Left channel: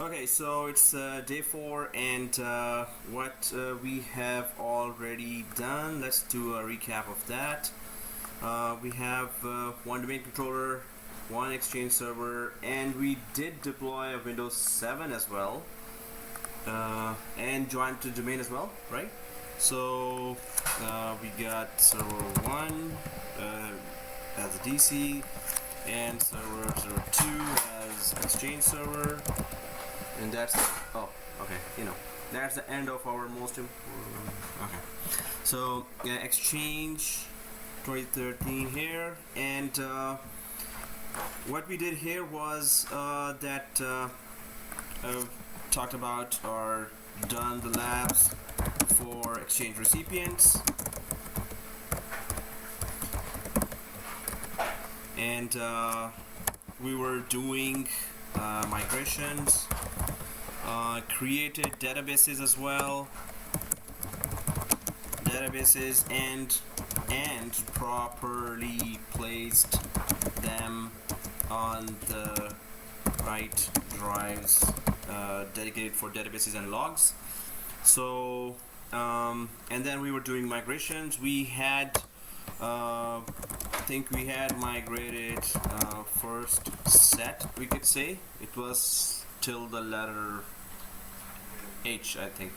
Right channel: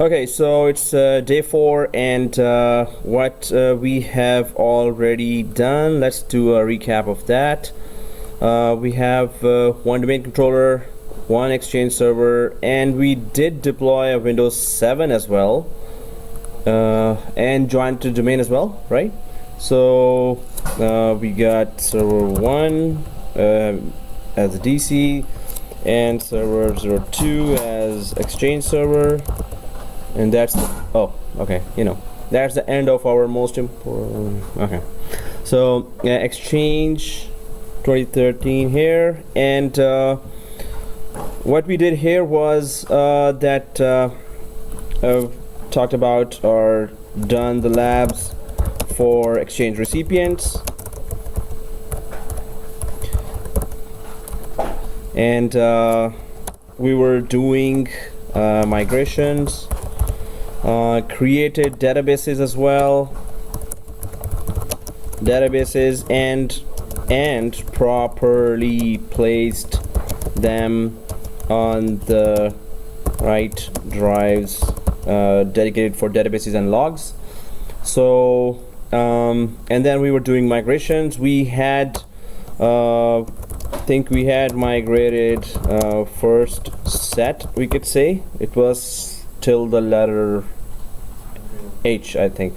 Okay, so it's day 4, and what we have already done, let's do a recap of that. We have one domain controller, one Exchange server, and we did deploy a Windows 7 as well, and joined to domain as well, right? So we got server 1 as a DC, and server 02 as Exchange server. And that's that's the end of our most important. Okay, so Exchange 2013 here, and what we did here was talked about or done the labs for Exchange recipients, and we were doing migrations. Created databases as well, and properly placed them on the right drives dedicated for databases and logs. So and then we were doing migrations. We had think we had migrated first set, we could say. It was till the letter H, I think.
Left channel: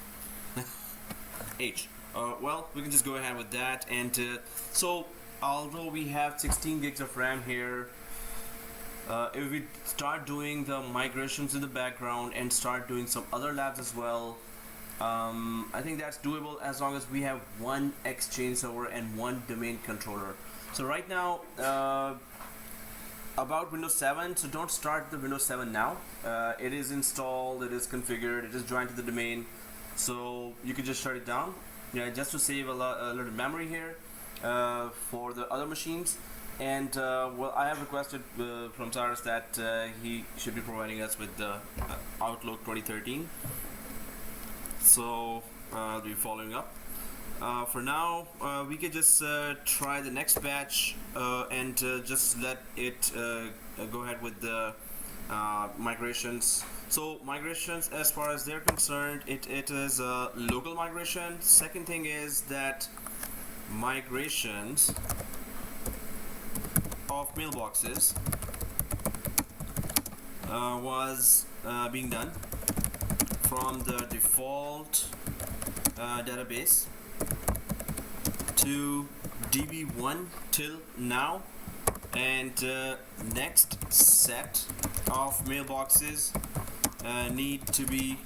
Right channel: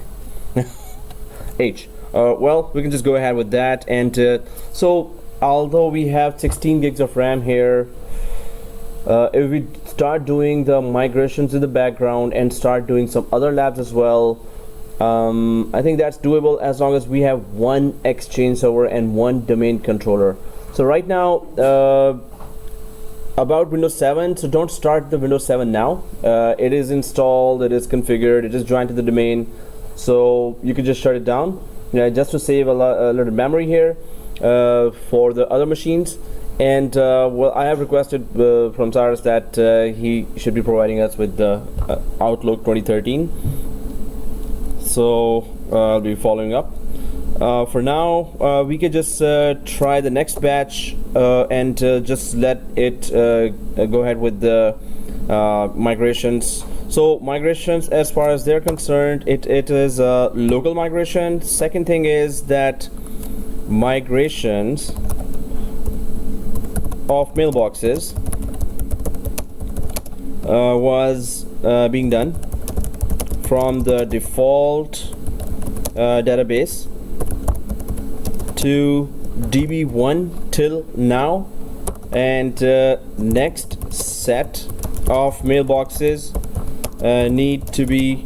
H. Well, we can just go ahead with that. And so although we have 16 gigs of RAM here, if we start doing the migrations in the background and start doing some other labs as well, I think that's doable as long as we have one Exchange server and one domain controller. So right now, about Windows 7, so don't start the Windows 7 now. It is installed, it is configured, it is joined to the domain, so you can just shut it down, just to save a little memory here for the other machines. And well, I have requested from Cyrus that he should be providing us with the Outlook 2013, so I'll be following up. For now, we could just try the next batch and just let it go ahead with the migrations. So migrations, as far as they're concerned, it is a local migration. Second thing is that migrations of mailboxes was being done from the default database to DB1 till now, and next set of mailboxes need to be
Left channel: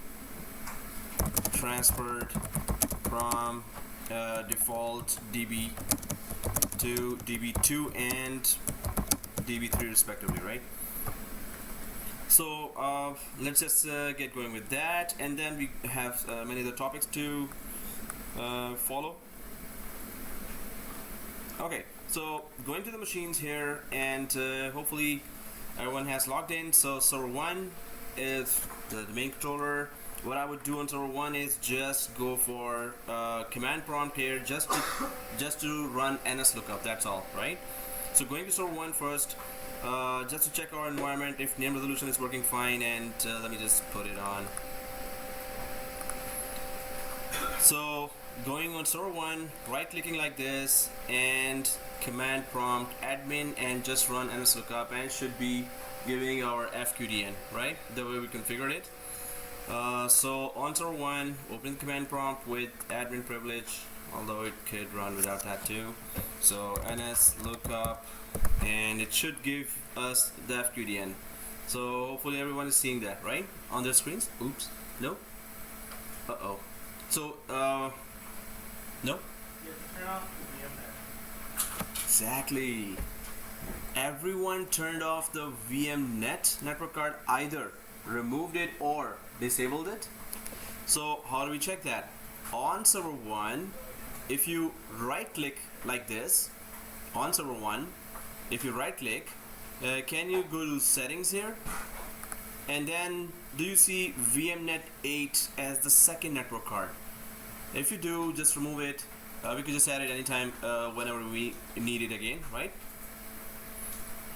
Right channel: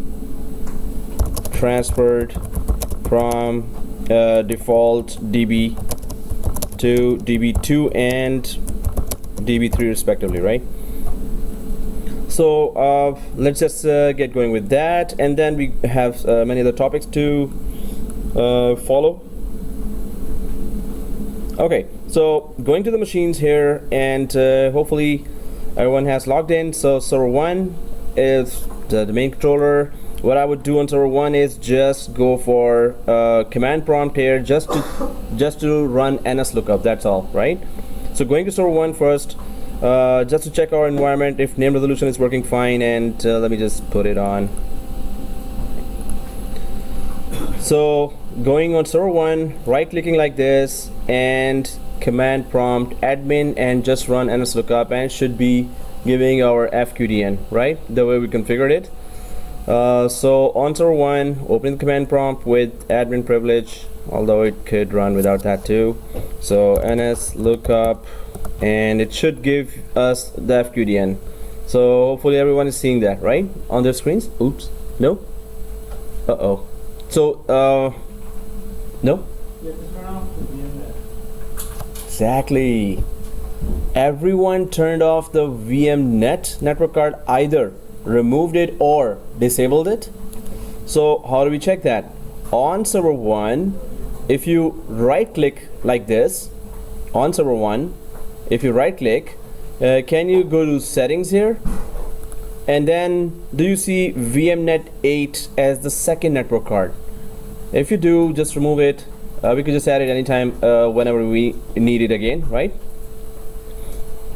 transferred from default DB to DB2 and DB3 respectively, right? So let's just get going with that, and then we have many other topics to follow. Okay, so going to the machines here, and hopefully everyone has logged in. So server 1 is the domain controller. What I would do on server 1 is just go for command prompt here, just to run NSLOOKUP. That's all, right? So going to server 1 first, just to check our environment if name resolution is working fine, and let me just put it on. So going on server 1, right clicking like this, and command prompt admin, and just run NSLOOKUP, and it should be giving our FQDN, right, the way we configured it. So on server 1, open the command prompt with admin privilege, although it could run without that too. So NSLOOKUP, and it should give us the FQDN. So hopefully everyone is seeing that right on their screens. Oops, no. Uh-oh. So no. Exactly. Everyone turned off the VMnet network card, either removed it or disabled it. So how do we check that? On server 1, if you right click like this on server 1, if you right click, can you go to settings here, and then do you see VMnet 8 as the second network card? If you do, just remove it. We could just add it anytime whenever we need it again, right?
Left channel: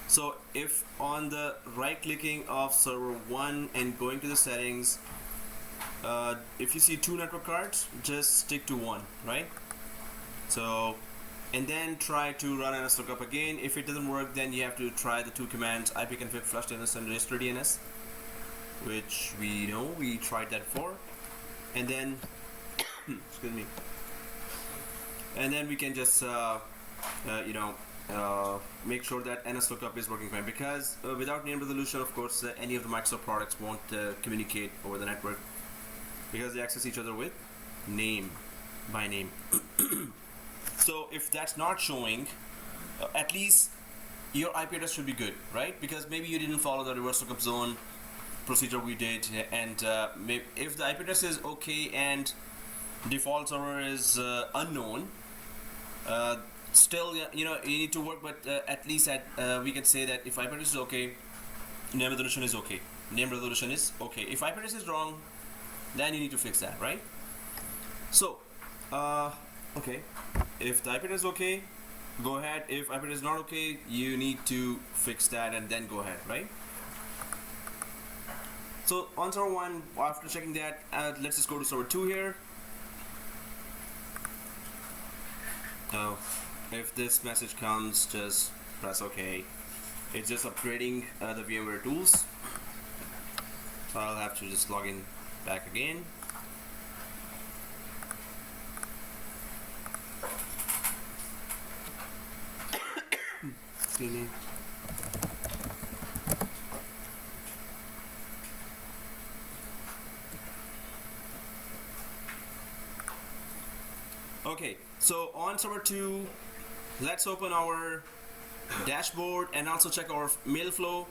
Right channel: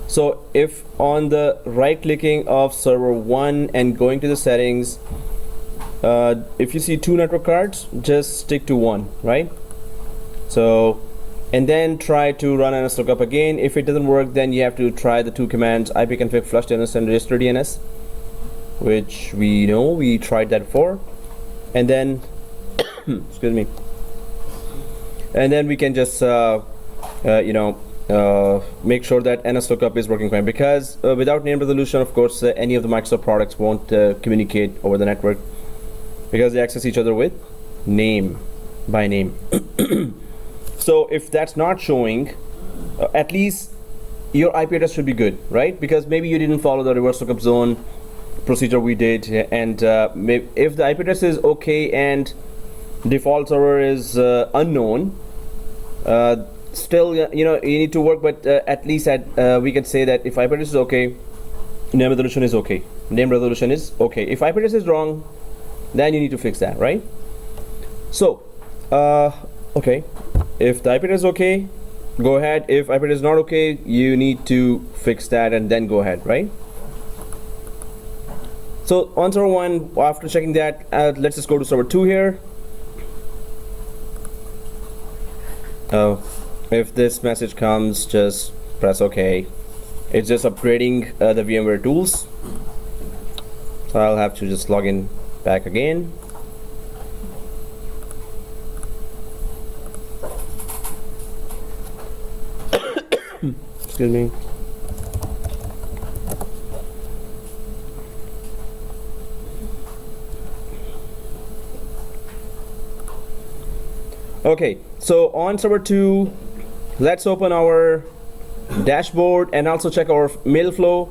So if on the right clicking of server 1 and going to the settings, if you see 2 network cards, just stick to 1, right? So, and then try to run NSLOOKUP again. If it doesn't work, then you have to try the 2 commands, ipconfig flush DNS and register DNS, which we know we tried that before. And then excuse me, and then we can just make sure that NSLOOKUP is working fine, because without name resolution, of course, any of the Microsoft products won't communicate over the network, because they access each other with name by name. So if that's not showing, at least your IP address should be good, right? Because maybe you didn't follow the reverse lookup zone procedure we did, and if the IP address is okay and default server is unknown, still you need to work, but at least we can say that if IP address is okay, name resolution is okay. Name resolution is okay. If IP address is wrong, then you need to fix that, right? So okay, if the IP address is okay, go ahead. If IP address is not okay, you need to fix that and then go ahead, right? So on server 1, after checking that, let's just go to server 2 here. If this message comes, just press OK. It's just upgrading the VMware tools. So I'll have to just log in back again. Excuse me. Okay, so on server 2, let's open our dashboard and also check our mail flow.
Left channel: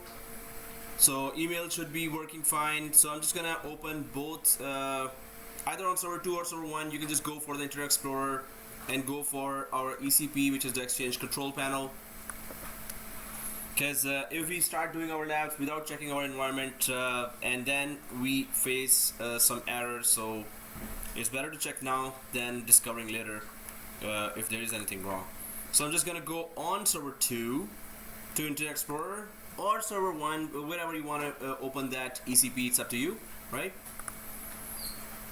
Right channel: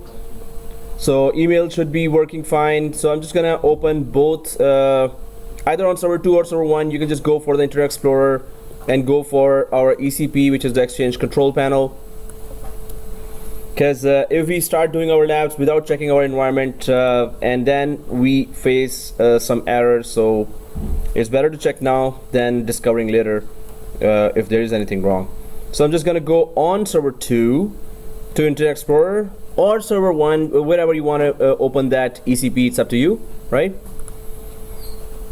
So email should be working fine. So I'm just gonna open both, either on server 2 or server 1. You can just go for the Internet Explorer and go for our ECP, which is the Exchange Control Panel. Because if we start doing our labs without checking our environment, and then we face some errors, so it's better to check now than discovering later if there is anything wrong. So I'm just going to go on server 2 to Internet Explorer, or server 1, wherever you want to open that ECP. It's up to you, right?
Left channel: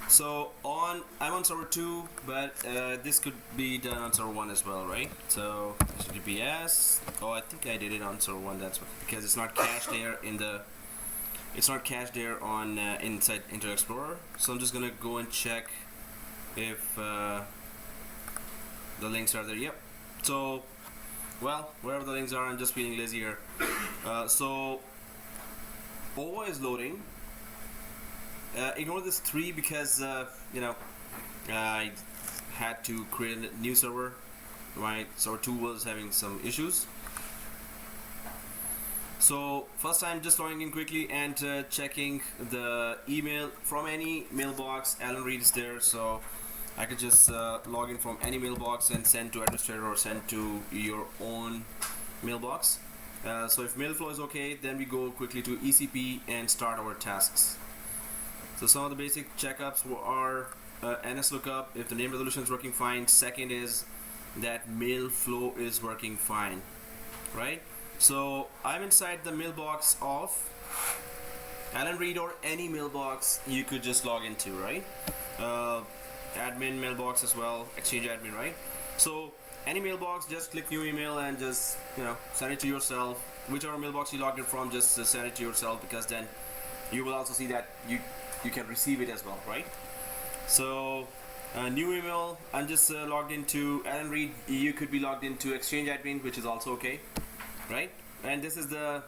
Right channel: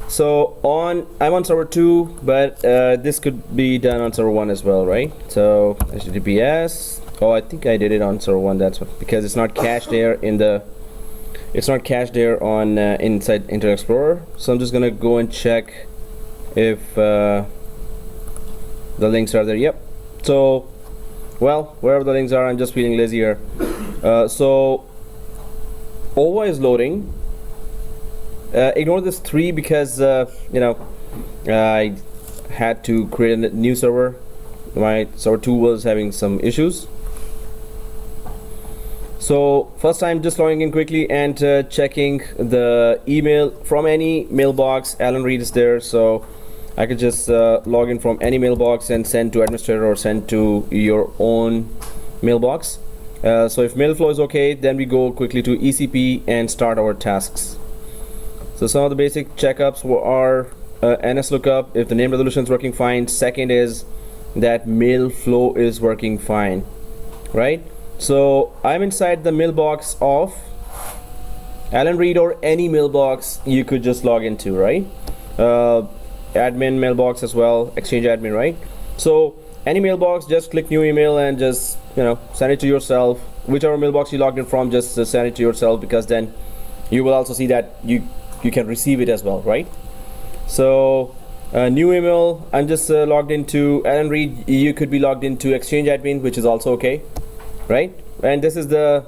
So I'm on server 2, but this could be done on server 1 as well, right? So HTTPS. Oh, I think I did it on server 1. That's because it's not cached there in the. It's not cached there on inside Internet Explorer. So I'm just gonna go and check if the links are there. Yep. So, well, wherever the links are, I'm just feeling lazy here. So OVA is loading. Ignore this 3 because I had to create a new server. My server 2 was having some issues. So first I'm just logging in quickly and checking the email from any mailbox. Alan Reed is there, so I could just log in from any mailbox and send to administrator or send to your own mailbox. So if mail flow is okay, then we go quickly to ECP and start our tasks. So some of the basic checkups are NSLOOKUP, if the name resolution is working fine. Second is that mail flow is working fine, right? So I'm inside the mailbox of Alan Reed, or any mailbox you could just log into, right? Admin mailbox as well, Exchange admin, right? So any mailbox, just click new email and just send it to yourself. Whichever mailbox you logged in from, just send it to yourself, because then you will also see that you can receive it as well, right? So new email, I'm just logged into Alan Reed. You could be logged into Exchange admin, which is also okay, right? And this is the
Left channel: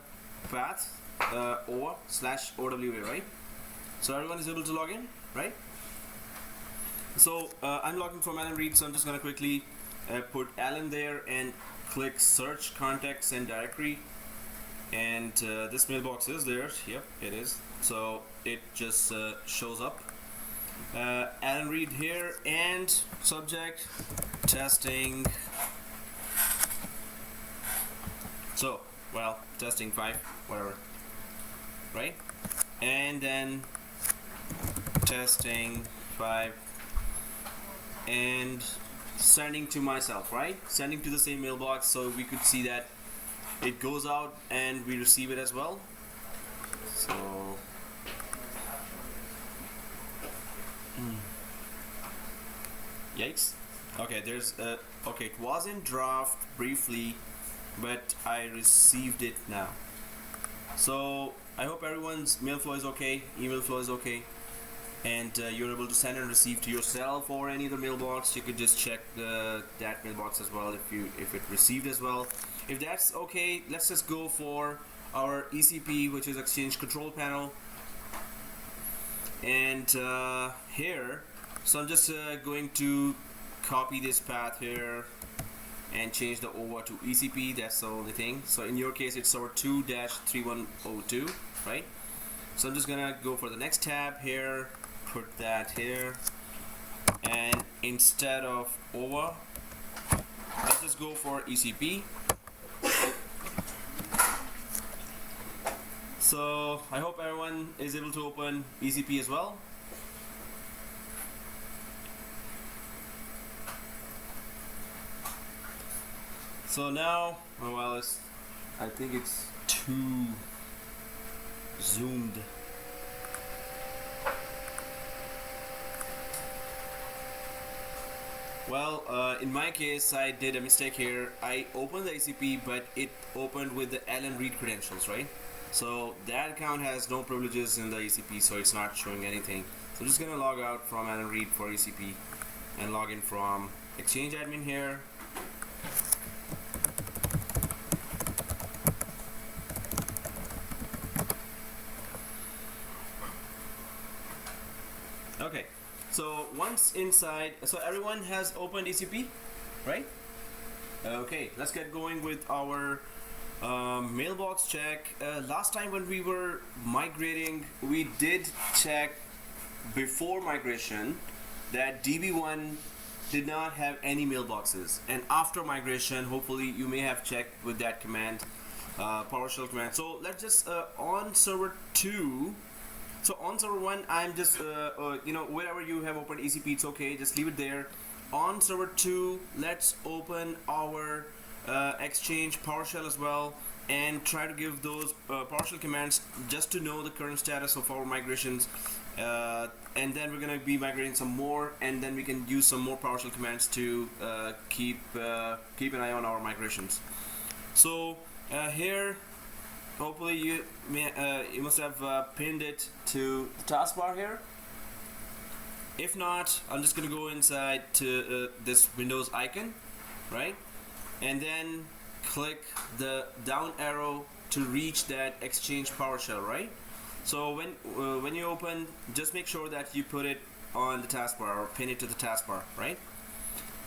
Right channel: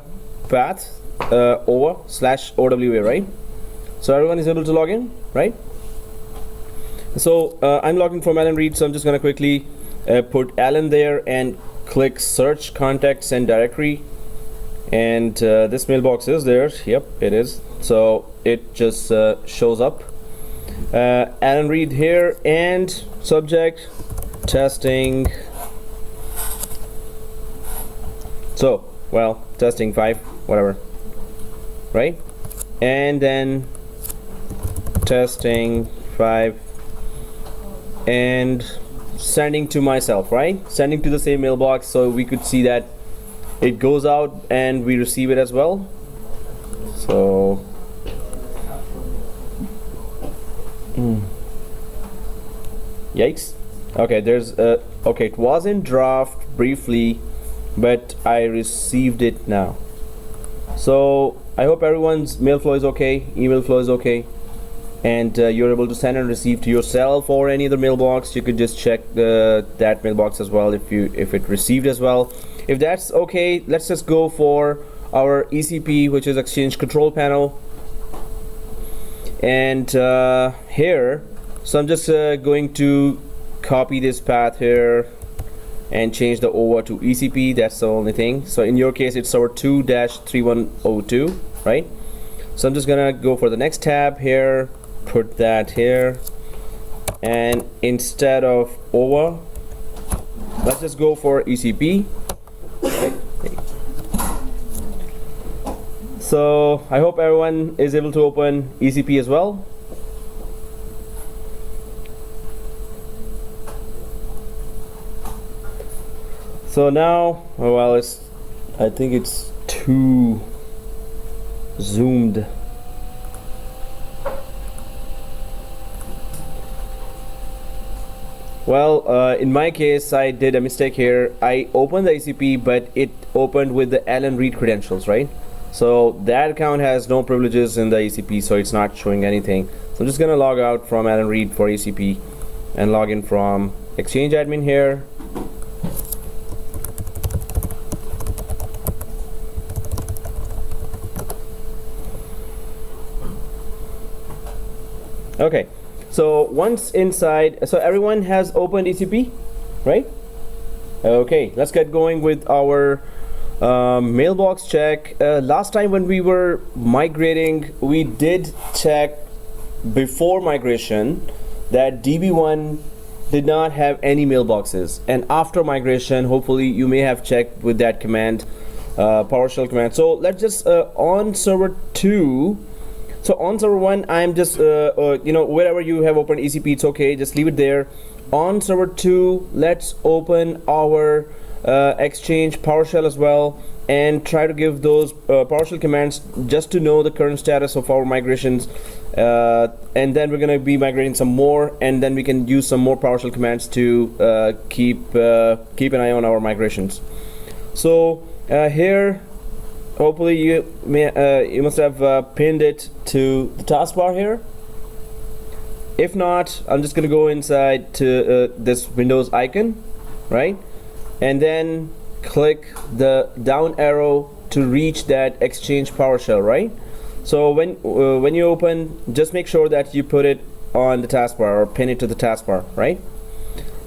path over/OWA, right? So everyone is able to log in, right? So I'm logging from Alan Reed, so I'm just going to quickly put Alan there and click search contacts and directory, and this mailbox is there. Yep, it is. So it just shows up Alan Reed here, and subject testing. So, well, testing 5, whatever, right? And then testing 5 and sending to myself, right? Sending to the same mailbox, so we could see that it goes out and we receive it as well. So yikes. Okay, there's okay, it was in draft briefly, but I received it now. So I hope everyone's mail flow is okay, email flow is okay, and you're able to send and receive to yourself or any other mailbox. You could just check that mailbox as well if it received as well. If that's okay, let's just go for our ECP, which is Exchange Control Panel. And here, so I'm just going to copy this path here and change the OVA to ECP. That's the only thing. So in your case, it's server 2-3102, right? So I'm just gonna go for the next tab here, put that here, and instead of OVA, let's just go for ECP. So I hope everyone is able to open ECP as well. So now, well, I think it's too zoomed. Well, in my case, I did a mistake here. I opened the ECP, but it opened with the Alan Reed credentials, right? So that account has no privileges in the ECP, so it's not showing anything. So I'm just gonna log out from Alan Reed for ECP and log in from Exchange admin here. Okay, so once inside, so everyone has opened ECP, right? Okay, let's get going with our mailbox check. Last time when we were migrating, we did check before migration that DB1 did not have any mailboxes, and after migration, hopefully you may have checked with that command, PowerShell command. So let's just on server 2. So on server 1, I'm just you know, wherever you have opened ECP, it's okay, just leave it there. On server 2, let's open our Exchange PowerShell as well, and try to give those PowerShell commands just to know the current status of our migrations, and then we're going to be migrating some more, and then we can use some more PowerShell commands to keep an eye on our migrations. So here, hopefully you must have pinned it to the taskbar here. If not, I'm just going to go inside to this Windows icon, right? And then click the down arrow to reach that Exchange PowerShell, right? So when you open, just make sure that you put it on the taskbar or pin it to the taskbar, right?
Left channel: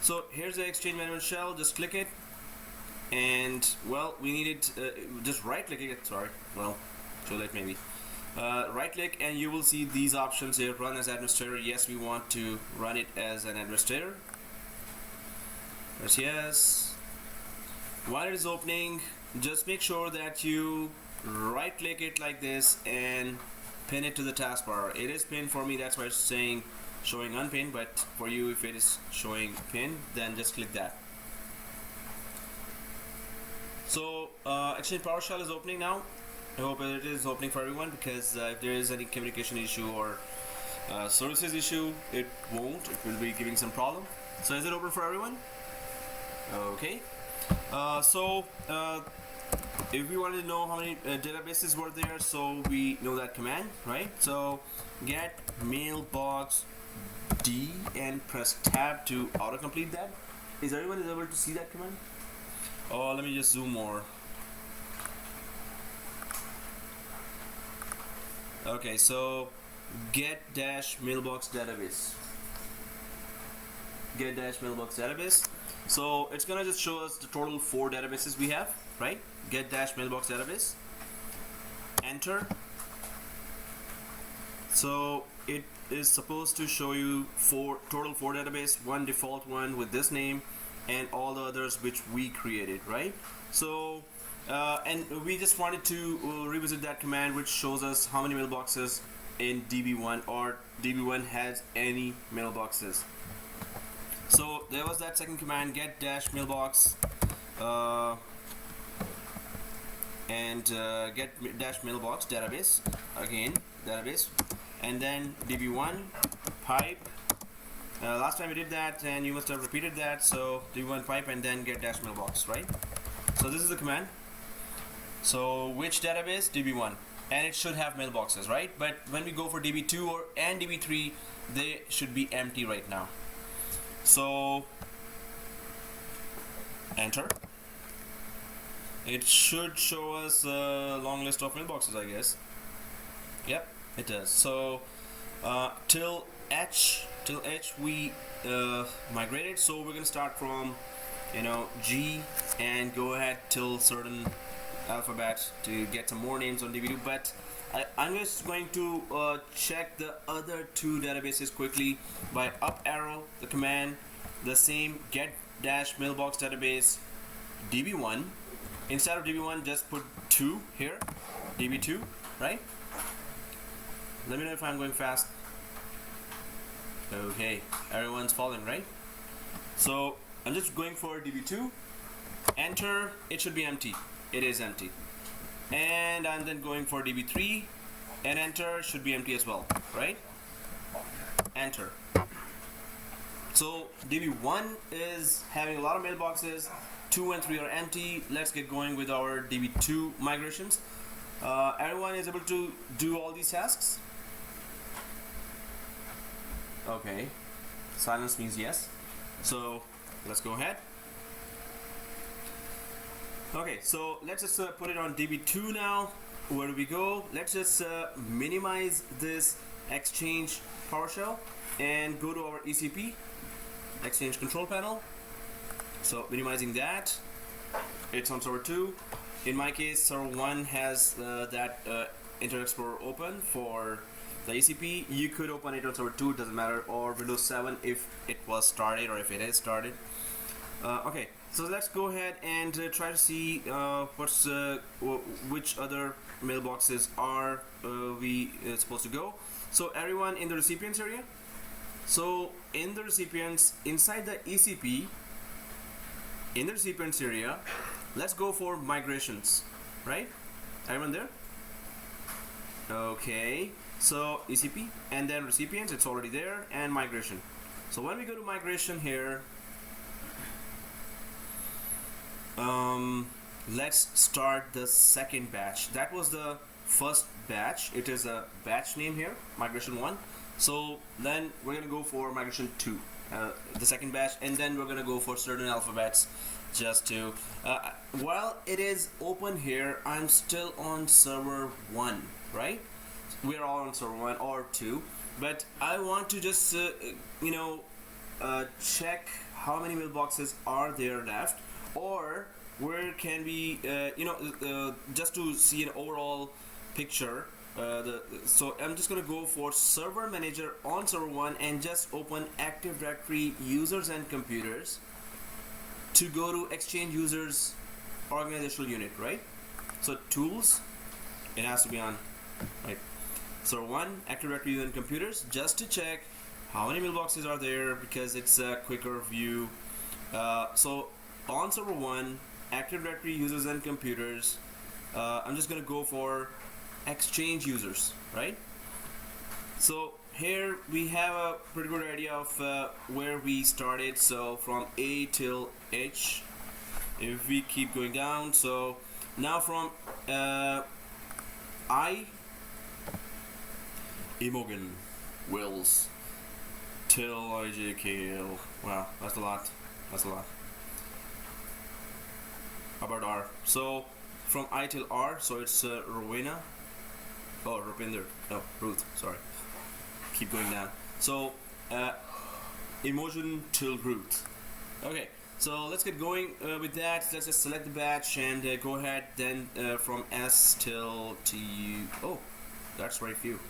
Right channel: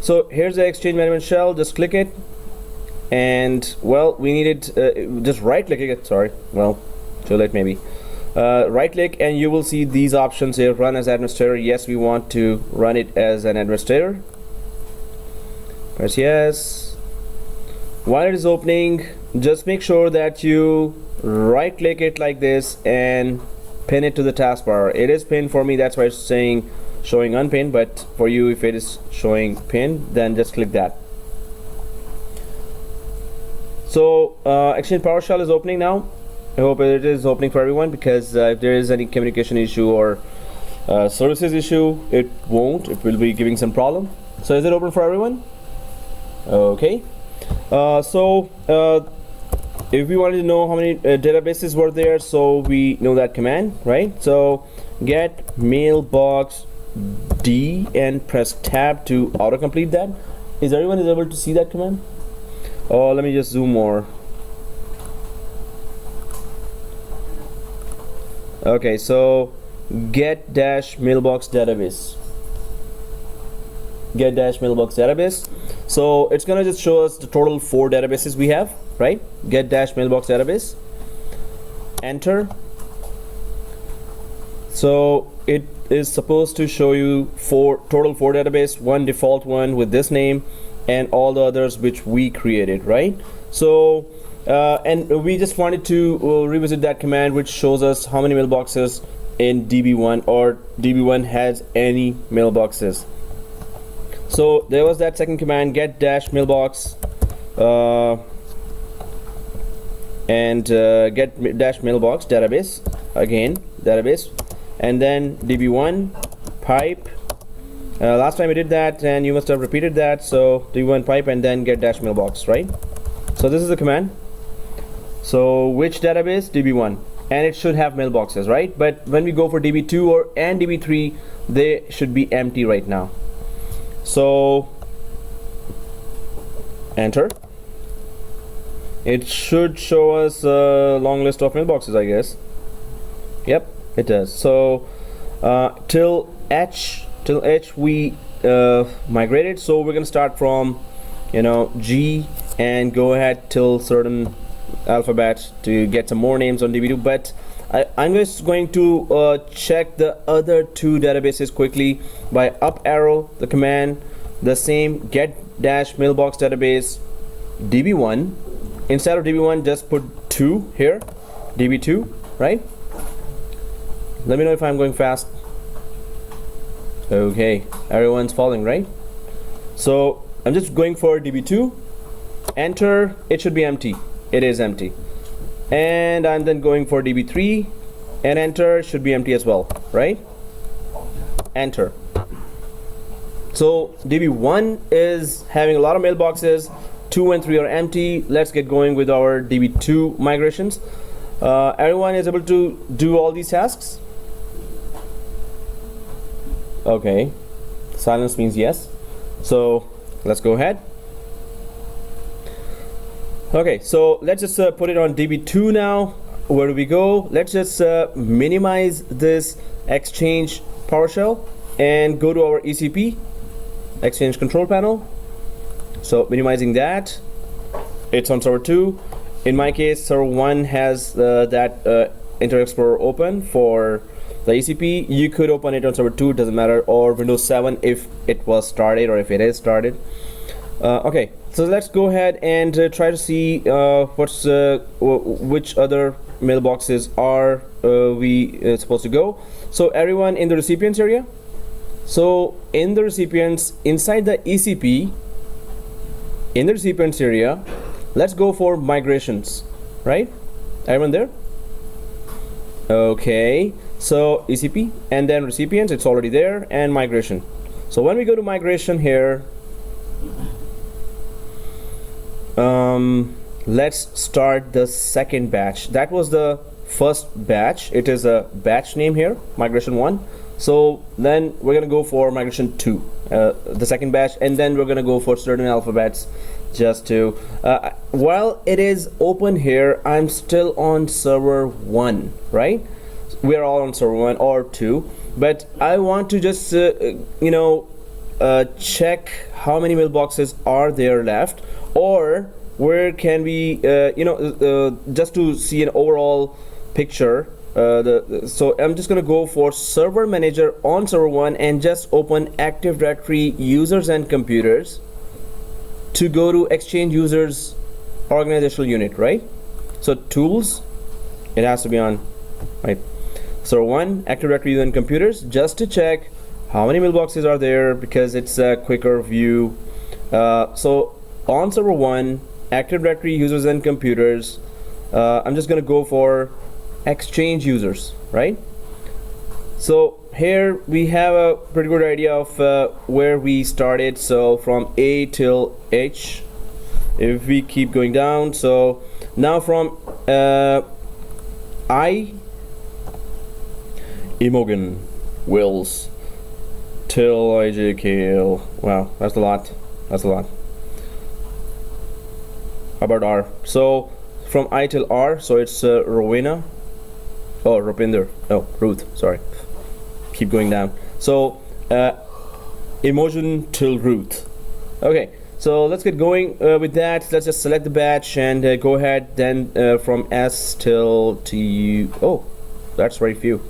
So here's the Exchange management shell. Just click it, and well, we need it. Just right click it. Sorry, well, too late maybe. Right click, and you will see these options here. Run as administrator. Yes, we want to run it as an administrator. Press yes. While it is opening, just make sure that you right click it like this and pin it to the taskbar. It is pinned for me, that's why it's saying showing unpinned, but for you, if it is showing pinned, then just click that. So Exchange PowerShell is opening now. I hope it is opening for everyone, because if there is any communication issue or services issue, it won't. It will be giving some problem. So is it open for everyone? Okay. If we wanted to know how many databases were there, so we know that command, right? So get mailbox D and press tab to autocomplete that. Is everyone able to see that command? Oh, let me just zoom more. Okay, so get dash mailbox database. Get dash mailbox database. So it's gonna just show us the total 4 databases we have, right? Get dash mailbox database. Enter. So it is supposed to show you total 4 database, 1 default one with this name, and all the others which we created, right? So and we just wanted to revisit that command which shows us how many mailboxes in DB1, or DB1 has any mailboxes. So there was that second command, get dash mailbox and get dash mailbox database, again database, and then db1 pipe. Last time we did that and you must have repeated that, so db1 pipe and then get dash mailbox, right? So this is the command. So which database? db1, and it should have mailboxes, right? But when we go for db2 and db3, they should be empty right now. So enter. It should show us a long list of mailboxes, I guess. Yep, it does. So till h we migrated, so we're gonna start from G and go ahead till certain alphabet to get some more names on db2. But I'm just going to check the other two databases quickly by up arrow the command, the same get dash mailbox database db1. Instead of db1, just put 2 here, db2, right? Let me know if I'm going fast. Okay, everyone's following, right? So I'm just going for db2, enter. It should be empty. It is empty. And I'm then going for db3 and enter. Should be empty as well, right? Enter. So db1 is having a lot of mailboxes. 2 and 3 are empty. Let's get going with our db2 migrations. Everyone is able to do all these tasks? Okay, silence means yes. So let's go ahead. Okay, so let's just put it on db2 now. Where do we go? Let's just minimize this Exchange PowerShell and go to our ECP, Exchange Control Panel. So minimizing that, it's on server 2. In my case, server 1 has that Internet Explorer open for the ECP. You could open it on server 2, doesn't matter, or Windows 7 if it was started or if it is started. Okay, so let's go ahead and try to see which other mailboxes are we supposed to go. So everyone in the recipients area. So in the recipients, inside the ECP, in the recipients area, let's go for migrations, right? Everyone there? Okay, so ECP and then recipients, it's already there, and migration. So when we go to migration here, let's start the second batch. That was the first batch. It is a batch name here, migration 1. So then we're gonna go for migration 2, the second batch, and then we're gonna go for certain alphabets just to while it is open here, I'm still on server 1, right? We're all on server 1 or 2, but I want to just check how many mailboxes are there left, or where can we just to see an overall picture. So I'm just gonna go for server manager on server 1 and just open Active Directory users and computers to go to Exchange users organizational unit, right? So tools, it has to be on, right? Server 1 Active Directory users and computers, just to check how many mailboxes are there, because it's a quicker view. So on server 1 Active Directory users and computers, I'm just gonna go for Exchange users, right? So here we have a pretty good idea of where we started. So from A till H, if we keep going down, so now from I, Imogen, Wills, till IJKL. Wow, that's a lot. That's a lot. About R. So from I till R, so it's Rowena. Oh, Rupinder. Oh, Ruth. Sorry. Keep going down. So Imogen till Ruth. Okay. So let's get going with that. Let's just select the batch and go ahead. Then from S till T. Oh, that's very few.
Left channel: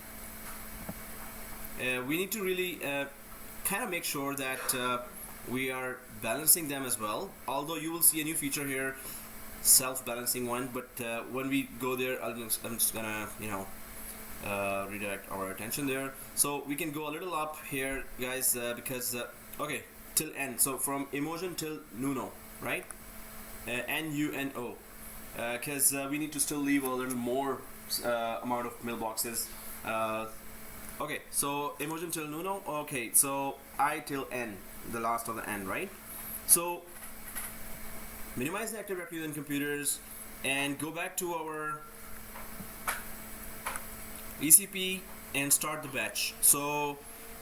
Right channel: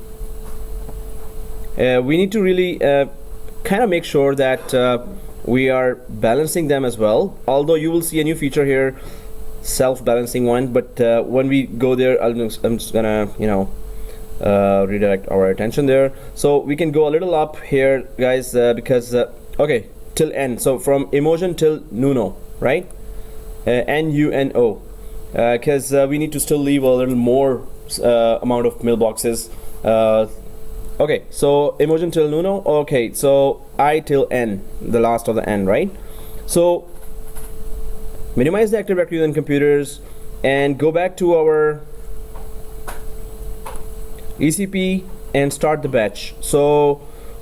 We need to really kind of make sure that we are balancing them as well. Although you will see a new feature here, self-balancing one. But when we go there, I'm just gonna redirect our attention there. So we can go a little up here, guys, because okay, till N. So from Imogen till Nuno, right? Nuno. because we need to still leave a little more amount of mailboxes. Okay, so emotion till nuno. Okay, so I till n, the last of the n, right? So minimize the active directory on computers and go back to our ECP and start the batch. So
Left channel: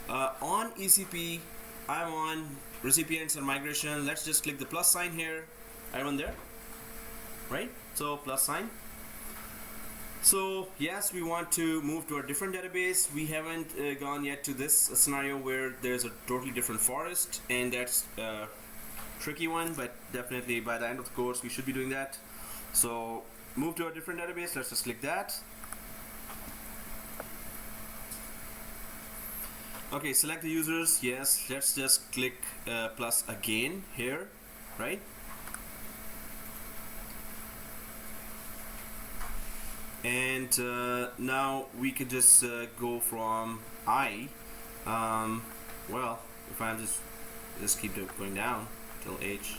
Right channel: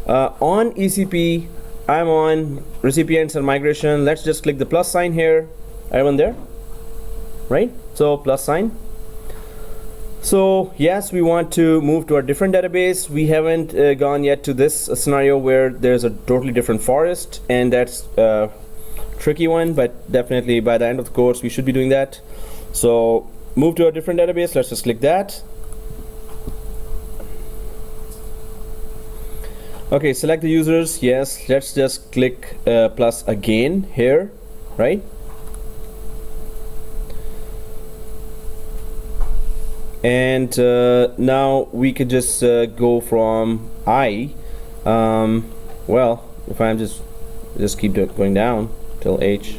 on ECP, I'm on recipients and migration. Let's just click the plus sign here. Everyone there? Right? So plus sign. So yes, we want to move to a different database. We haven't gone yet to this scenario where there's a totally different forest, and that's a tricky one, but definitely by the end of the course we should be doing that. So move to a different database. Let's just click that. Okay, select the users. Yes, let's just click plus again here, right? And now we can just go from I. Well, if I'm just keep going down till H.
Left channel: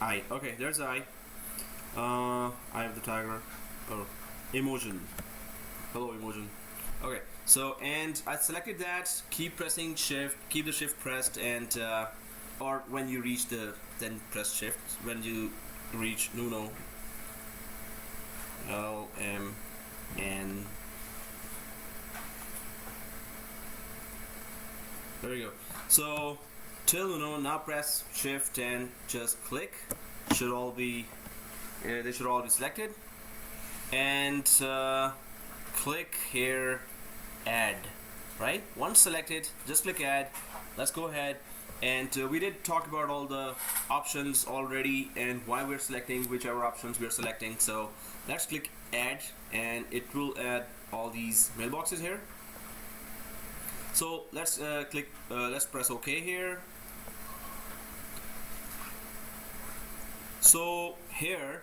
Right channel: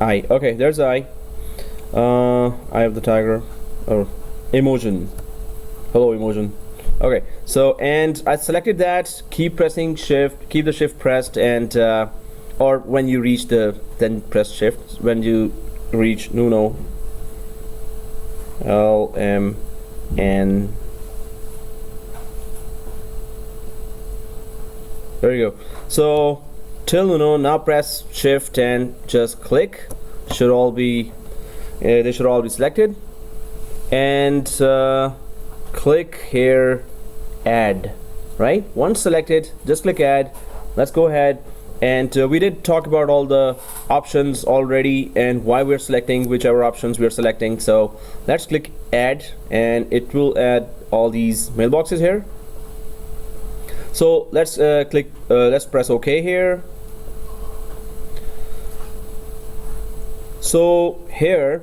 I. Okay, there's I. I have the tiger or emotion. Hello, emotion. Okay, so and I selected that. Keep pressing shift. Keep the shift pressed, and or when you reach the, then press shift when you reach nuno. L M N. There you go. So till nuno. Now press shift and just click. Should all be they should all be selected, and click here add. Right, once selected, just click add. Let's go ahead, and we did talk about all the options already and why we're selecting whichever options we're selecting. So let's click add, and it will add all these mailboxes here. So let's let's press OK here. So here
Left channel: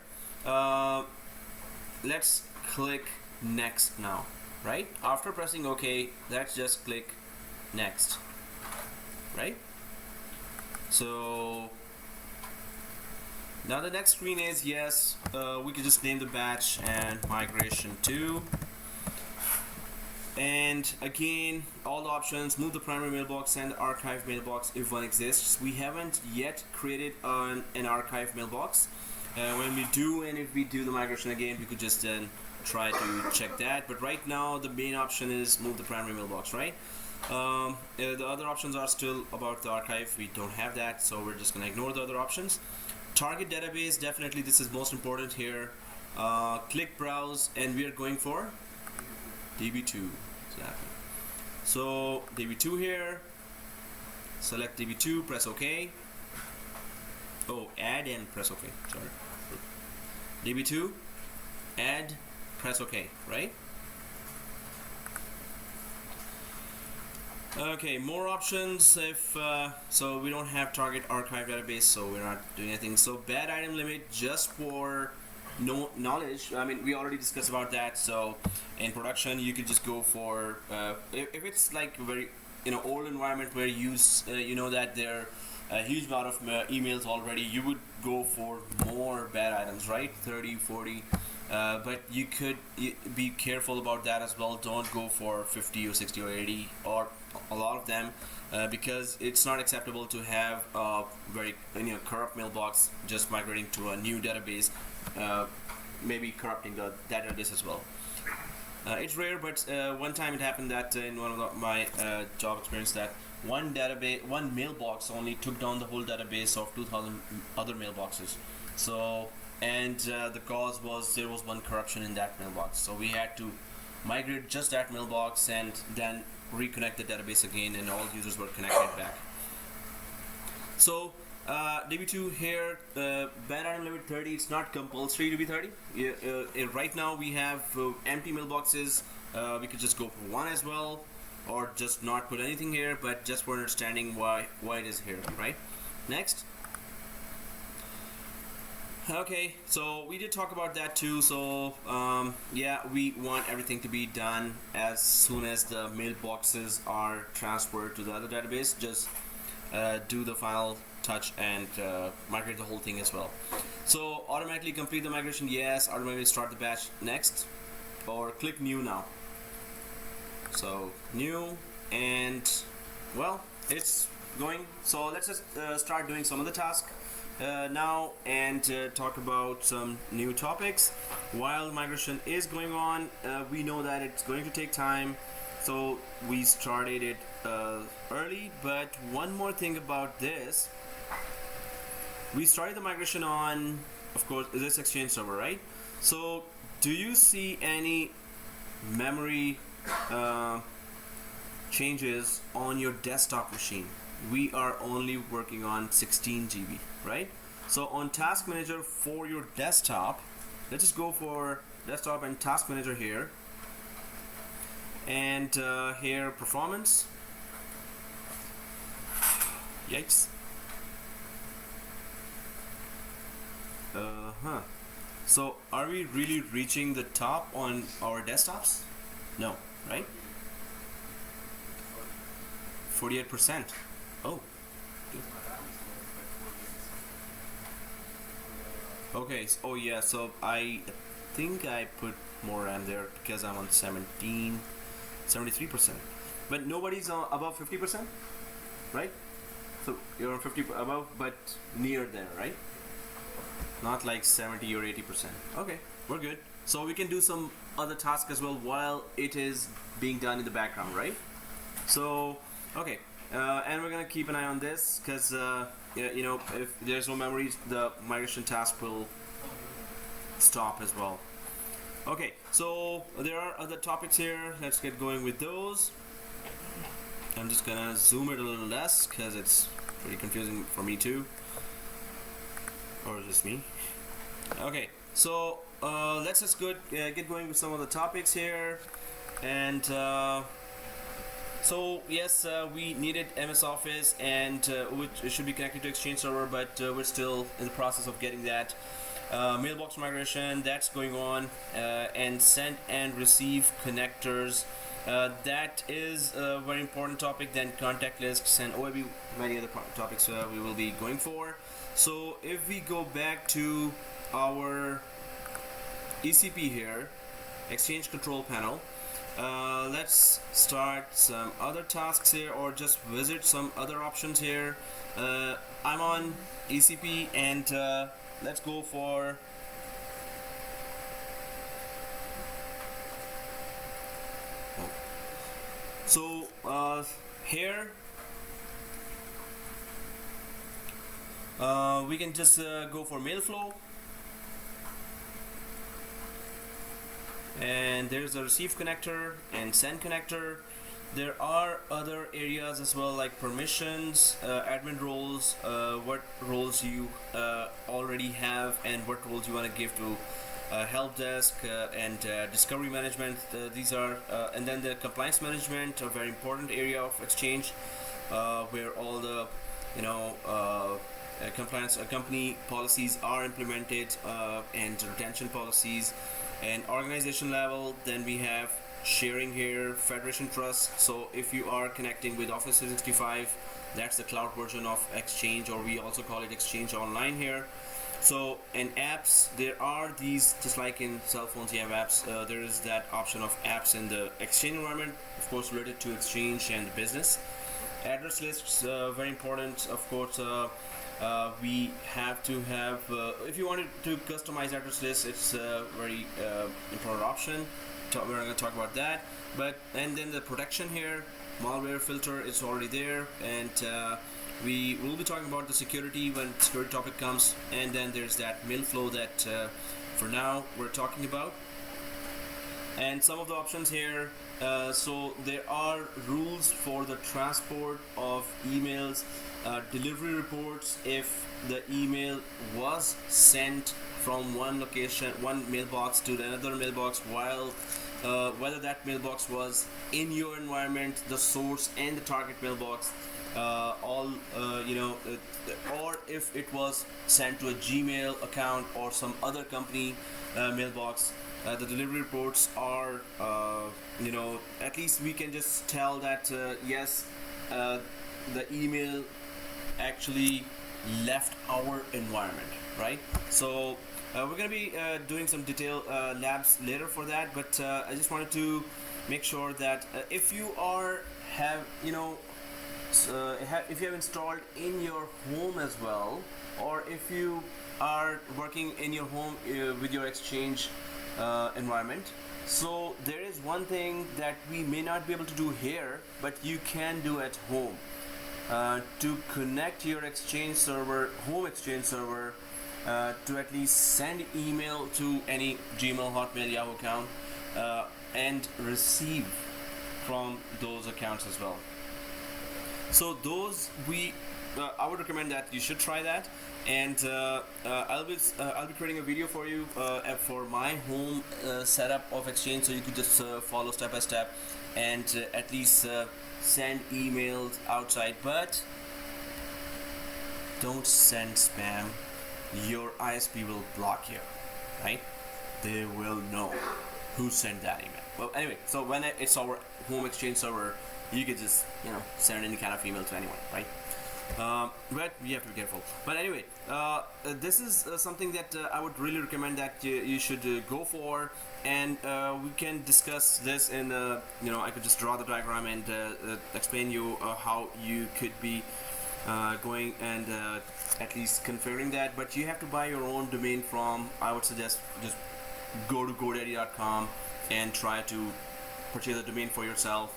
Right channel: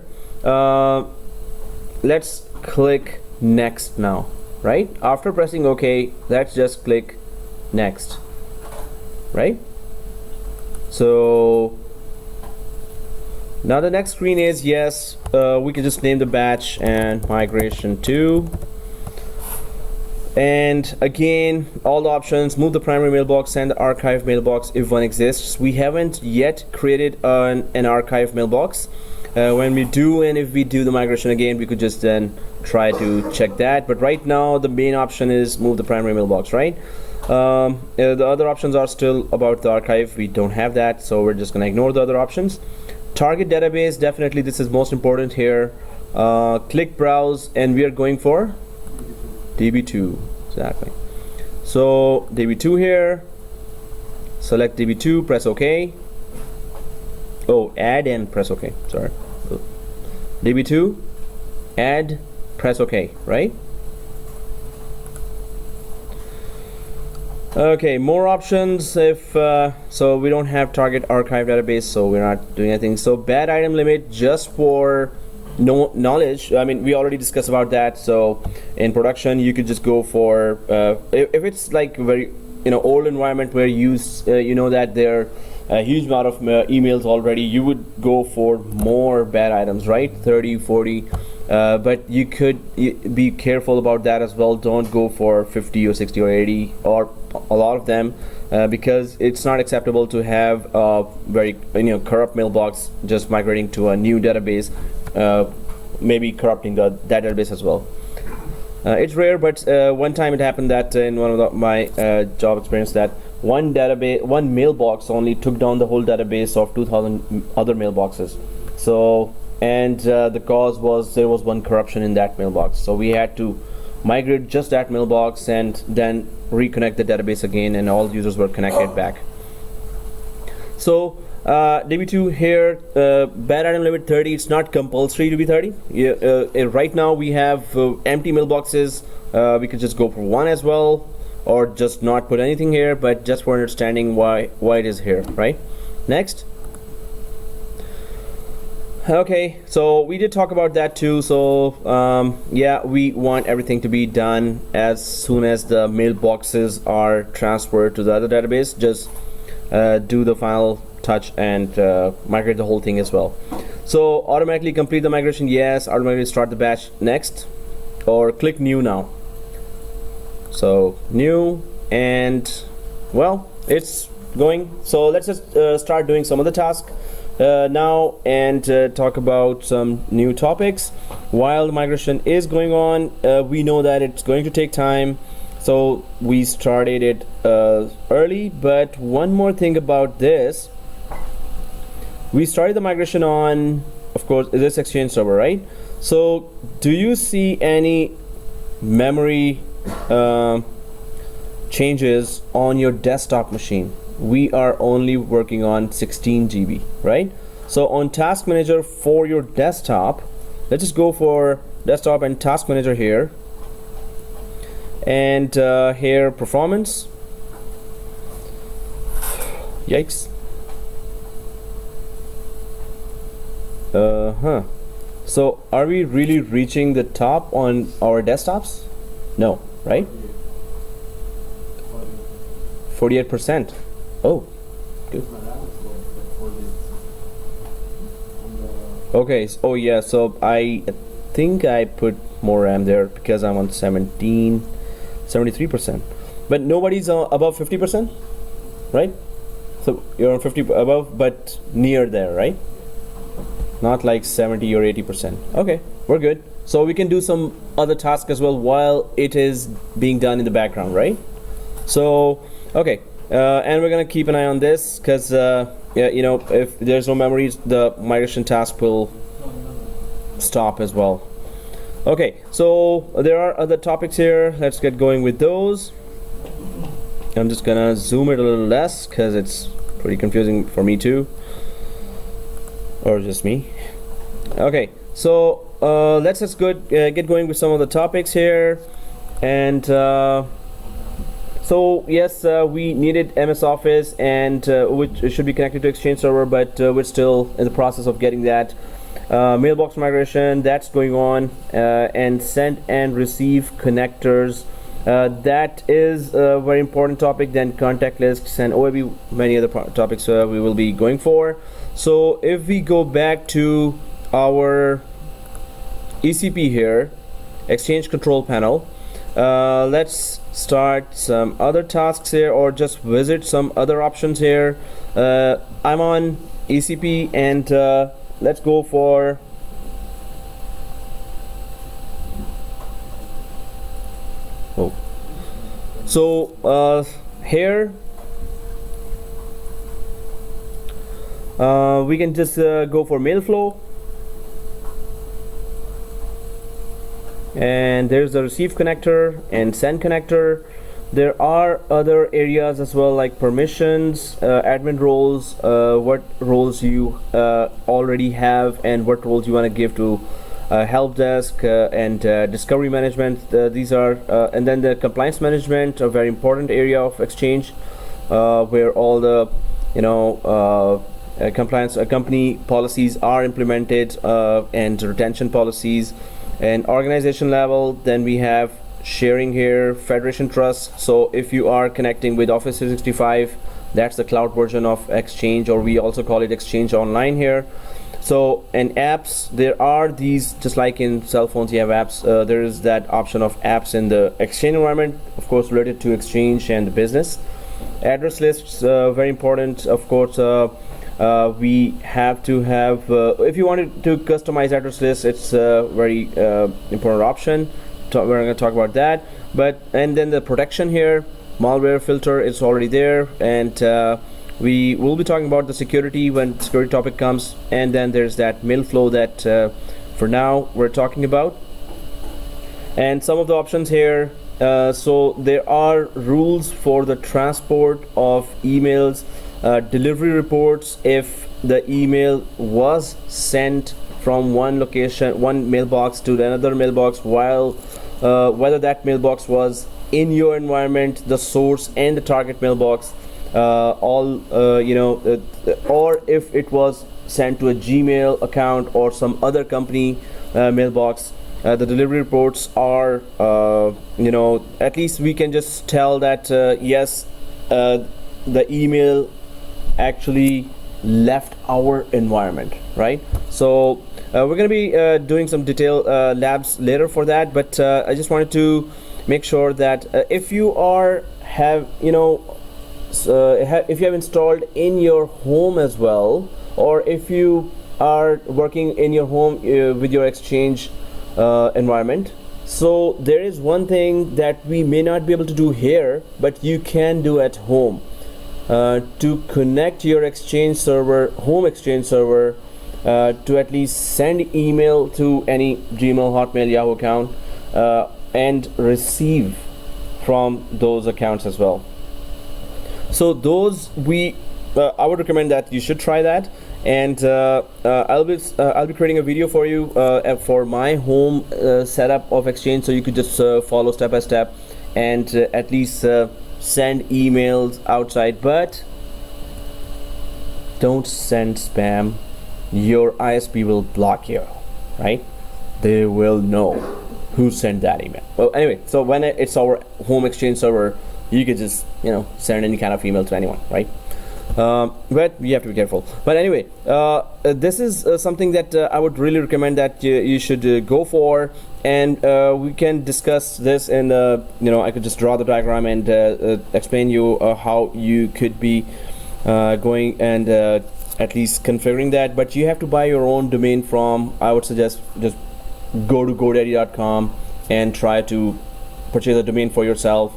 let's click next now, right? After pressing OK, let's just click next, right? So now the next screen is, yes, we can just name the batch and migration to, and again all the options, move the primary mailbox and the archive mailbox if one exists. We haven't yet created an archive mailbox. When we do, and if we do the migration again, we could just then try to check that, but right now the main option is move the primary mailbox, right? The other options are still about the archive. We don't have that, so we're just gonna ignore the other options. Target database, definitely this is most important here. Click browse, and we are going for DB2, exactly. So DB2 here, select DB2, press OK. Oh, add and press OK, sorry. DB2, add, press OK, right? Okay, more options. If so we don't have target archive database, so we're not doing anything. So bad item limit, just for no knowledge, I mean we already discussed about that. So in production you could just go for if it's like very old environment where you know that there a huge amount of emails already, you would go for more bad items, right? 30, 40, but you could be careful about that as well. Don't go for 50 or 60 or 80 or a lot of them, because it's not acceptable to have a very corrupt mailbox just migrating to a new database, maybe corrupting that database as well. It's rare, but one time it happened that in one of my job experience, that one mailbox only took down the whole database of 2,000 other mailboxes. So, and the cause was there was one corruption in that mailbox. So we had to migrate just that mailbox and then reconnect the database again, and all users were connected back. So DB2 here, bad item limit 30. It's not compulsory to be 30. Right now we have empty mailboxes. We could just go for one as well, or just not put anything here, but just for understanding why it is here, right? Next. Okay, so we did talk about that too. So yeah, we want everything to be done as soon as the mailboxes are transferred to the other database. Just do the final touch and migrate the whole thing as well. So automatically complete the migration, yes. Automatically start the batch next, or click new now. So new, and well, it's going. So let's just start doing some of the tasks now, and talk about some new topics. While the migration is going on, we know that it's going to take time, so we started it early. But one more thing about this, we started the migration on, of course, this Exchange server, right? So do you see any memory changes on your desktop machine? We are only working on 16 GB, right? So on Task Manager for your desktop, let's just go for desktop and Task Manager here, and here performance. Yikes. So are we really reaching the top on our desktops? No, right? 48%. Oh, good. Okay. Oh yeah. So I think I put more RAM there because I'm on 73%. But nobody's above 50%, right? So you're on 50 above, but near there, right? Not like 70 or 80%. Okay, we're good. So we can do some other tasks as well while it is being done in the background, right? So okay. And we're gonna keep an eye on this, because yeah, you know, if there's no memories, the migration task will stop as well. Okay, so there are other topics here. Let's get going with those. I'm just gonna zoom it a little less because it's pretty confusing for me too, or just me. Okay, so let's just get going with some of the topics here. And so yes, we needed MS Office, and which should be connected to Exchange server, but we're still in the process of getting that. Mailbox migration, that's going on, and send and receive connectors, that is a very important topic. Then contact lists and OAB, many other topics we will be going for. So if we go back to our ECP here, Exchange Control Panel, let's start some other tasks here, or just visit some other options here. I'm on ECP, and let's go for so here we can just go for mail flow, and there's the receive connector and send connector. There are other areas as well, like permissions, admin roles, what roles you already have, and what roles you want to give to help desk, and discovery management. These are and then the compliance management, a very important area of Exchange, where all the compliance company policies are implemented, and retention policies. And organization level, then we have sharing here, Federation Trust. So if you are connecting with Office 365, that's the cloud version of Exchange, or we also call it Exchange Online here. So, and apps, there are these, just like in cell phones you have apps, there is that option of apps in the Exchange environment, of course related to Exchange and the business. Address lists, very important, of course. We have to have, if you wanted to customize address lists, it's a very important option. We're going to talk about that. And then the protection here, malware filter, it's already there, and we will be talking about the security when security topic comes. And then there's that mail flow that for now we're talking about, and some of the options here. So there are rules for the transport of emails, delivery reports if the email was sent from one location, one mailbox to another mailbox, while whether that mailbox was in your environment, the source and the target mailbox, or if it was sent to a Gmail account or some other company mailbox. The delivery reports are, at least we can just tell that yes, the email actually left our environment, right? So we're going to be doing some detailed labs later for that, but I just wanted to make sure that if you have if you have installed in your home as well, or if you are working in your home with your Exchange environment, so there is one thing that we may not be able to do here, but you can do at home to connect your Exchange server, home Exchange server, to at least send email to any Gmail, Hotmail, Yahoo account and receive from those accounts as well. So those I would recommend that you should try that, and I'll be creating a video for you for my home setup of Exchange, so you could just follow step by step and at least send emails outside, but don't send spam. Your ISP will block you, right? They will know who sent that email. Well, anyway, so when it's our home Exchange server, you could just send any kind of email to anyone, right? But you have to be careful. But anyway, this is something that I would really recommend that you should go for, and we can discuss this, and I could just draw the diagram and explain you how you could be going and at least configuring that. But you have to buy your own domain from, I would suggest, just go to GoDaddy.com and try to purchase a domain for yourself,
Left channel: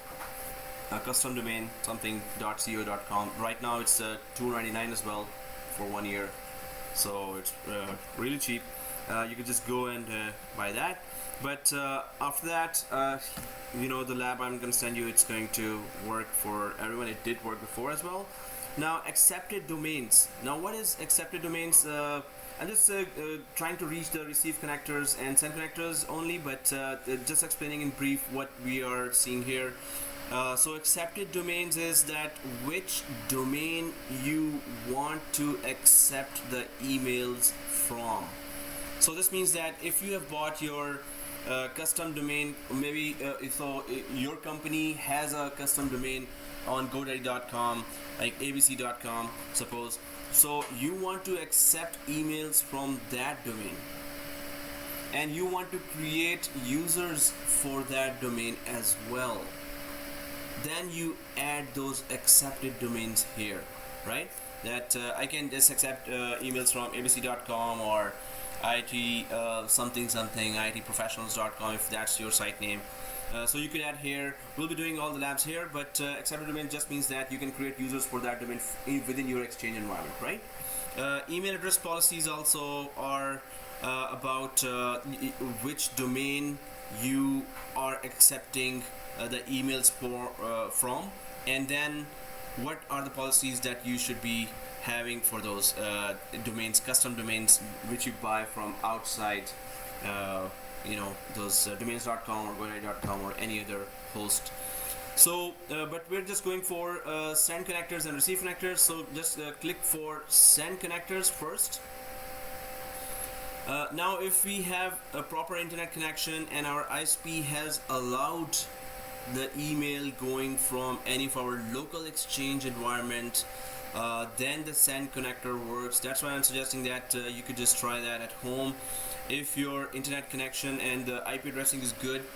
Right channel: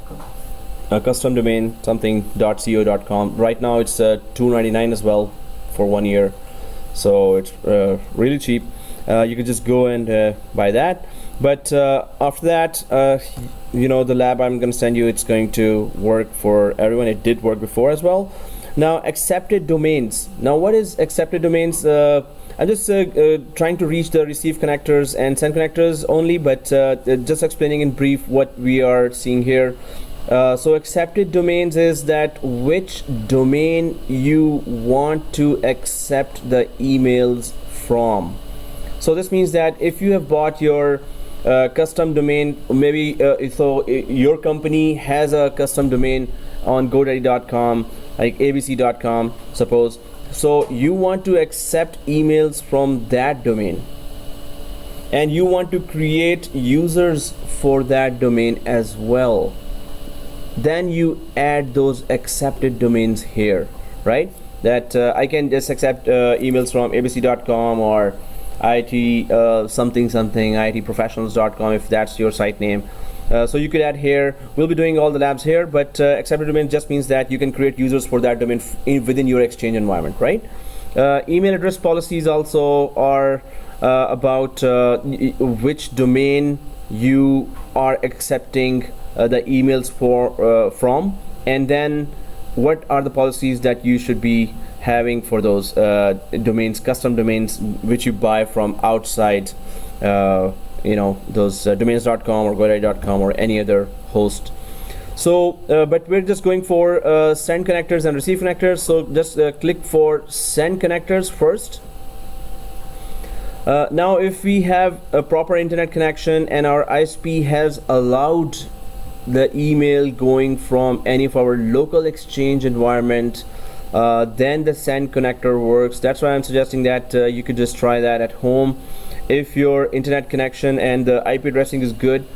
a custom domain, something .co.com. Right now it's $2.99 as well for 1 year, so it's really cheap. You could just go and buy that. But after that, the lab I'm going to send you, it's going to work for everyone. It did work before as well. Now, accepted domains. Now, what is accepted domains? I'm just trying to reach the receive connectors and send connectors only, but just explaining in brief what we are seeing here. So accepted domains is that which domain you want to accept the emails from. So this means that if you have bought your custom domain, maybe so your company has a custom domain on GoDaddy.com, like abc.com, suppose. So you want to accept emails from that domain, and you want to create users for that domain as well. Then you add those accepted domains here, right? That I can just accept emails from abc.com or IT something itprofessionals.com if that's your site name. So you could add here. We'll be doing all the labs here, but accepted domain just means that you can create users for that domain within your Exchange environment, right? Email address policies also are about which domain you are accepting the emails from, and then what are the policies that you should be having for those domains, custom domains, which you buy from outside those domains.com or GoDaddy.com or any other host. So but we're just going for send connectors and receive connectors. So just click for send connectors first. Now if we have a proper internet connection and our ISP has allowed the email going from any of our local Exchange environment, then the send connector works. That's why I'm suggesting that you could just try that at home. If your internet connection and the IP addressing is good,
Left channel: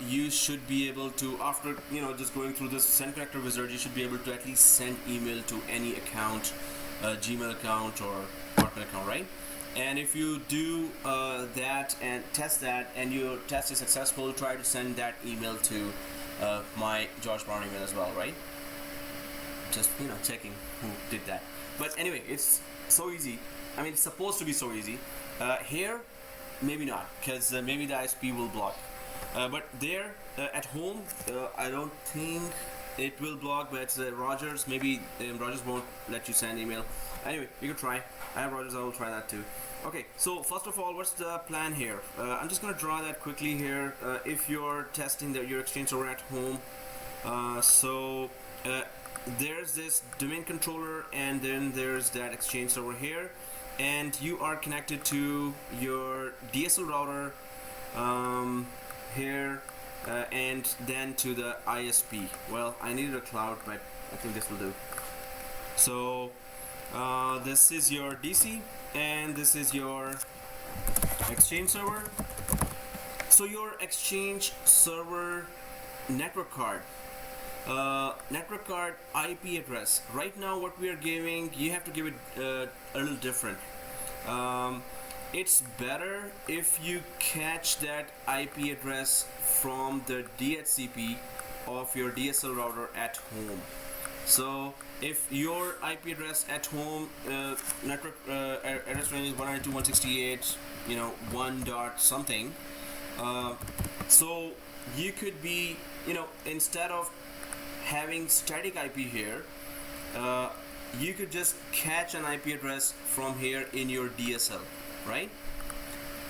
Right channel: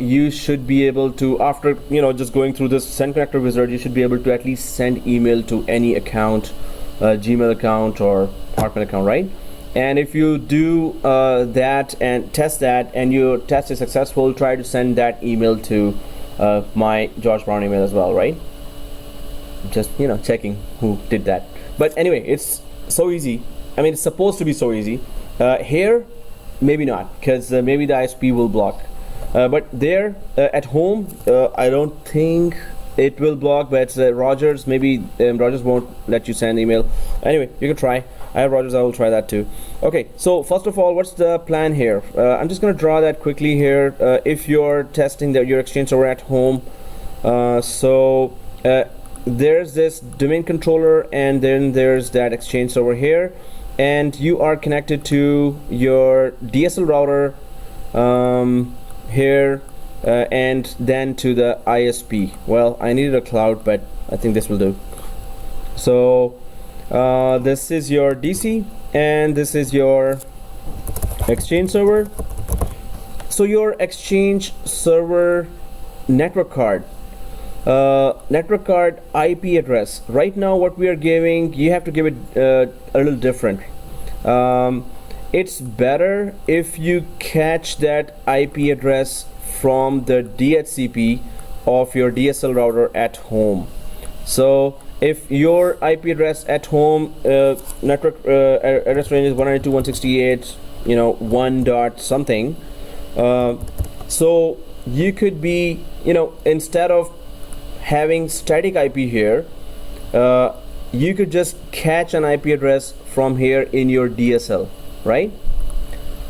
you should be able to, after just going through this send connector wizard, you should be able to at least send email to any account, Gmail account or Hotmail account, right? And if you do that and test that, and your test is successful, try to send that email to my George Brown email as well, right? Just checking who did that. But anyway, it's so easy. I mean, it's supposed to be so easy. Here, maybe not, because maybe the ISP will block. But there, at home, I don't think it will block. But Rogers, maybe Rogers won't let you send email. Anyway, you can try. I have Rogers, I will try that too. Okay, so first of all, what's the plan here? I'm just going to draw that quickly here. If you're testing your Exchange server at home, there's this domain controller, and then there's that Exchange server here, and you are connected to your DSL router here, and then to the ISP. Well, I needed a cloud, but I think this will do. So This is your DC and this is your Exchange server. So your Exchange server network card IP address, right now what we are giving, you have to give it a little different. It's better if you catch that IP address from the DHCP of your DSL router at home. So if your IP address at home network address range is 192.168, 1 dot something, so you could be, instead of having static IP here, you could just catch an IP address from here in your DSL, right?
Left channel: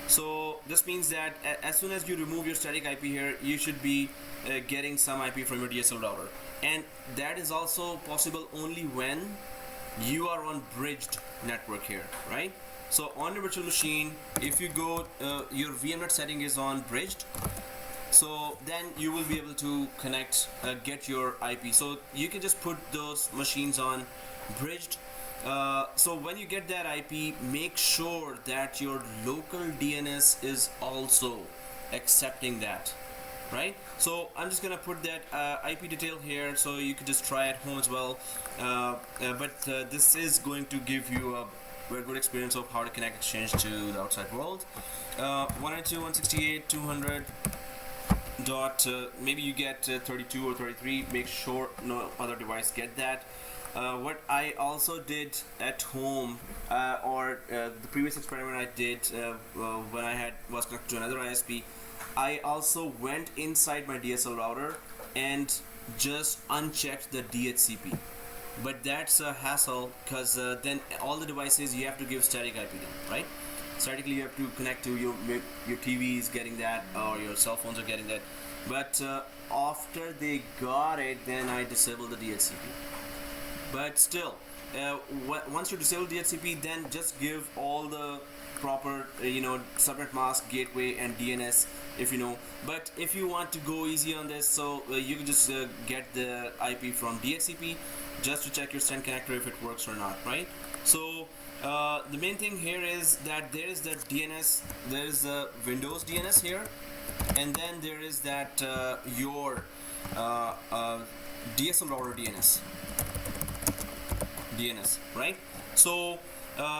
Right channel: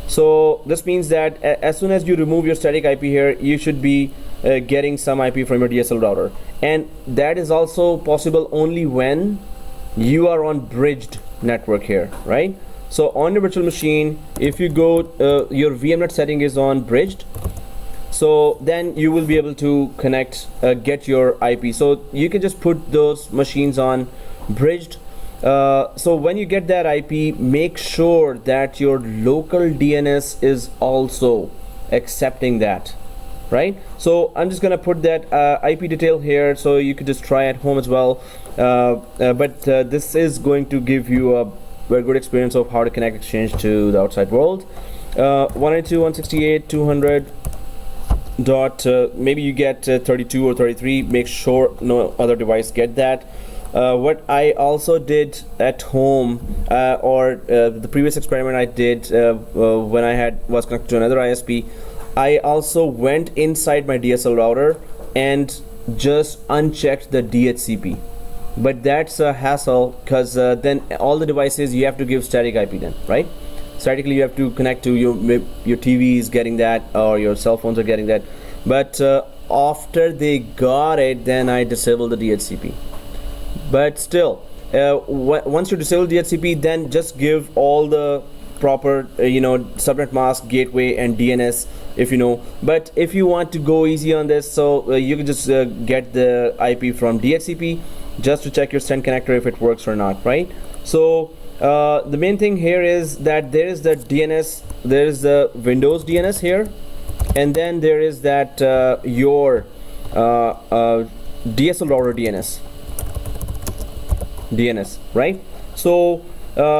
So this means that as soon as you remove your static IP here, you should be getting some IP from your DSL router, and that is also possible only when you are on bridged network here, right? So on your virtual machine, if you go, your VMnet setting is on bridged, so then you will be able to connect, get your IP. So you can just put those machines on bridged. So when you get that IP, make sure that your local DNS is also accepting that, right? So I'm just gonna put that IP detail here, so you could just try at home as well. But this is going to give you a very good experience of how to connect Exchange to the outside world. 192.168.200 dot maybe you get 32 or 33. Make sure no other device get that. What I also did at home, or the previous experiment I did when I was connected to another ISP, I also went inside my DSL router and just unchecked the DHCP. But that's a hassle, because then all the devices you have to give static IP then, right? Statically you have to connect to your TV is getting that, or your cell phones are getting that. But after they got it, then I disabled the DHCP. But still, once you disable DHCP, then just give all the proper subnet mask, gateway and DNS, if you know. But if you want to go easy on this, so you can just get the IP from DHCP just to check your send connector if it works or not, right? So the main thing here is that there is the DNS, there is the Windows DNS here, and then there is that your DSL router DNS, right? So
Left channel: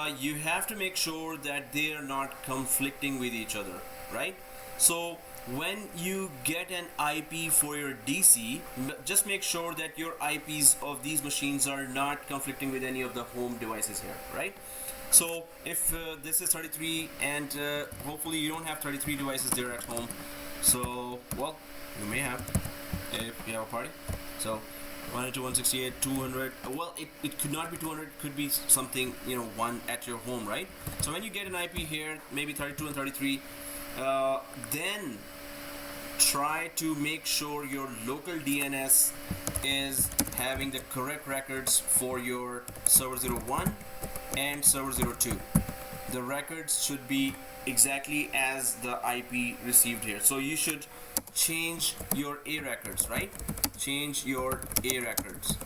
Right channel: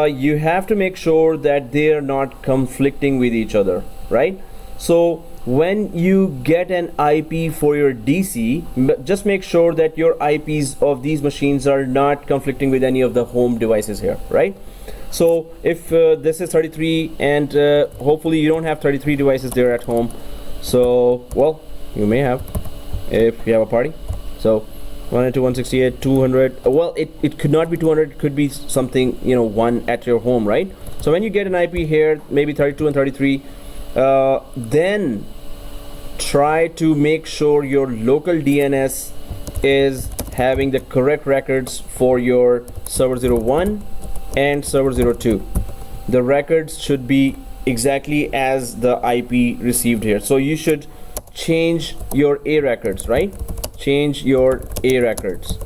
you have to make sure that they are not conflicting with each other, right? So when you get an IP for your DC, just make sure that your IPs of these machines are not conflicting with any of the home devices here, right? So if this is 33, and hopefully you don't have 33 devices there at home, so well, you may have if you have a party. So 192.168.200, well, it could not be 200, it could be something, one at your home, right? So when you get an IP here, maybe 32 and 33, then try to make sure your local DNS is having the correct records for your server 01 and server 02. The records should be exactly as the IP received here. So you should change your A records, right? Change your A records.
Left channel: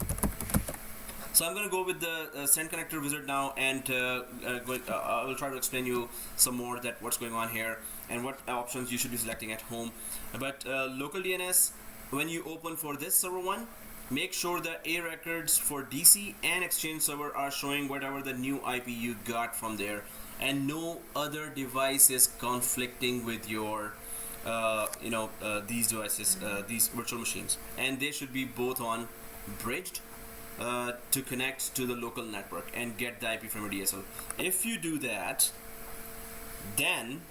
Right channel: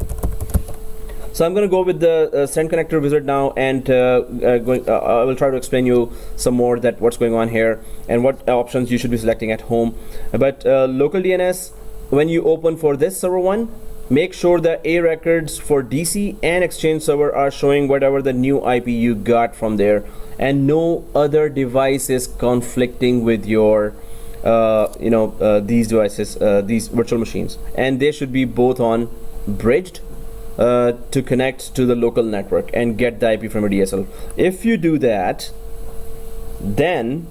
So I'm going to go with the send connector wizard now, and I will try to explain you some more that what's going on here and what options you should be selecting at home. But local DNS, when you open for this server one, make sure the A records for DC and Exchange server are showing whatever the new IP you got from there, and no other device is conflicting with your these devices, these virtual machines, and they should be both on bridged to connect to the local network and get the IP from a DSL. If you do that, then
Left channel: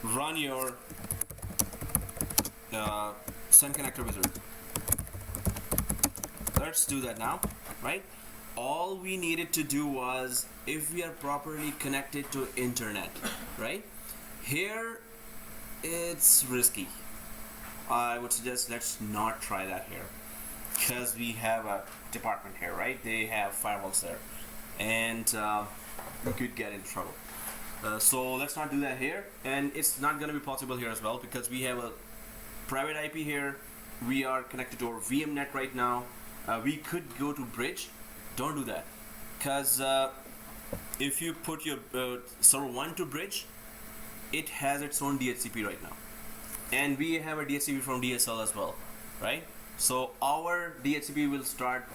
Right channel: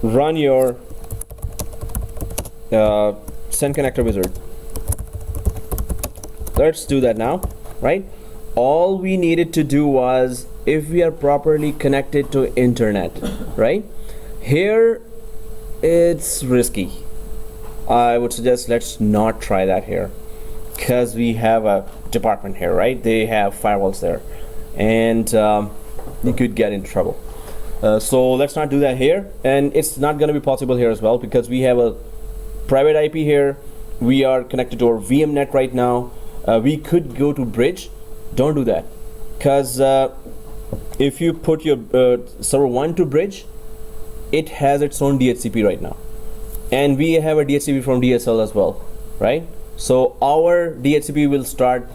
run your send connector wizard. Let's do that now, right? All we needed to do was, if we are properly connected to internet, right? Here it's risky. I would suggest let's not try that here, because we have a department here, right? They have firewalls there, and you could get in trouble. So let's not do that here, and it's not going to be possible here as well, because we have a private IP here. We are connected to our VMnet right now. We could go to bridge, Don't do that, because if you put your server 1 to bridge, it has its own DHCP right now, and we have a DHCP from DSL as well, right? So our DHCP will start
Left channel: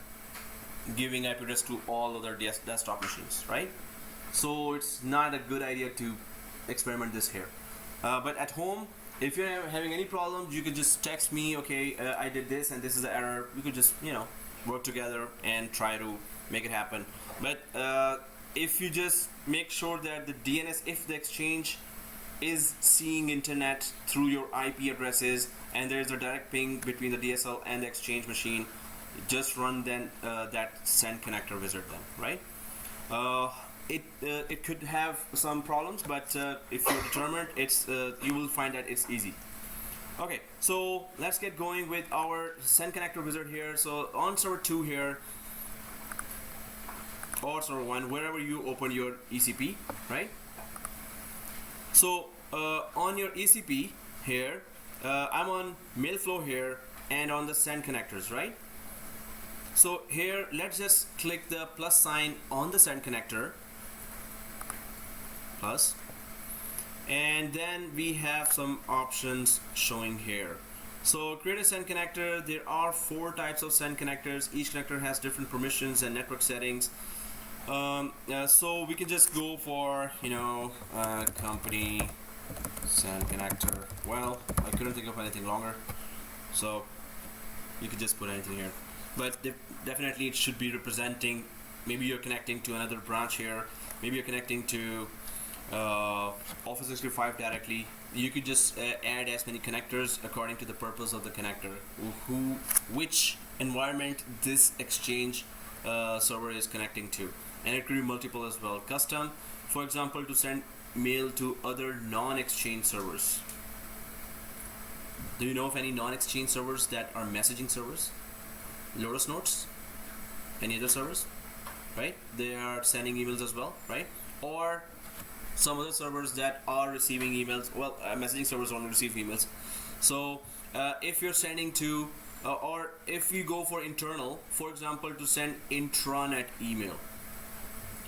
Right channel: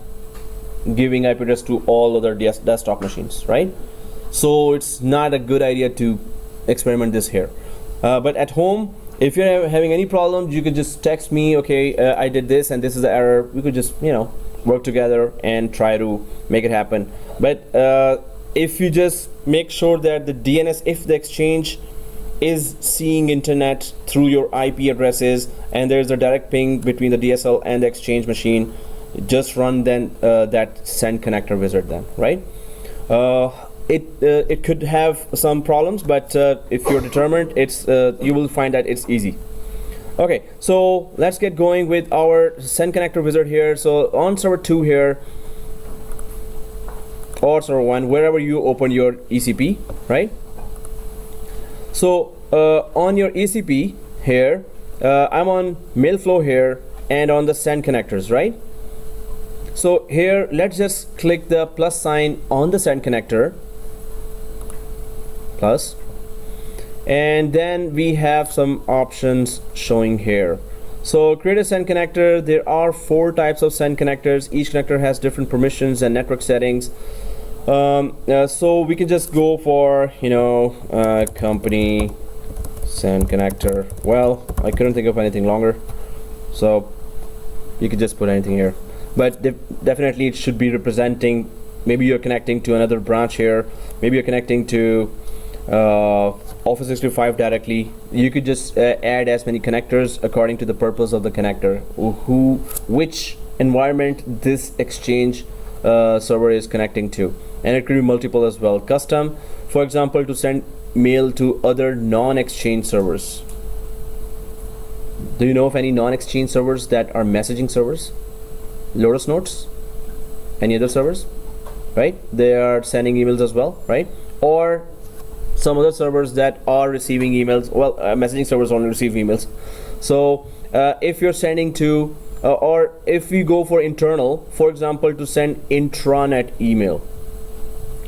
giving IP address to all other desktop machines, right? So it's not a good idea to experiment this here. But at home, if you're having any problems, you could just text me, okay, I did this and this is the error. We could just, you know, work together and try to make it happen. But if you just make sure that the DNS, if the exchange is seeing internet through your IP addresses and there's a direct ping between the DSL and the exchange machine, just run then that send connector wizard then, right? It could have some problems, but if you're determined, it's you will find that it's easy. Okay, so let's get going with our send connector wizard here. So on server 2 here, or server 1, wherever you open your ECP, right? So on your ECP here, I'm on mail flow here and on the send connectors, right? So here, let's just click the plus sign on the send connector, plus, and then we have some options showing here. So create a send connector. There are 4 types of send connectors. Each connector has different permissions and network settings. So we can just go for, you know, company send connector. Well, I couldn't think of anything longer, so you could just put anything here. But definitely it should be representing, maybe you're connecting to another branch here, maybe you're connecting to Office 365 directly. You could just add as many connectors according to the purpose of the connector, which environment this exchange server is connecting to, and it could be multiple as well. Custom, for example, to send mail to other non-exchange servers. Do you know of any non-exchange servers that are messaging servers? Lotus Notes, any other servers, right? They are sending emails as well, right? Or some other servers that are receiving emails. Well, messaging servers only receive emails. So if you're sending to or if we go for internal, for example, to send intranet email,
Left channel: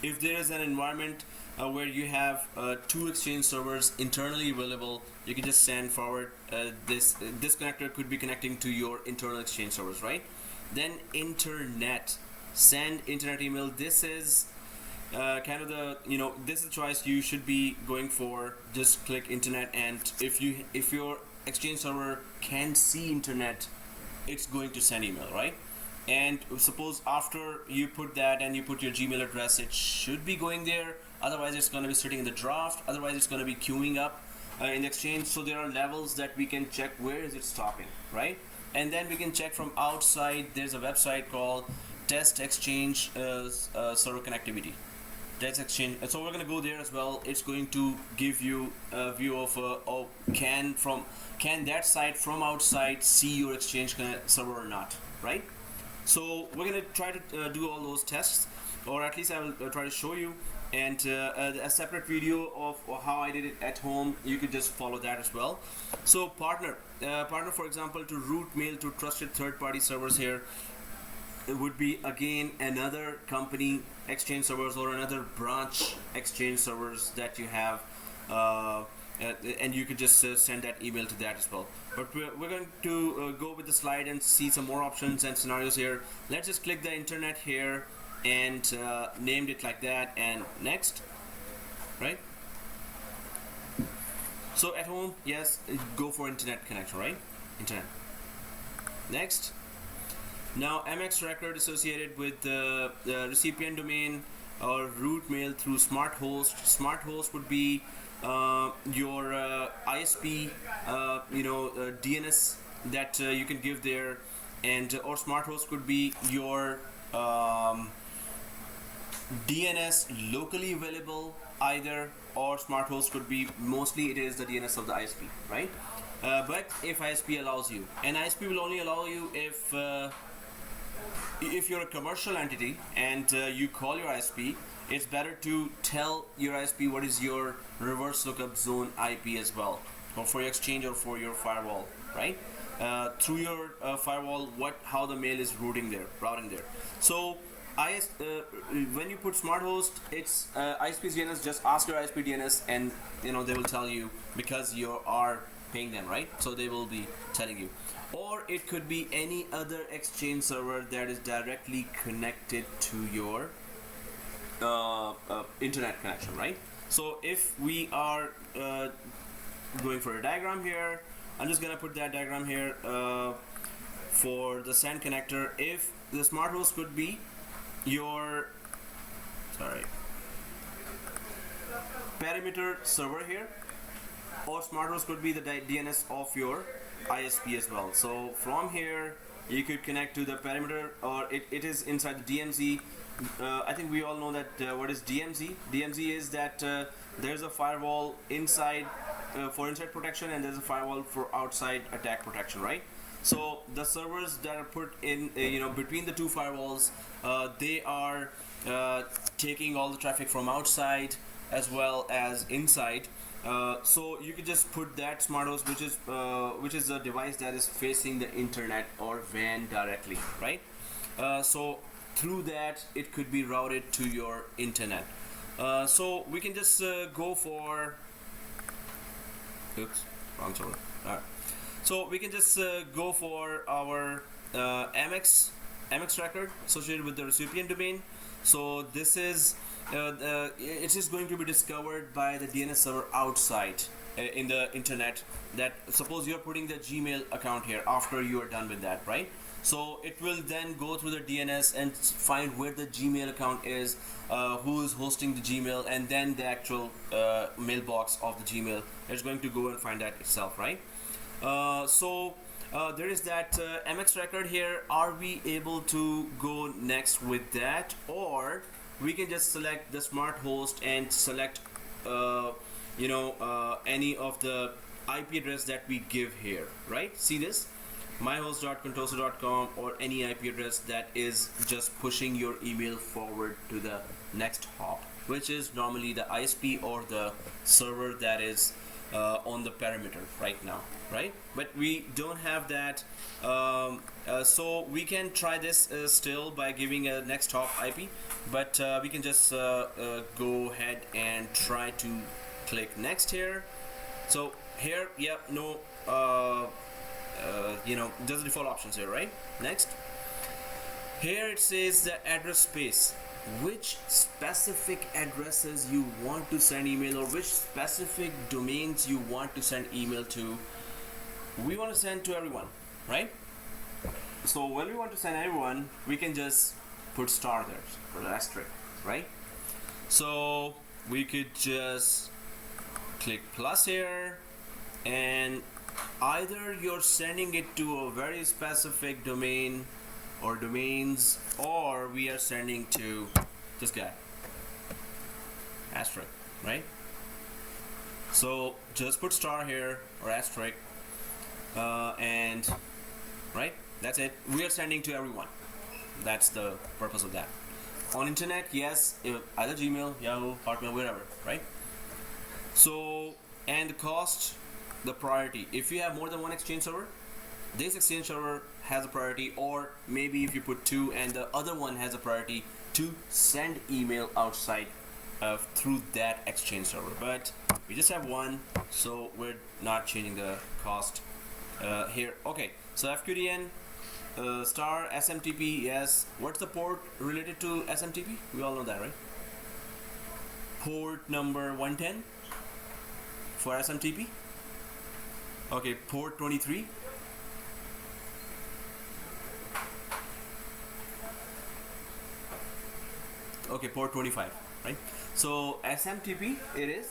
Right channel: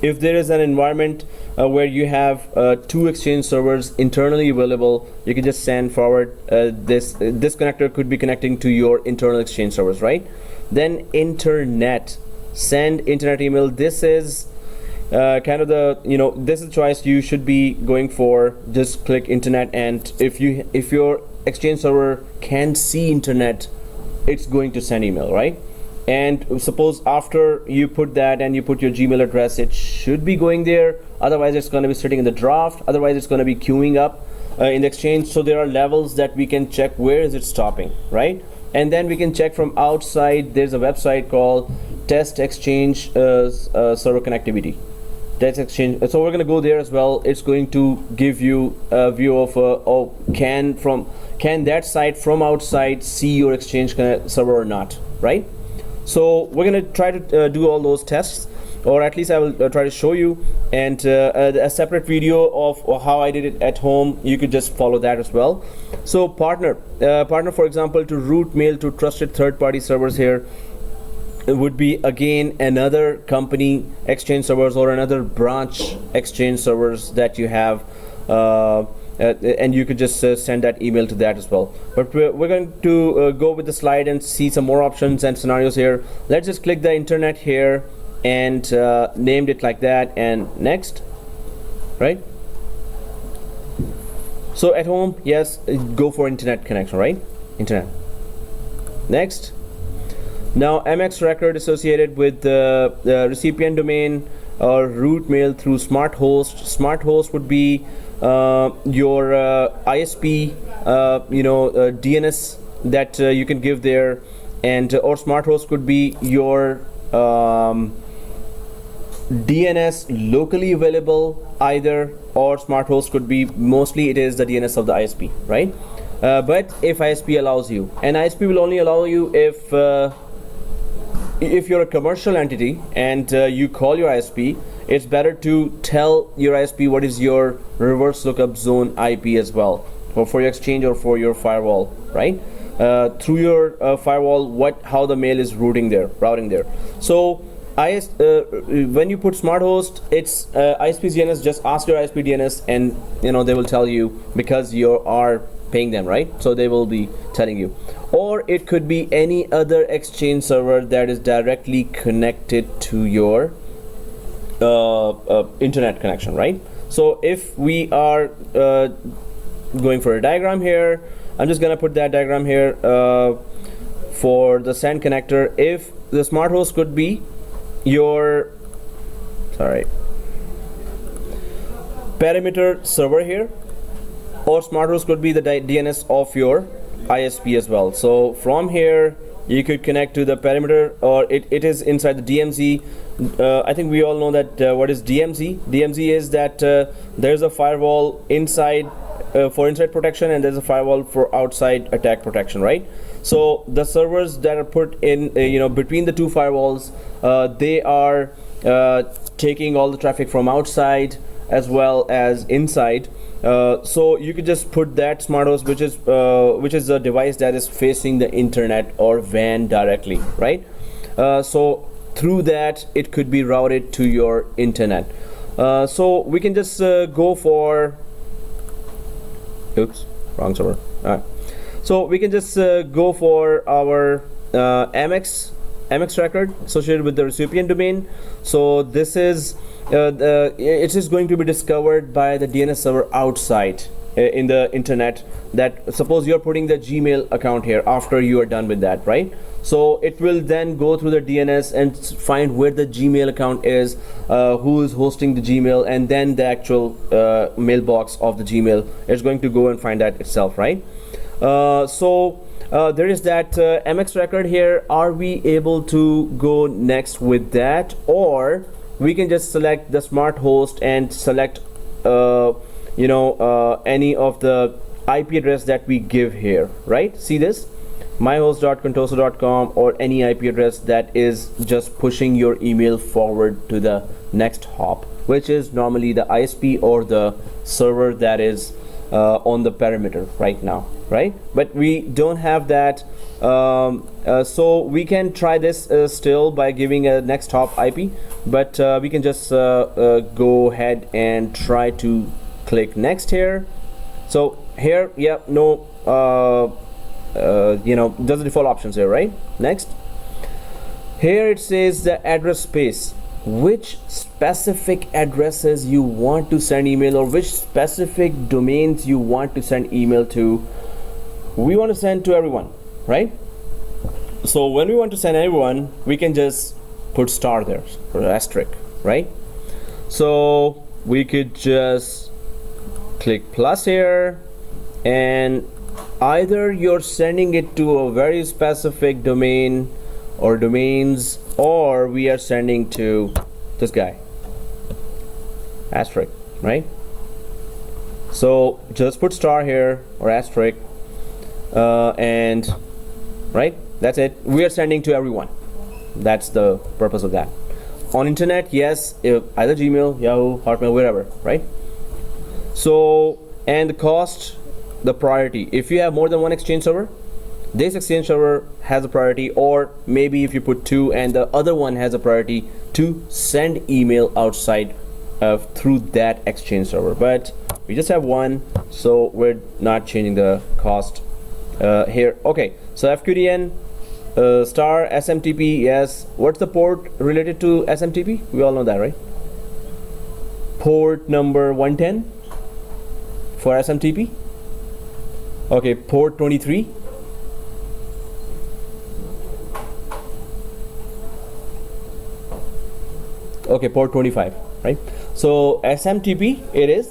if there is an environment where you have 2 exchange servers internally available, you can just send forward this connector could be connecting to your internal exchange servers, right? Then internet, send internet email. This is kind of the, you know, this is choice you should be going for. Just click internet, and if your exchange server can see internet, it's going to send email, right? And suppose after you put that and you put your Gmail address, it should be going there. Otherwise it's going to be sitting in the draft. Otherwise it's going to be queuing up in the exchange. So there are levels that we can check where is it stopping, right? And then we can check from outside. There's a website called 2ndExchange server connectivity. 2ndExchange. So we're going to go there as well. It's going to give you a view of can that site from outside see your exchange server or not, right? So we're going to try to do all those tests, or at least I will try to show you, and a separate video of how I did it at home. You could just follow that as well. So partner, for example, to route mail to trusted third-party servers here, it would be again another company exchange servers or another branch exchange servers that you have, and you could just send that email to that as well. But we're going to go with the slide and see some more options and scenarios here. Let's just click the internet here and named it like that, and next, right? So at home, yes, go for internet connection, right? Internet. Next. Now MX record associated with the recipient domain or route mail through smart host. Smart host would be your ISP, DNS that you can give there, and or smart host could be your DNS locally available either, or smart host could be, mostly it is the DNS of the ISP, right? But if ISP allows you, and ISP will only allow you if you're a commercial entity and you call your ISP, it's better to tell your ISP what is your reverse lookup zone IP as well, or for your exchange or for your firewall, right? Through your firewall, how the mail is routing there. So when you put smart host, it's ISP DNS. Just ask your ISP DNS, and they will tell you, because you are paying them, right? So they will be telling you. Or it could be any other Exchange server that is directly connected to your internet connection, right? So if we are going for a diagram here, I'm just gonna put that diagram here for the send connector. If the smart host could be your perimeter server here, or smart host could be the DNS of your ISP as well. So from here you could connect to the perimeter, or it is inside the DMZ. I think we all know that what is DMZ. DMZ is that there's a firewall inside for inside protection, and there's a firewall for outside attack protection, right? So the servers that are put in between the two firewalls, they are taking all the traffic from outside as well as inside. So you could just put that smart host, which is a device that is facing the internet or WAN directly, right? So through that it could be routed to your internet. So we can just go for wrong server. So we can just go for our MX record associated with the recipient domain. So this is it is going to be discovered by the DNS server outside in the internet. That suppose you're putting the Gmail account here after you are done with that, right? So it will then go through the DNS and find where the Gmail account is, who is hosting the Gmail, and then the actual mailbox of the Gmail is going to go and find that itself, right? So there is that MX record here. Are we able to go next with that, or we can just select the smart host and select any of the IP address that we give here, right? See this, myhost.contoso.com, or any IP address that is just pushing your email forward to the next hop, which is normally the ISP or the server that is on the perimeter right now, right? But we don't have that, so we can try this still by giving a next hop IP, but we can just go ahead and try to click next here. So here, yeah, no there's the default options here, right? Next, here it says the address space, which specific addresses you want to send email, or which specific domains you want to send email to. We want to send to everyone, right? So when we want to send everyone, we can just put star there, or asterisk, right? So we could just click plus here, and either you're sending it to a very specific domain or domains, or we are sending to this guy, asterisk, right? So just put star here or asterisk, and right, that's it. We are sending to everyone. That's the purpose of that. On internet, yes, either Gmail, Yahoo, Hotmail, wherever, right? So, and the cost, the priority. If you have more than one Exchange server, this Exchange server has a priority, or maybe if you put two and the other one has a priority to send email outside through that Exchange server. But we just have one, so we're not changing the cost here. Okay, so FQDN star SMTP, yes. What's the port related to SMTP? We all know that, right? Port number 110 for SMTP. Okay, port 23. Okay, port 25, right? So SMTP, it is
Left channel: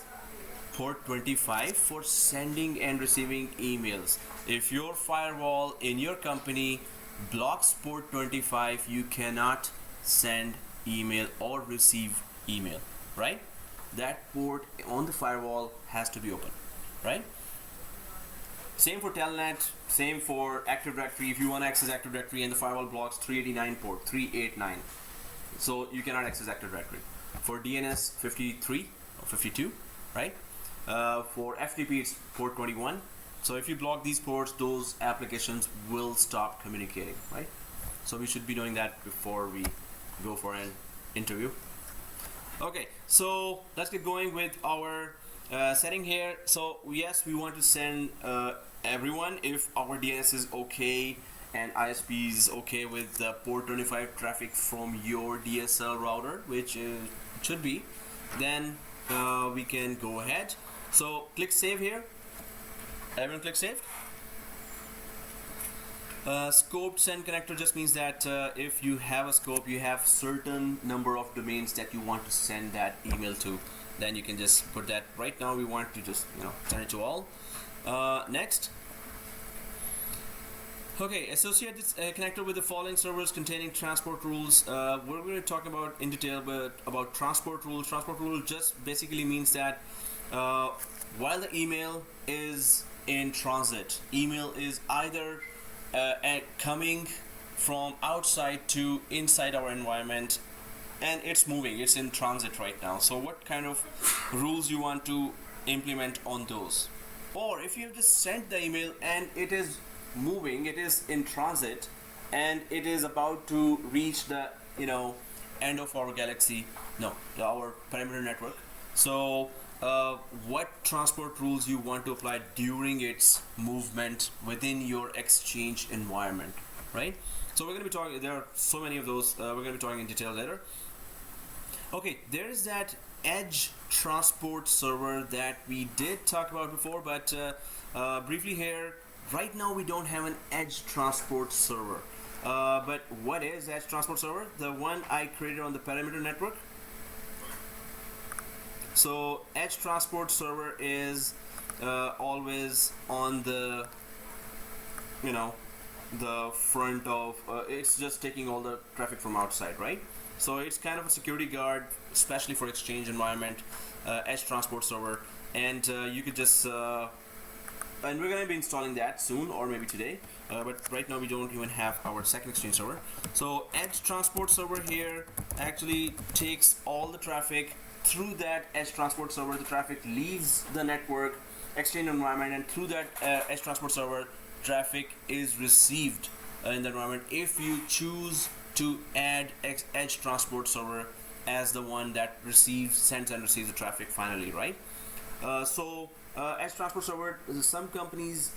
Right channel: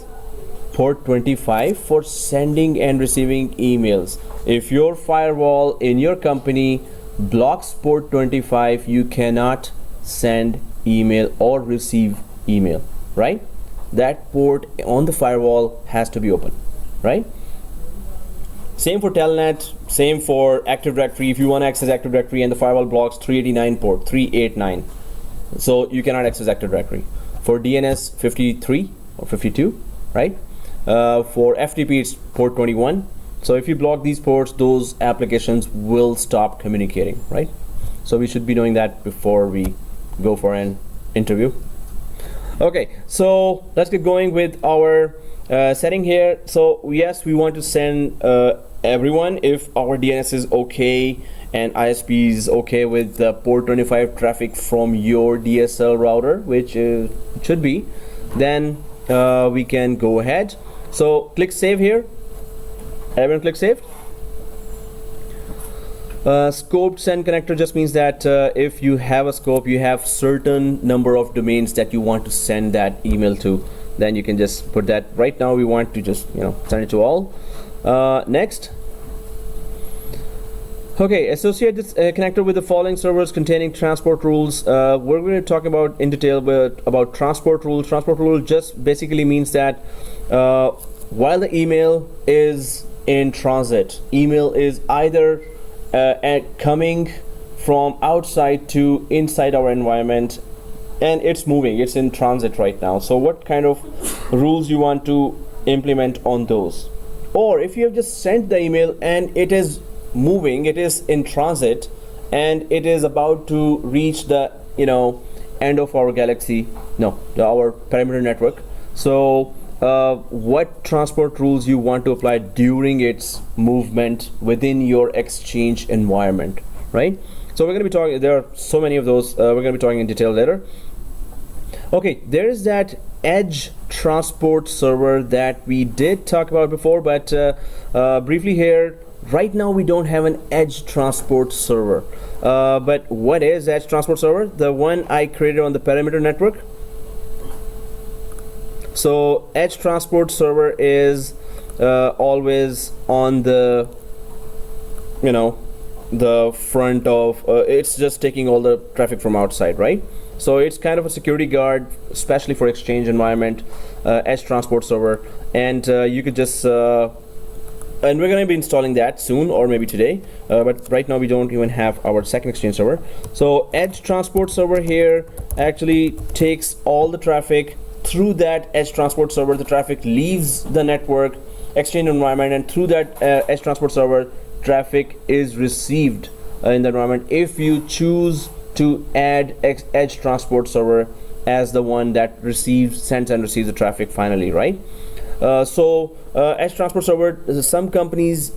port 25 for sending and receiving emails. If your firewall in your company blocks port 25, you cannot send email or receive email, right? That port on the firewall has to be open, right? Same for telnet, same for Active Directory. If you want to access Active Directory and the firewall blocks 389 port, 389, so you cannot access Active Directory. For DNS 53 or 52, right? For FTP it's port 21. So if you block these ports, those applications will stop communicating, right? So we should be knowing that before we go for an interview. Okay, so let's get going with our setting here. So yes, we want to send everyone if our DNS is okay and ISP is okay with the port 25 traffic from your DSL router, which should be, then we can go ahead. So click save here. Everyone click save. Scoped send connector just means that if you have a scope, you have certain number of domains that you want to send that email to, then you can just put that. Right now we want to just send it to all. Next. Okay, associate this connector with the following servers containing transport rules. We're going to talk about in detail about transport rules. Transport rule just basically means that while the email is in transit, email is either coming from outside to inside our environment, and it's moving, it's in transit right now. So what kind of rules you want to implement on those? Or if you have just sent the email and it is moving, it is in transit, and it is about to reach the end of our galaxy, our perimeter network. So what transport rules you want to apply during its movement within your Exchange environment, right? So we're going to be talking, there are so many of those, we're going to be talking in detail later. Okay, there is that edge transport server that we did talk about before, but briefly here, right now we don't have an edge transport server. But what is edge transport server? The one I created on the perimeter network. So edge transport server is always on the the front of it's just taking all the traffic from outside, right? So it's kind of a security guard, especially for Exchange environment, edge transport server, and you could just and we're going to be installing that soon, or maybe today, but right now we don't even have our second Exchange server. So edge transport server here actually takes all the traffic through that edge transport server. The traffic leaves the network Exchange environment, and through that edge transport server, traffic is received in the environment if you choose to add edge transport server as the one that sends and receives the traffic finally, right? So edge transport server, some companies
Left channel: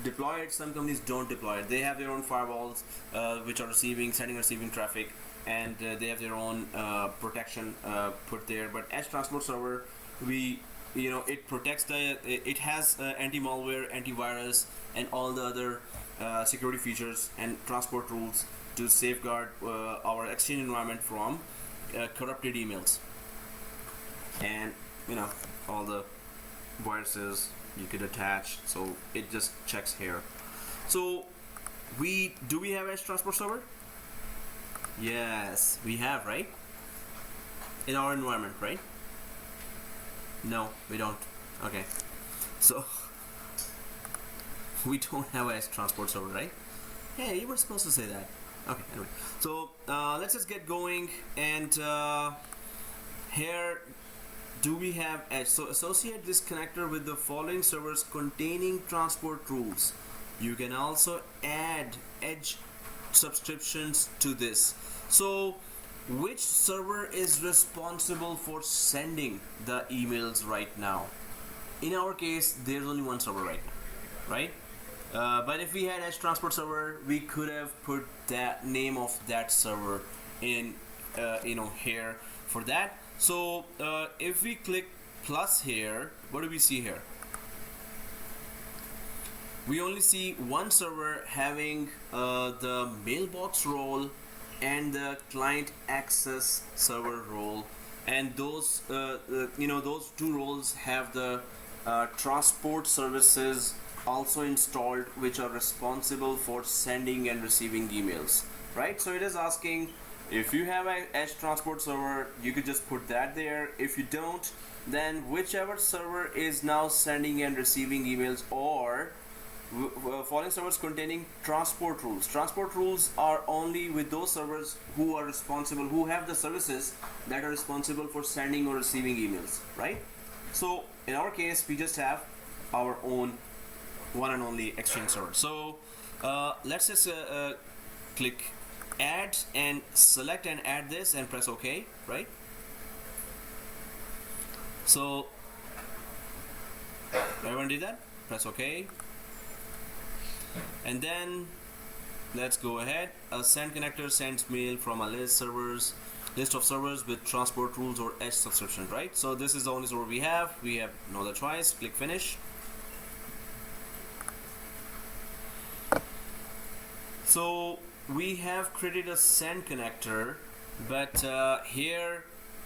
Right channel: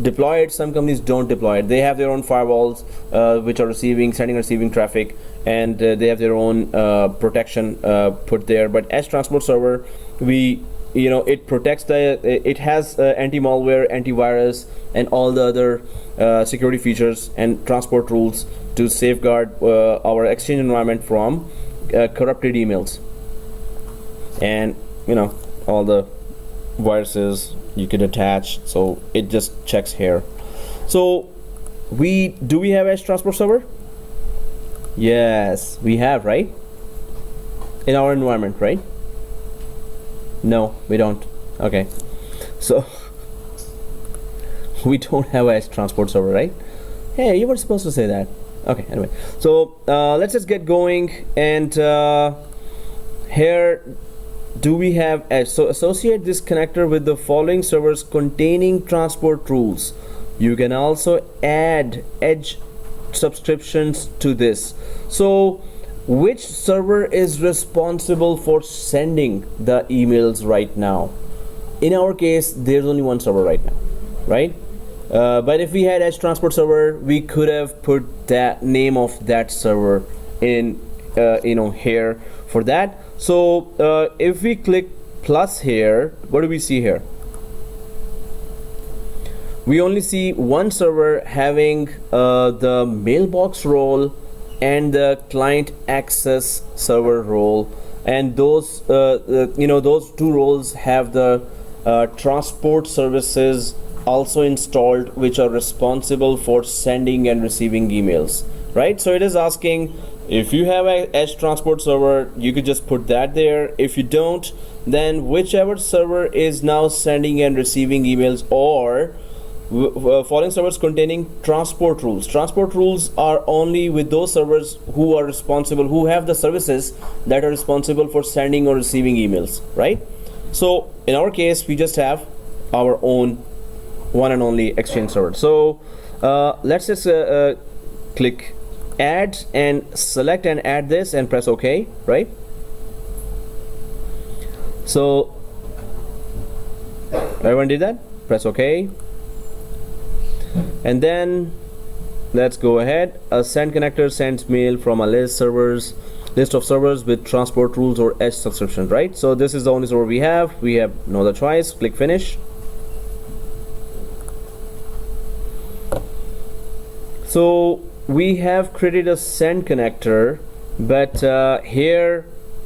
deploy it, some companies don't deploy it. They have their own firewalls which are sending and receiving traffic, and they have their own protection put there. But edge transport server, it protects it has anti-malware, antivirus, and all the other security features and transport rules to safeguard our Exchange environment from corrupted emails and all the viruses you could attach. So it just checks here. So we have edge transport server? Yes, we have, right? In our environment, right? No, we don't. Okay, so we don't have edge transport server, right? Hey, you were supposed to say that. Okay, anyway, so let's just get going. And here, do we have edge? So associate this connector with the following servers containing transport rules. You can also add edge subscriptions to this. So which server is responsible for sending the emails right now? In our case, there's only one server right now, right? But if we had edge transport server, we could have put that name of that server in here for that. So if we click plus here, what do we see here? We only see one server having the mailbox role and the client access server role, and those those two roles have the transport services also installed, which are responsible for sending and receiving emails, right? So it is asking, if you have an edge transport server, you could just put that there. If you don't, then whichever server is now sending and receiving emails, or following servers containing transport rules. Transport rules are only with those servers who are responsible, who have the services that are responsible for sending or receiving emails, right? So in our case, we just have our own one and only Exchange server. So let's just click add and select and add this and press OK, right? So everyone did that? Press OK. And then let's go ahead. A send connector sends mail from a list of servers with transport rules or edge subscription, right? So this is the only server we have. We have no other choice. Click finish. So we have created a send connector, but here,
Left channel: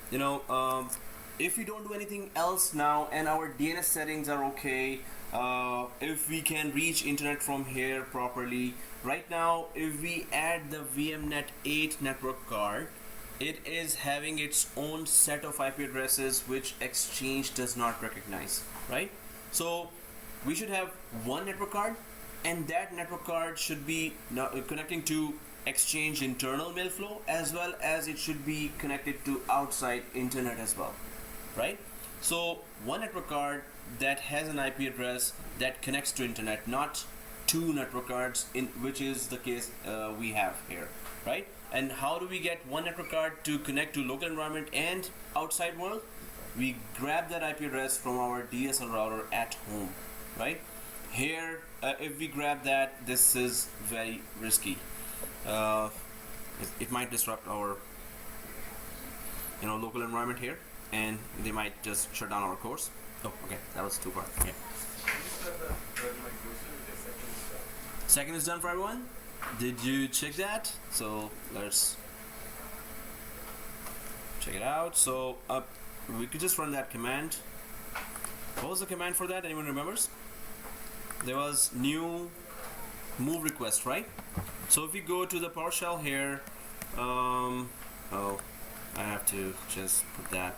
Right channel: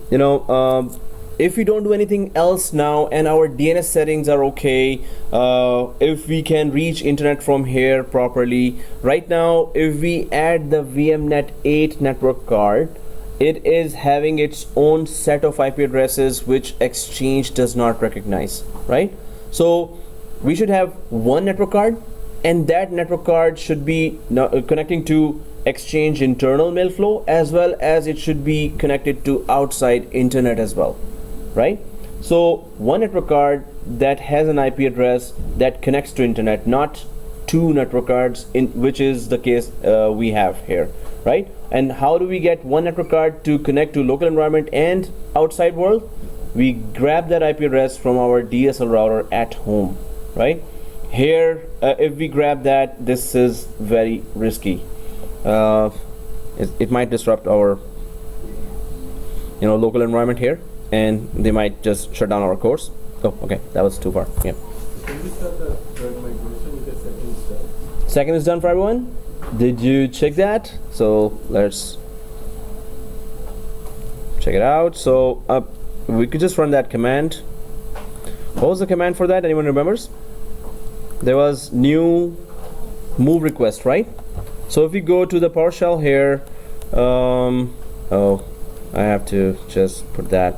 you know, if we don't do anything else now and our DNS settings are okay, if we can reach internet from here properly, right now if we add the VMnet 8 network card, it is having its own set of IP addresses which Exchange does not recognize, right? So we should have one network card, and that network card should be connecting to Exchange internal mail flow, as well as it should be connected to outside internet as well, right? So one network card that has an IP address that connects to internet, not two network cards, which is the case we have here, right? And how do we get one network card to connect to local environment and outside world? We grab that IP address from our DSL router at home, right? Here, if we grab that, this is very risky. It might disrupt our, you know, local environment here, and they might just shut down our course. Oh, okay, that was too far. Yeah. Can you start the third migration with the second step? Second is done for everyone. Did you check that? So let's check it out. So we could just run that command. What was the command for that? Anyone remembers? There was new move request, right? So if we go to the PowerShell here, oh, I have to just put that.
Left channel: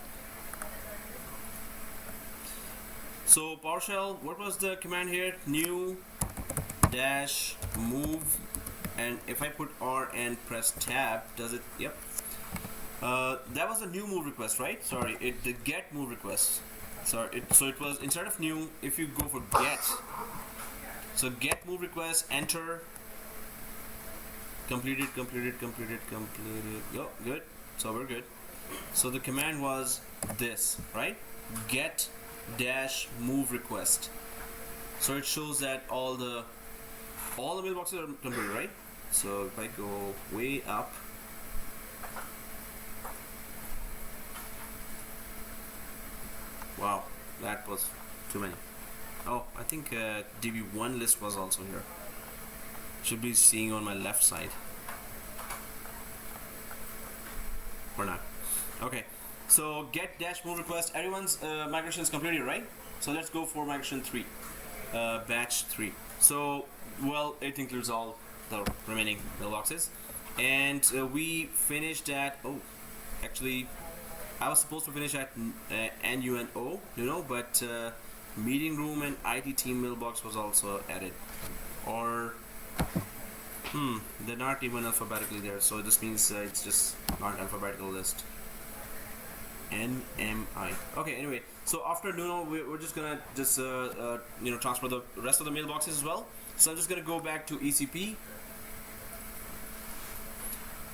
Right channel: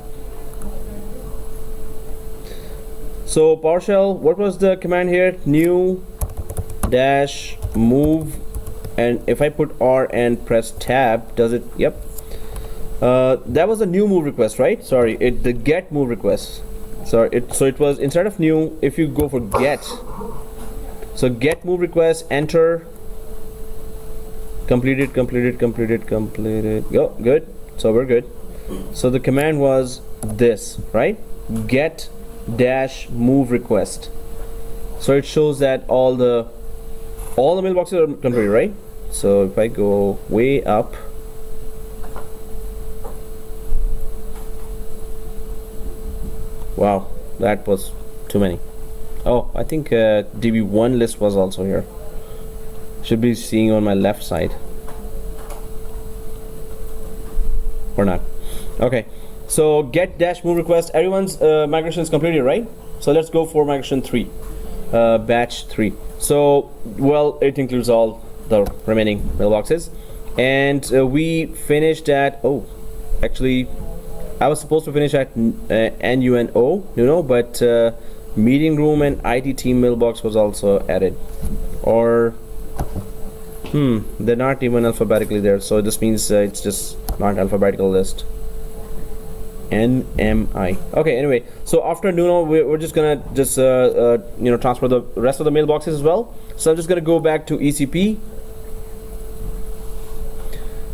So PowerShell, what was the command here? New dash move, and if I put R and press tab, does it? Yep. That was a new move request, right? Sorry, the get move request. So it was, instead of new, if you go for get. So get move request, enter, completed. Go, good. So we're good. So the command was this, right? Get dash move request. So it shows that all the mailboxes are completed, right? So if I go way up, wow, that was too many. Oh, I think DB1 list was also here. Should be seeing on my left side. Or not. Okay. So get dash move request. Everyone's migration is completed, right? So let's go for migration 3, batch 3. So, well, it includes all the remaining mailboxes, and we finished at, oh, actually, I was supposed to finish at NUNO, but meeting room and IT team mailbox was also added, or they're not even alphabetically there, so this means it's just not alphabetical list. NMI. Okay, anyway, so after Nuno, we're just gonna transfer the rest of the mailboxes as well. So I'm just gonna go back to ECP,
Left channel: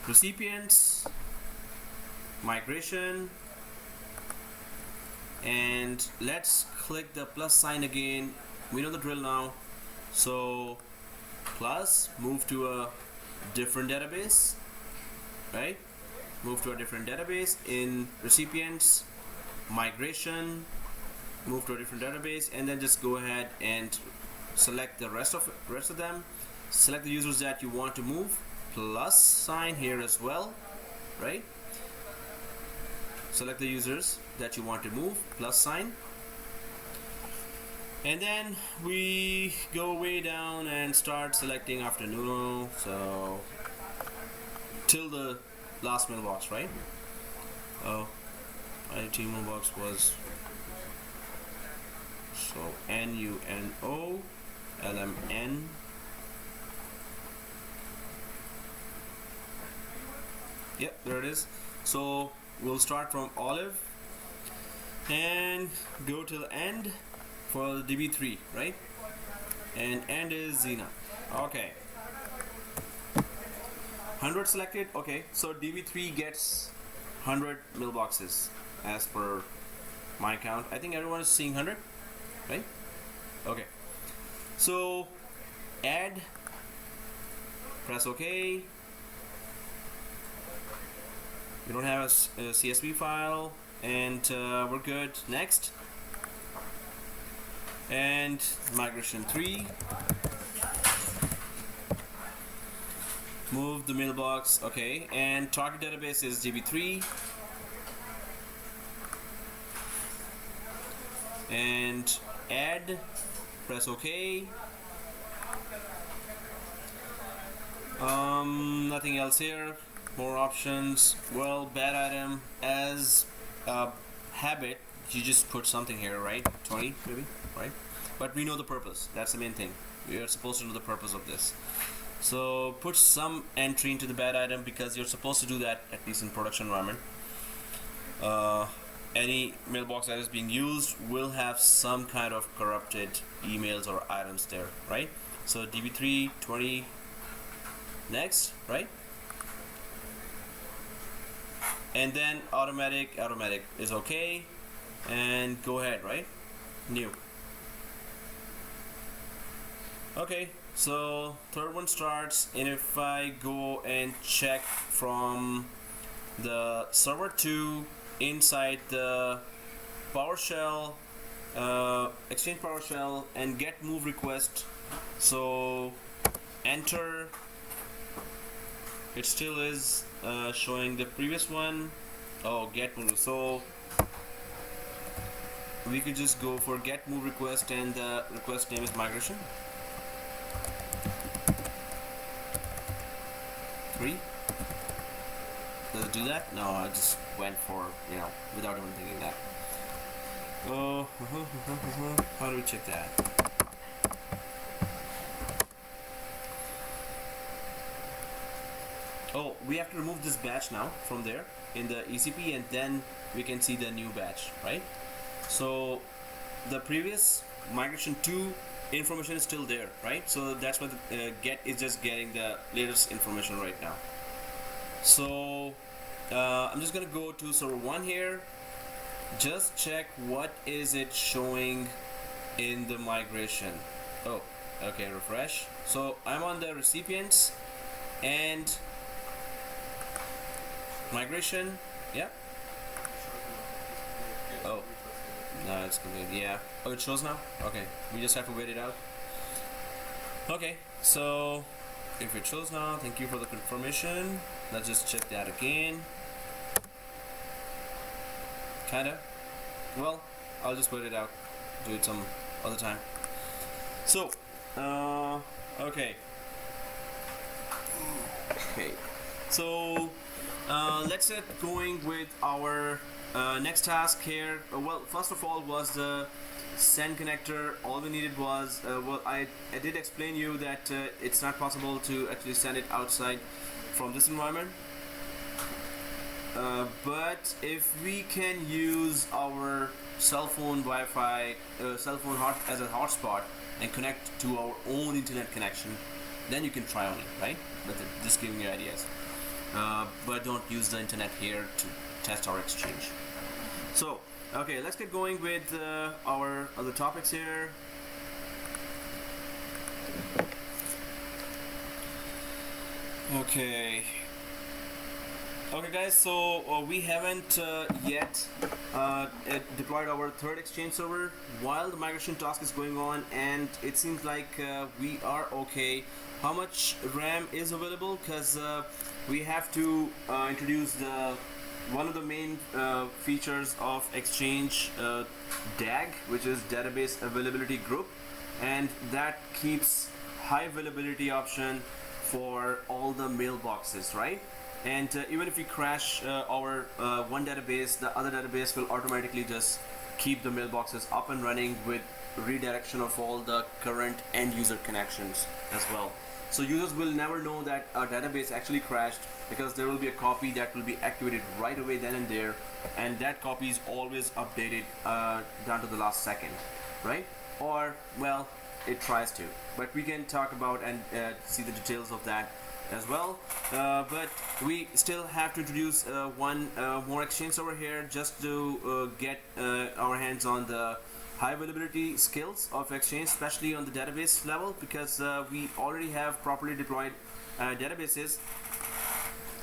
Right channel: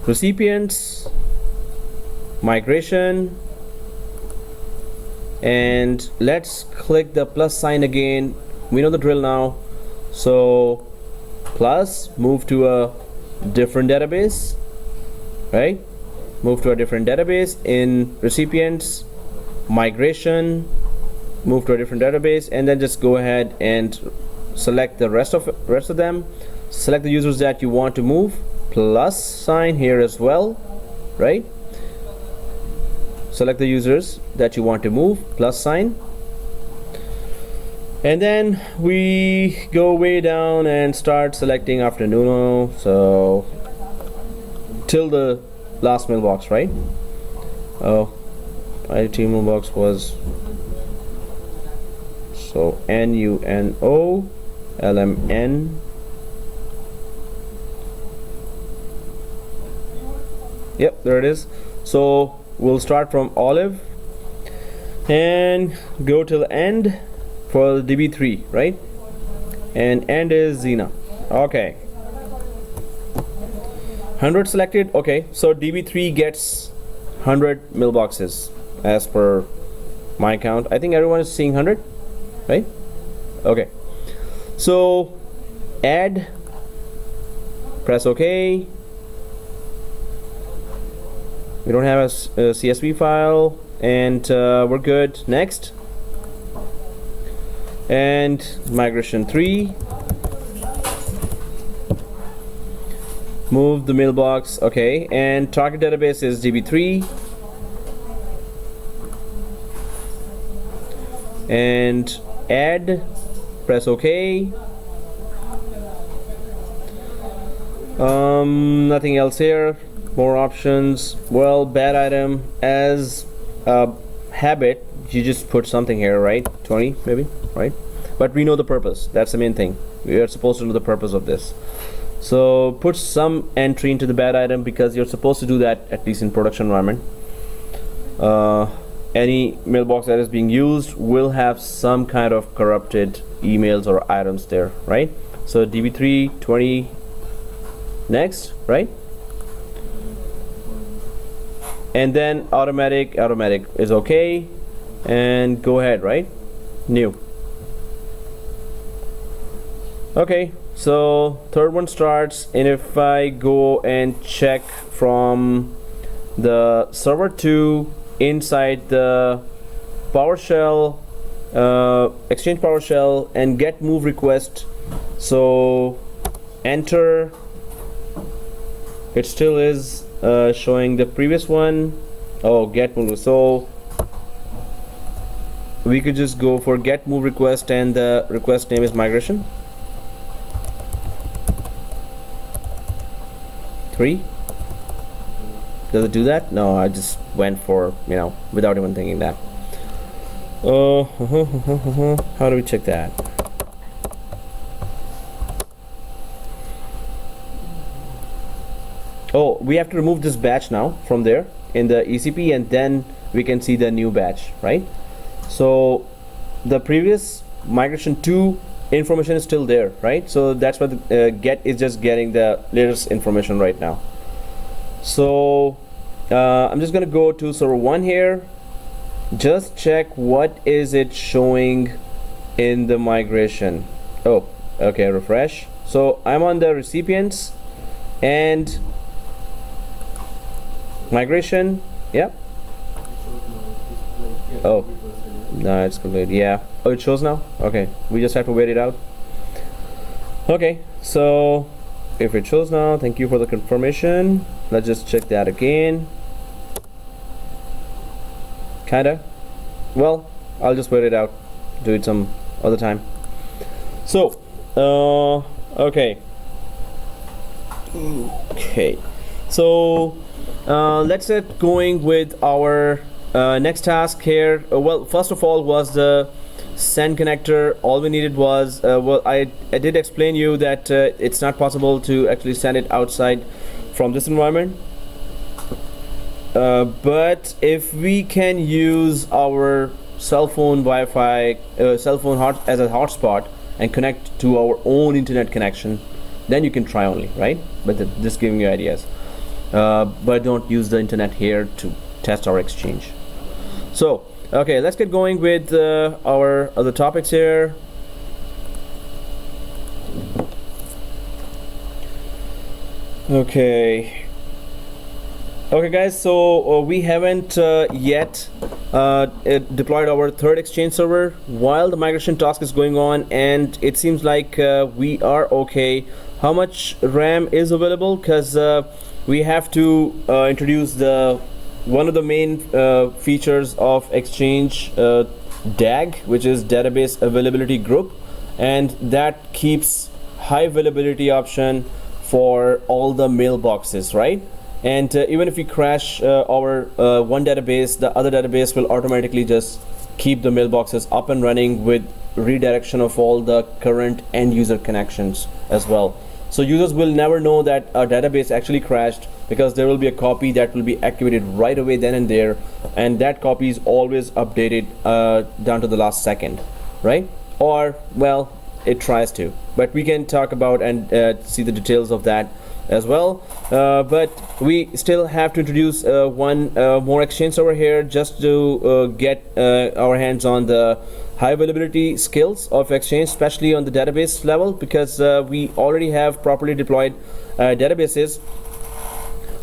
recipients, migration, and let's click the plus sign again. We know the drill now. So plus, move to a different database, right? Move to a different database. In recipients, migration, move to a different database, and then just go ahead and select the rest of them. Select the users that you want to move, plus sign here as well, right? Select the users that you want to move, plus sign, and then we go way down and start selecting after Nuno, so till the last mailbox, right? Oh, IT mailbox was, so NUNO LMN. Yep, there it is. So we'll start from Olive and go till the end for the DB3, right? And end is Xena. Okay. 100 selected. Okay, so DB3 gets 100 mailboxes as per my count. I think everyone is seeing 100, right? Okay, so add, press OK. We don't have a CSV file, and we're good. Next, and migration 3. Move the mailbox. Okay, and target database is DB3. And add, press OK. Nothing else here. More options. Well, bad item, as a habit, you just put something here, right? 20 maybe, right? But we know the purpose. That's the main thing. We are supposed to know the purpose of this. So put some entry into the bad item, because you're supposed to do that, at least in production environment. Any mailbox that is being used will have some kind of corrupted emails or items there, right? So DB3 20 next, right? And then automatic is okay, and go ahead, right? New. Okay, so third one starts, and if I go and check from the server 2 inside the PowerShell, Exchange PowerShell, and get move request, so enter, it still is showing the previous one. Oh, get move, so we could just go for get move request, and the request name is migration 3. Does it do that? No, I just went for, without even thinking that. How do we check that? Oh, we have to remove this batch now from there in the ECP, and then we can see the new batch, right? So the previous migration 2 information is still there, right? So that's what the get is just getting the latest information right now. So I'm just gonna go to server 1 here, just check what is it showing in the migration. Oh, okay, refresh. So I'm on the recipients and migration. Yeah. Oh, no, it's complete. Yeah. Oh, it shows now. Okay, we just have to wait it out. Okay, so if it shows now, thank you for the confirmation. Let's just check that again. Kinda. Well, I'll just wait it out. Do it some other time. So, okay. Okay. So, let's get going with our next task here. Well, first of all was the send connector. All we needed was, well, I did explain you that it's not possible to actually send it outside from this environment. But if we can use our cell phone Wi-Fi, cell phone as a hotspot and connect to our own internet connection, then you can try only, right? But just giving you ideas. But don't use the internet here to test our exchange. So, okay, let's get going with our other topics here. Okay. Okay guys, so we haven't yet deployed our third Exchange server while the migration task is going on, and it seems like we are okay. How much RAM is available? Because we have to introduce one of the main features of Exchange, DAG, which is Database Availability Group, and that keeps high availability option for all the mailboxes, right? And even if we crash our one database, the other database will automatically just keep the mailboxes up and running with redirection of all the current end user connections as well. So users will never know that our database actually crashed, because there will be a copy that will be activated right away then and there, and that copy is always updated down to the last second, right? Or, well, it tries to, but we can talk about and see the details of that as well, but we still have to introduce one more Exchange server here just to get our hands on the high availability skills of Exchange, especially on the database level, because we already have properly deployed databases.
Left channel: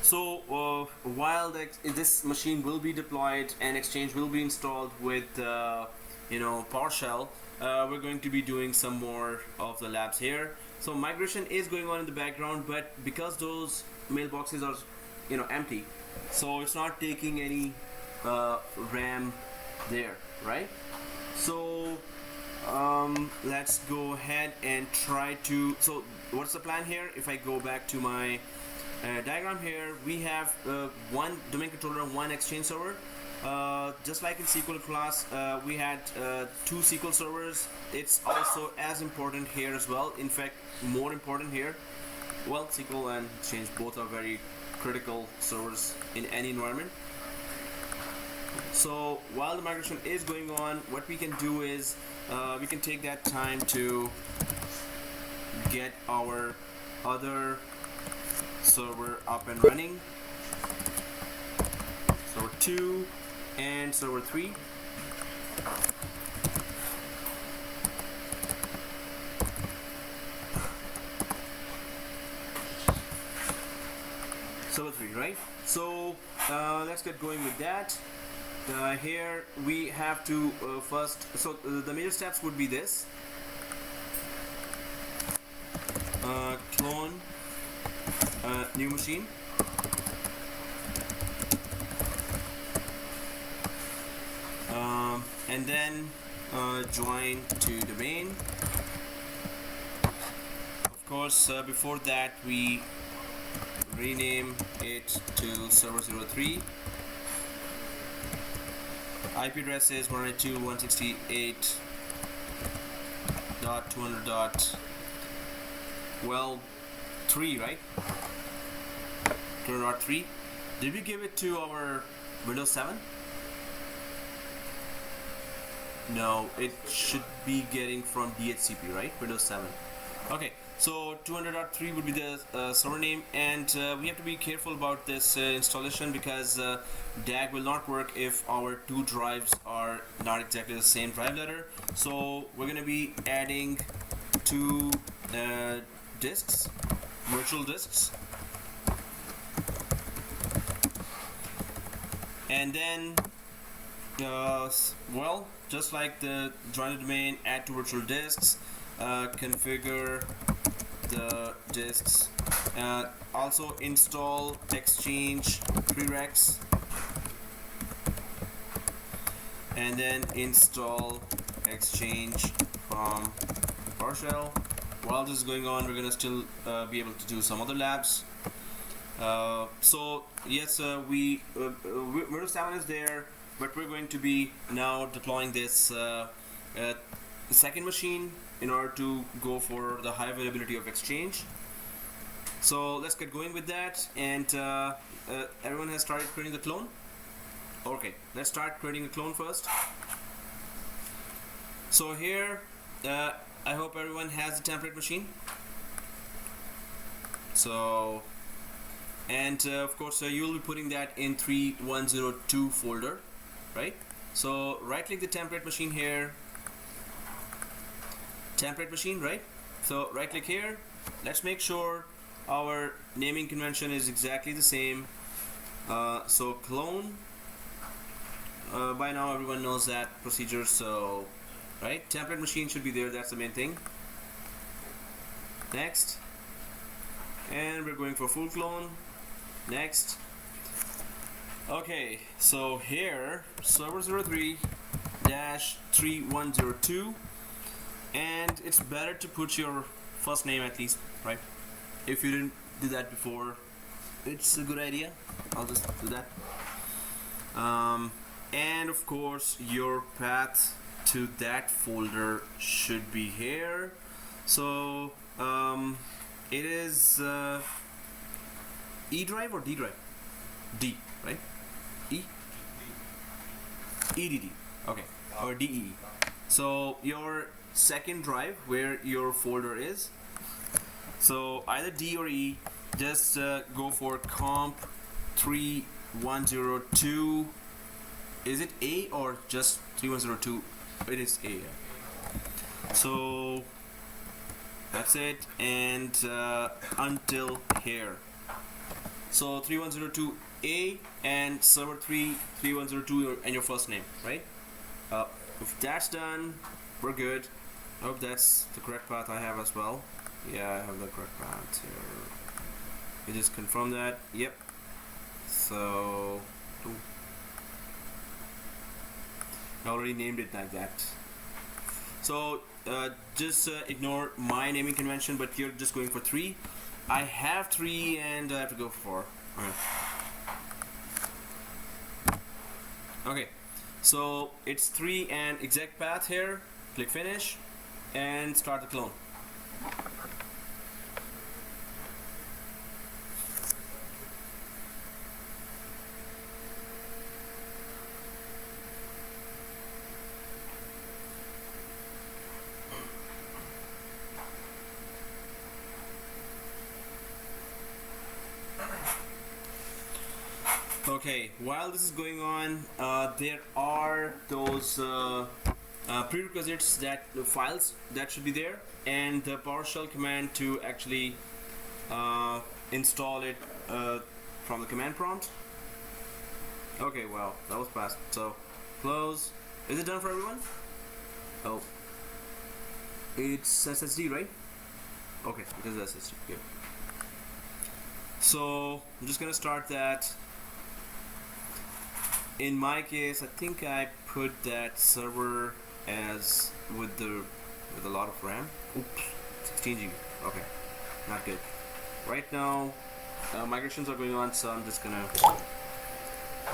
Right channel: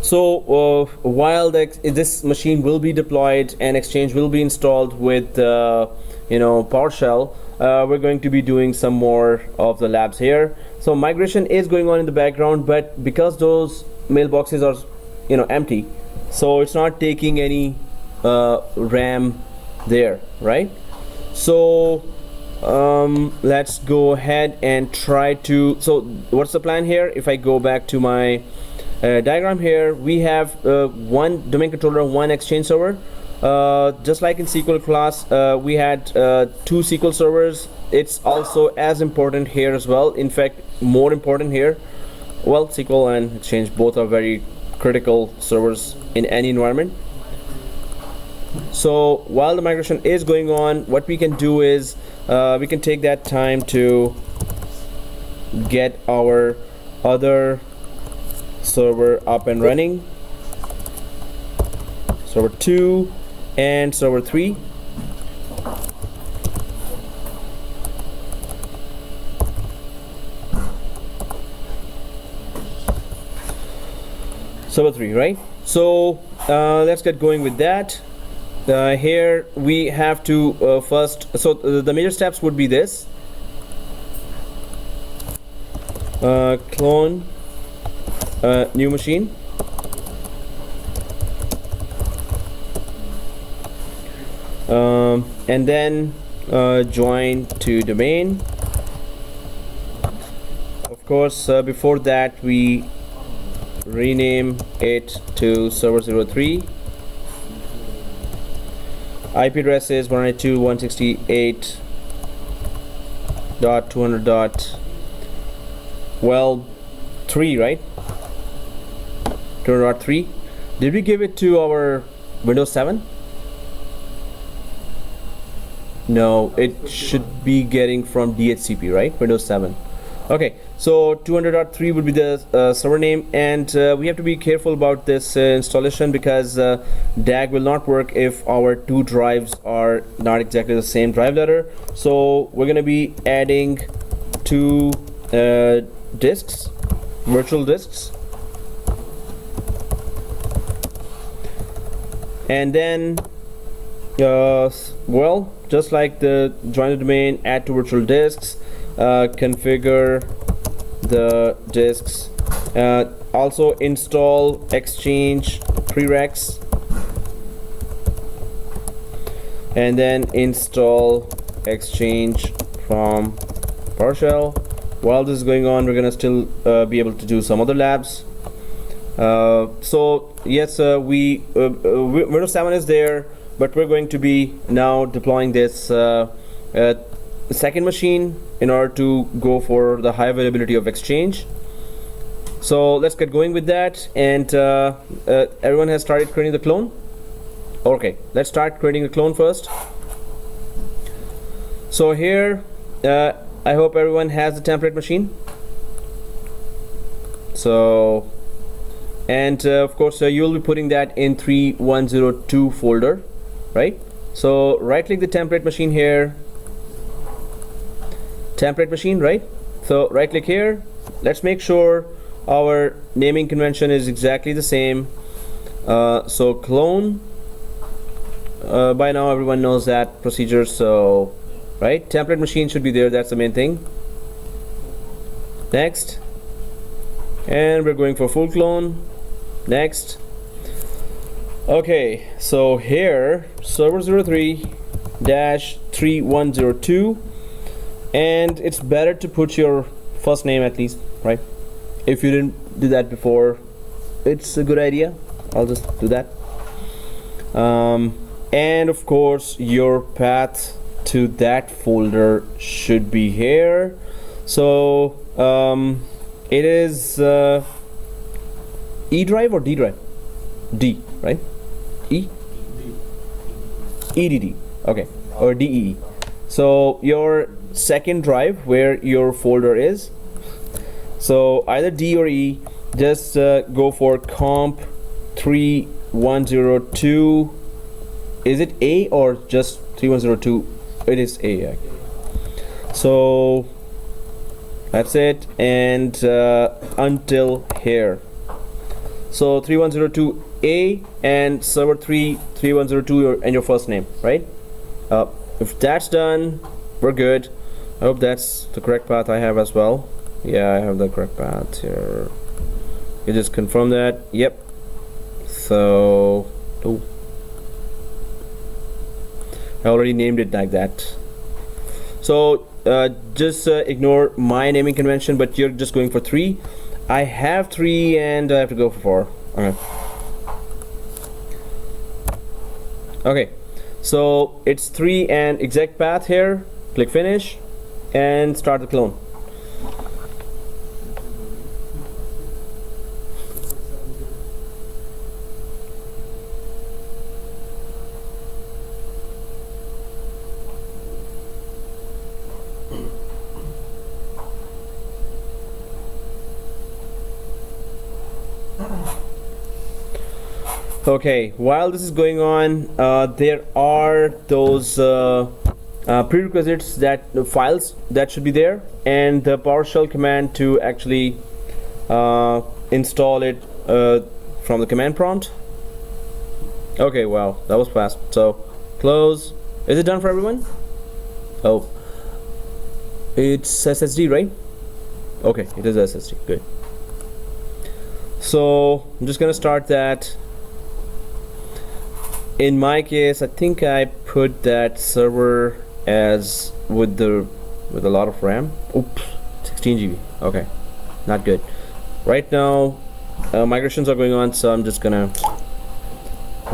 So while this machine will be deployed and Exchange will be installed with PowerShell, we're going to be doing some more of the labs here. So migration is going on in the background, but because those mailboxes are empty, so it's not taking any RAM there, right? So let's go ahead and try to, so what's the plan here? If I go back to my diagram here, we have one domain controller, one Exchange server. Just like in SQL class, we had 2 SQL servers. It's also as important here as well. In fact, more important here. Well, SQL and Exchange both are very critical servers in any environment. So while the migration is going on, what we can do is we can take that time to get our other server up and running, server 2 and server 3. Server 3, right? So let's get going with that. Here we have to first, so the major steps would be this: clone new machine, and then join to domain. Of course, before that we rename it to server 03. IP address is 192.168.200.3, right? 200.3. Did we give it to our Windows 7? No, it should be getting from DHCP, right? Windows 7. Okay, so 200.3 would be the server name, and we have to be careful about this installation, because DAG will not work if our 2 drives are not exactly the same drive letter. So we're going to be adding 2 disks, virtual disks, and then well, just like the join the domain, add 2 virtual disks, configure the disks, also install Exchange prereqs, and then install Exchange from PowerShell. While this is going on, we're gonna still be able to do some other labs. So yes, Windows 7 is there, but we're going to be now deploying this second machine in order to go for the high availability of Exchange. So let's get going with that. And everyone has started creating the clone? Okay, let's start creating the clone first. So here I hope everyone has the template machine. So, and of course you'll be putting that in 3102 folder, right? So right click the template machine here, template machine, right? So right click here. Let's make sure our naming convention is exactly the same. So clone, by now everyone knows that procedure, so right, template machine should be there, that's the main thing. Next, and we're going for full clone. Next. Okay, so here server 03-3102, and it's better to put your first name at least, right? If you didn't do that before, it's a good idea. I'll just do that. And of course your path to that folder should be here. So it is E drive or D drive? D, right? E? EDD, okay, or DEE. So your second drive where your folder is, so either D or E, just go for comp 3102. Is it A or just 3102? It is A. Yeah. So that's it, and until here. So 3102A and server 3 3102 and your first name, right? If that's done, we're good. I hope that's the correct path I have as well. Yeah, I have the correct path here. You just confirm that. Yep. So I already named it like that. So just ignore my naming convention, but you're just going for 3. I have 3 and I have to go for 4. Okay. Okay. So it's 3 and exact path here. Click finish and start the clone. Okay, while this is going on, there are those prerequisites, that the files that should be there, and the PowerShell command to actually install it from the command prompt. Okay, wow, that was fast. So close. Is it done for everyone? Oh, it's SSD, right? Okay, it is SSD. Good. So I'm just gonna start that. In my case, I think I put that server as with a lot of RAM. Oops, 16 GB. Okay, not good. Right now, migrations are going on, so I'm just gonna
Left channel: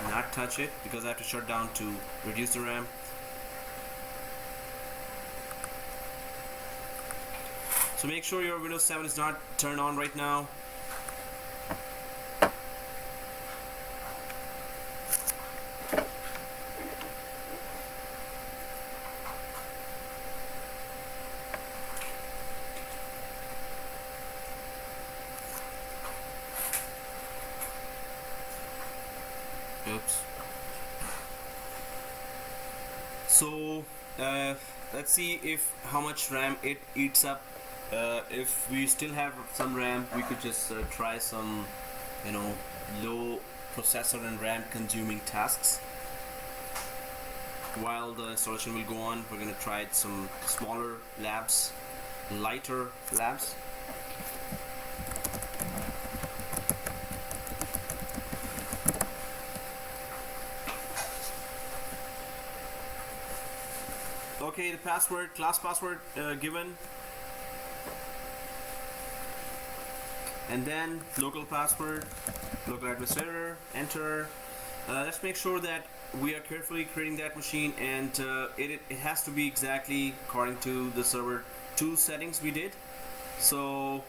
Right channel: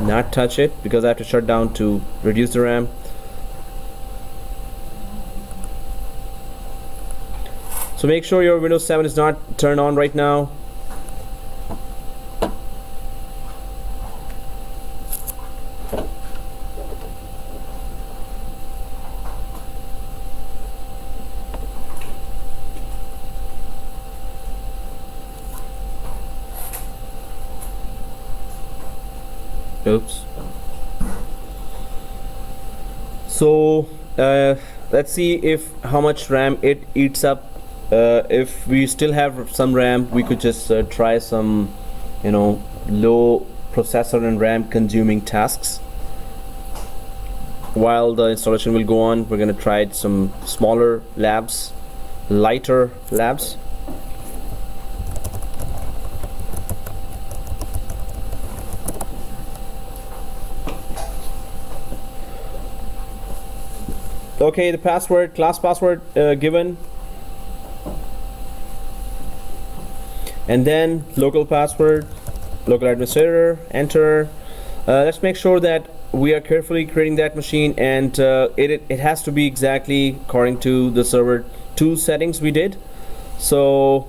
not touch it because I have to shut down to reduce the RAM. So make sure your Windows 7 is not turned on right now. Oops. So let's see if how much RAM it eats up. If we still have some RAM, we could just try some, low processor and RAM consuming tasks. While the installation will go on, we're gonna try some smaller labs, lighter labs. Okay, the password, class password given, and then local password, local administrator, enter. Let's make sure that we are carefully creating that machine, and it has to be exactly according to the server 2 settings we did. So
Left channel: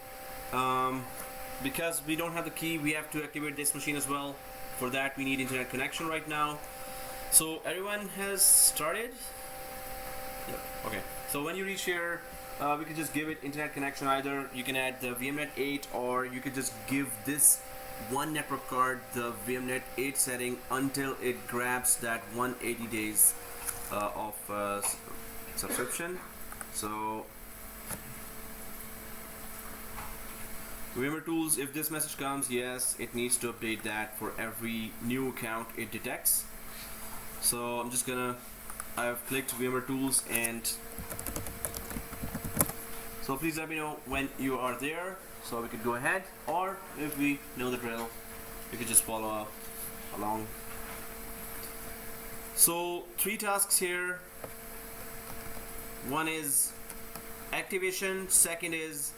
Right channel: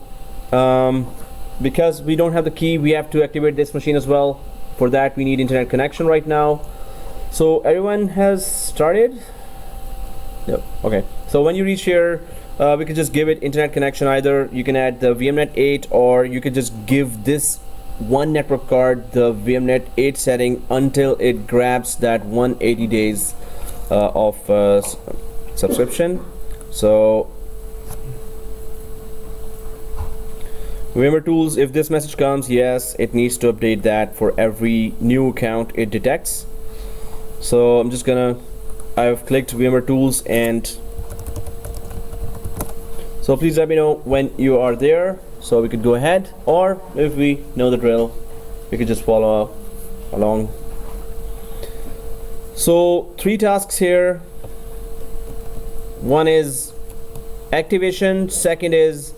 because we don't have the key, we have to activate this machine as well. For that, we need internet connection right now. So everyone has started. Yep. Okay, so when you reach here, we can just give it internet connection. Either you can add the VMnet 8, or you could just give this one network card the VMnet 8 setting until it grabs that 180 days of subscription. So VMware tools, if this message comes, yes, it needs to update that for every new account it detects. So I'm just gonna, I've clicked VMware tools, and so please let me know when you are there so we could go ahead, or if we know the drill, we could just follow along. So 3 tasks here. One is activation, second is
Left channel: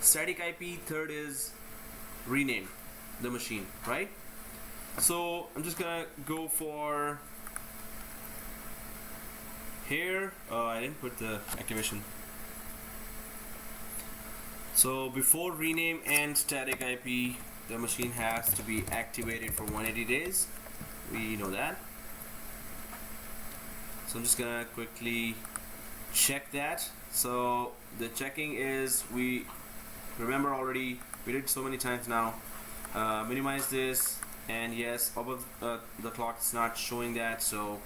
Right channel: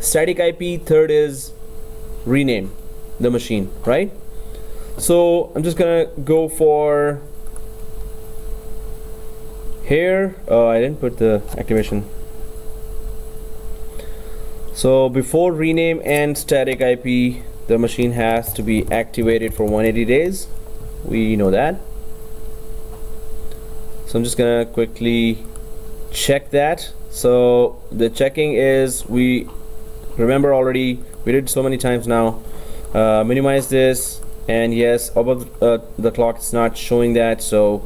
static IP, third is rename the machine, right? So I'm just gonna go for here. Oh, I didn't put the activation. So before rename and static IP, the machine has to be activated for 180 days. We know that. So I'm just gonna quickly check that. So the checking is, we remember already We did so many times now. Minimize this, and yes, above the clock it's not showing that. So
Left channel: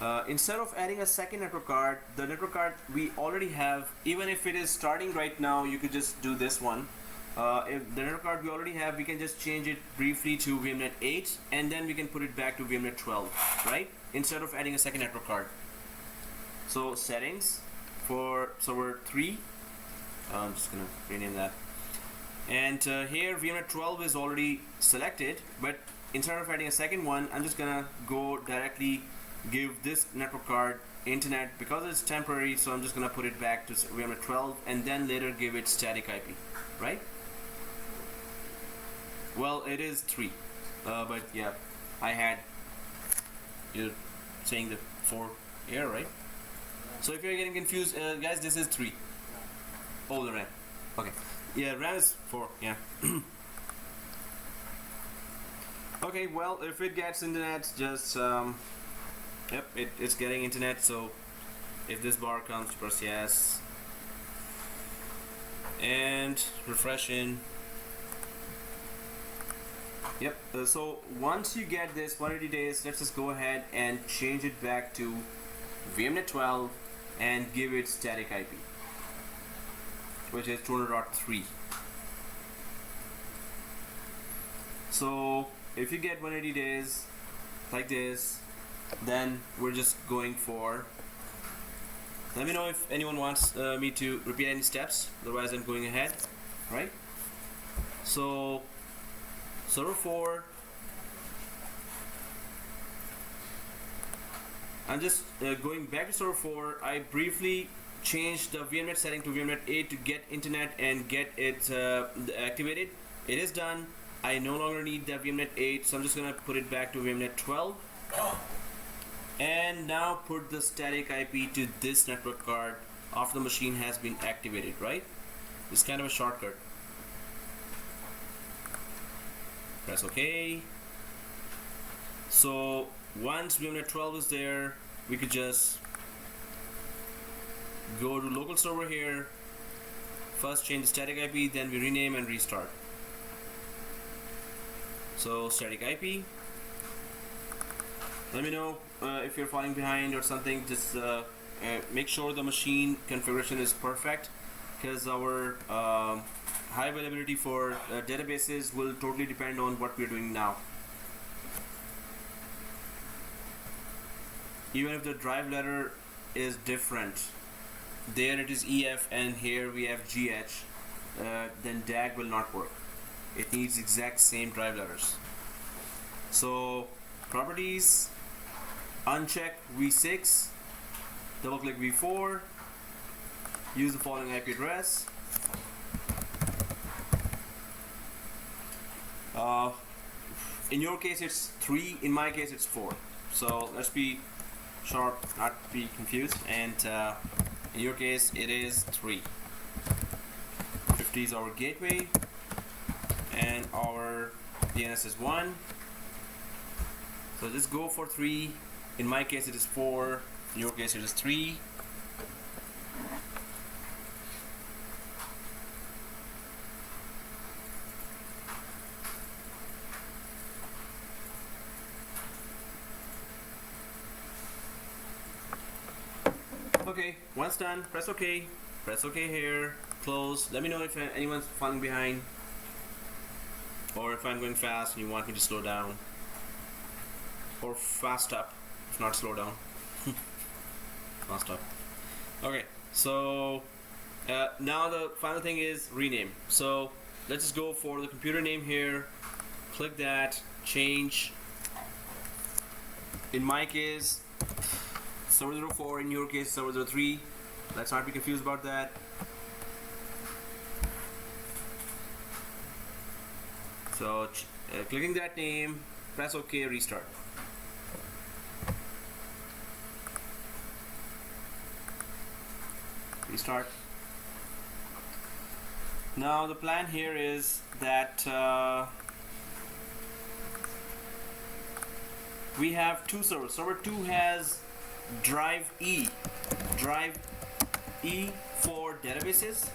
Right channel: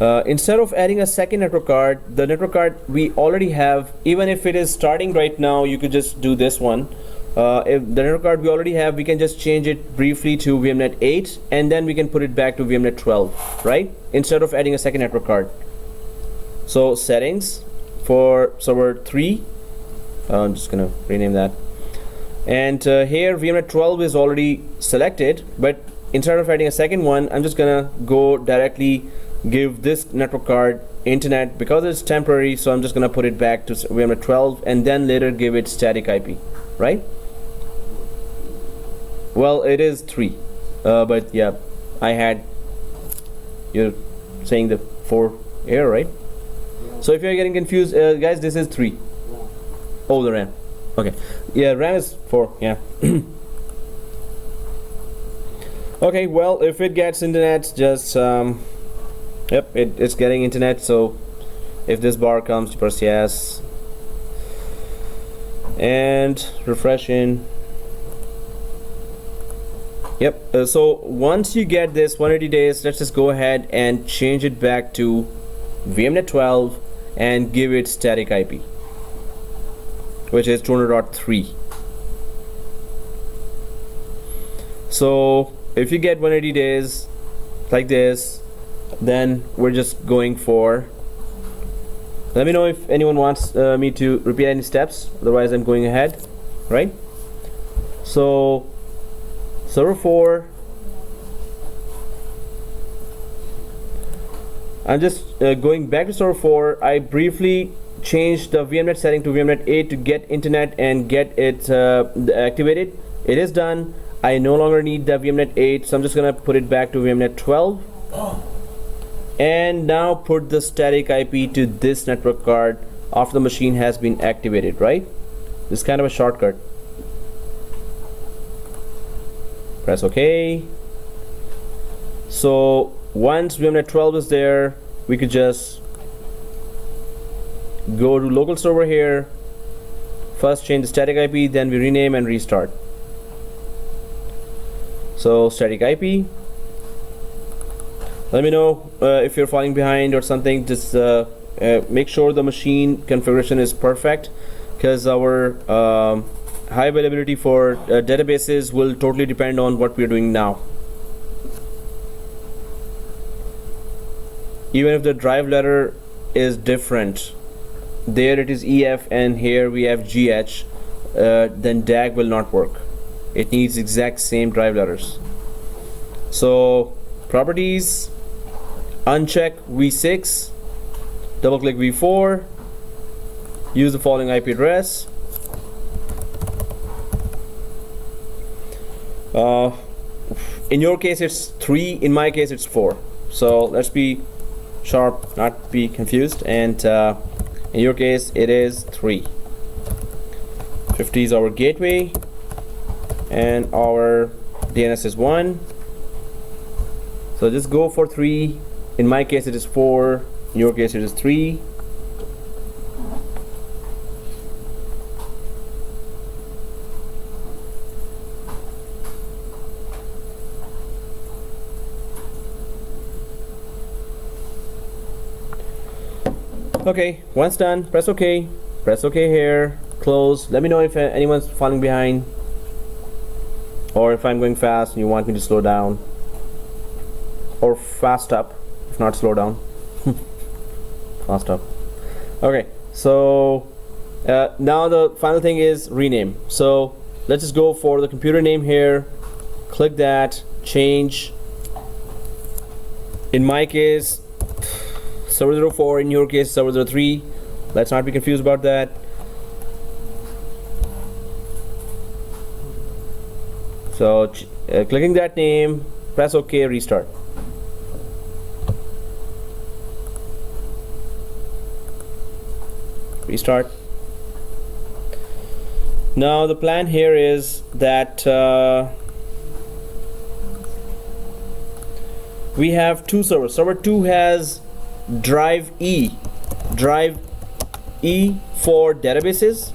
instead of adding a second network card, the network card we already have, even if it is starting right now, you could just do this one. If the network card we already have, we can just change it briefly to VMnet 8, and then we can put it back to VMnet 12, right? Instead of adding a second network card. So settings for server 3, I'm just gonna rename that. And here VMnet 12 is already selected, but instead of adding a second one, I'm just gonna go directly give this network card internet because it's temporary. So I'm just gonna put it back to VMnet 12 and then later give it static IP, right? Well, it is 3, but yeah, you're saying the 4 error, right? So if you're getting confused, guys, this is 3. Oh, the RAM. Okay. Yeah, RAM is 4. Yeah. Okay. Well, if it gets internet, just yep, it's getting internet. So if this bar comes, press yes, and refresh in. Yep. So once you get this 180 days, let's just go ahead and change it back to VMnet 12 and give it static IP, which is 200.3. So if you get 180 days like this, then we're just going for, let me know if anyone wants me to repeat any steps, otherwise I'm going ahead, right? So server 4, I'm just going back to server 4. I briefly changed the VMnet setting to VMnet 8 to get internet and get it activated. It is done. I no longer need the VMnet 8, so I'm just gonna put it back to VMnet 12. And now put the static IP to this network card after the machine has been activated, right? This is kind of a shortcut. Press OK. So once VMnet 12 is there, we could just go to local server here. First change the static IP, then we rename and restart. So static IP. Let me know if you're falling behind or something. Just make sure the machine configuration is perfect, because our high availability for databases will totally depend on what we're doing now. Even if the drive letter is different, there it is EF and here we have GH, then DAG will not work. It needs exact same drive letters. So properties, uncheck v6, double click v4, use the following IP address. In your case it's 3, in my case it's 4. So let's be sharp, not be confused, and in your case it is 3. 50 is our gateway and our DNS is 1. So just go for 3. In my case it is 4, in your case it is 3. Okay, once done, press OK. Press OK here, close. Let me know if anyone's falling behind, or if I'm going fast and you want me to slow down, or fast up, if not slow down. Fast up. Okay, so now the final thing is rename. So let's just go for the computer name here. Click that, change. In my case, server 04, in your case server 03. Let's not be confused about that. So clicking that name, press OK, restart. Restart. Now the plan here is that we have two servers. Server 2 has drive E for databases,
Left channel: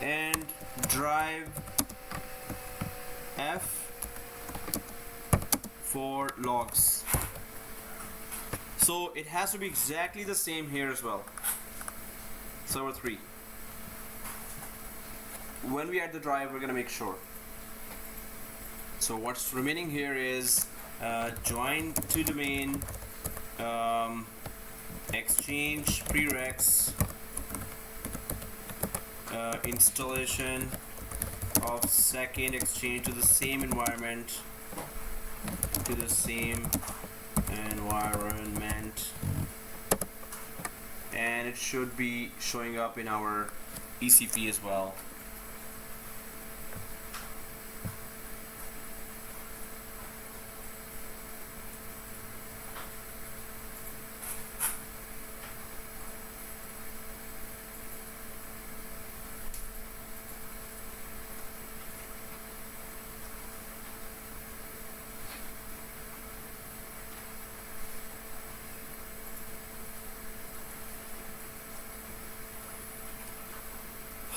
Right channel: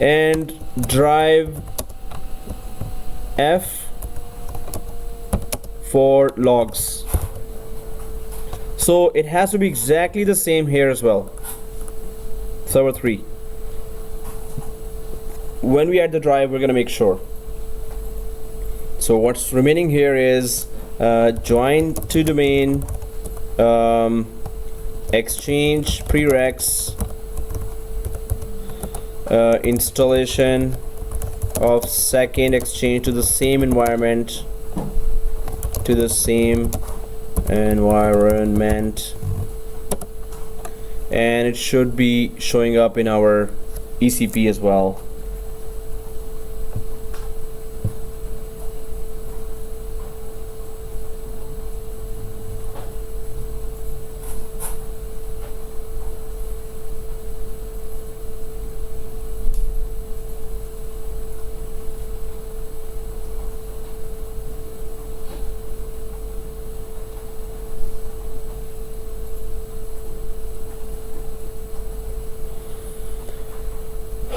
and drive F for logs. So it has to be exactly the same here as well. Server 3. When we add the drive, we're going to make sure. So what's remaining here is join to domain, exchange prereqs, installation of 2ndExchange to the same environment, and it should be showing up in our ECP as well.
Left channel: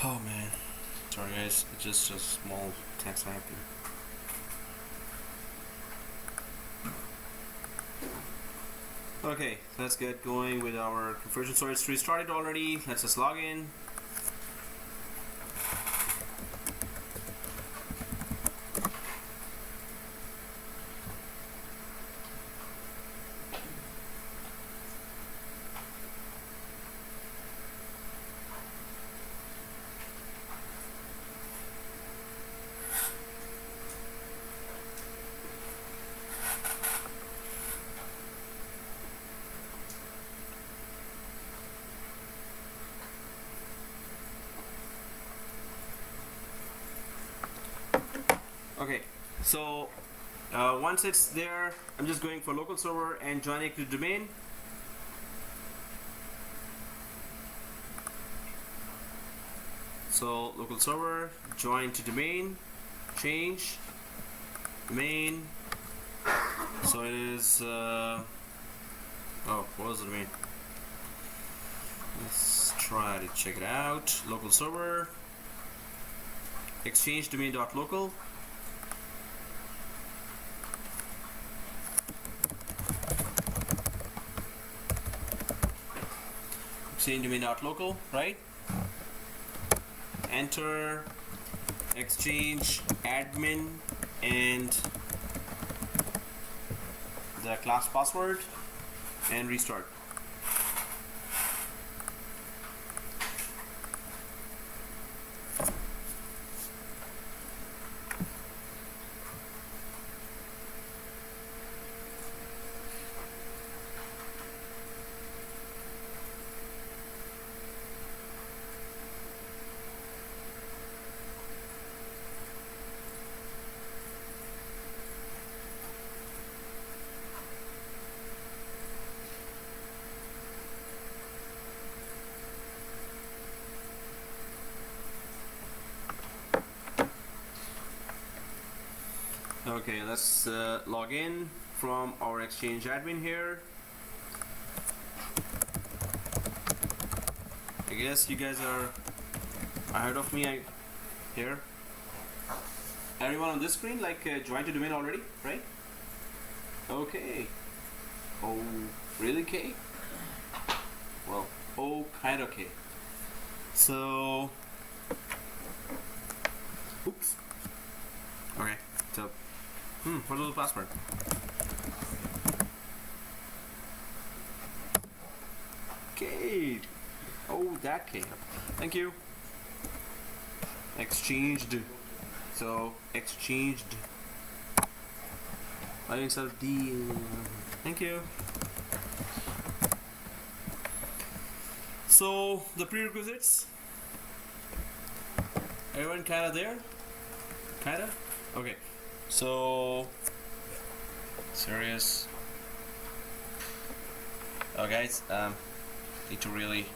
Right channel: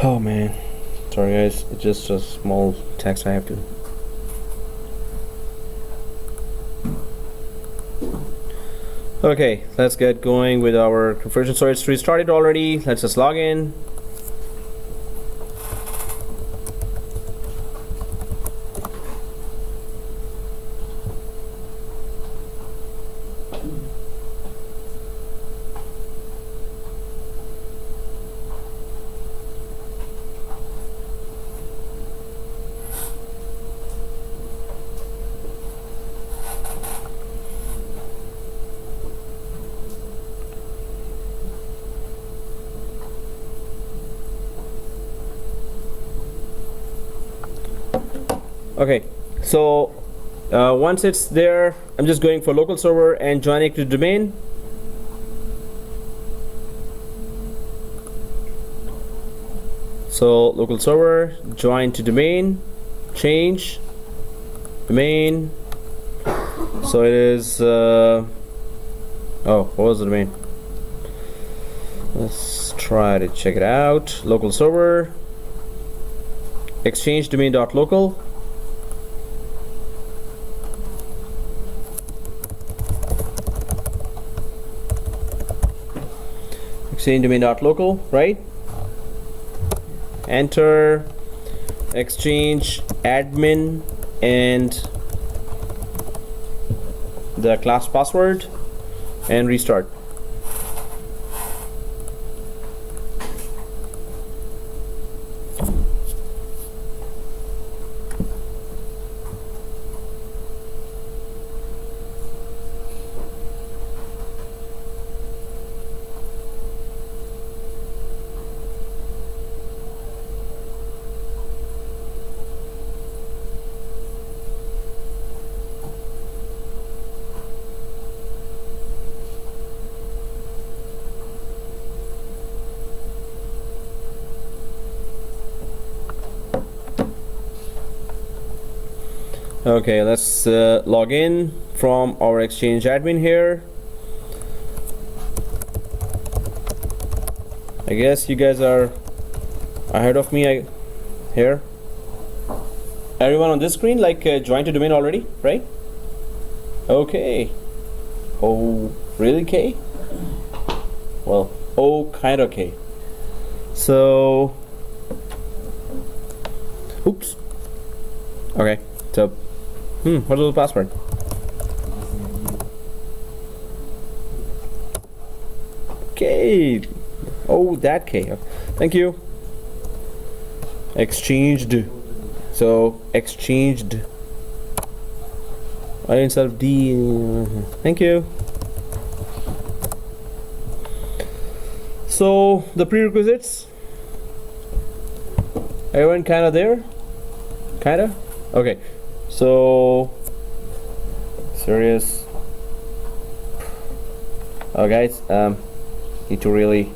Oh man, sorry guys, it's just a small text I have to. Okay, let's get going with our conversion. So it's restarted already. Let's just log in. Okay, so once it's there, I'm just going for local server and joining to domain. So local server, join to domain, change domain. So it is oh, what was the domain? Let's try to check it out. Local server, exchange domain.local. Exchange domain.local, right? Enter exchange admin and the class password and restart. Okay, let's log in from our exchange admin here. I guess you guys are ahead of me here. Everyone on this screen like joined to domain already, right? Okay. Oh, really, K? Well, oh, kind of K. So, oops. Okay, so what is the password? K. Oh, that K. Thank you. Exchanged. So exchanged. I instead of D. Thank you. So the prerequisites. Everyone kind of there? Kinda? Okay. So serious. Oh guys, need to really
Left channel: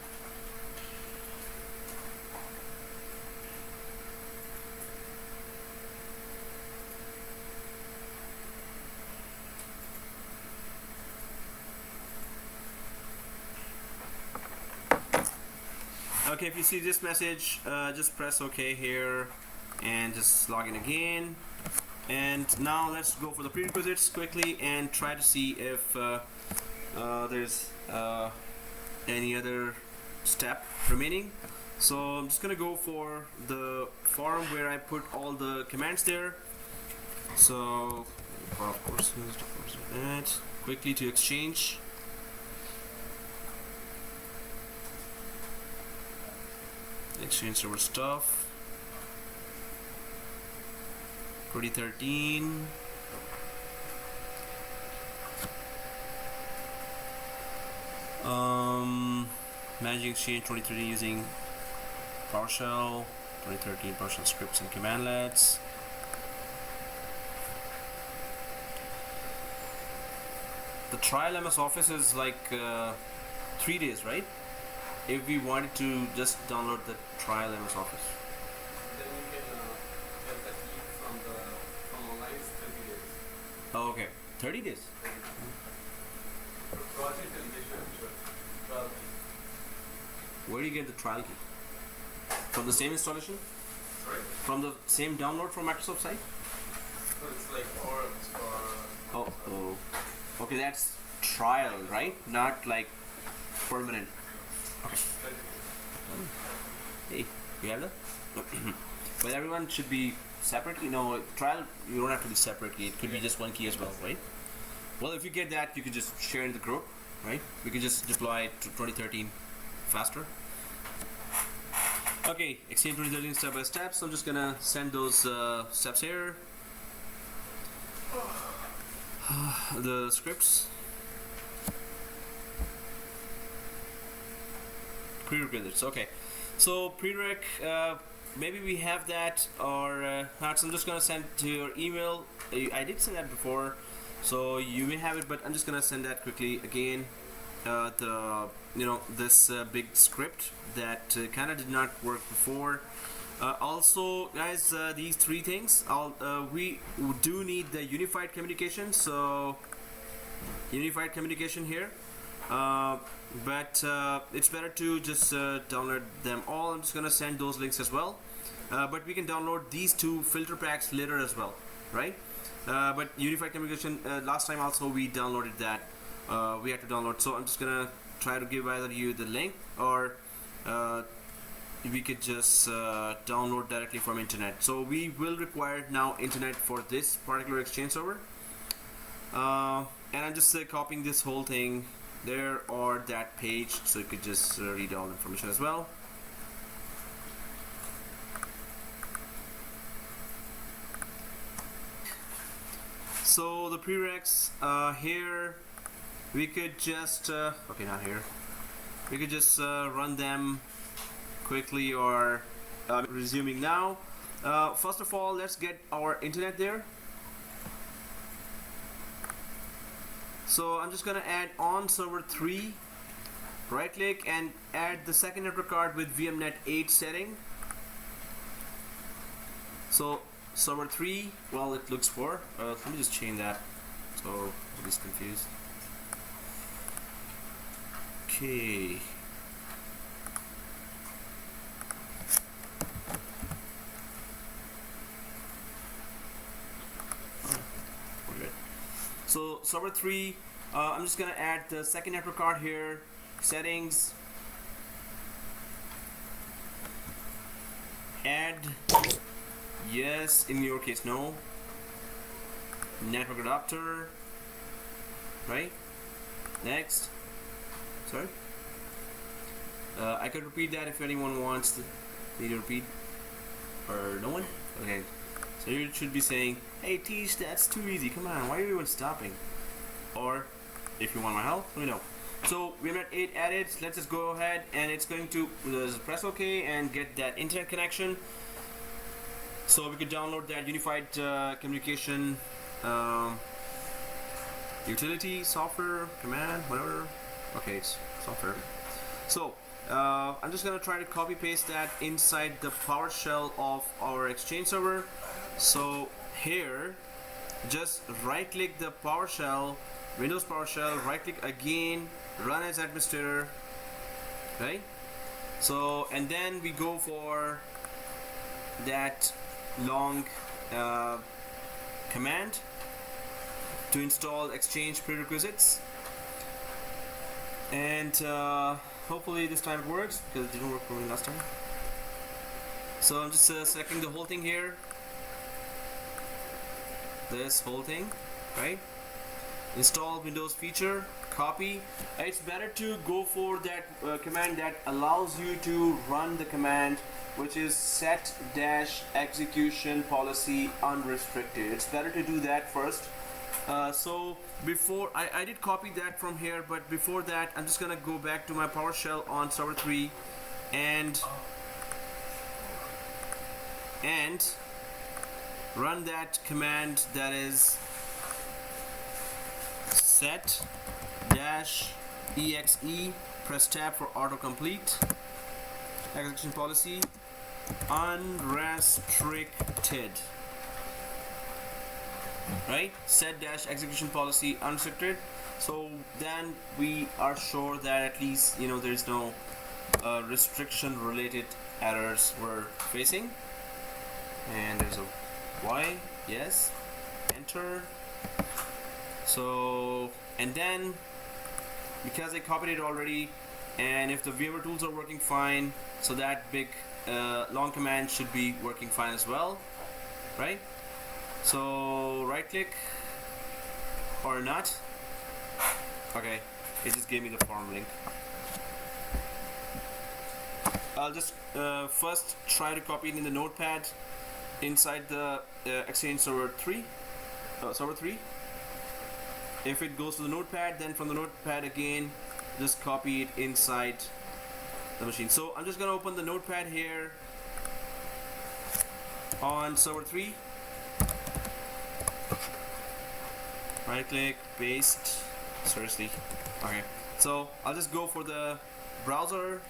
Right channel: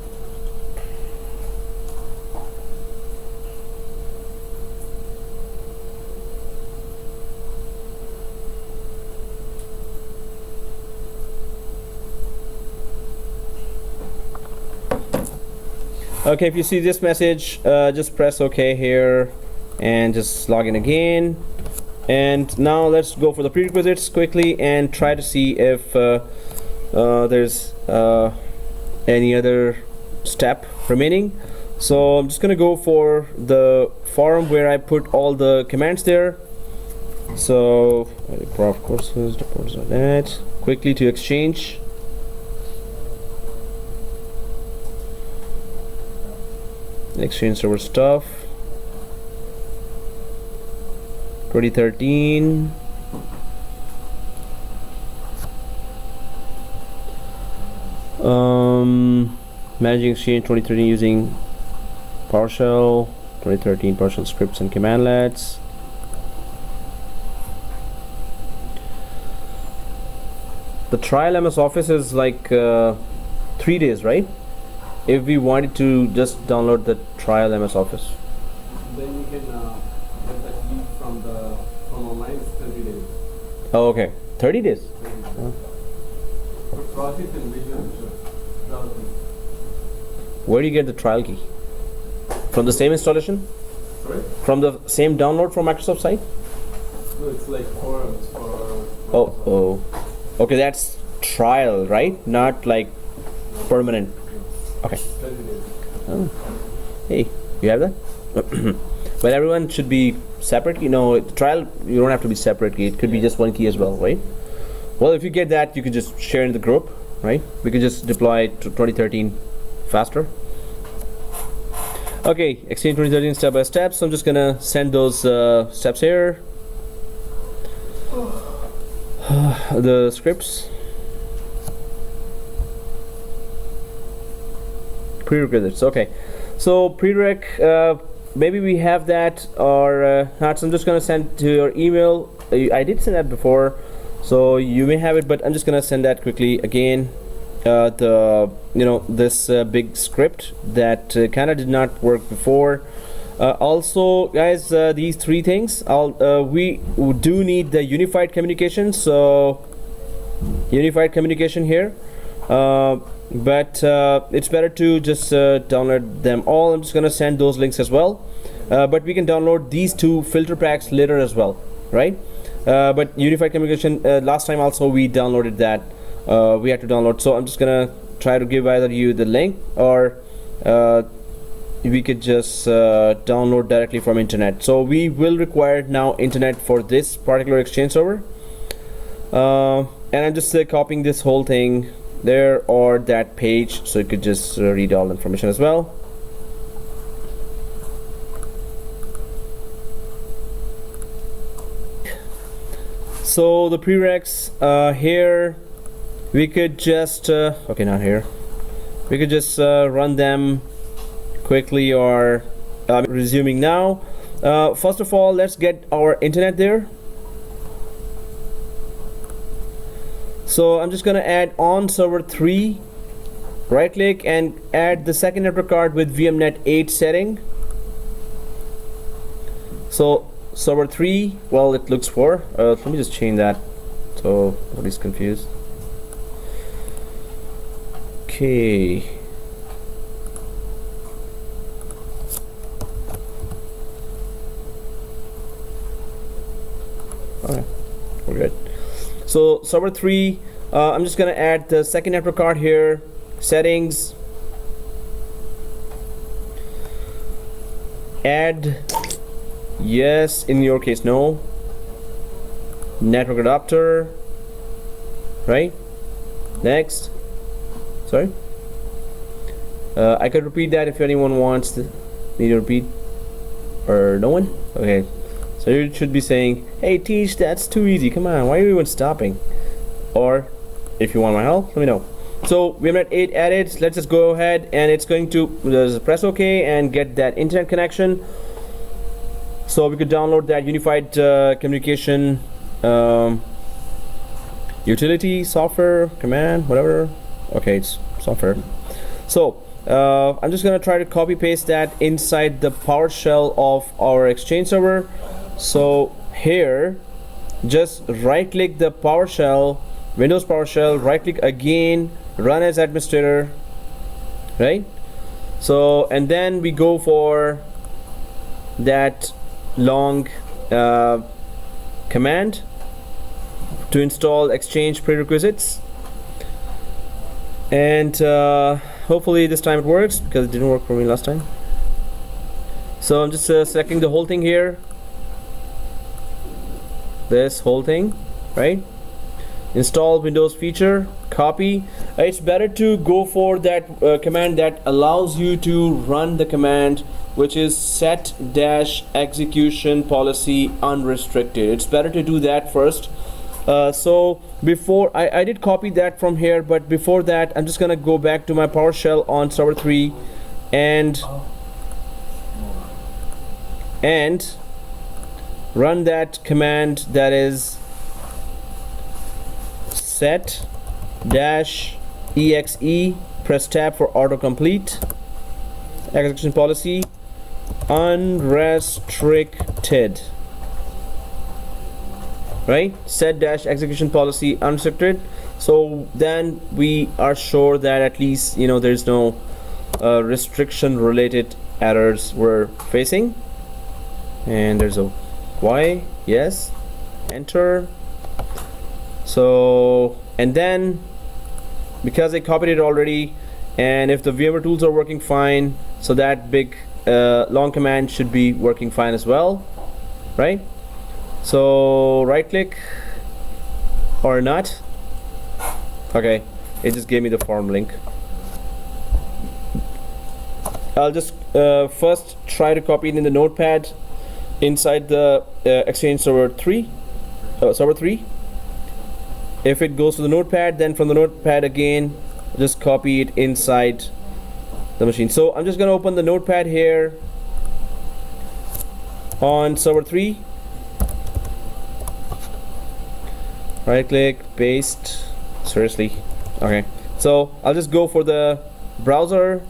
Okay, if you see this message, just press OK here and just log in again. And now let's go for the prerequisites quickly and try to see if there's any other step remaining. So I'm just gonna go for the forum where I put all the commands there. So prof courses, that quickly to Exchange. Exchange server stuff 2013. Managing Exchange 2013 using PowerShell 2013 PowerShell scripts and commandlets. The trial MS Office is like 3 days, right? If we wanted to just download the trial MS Office. Then you can get that lead from online. It's 30 days. Oh, okay. 30 days. 30 days. For project and visual trial key. Where do you get the trial key? From the same installation? Sorry? From the same download from Microsoft site? No, it's like forums for. Oh. Okay, that's trial, right? Not like permanent. Okay. 30 days. Oh. Hey, you have that? Well, everyone should be separate. You know, trial, you don't have to be separate key. It could be just one key as well, right? Well, if you get that, you can just share in the group, right? We could just deploy it to 2013 faster. Okay, Exchange 2013 step by step. So I'm just gonna send those steps here. The scripts. Prerequisites. Okay, so prereq, maybe we have that or not. So I'm just gonna send to your email. I did send that before, so you may have it, but I'm just gonna send that quickly again. This big script that kind of did not work before. Also, guys, these 3 things. We do need the unified communication. So unified communication here. But it's better to just download them all. I'm just gonna send those links as well, but we can download these 2 filter packs later as well, right? But unified communication, last time also we downloaded that. We had to download, so I'm just gonna try to give either you the link or we could just download directly from internet. So we will require now internet for this particular Exchange server, and I'm just copying this whole thing there or that page, so you could just read all the information as well. So the prereqs here, we could just okay, not here. We could just run them quickly or resuming now. First of all, let's get our internet there. So I'm just gonna add on server 3, right click and add the second network card with VMnet 8 setting. So server 3, well, it looks for, let me just change that so nobody's confused. Okay. Alright, we're good. So server 3, I'm just gonna add the second network card here, settings, add yes, in your case no, network adapter, right? Next. Sorry, I could repeat that if anyone wants to me to repeat, or no one. Okay, so you should be saying, hey Teach, that's too easy, come on, why are you even stopping? Or if you want my help, let me know. So we have got 8 added. Let's just go ahead and it's going to press OK and get that internet connection. So we could download that unified communication utility, software, command, whatever. Okay, it's software. So I'm just gonna try to copy paste that inside the PowerShell of our Exchange server. So here, just right click the PowerShell, Windows PowerShell, right click again, run as administrator, right? So and then we go for that long command to install Exchange prerequisites, and hopefully this time it works, because it didn't work for me last time. So I'm just selecting the whole thing here, this whole thing, right? Install Windows feature, copy. It's better to go for that command that allows you to run the command, which is set dash execution policy unrestricted. It's better to do that first. So before I did copy that from here, but before that I'm just gonna go back to my PowerShell on server 3 and run that command, that is set dash exe, press tab for autocomplete, execution policy unrestricted, right? Set dash execution policy unrestricted. So then we are sure that at least, you know, there's no restriction related errors we're facing. And there's a Y, yes, enter. So, and then because I copied it already, and if the VMware tools are working fine, so that big long command should be working fine as well, right? So right click or not. Okay, it just gave me the form link. I'll just first try to copy it in the notepad inside the Exchange server 3. If it goes to the notepad, then from the notepad again just copy it inside the machine. So I'm just gonna open the notepad here on server 3, right click, paste. Seriously, okay, so I'll just go for the browser.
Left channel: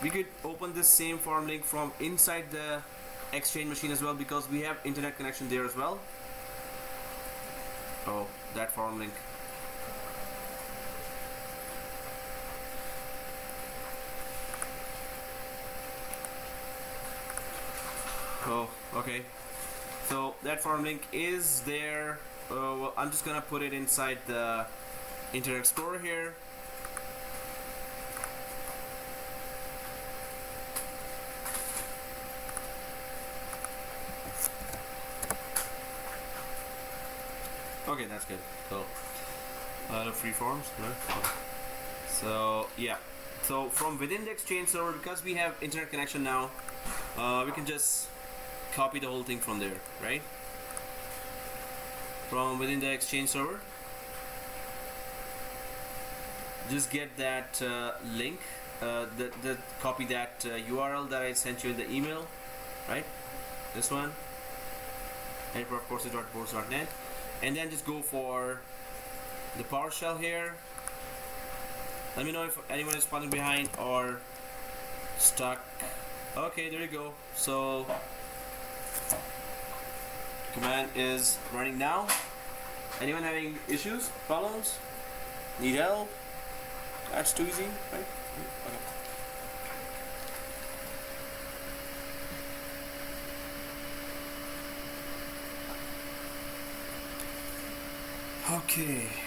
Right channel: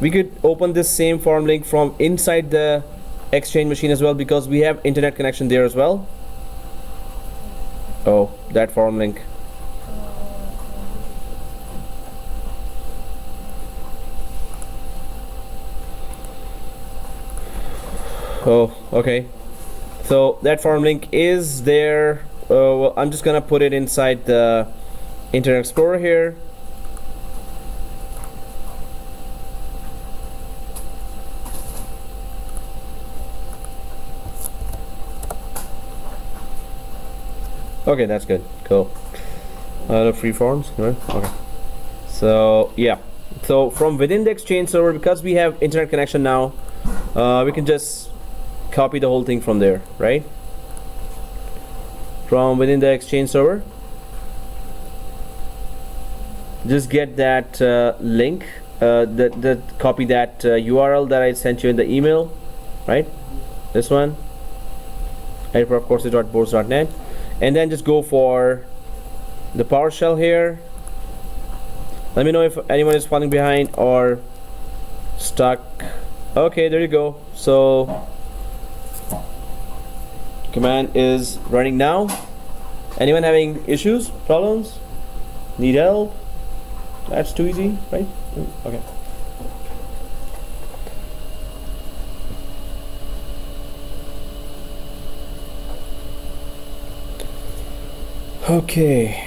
We could open this same form link from inside the Exchange machine as well, because we have internet connection there as well. Oh, that form link. Oh, okay. So that form link is there. Well, I'm just gonna put it inside the Internet Explorer here. Okay, that's good. Cool. The free forms, right? Okay. So yeah. So from within the Exchange server, because we have internet connection now, we can just copy the whole thing from there, right? From within the Exchange server, just get that link, copy that URL that I sent you in the email, right? This one, editprocourses.boards.net, and then just go for the PowerShell here. Let me know if anyone is falling behind or stuck. Okay, there you go. So command is running now. Anyone having issues, problems, need help? That's too easy, right? Okay. Okay.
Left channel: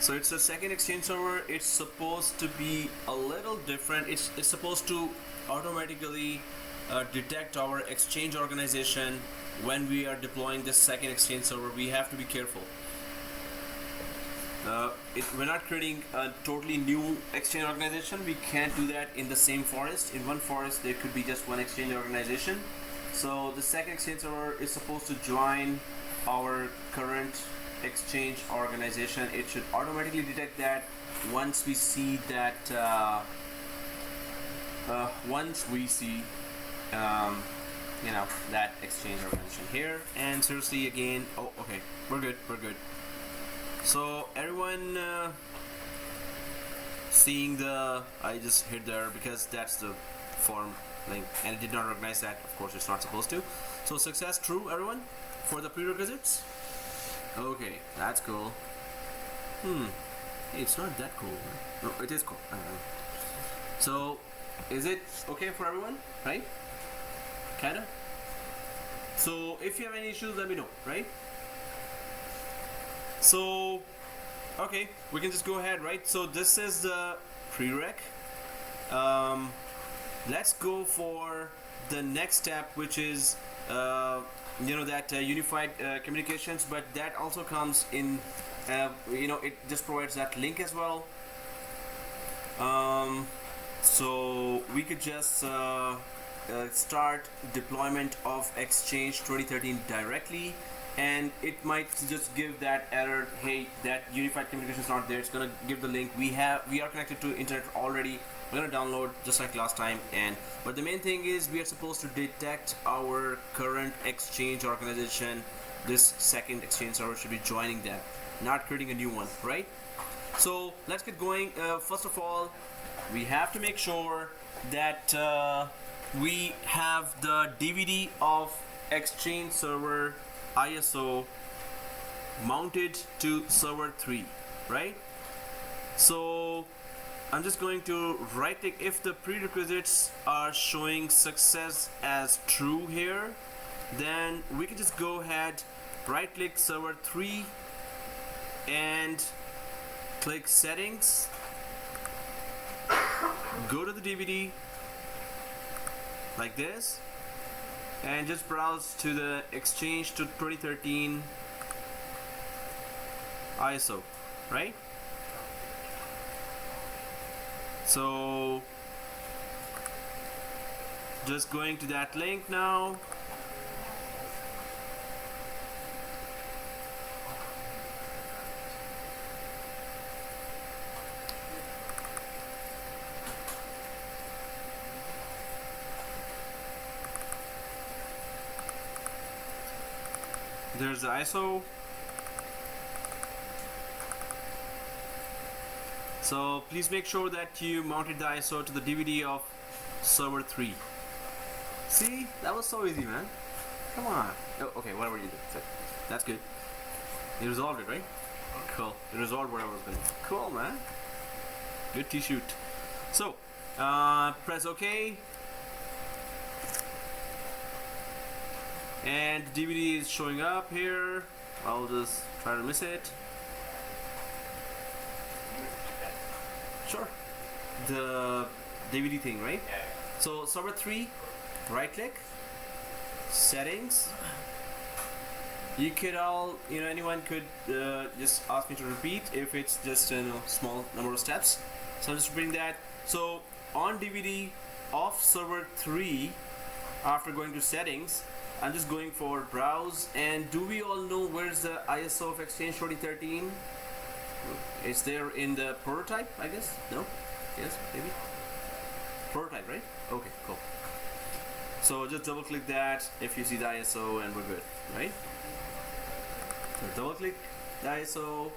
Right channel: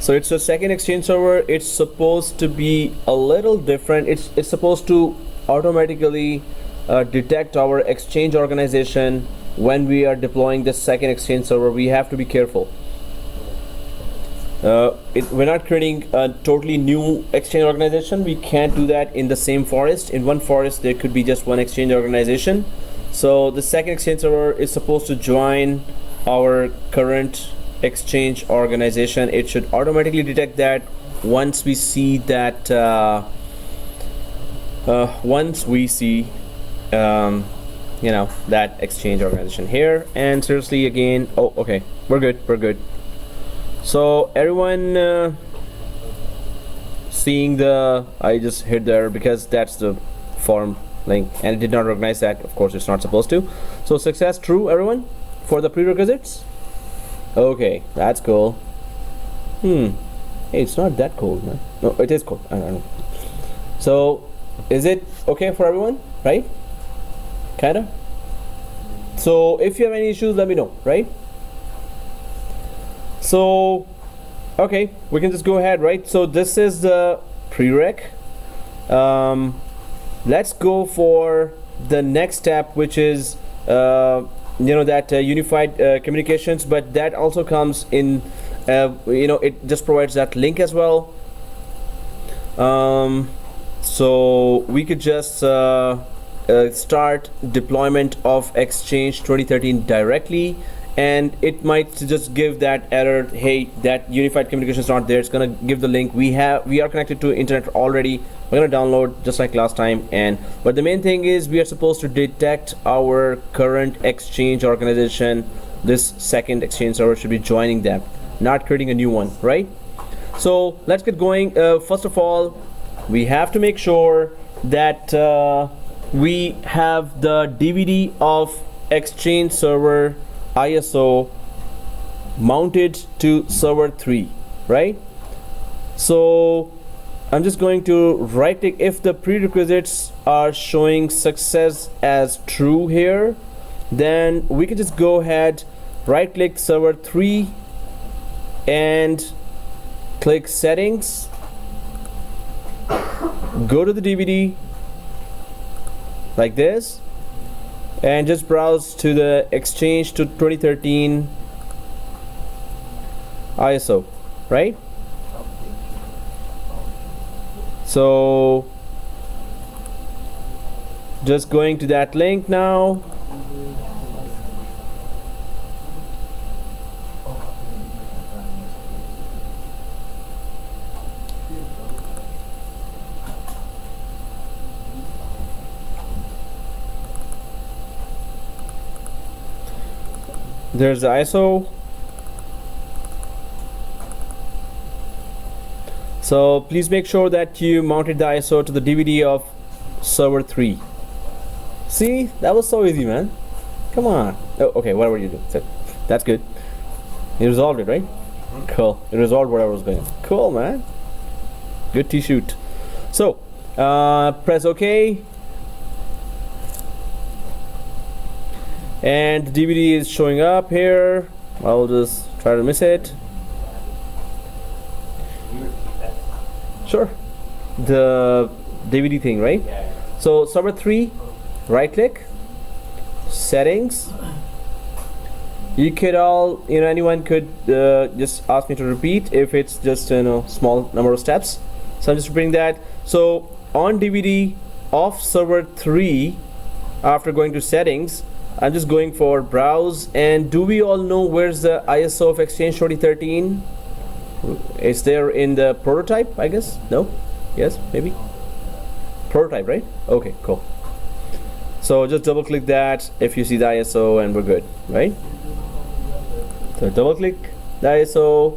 So it's a second Exchange server. It's supposed to be a little different. It's supposed to automatically detect our Exchange organization when we are deploying the second Exchange server. We have to be careful. We're not creating a totally new Exchange organization. We can't do that in the same forest. In one forest there could be just one Exchange organization. So the second Exchange server is supposed to join our current Exchange organization. It should automatically detect that once we see that you know, that Exchange organization here. And seriously, again, oh, okay, we're good. So everyone seeing I just hit there because that's the form link and it did not recognize that. Of course it's not supposed to. So success true, everyone, for the prerequisites. Okay, that's cool. Hey, it's not that cold, man. No, it is cold. I don't know. So is it okay for everyone, right? Kinda. So if you have any issues, let me know, right? So okay, we can just go ahead, right? So this is the prereq. Let's go for the next step, which is that unified communications, but that also comes in it just provides that link as well. So we could just start deployment of Exchange 2013 directly, and it might just give that error, hey, that unified communication is not there. It's gonna give the link. We are connected to internet already. We're gonna download just like last time, but the main thing is we are supposed to detect our current Exchange organization. This second Exchange server should be joining them, not creating a new one, right? So let's get going. First of all, we have to make sure that we have the DVD of Exchange server ISO mounted to server 3, right? So I'm just going to right click. If the prerequisites are showing success as true here, then we can just go ahead, right click server 3 and click settings, go to the DVD like this, and just browse to the Exchange to 2013 ISO, right? So just going to that link now. There's the ISO. So please make sure that you mounted the ISO to the DVD of server 3. See, that was so easy, man. Come on. Oh, okay, whatever you did. That's good. You resolved it, right? Cool. It resolved whatever was going on. Cool, man. Good T-shoot. So press OK. And the DVD is showing up here. I'll just try to miss it. Sure. The DVD thing, right? So server 3, right click, settings. You could anyone could just ask me to repeat if it's just small number of steps. So I'm just repeating that. So on DVD of server 3, after going to settings, I'm just going for browse. And do we all know where's the ISO of Exchange 2013? Is there in the prototype, I guess? No? Yes? Maybe? Prototype, right? Okay, cool. So just double click that if you see the ISO and we're good, right? So double click the ISO.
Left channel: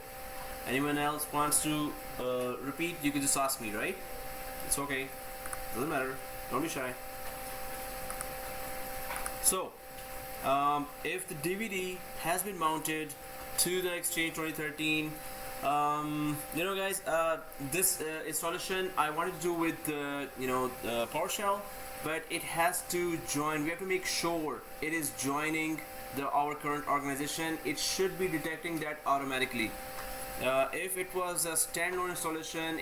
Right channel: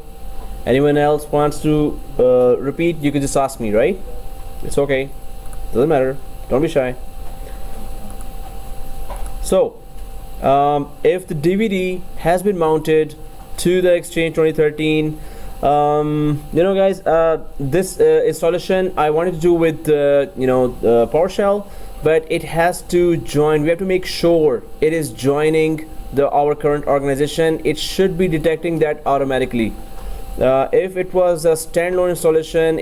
Anyone else wants to repeat, you can just ask me, right? It's okay. Doesn't matter. Don't be shy. So if the DVD has been mounted to the Exchange 2013, guys, this installation I wanted to do with PowerShell, but it has to join. We have to make sure it is joining our current organization. It should be detecting that automatically. If it was a standalone installation,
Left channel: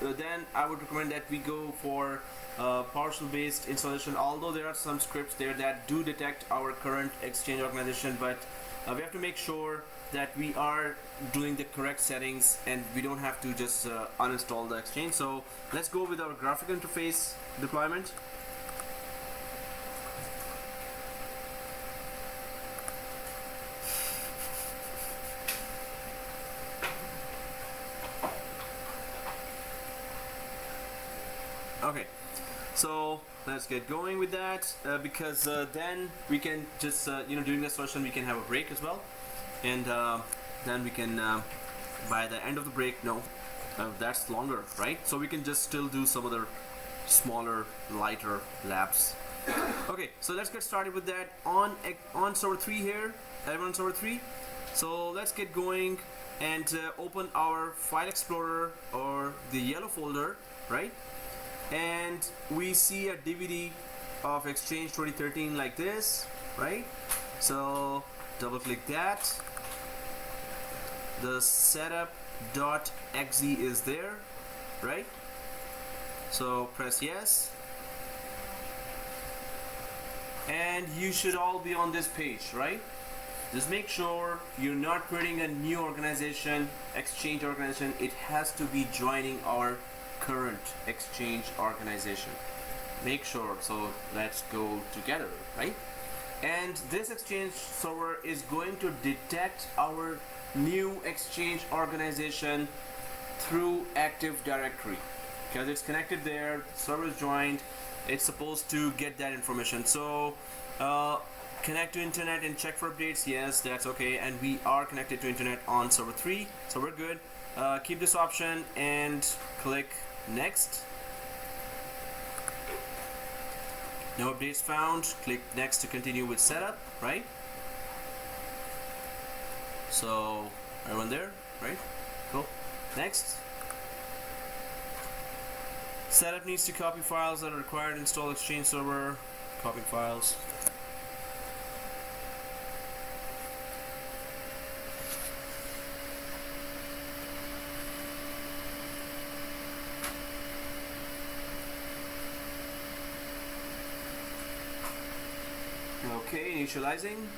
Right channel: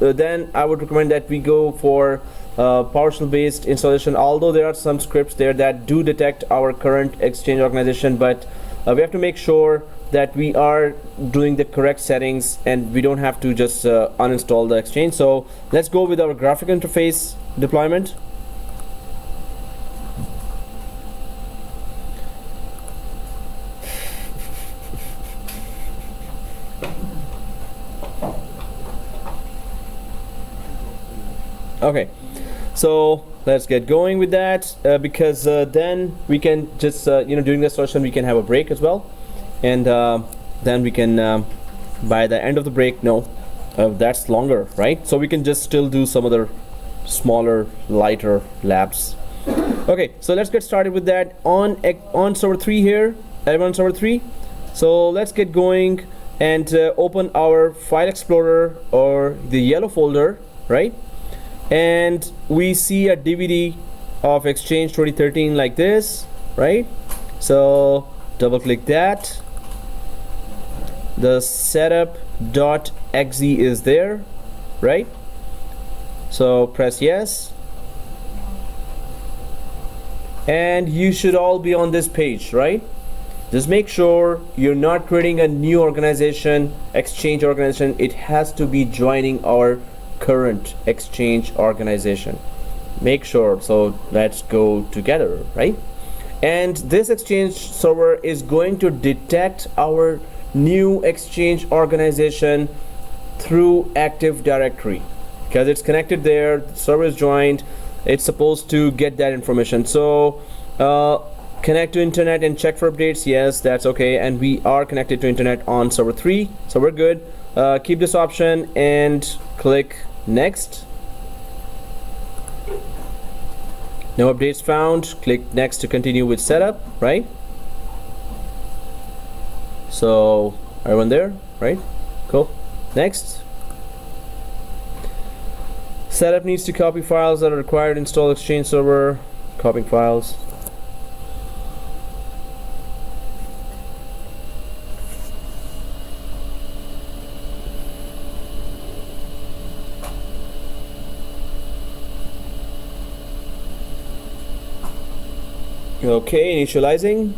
then I would recommend that we go for PowerShell based installation, although there are some scripts there that do detect our current Exchange organization, but we have to make sure that we are doing the correct settings and we don't have to just uninstall the Exchange. So let's go with our graphic interface deployment. Okay, so let's get going with that because then we can just during the session we can have a break as well, and then we can by the end of the break, that's longer, right? So we can just still do some other smaller, lighter labs. Okay, so let's get started with that on server 3 here. Everyone on server 3. So let's get going and open our file explorer or the yellow folder, right? And we see a DVD of Exchange 2013 like this, right? So double click that. The setup.exe is there, right? So press yes. And you should all be on this page, right? Just make sure you're not creating a new organization, Exchange organization. It has to be joining our current Exchange organization. Make sure. So let's go together, right? And this Exchange server is going to detect our new Exchange organization through Active Directory because it's connected there. The server is joined. It's supposed to get that information. So connect to internet and check for updates. Yes, that's okay. And we are connected to internet on server 3, so we're good. Keep this option and click next. No updates found. Click next to continue with setup, right? So everyone there, right? Cool. Next. Setup needs to copy files that are required to install Exchange server. Copying files. Okay, initializing.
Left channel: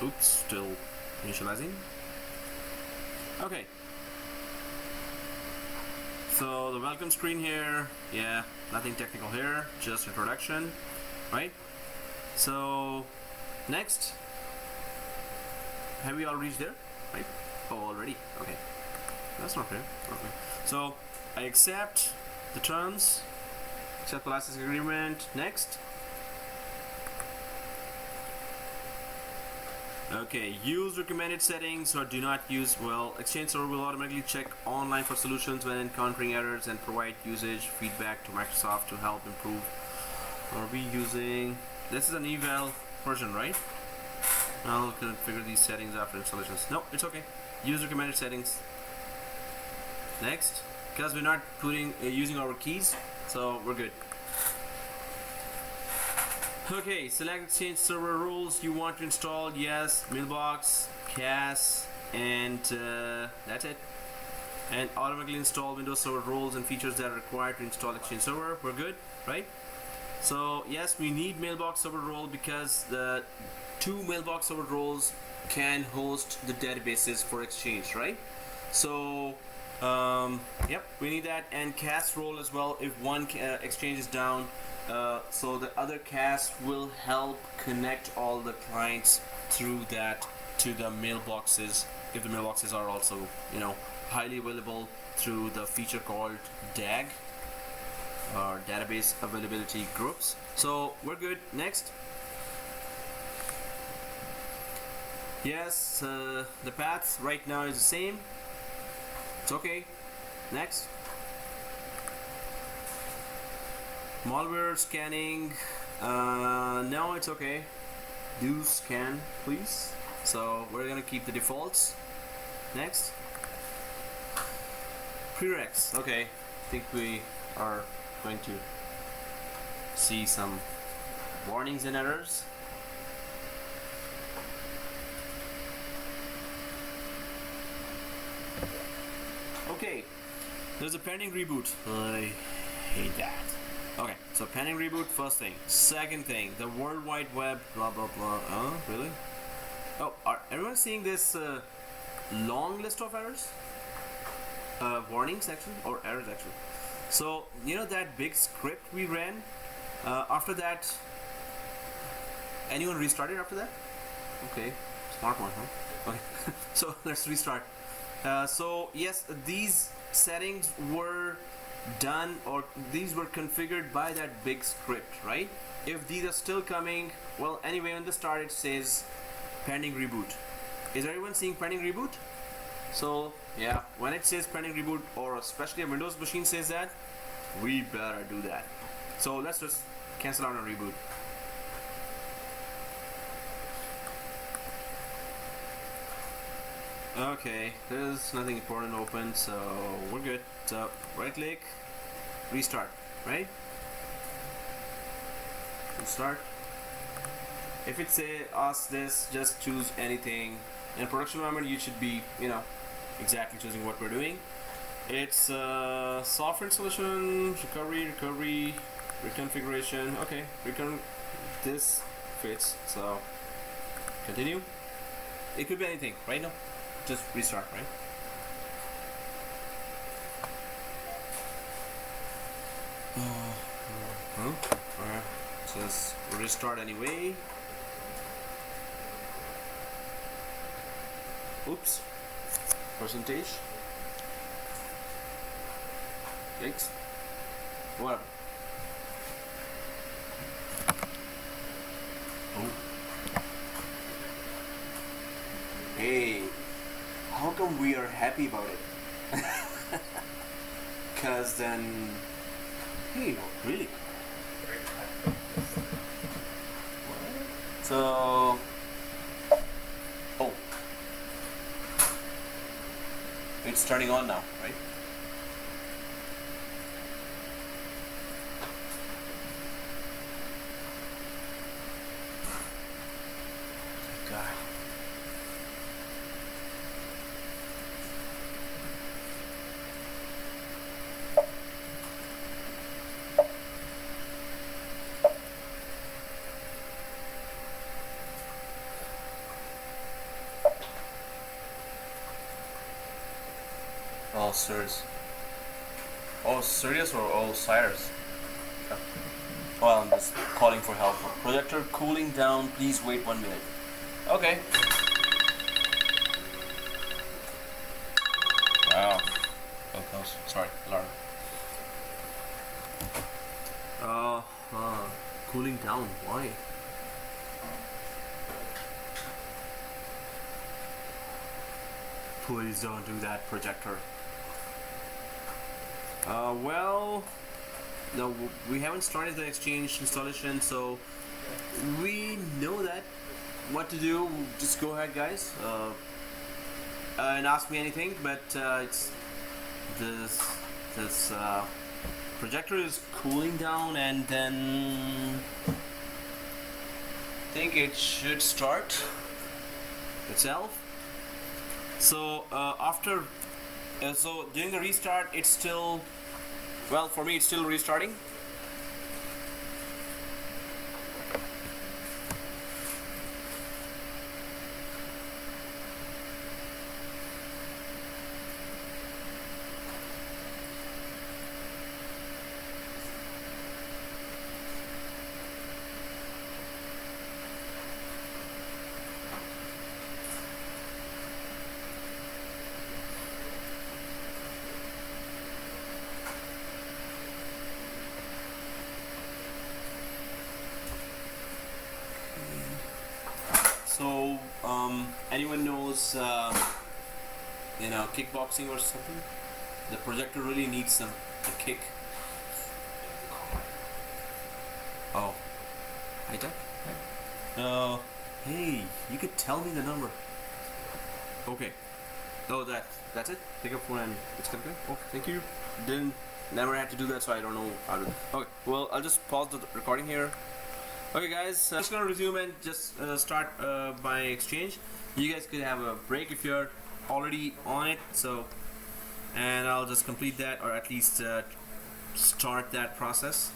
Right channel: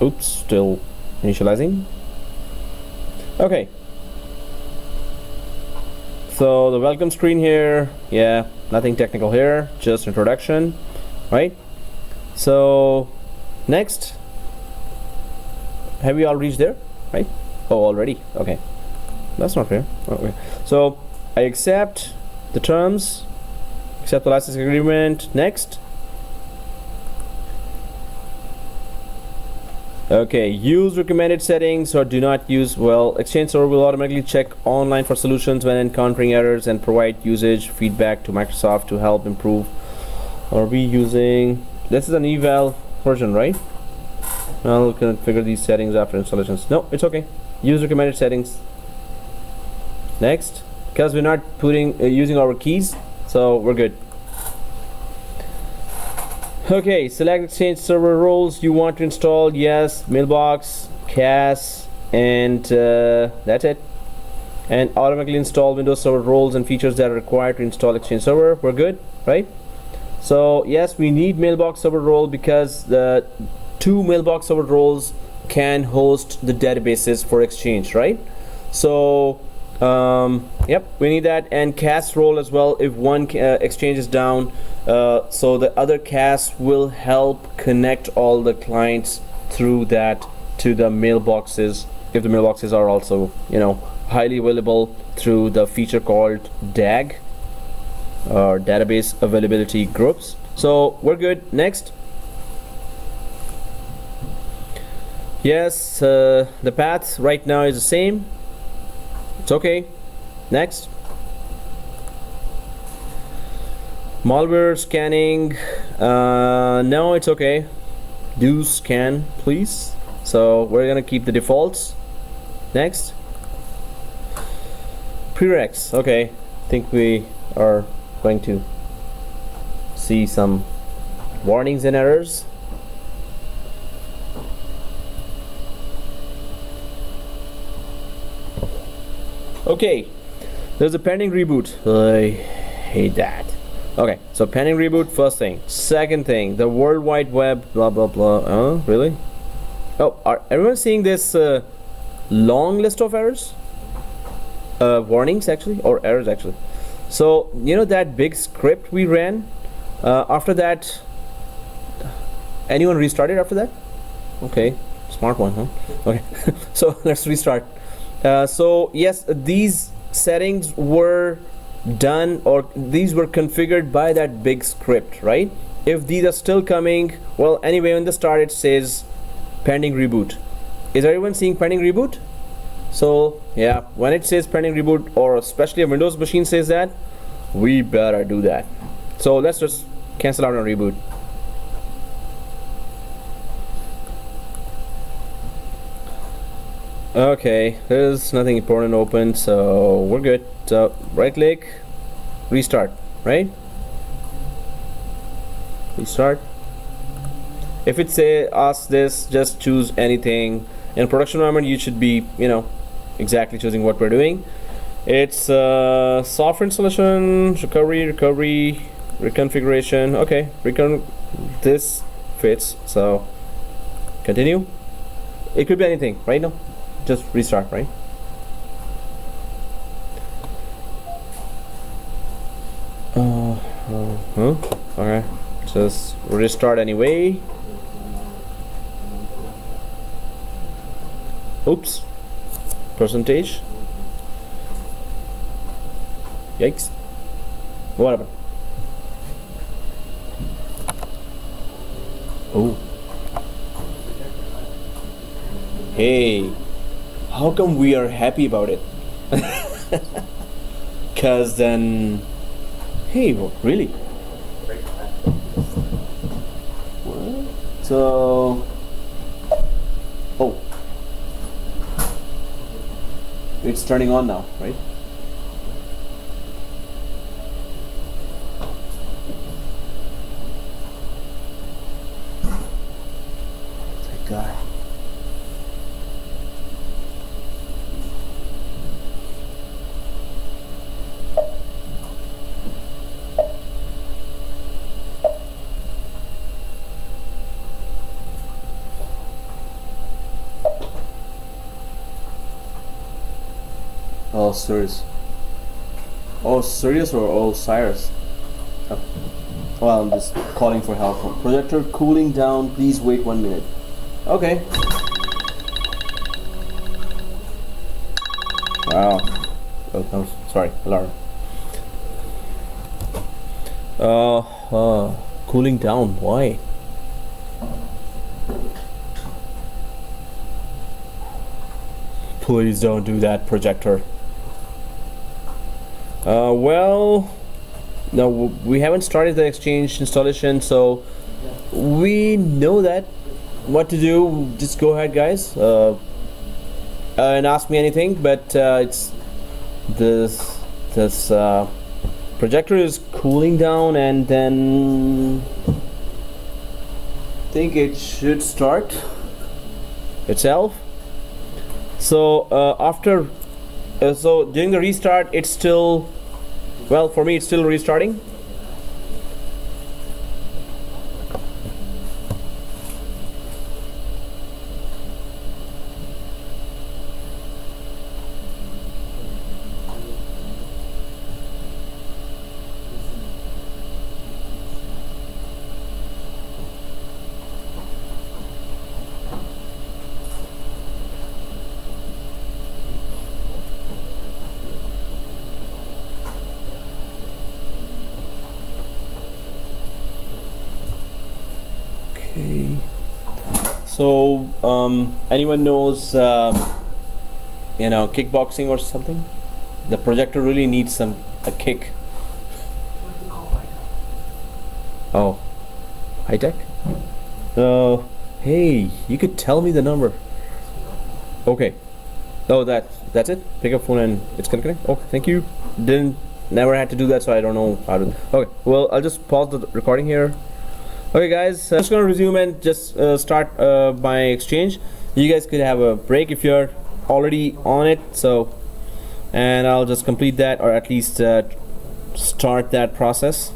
Oops, still initializing. Okay. So the welcome screen here, yeah, nothing technical here, just introduction, right? So next, have we all reached there, right? Oh, already, okay. That's not fair. Okay. So I accept the terms, accept the license agreement, next. Okay, use recommended settings or do not use. Well, Exchange server will automatically check online for solutions when encountering errors and provide usage feedback to Microsoft to help improve. Are we using, this is an eval version, right? I'll configure these settings after installations. No, it's okay. Use recommended settings. Next, because we're not putting using our keys, so we're good. Okay, select Exchange server roles you want to install. Yes, mailbox, CAS, and that's it. And automatically install Windows Server roles and features that are required to install Exchange server. We're good, right? So yes, we need mailbox server role because the 2 mailbox server roles can host the databases for Exchange, right? So yep, we need that, and CAS role as well if one Exchange is down. So the other CAS will help connect all the clients through that to the mailboxes if the mailboxes are also, you know, highly available through the feature called DAG or database availability groups. So we're good. Next. Yes, the path right now is the same. It's okay. Next. Malware scanning, no, it's okay. Do scan, please. So we're gonna keep the defaults. Next. Prereqs, okay. I think we are going to see some warnings and errors. Okay, there's a pending reboot. I hate that. Okay, so pending reboot, first thing. Second thing, the World Wide Web, blah, blah, blah. Oh, really? Oh, are everyone seeing this long list of errors? Warnings, actually, or errors, actually. So, you know that big script we ran? After that, Anyone restarted after that? Okay, smart one, huh? Okay, so let's restart. So yes, these settings were done, or these were configured by that big script, right? If these are still coming, well, anyway, on the start it says pending reboot. Is everyone seeing pending reboot? So yeah, when it says pending reboot, or especially a Windows machine says that, we better do that. So let's just cancel out and reboot. Okay, there's nothing important open, so we're good. So right click, restart, right? Restart. If it asks this, just choose anything. In production environment, you should be, exactly choosing what we're doing. It's software installation, recovery, reconfiguration. Okay, this fits, so continue. It could be anything, right? No, just restart, right? Okay, just restart anyway. Oops, percentage. Yikes. Whatever. Oh. Hey, how come we are happy about it? Cause then, hey, really? So, oh, it's turning on now, right? God. Oh, serious. Oh, serious or oh, Cyrus? Oh, I'm just calling for help. Projector cooling down. Please wait 1 minute. Okay. Wow. Oh, no, sorry, alarm. Cooling down. Why? Please don't do that, projector. Well, no, we haven't started the Exchange installation, so we know that what to do. Just go ahead, guys, and ask me anything. But it's this projector is cooling down, and then I think it should start itself. So after so during the restart, it's still, well, for me it's still restarting. So anyone knows kickboxing or something? The projector really needs a kick. Oh, high tech. Hey, you could tell me the number. Okay. Oh, that's it. Pick up phone and it's gonna connect. Oh, thank you. Never had to do that, so I don't know how to. Okay. Well, I'll just pause the recording here. Okay, guys, I'm just gonna resume and just start my Exchange. You guys could have a break if you're already on it. So, and I'll just complete that, or at least start that process.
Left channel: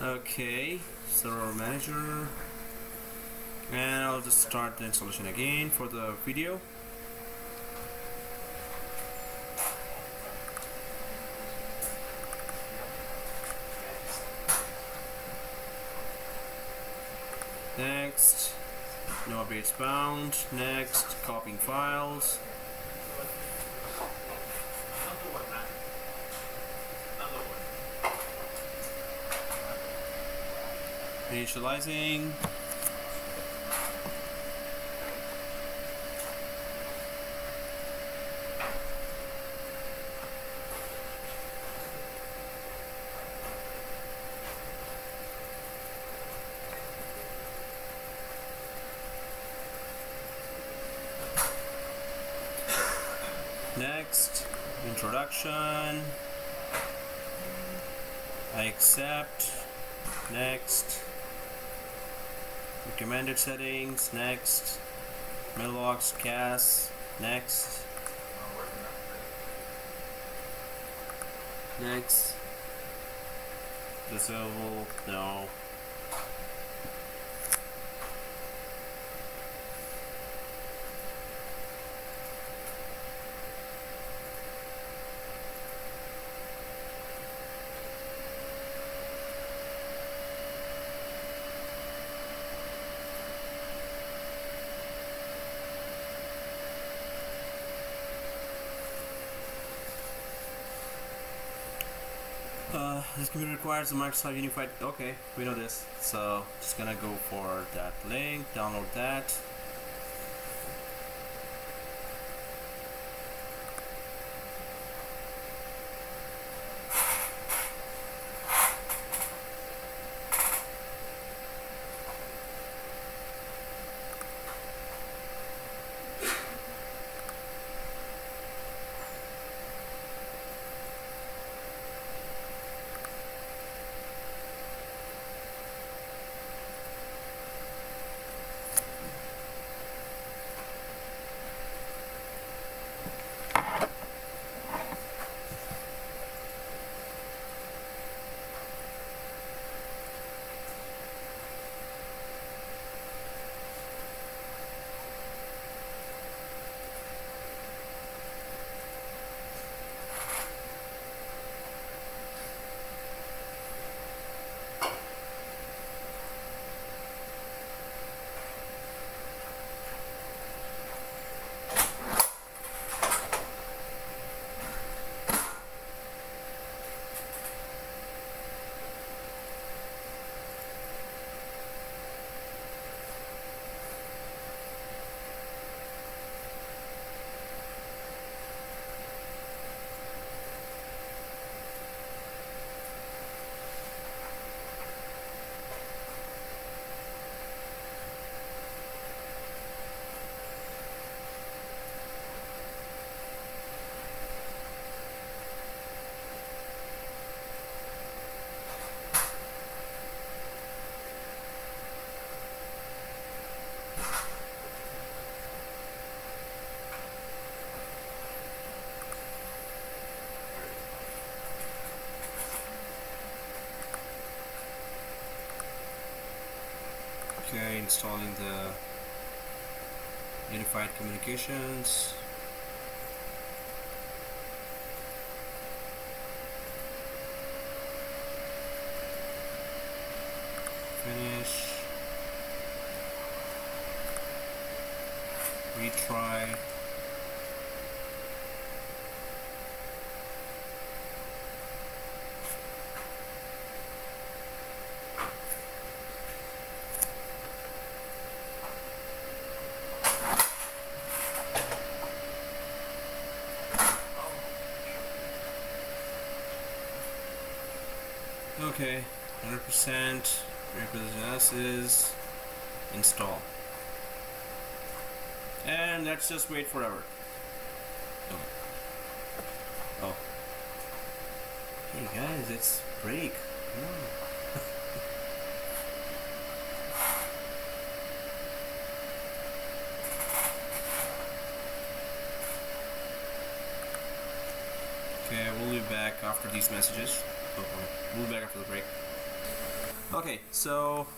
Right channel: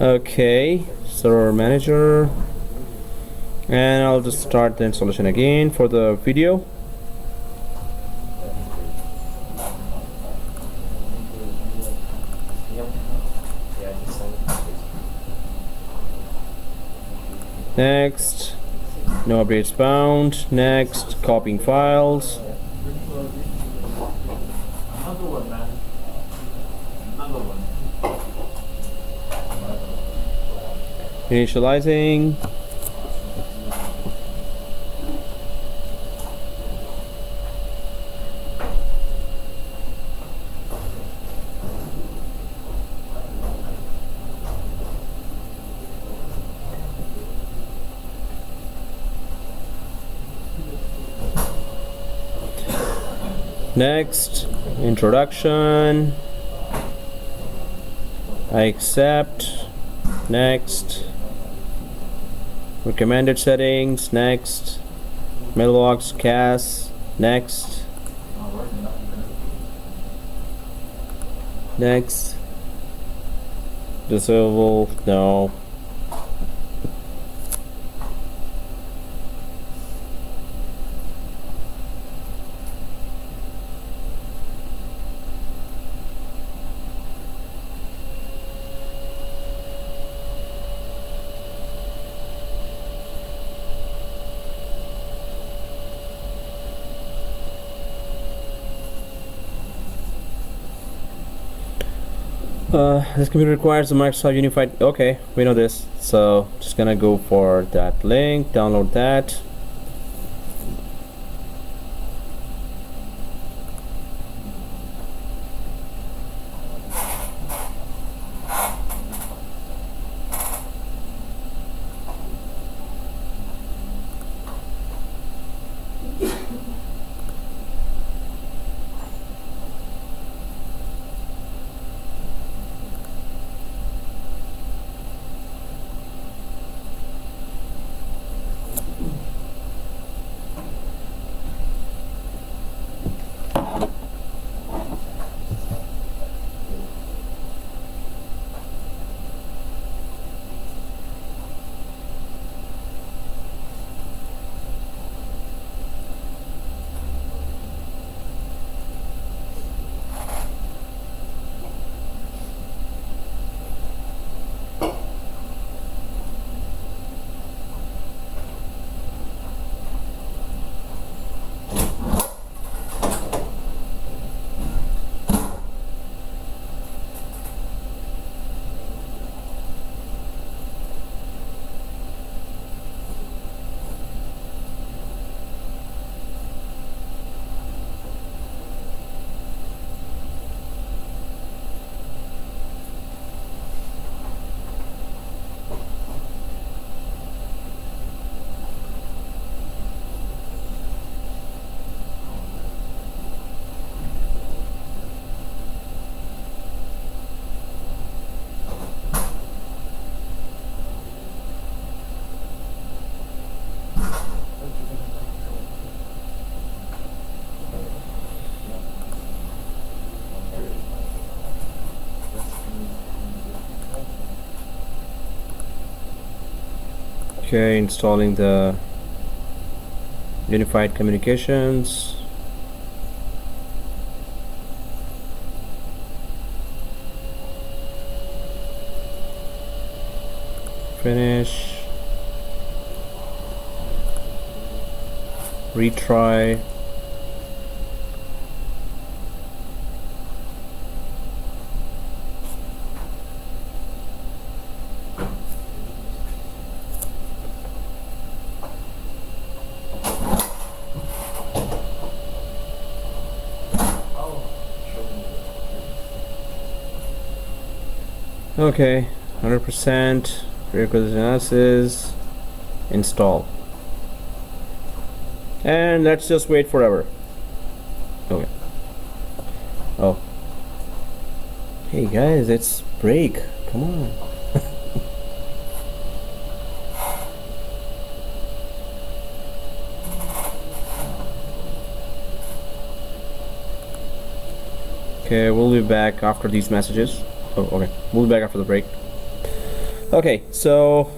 Okay, server manager, and I'll just start the installation again for the video. Next, no updates found. Next, copying files. Initializing. Next, introduction. I accept. Next, recommended settings. Next, mailbox cast. Next, next, disable. No. This computer requires a Microsoft Unified. Okay, we know this. So just gonna go for that link, download that. Okay, installing the unified communications. Finish. Retry. Okay, 100% prerequisite analysis, install, and let's just wait forever. Okay. Oh, hey guys, it's break. Come on. Okay, we'll be back after these messages. Oh, okay. We'll be back after the break. Okay, so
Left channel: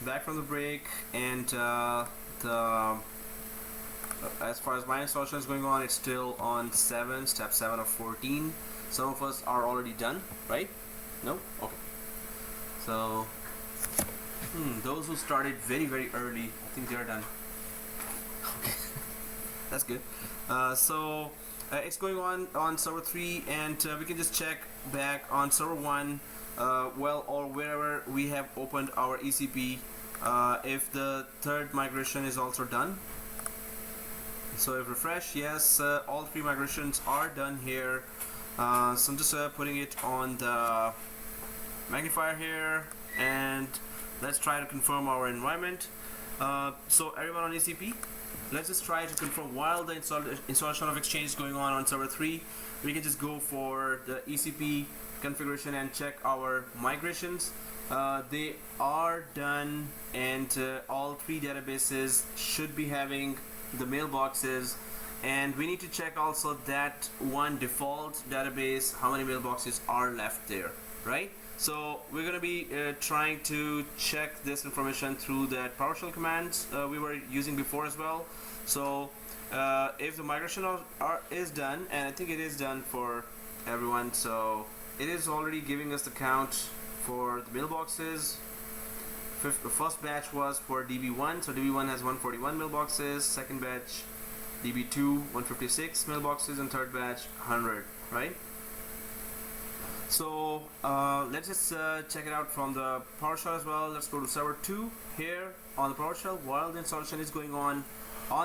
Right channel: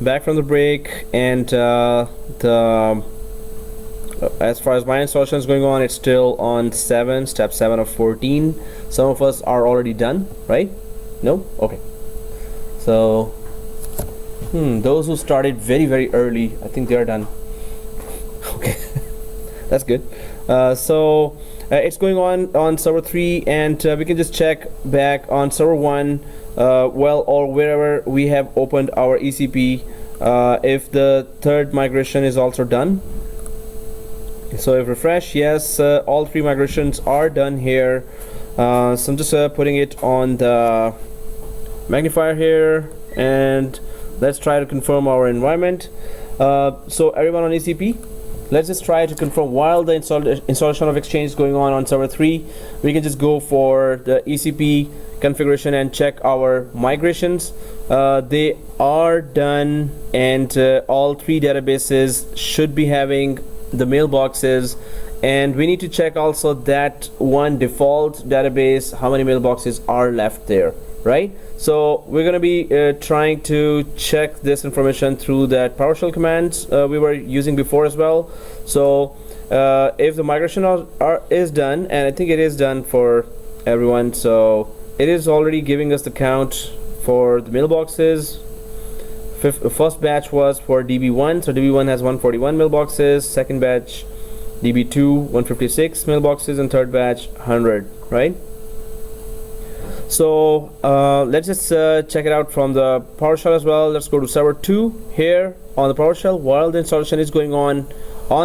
back from the break, and the as far as my installation is going on, it's still on step 7 of 14. Some of us are already done, right? No? Okay. So those who started very early, I think they are done. Okay. That's good. So it's going on server 3, and we can just check back on server 1, well, or wherever we have opened our ECP, if the third migration is also done. So if refresh, yes, all 3 migrations are done here. So I'm just putting it on the magnifier here, and let's try to confirm our environment. So everyone on ECP, let's just try to confirm while the installation of Exchange is going on server 3. We can just go for the ECP configuration and check our migrations. They are done, and all 3 databases should be having the mailboxes, and we need to check also that one default database, how many mailboxes are left there, right? So we're going to be trying to check this information through that PowerShell commands we were using before as well. So if the migration is done, and I think it is done for everyone, so it is already giving us the count for the mailboxes. First batch was for DB1, so DB1 has 141 mailboxes, second batch DB2 156 mailboxes, and third batch 100, right? So let's just check it out from the PowerShell as well. Let's go to server 2 here on the PowerShell while the installation is going on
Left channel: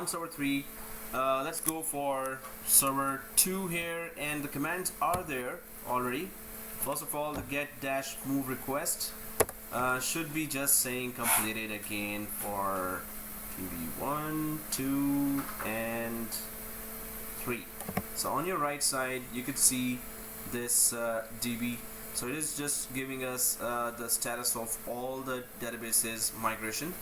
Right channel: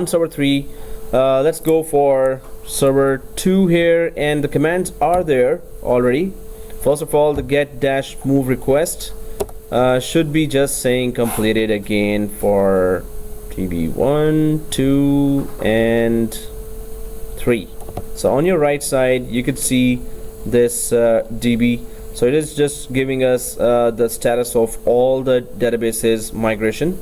server 3. Let's go for server 2 here, and the commands are there already. First of all, the get-move request should be just saying completed again for DB1, 2, and 3. So on your right side, you could see this DB. So it is just giving us the status of all the databases migration,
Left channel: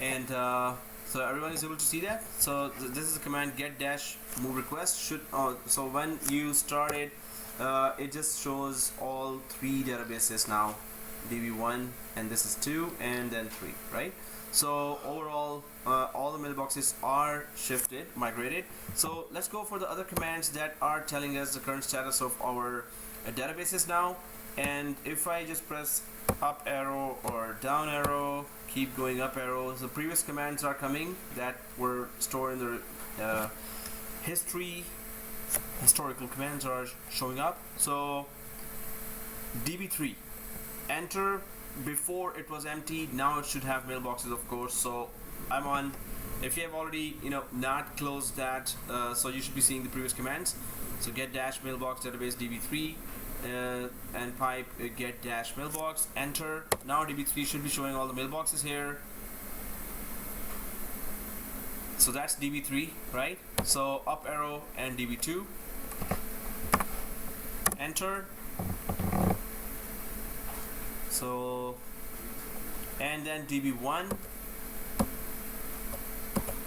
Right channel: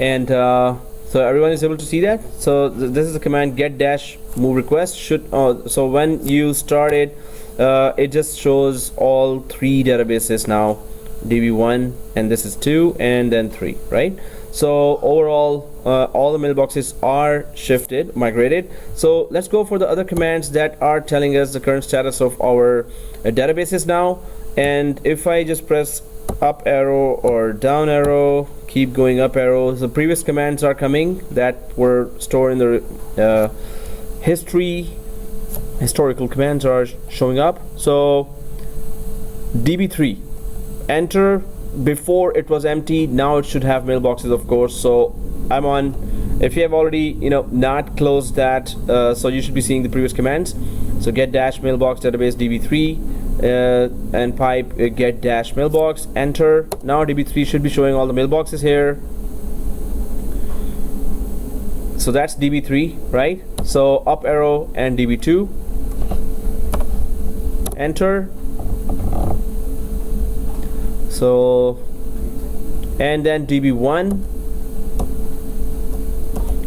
and so everyone is able to see that. So this is the command get-move request. So when you start it, it just shows all 3 databases now, DB1, and this is 2, and then 3, right? So overall, all the mailboxes are migrated. So let's go for the other commands that are telling us the current status of our databases now. And if I just press up arrow or down arrow, keep going up arrow, the previous commands are coming that were stored in the historical commands are showing up. So DB3, enter. Before it was empty, now it should have mailboxes, of course. So I'm on, if you have already not closed that, so you should be seeing the previous commands. So get-mailbox database DB3 and pipe get-mailbox, enter. Now DB3 should be showing all the mailboxes here. So that's DB3, right? So up arrow and DB2, enter. So, and then DB1,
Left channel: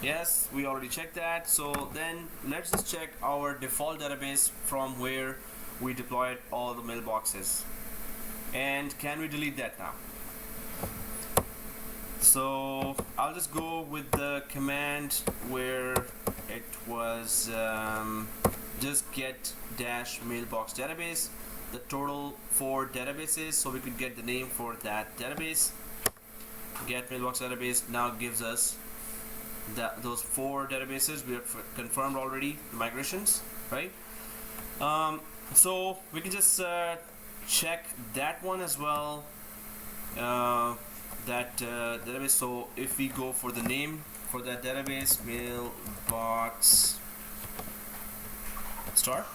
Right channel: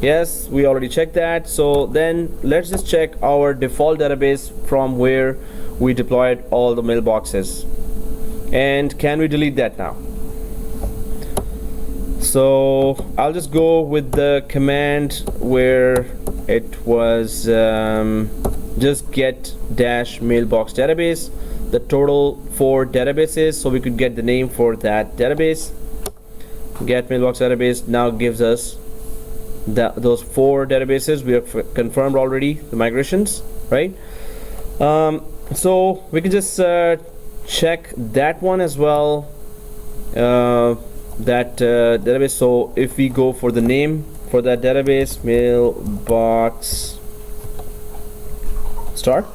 yes, we already checked that. So then let's just check our default database from where we deployed all the mailboxes, and can we delete that now? So I'll just go with the command where it was just get-mailbox database, the total 4 databases, so we could get the name for that database. Get mailbox database now gives us those 4 databases. We have confirmed already the migrations, right? So we can just check that one as well, that database. So if we go for the name for that database, mailbox start,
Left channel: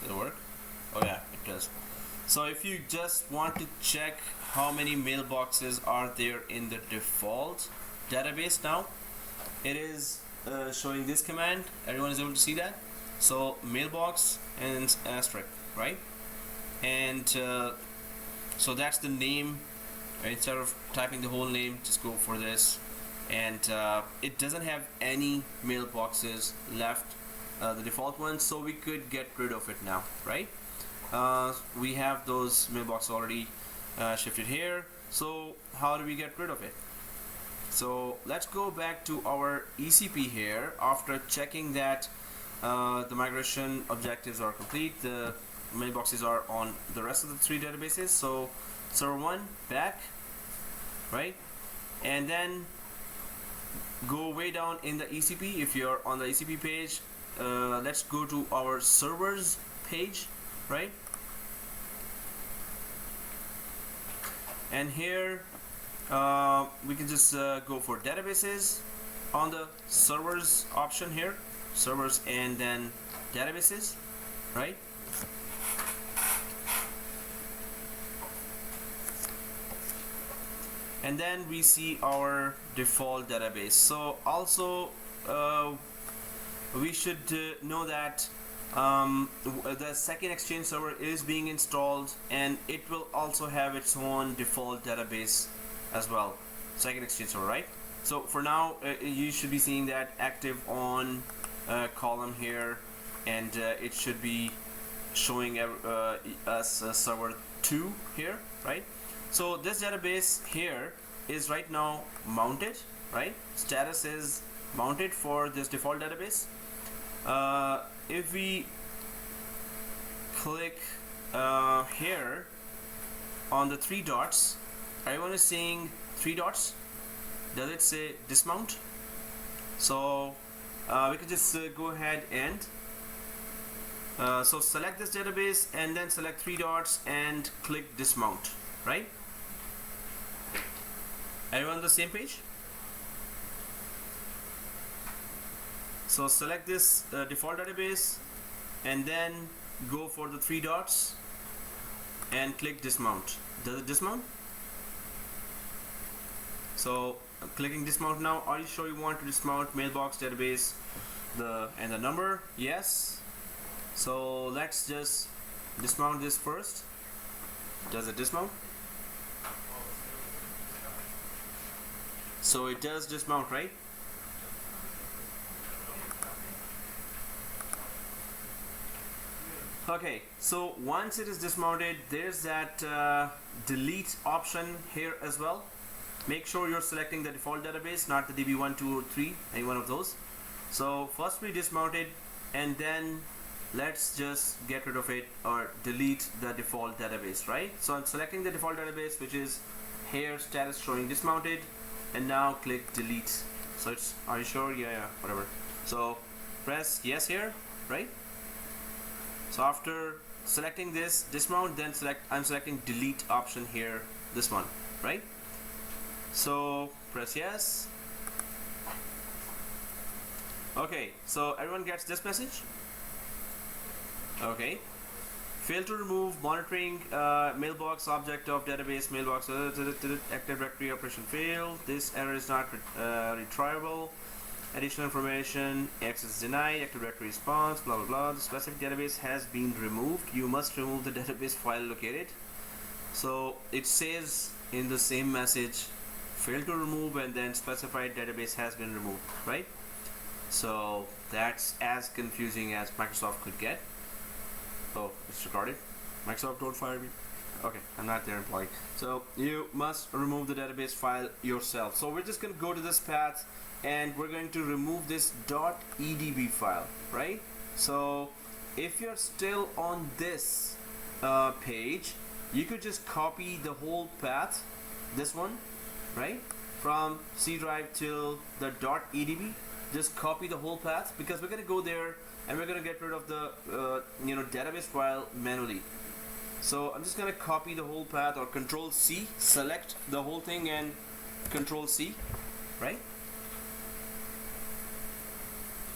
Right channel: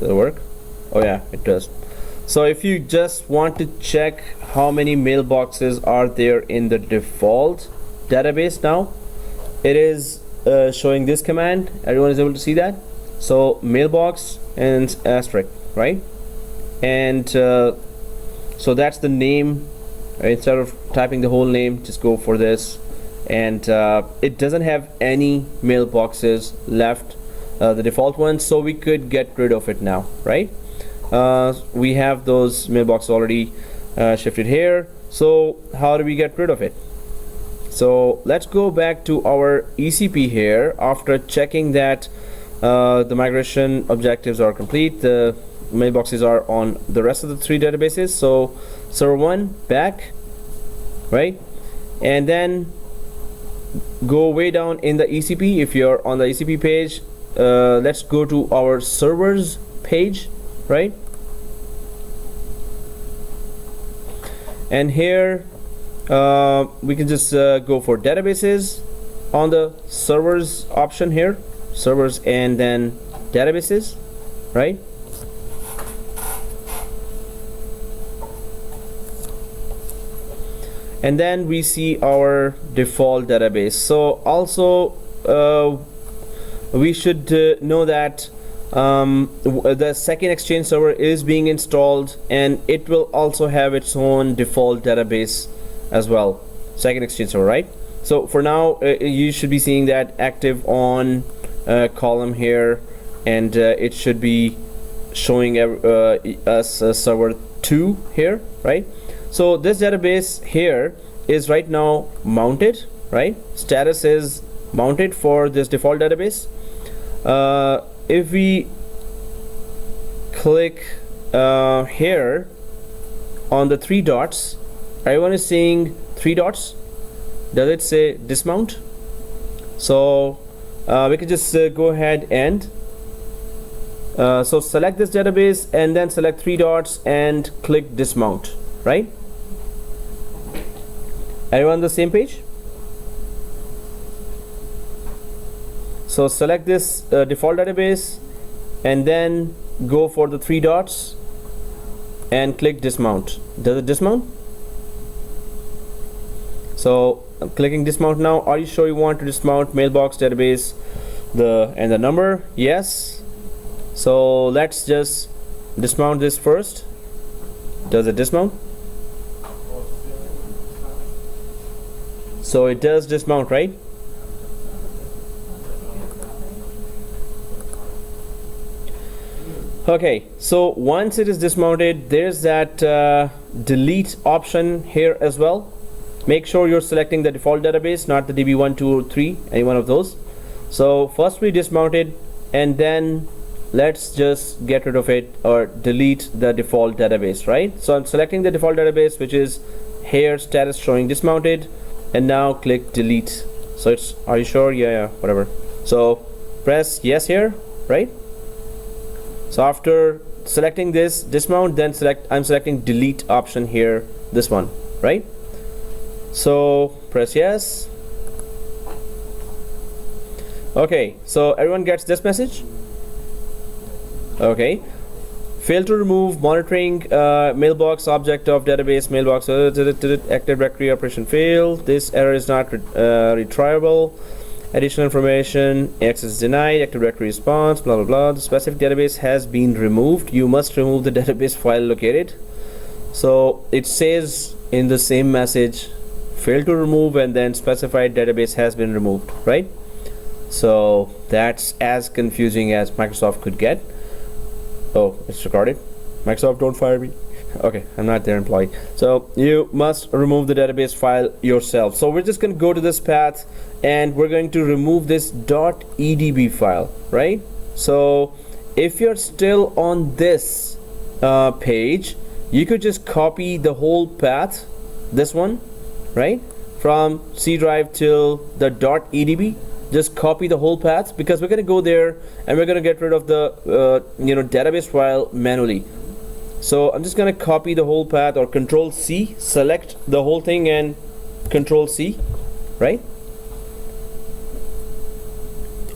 does it work? Oh yeah, it does. So if you just want to check how many mailboxes are there in the default database now, it is showing this command. Everyone is able to see that. So mailbox and asterisk, right? And so that's the name. Instead of typing the whole name, just go for this, and it doesn't have any mailboxes left the default one, so we could get rid of it now, right? We have those mailbox already shifted here. So how do we get rid of it? So let's go back to our ECP here. After checking that the migration objectives are complete, the mailboxes are on the rest of the 3 databases. So server 1 back, right? And then go way down in the ECP. If you're on the ECP page, let's go to our servers page, right? And here we can just go for databases on the servers option here, servers and then databases, right? And then we see our default database. So also we should know that the 2ndExchange server is being installed, and it will also have its own default database as well, 2ndExchange server, right? So for now you should be seeing that active on column here, and it should be showing us server 2 here, right? So this database here is right now mounted, right? Status is mounted for this default database. If we click here on the 3 dots, everyone is seeing 3 dots. Does it say dismount? So we can just go ahead and so select this database and then select 3 dots and click dismount, right? Everyone on the same page? So select this default database and then go for the 3 dots and click dismount. Does it dismount? So I'm clicking dismount now. Are you sure you want to dismount mailbox database and the number? Yes. So let's just dismount this first. Does it dismount? So it does dismount, right? Okay, so once it is dismounted, there's that delete option here as well. Make sure you're selecting the default database, not the DB1, 2, or 3, any one of those. So first we dismount it, and then let's just get rid of it or delete the default database, right? So I'm selecting the default database, which is here, status showing dismounted, and now click delete. So it's, are you sure? Yeah, whatever. So press yes here, right? So after selecting this dismount, then I'm selecting delete option here, this one, right? So press yes. Okay, so everyone gets this message. Okay, fail to remove monitoring mailbox object of database mailbox active directory operation failed. This error is not retrievable. Additional information, access denied, active directory response, blah blah blah. The specific database has been removed. You must remove the database file located. So it says in the same message, fail to remove, and then specified database has been removed, right? So that's as confusing as Microsoft could get. Oh, it's recorded. Microsoft, don't fire me. Okay, I'm not their employee. So you must remove the database file yourself. So we're just going to go to this path and we're going to remove this .edb file, right? So if you're still on this page, you could just copy the whole path, this one, right? From C drive till the .edb. Just copy the whole path, because we're going to go there and we're going to get rid of the database file manually. So I'm just going to copy the whole path, or Control C, select the whole thing and Control C, right?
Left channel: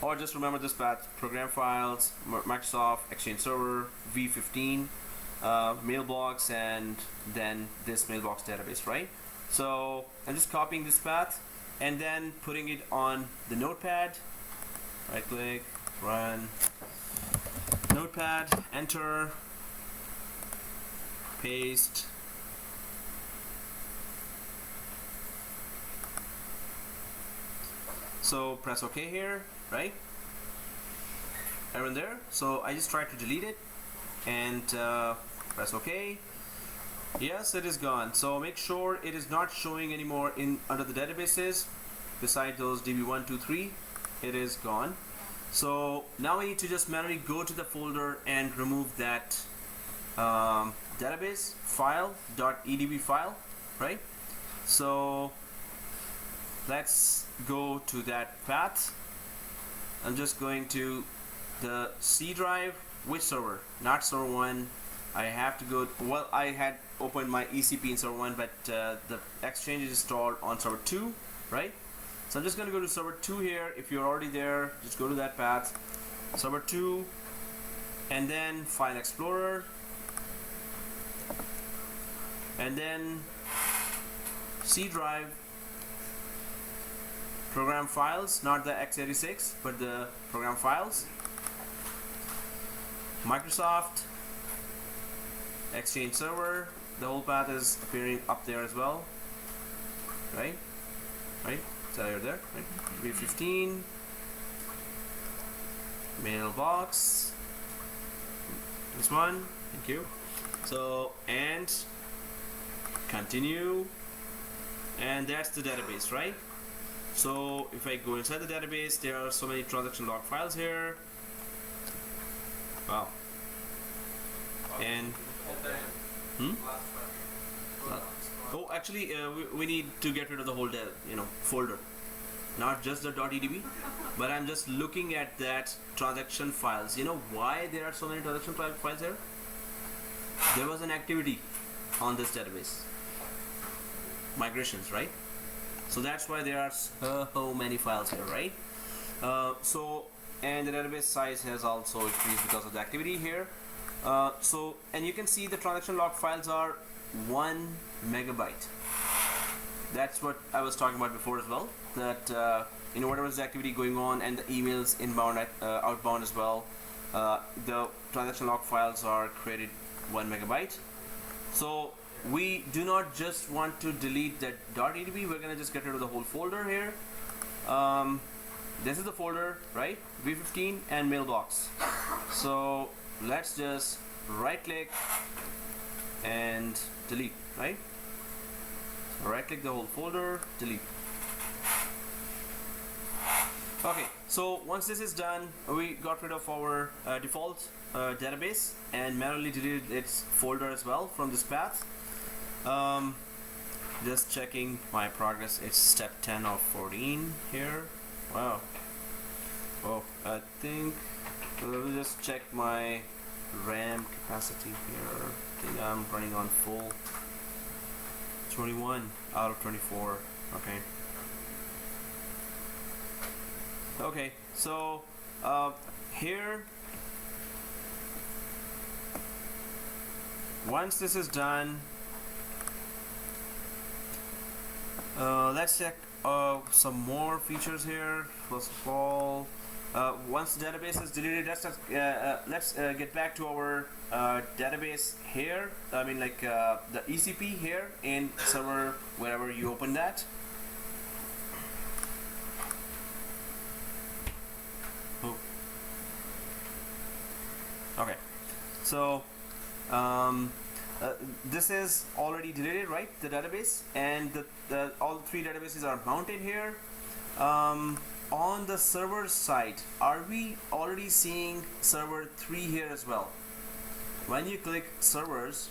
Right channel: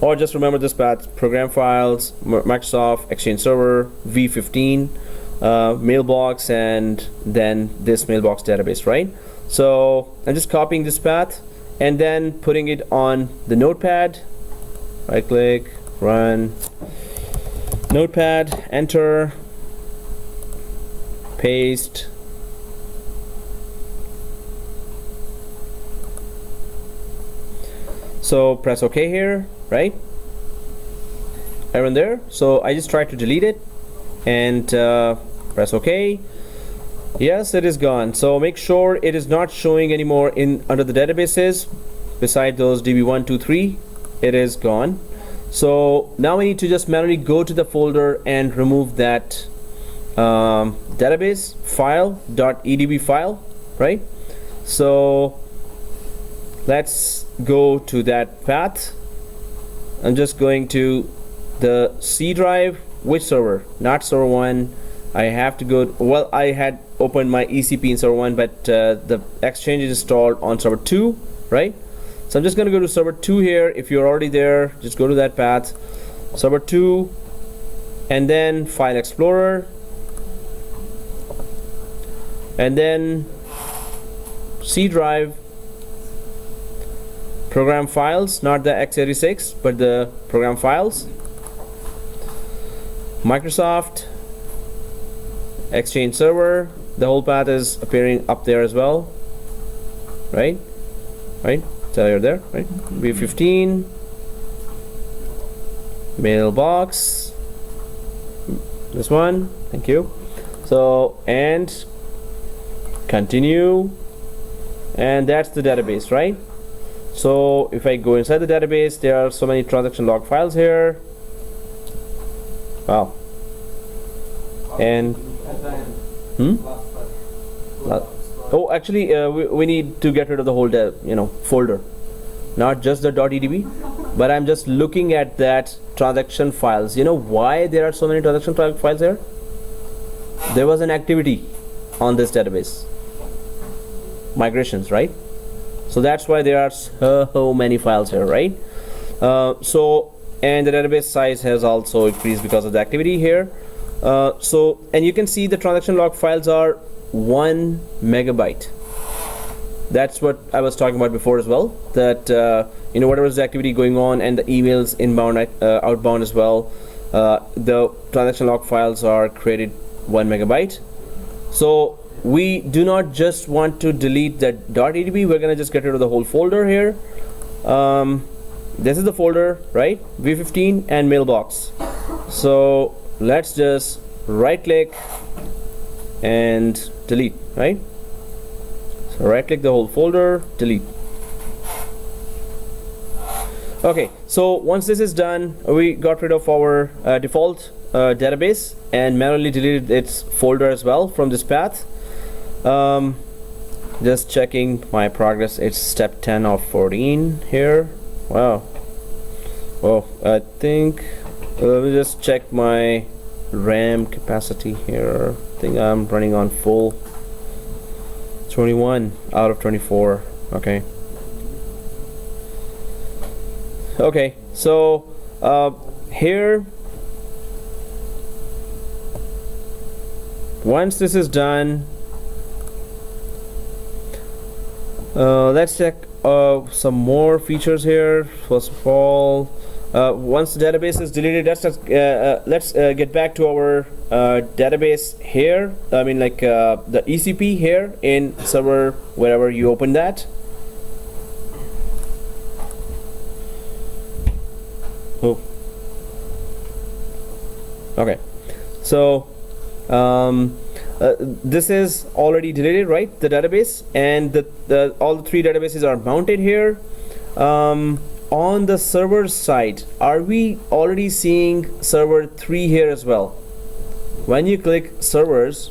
Or just remember this path: program files, Microsoft Exchange Server, v15, mailbox, and then this mailbox database, right? So I'm just copying this path and then putting it on the notepad. Right click, run, notepad, enter, paste. So press OK here, right? error there. So I just tried to delete it and press OK. Yes, it is gone. So make sure it is not showing anymore in under the databases. Beside those DB1, 2, 3, it is gone. So now we need to just manually go to the folder and remove that database file .edb file, right? So let's go to that path. I'm just going to the C drive. Which server? Not server 1. I have to go, well, I had opened my ECP in server 1, but the Exchange is installed on server 2, right? So I'm just going to go to server 2 here. If you're already there, just go to that path, server 2, and then File Explorer, and then C drive, program files, not the x86, but the program files, Microsoft, Exchange server. The whole path is appearing up there as well, right? So you're there, right? B15, mailbox, this one, thank you. So, and continue, and that's the database, right? So if I go inside the database, there are so many transaction log files here. Wow. And oh, actually, we need to get rid of the whole folder, not just the .edb, but I'm just looking at that transaction files. You know why there are so many transaction files here? There was an activity on this database, migrations, right? So that's why there are so many files here, right? So, and the database size has also increased because of the activity here. So, and you can see the transaction log files are 1 megabyte. That's what I was talking about before as well, that whatever is the activity going on and the emails inbound, outbound as well, the transaction log files are created 1 megabyte. So we do not just want to delete that .edb, we're gonna just get rid of the whole folder here. This is the folder, right? V15 and mailbox. So let's just right click and delete, right? So right click the whole folder, delete. Okay, so once this is done, we got rid of our default database and manually deleted its folder as well from this path. Just checking my progress, it's step 10 of 14 here. Wow. Oh, I think let me just check my RAM capacity here. I think I'm running on full. 21 out of 24. Okay. Okay, so here, once this is done, let's check some more features here. First of all, once the database is deleted, let's get back to our database here. I mean, like the ECP here in server, wherever you open that. Oh. Okay, so this is already deleted, right? The database, and all the three databases are mounted here. On the server side, are we already seeing server 3 here as well? When you click servers,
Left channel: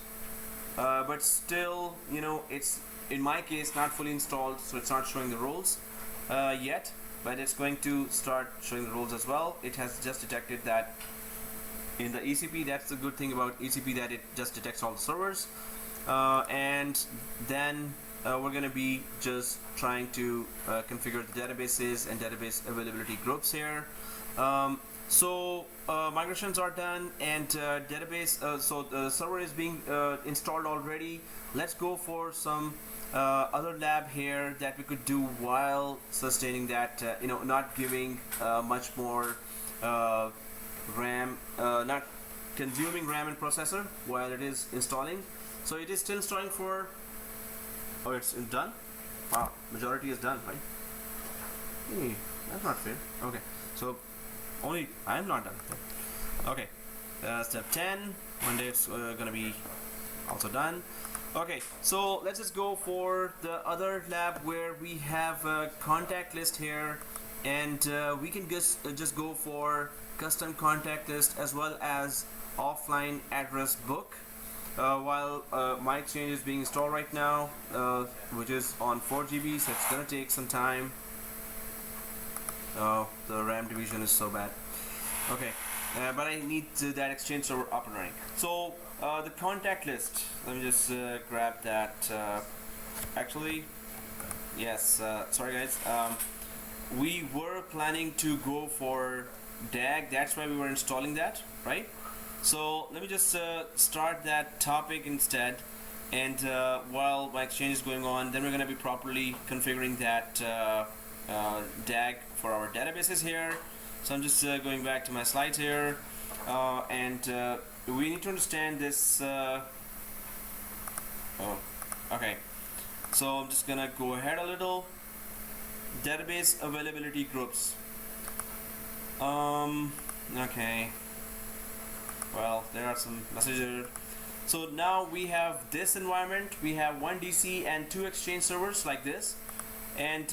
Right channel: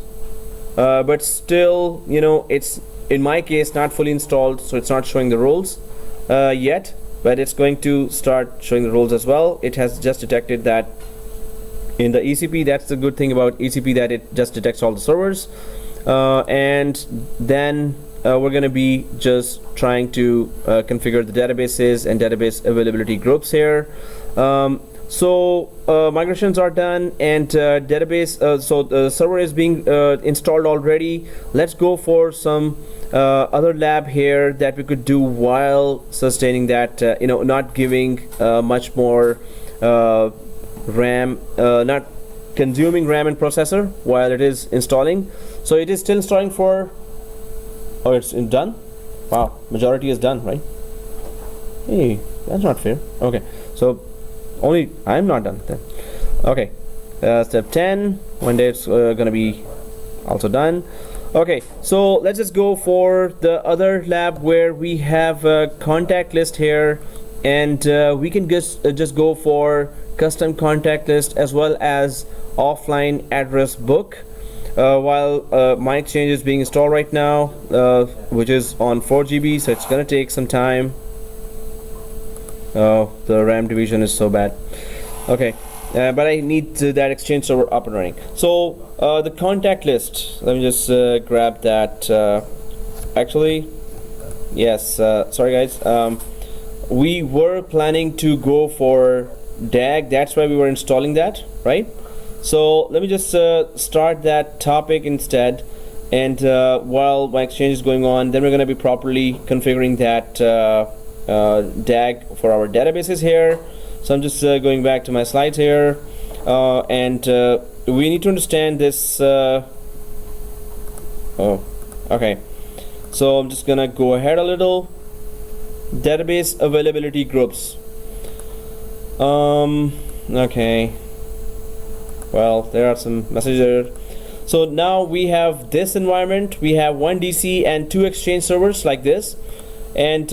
but still, it's in my case not fully installed, so it's not showing the roles yet, but it's going to start showing the roles as well. It has just detected that in the ECP. That's the good thing about ECP, that it just detects all the servers, and then we're going to be just trying to configure the databases and database availability groups here. So migrations are done, and database, so the server is being installed already. Let's go for some other lab here that we could do while sustaining that, not giving much more RAM, not consuming RAM and processor while it is installing. So it is still installing for, oh, it's done. Wow, majority is done, right? Hey, that's not fair. Okay, so Only I'm not done with that. Okay, step 10. One day it's gonna be also done. Okay, so let's just go for the other lab where we have a contact list here, and we can just go for custom contact list as well as offline address book. While my exchange is being installed right now, which is on 4 GB, so it's gonna take some time. Oh, the RAM division is so bad. Okay, but I need that exchange server up and running. So the contact list, let me just grab that. Actually, yes, sorry guys, we were planning to go for DAG, that's why we were installing that, right? So let me just start that topic instead, and while my exchange is going on, then we're going to be properly configuring that DAG for our databases here. So I'm just going back to my slides here, and we need to understand this. Oh, okay. So I'm just gonna go ahead a little. Database availability groups. Okay. Well, there are some messages there. So now we have this environment. We have one DC and 2 Exchange servers like this, and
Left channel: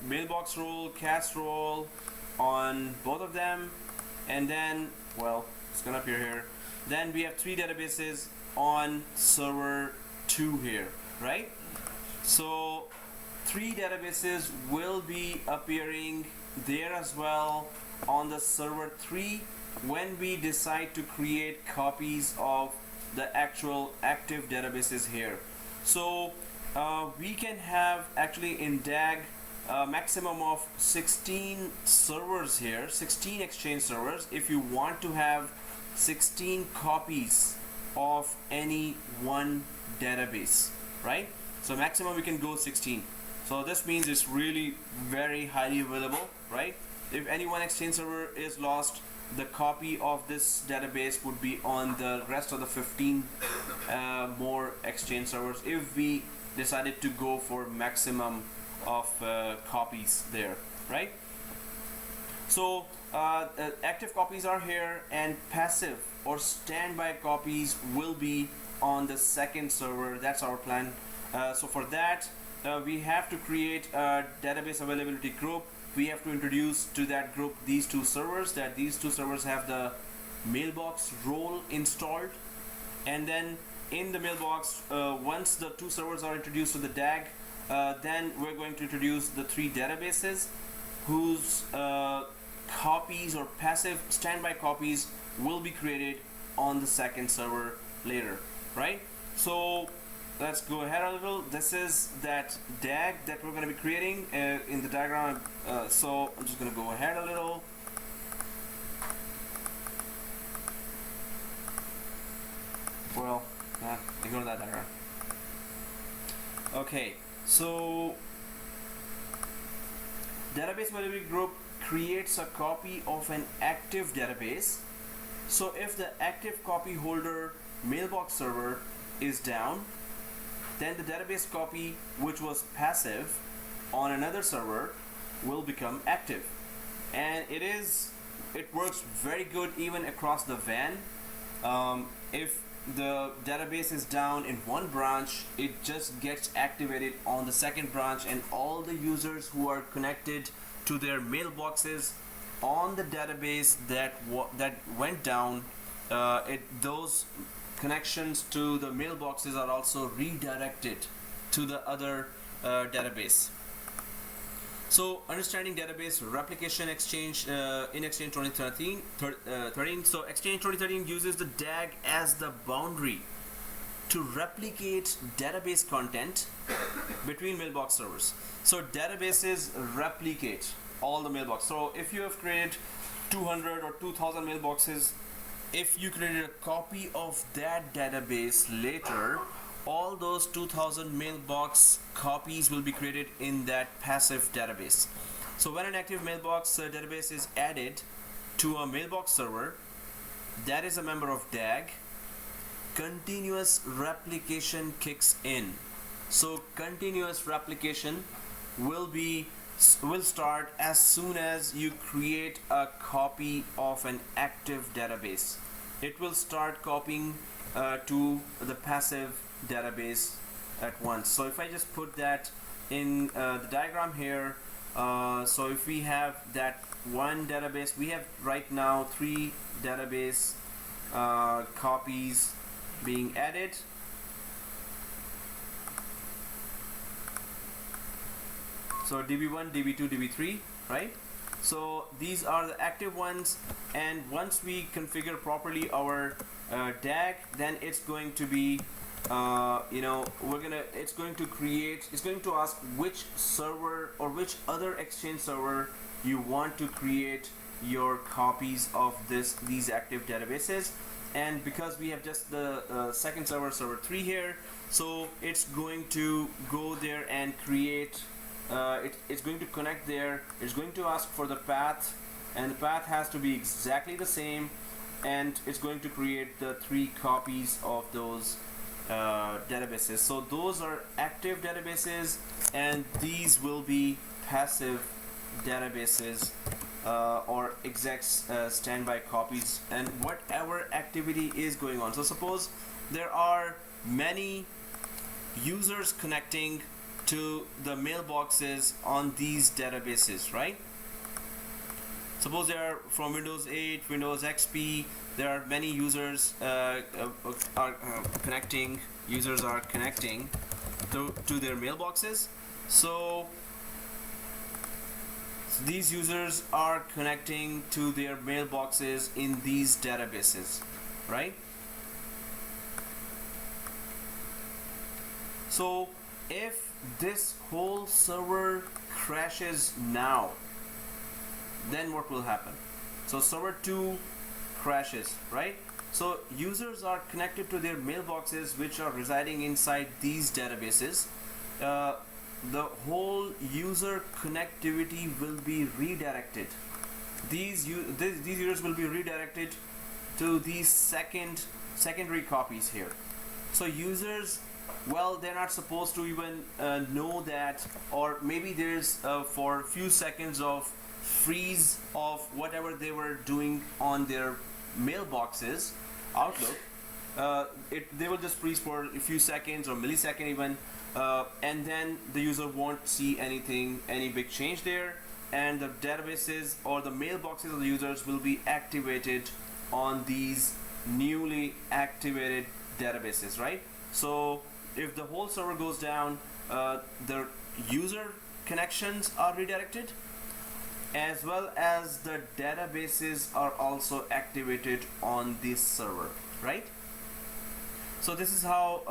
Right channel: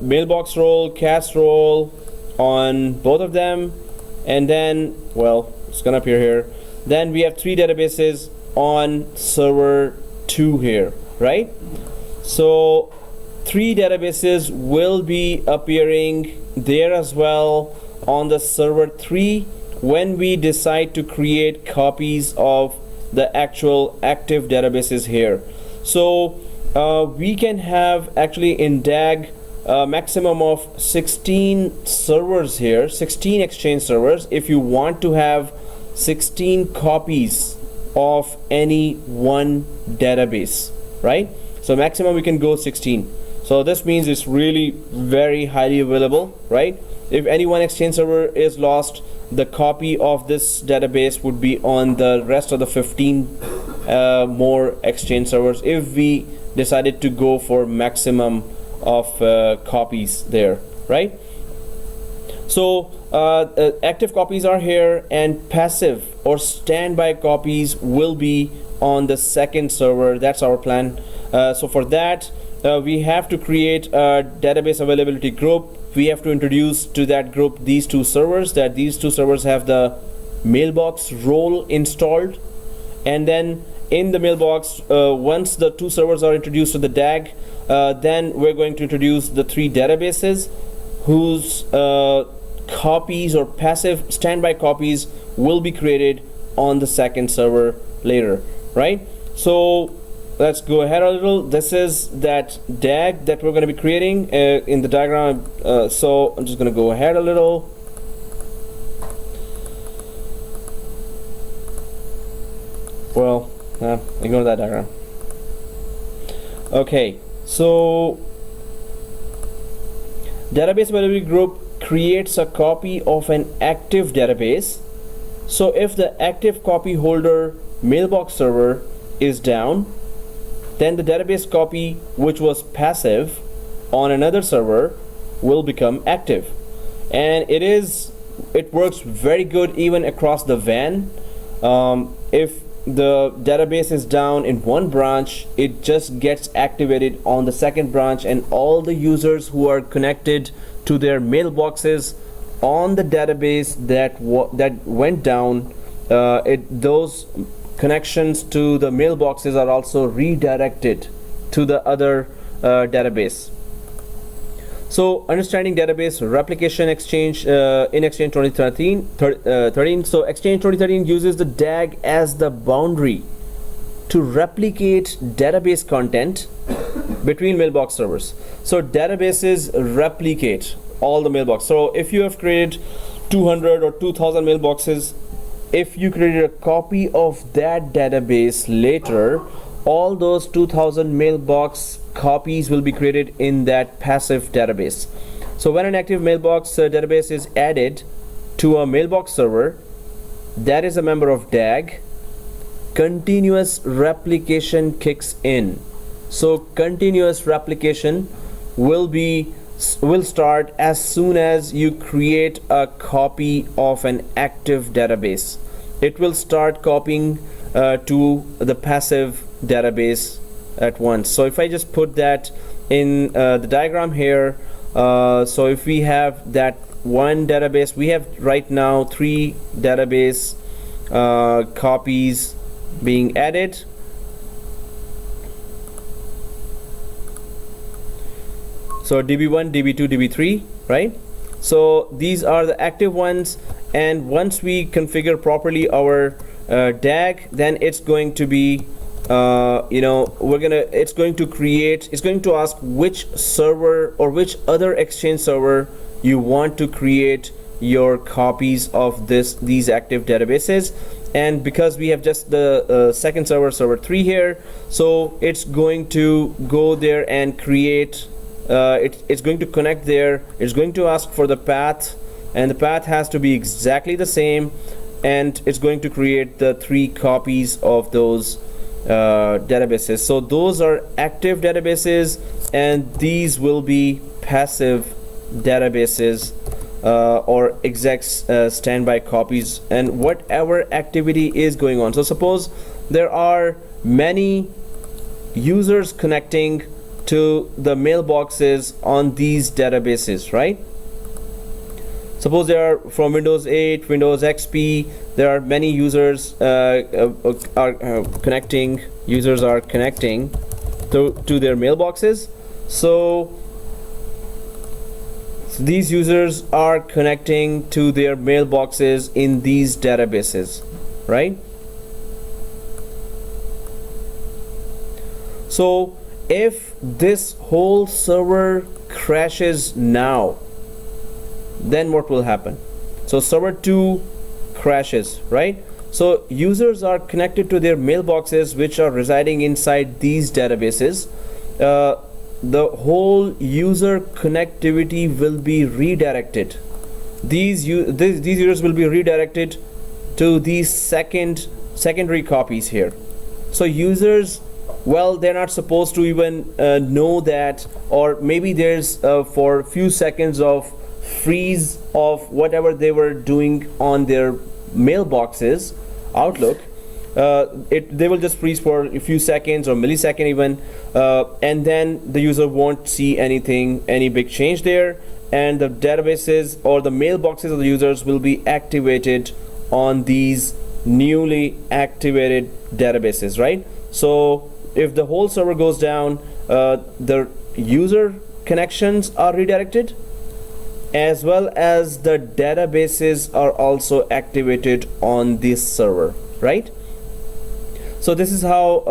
mailbox role, cast role on both of them, and then, well, it's gonna appear here. Then we have 3 databases on server 2 here, right? So 3 databases will be appearing there as well on the server 3 when we decide to create copies of the actual active databases here. So we can have actually in DAG maximum of 16 servers here, 16 Exchange servers, if you want to have 16 copies of any one database, right? So maximum we can go 16. So this means it's really very highly available, right? If any one Exchange server is lost, the copy of this database would be on the rest of the 15 more Exchange servers if we decided to go for maximum of copies there, right? So active copies are here, and passive or standby copies will be on the second server. That's our plan. So for that, we have to create a database availability group. We have to introduce to that group these 2 servers, that these 2 servers have the mailbox role installed, and then in the mailbox, once the 2 servers are introduced to the DAG, then we're going to introduce the 3 databases whose copies or passive standby copies will be created on the second server later, right? So let's go ahead a little. This is that DAG that we're going to be creating in the diagram. So I'm just going to go ahead a little. Well, ignore that diagram. Okay, so database availability group creates a copy of an active database. So if the active copy holder mailbox server is down, then the database copy which was passive on another server will become active. And it works very good even across the WAN. If the database is down in one branch, it just gets activated on the second branch, and all the users who are connected to their mailboxes on the database that went down, those connections to the mailboxes are also redirected to the other database. So understanding database replication exchange in Exchange 2013. So Exchange 2013 uses the DAG as the boundary to replicate database content between mailbox servers. So databases replicate all the mailbox. So if you have created 200 or 2000 mailboxes, if you created a copy of that database later, all those 2000 mailbox copies will be created in that passive database. So when an active mailbox database is added to a mailbox server that is a member of DAG, continuous replication kicks in. So continuous replication will be will start as soon as you create a copy of an active database. It will start copying to the passive database at once. So if I just put that in the diagram here, so if we have that one database, we have right now 3 database copies being added. So DB1, DB2, DB3, right? So these are the active ones, and once we configure properly our DAG, then it's going to be it's going to ask which server or which other Exchange server you want to create your copies of these active databases. And because we have just the second server 3 here, so it's going to go there and create it's going to connect there. It's going to ask for the path, and the path has to be exactly the same, and it's going to create the 3 copies of those databases. So those are active databases, and these will be passive databases or execs standby copies, and whatever activity is going on. So suppose there are many users connecting to the mailboxes on these databases, right? Suppose they are from Windows 8, Windows XP. There are many users connecting. Users are connecting to their mailboxes. So these users are connecting to their mailboxes in these databases, right? So if this whole server crashes now, then what will happen? So server 2 crashes, right? So users are connected to their mailboxes which are residing inside these databases. The whole user connectivity will be redirected. These users will be redirected to these secondary copies here. So users, well, they're not supposed to even know that, or maybe there's for a few seconds of freeze of whatever they were doing on their mailboxes, Outlook. They will just freeze for a few seconds or millisecond even, and then the user won't see anything, any big change there, and the databases or the mailboxes of the users will be activated on these newly activated databases, right? So if the whole server goes down, the user connections are redirected, as well as the databases are also activated on this server, right? So this is how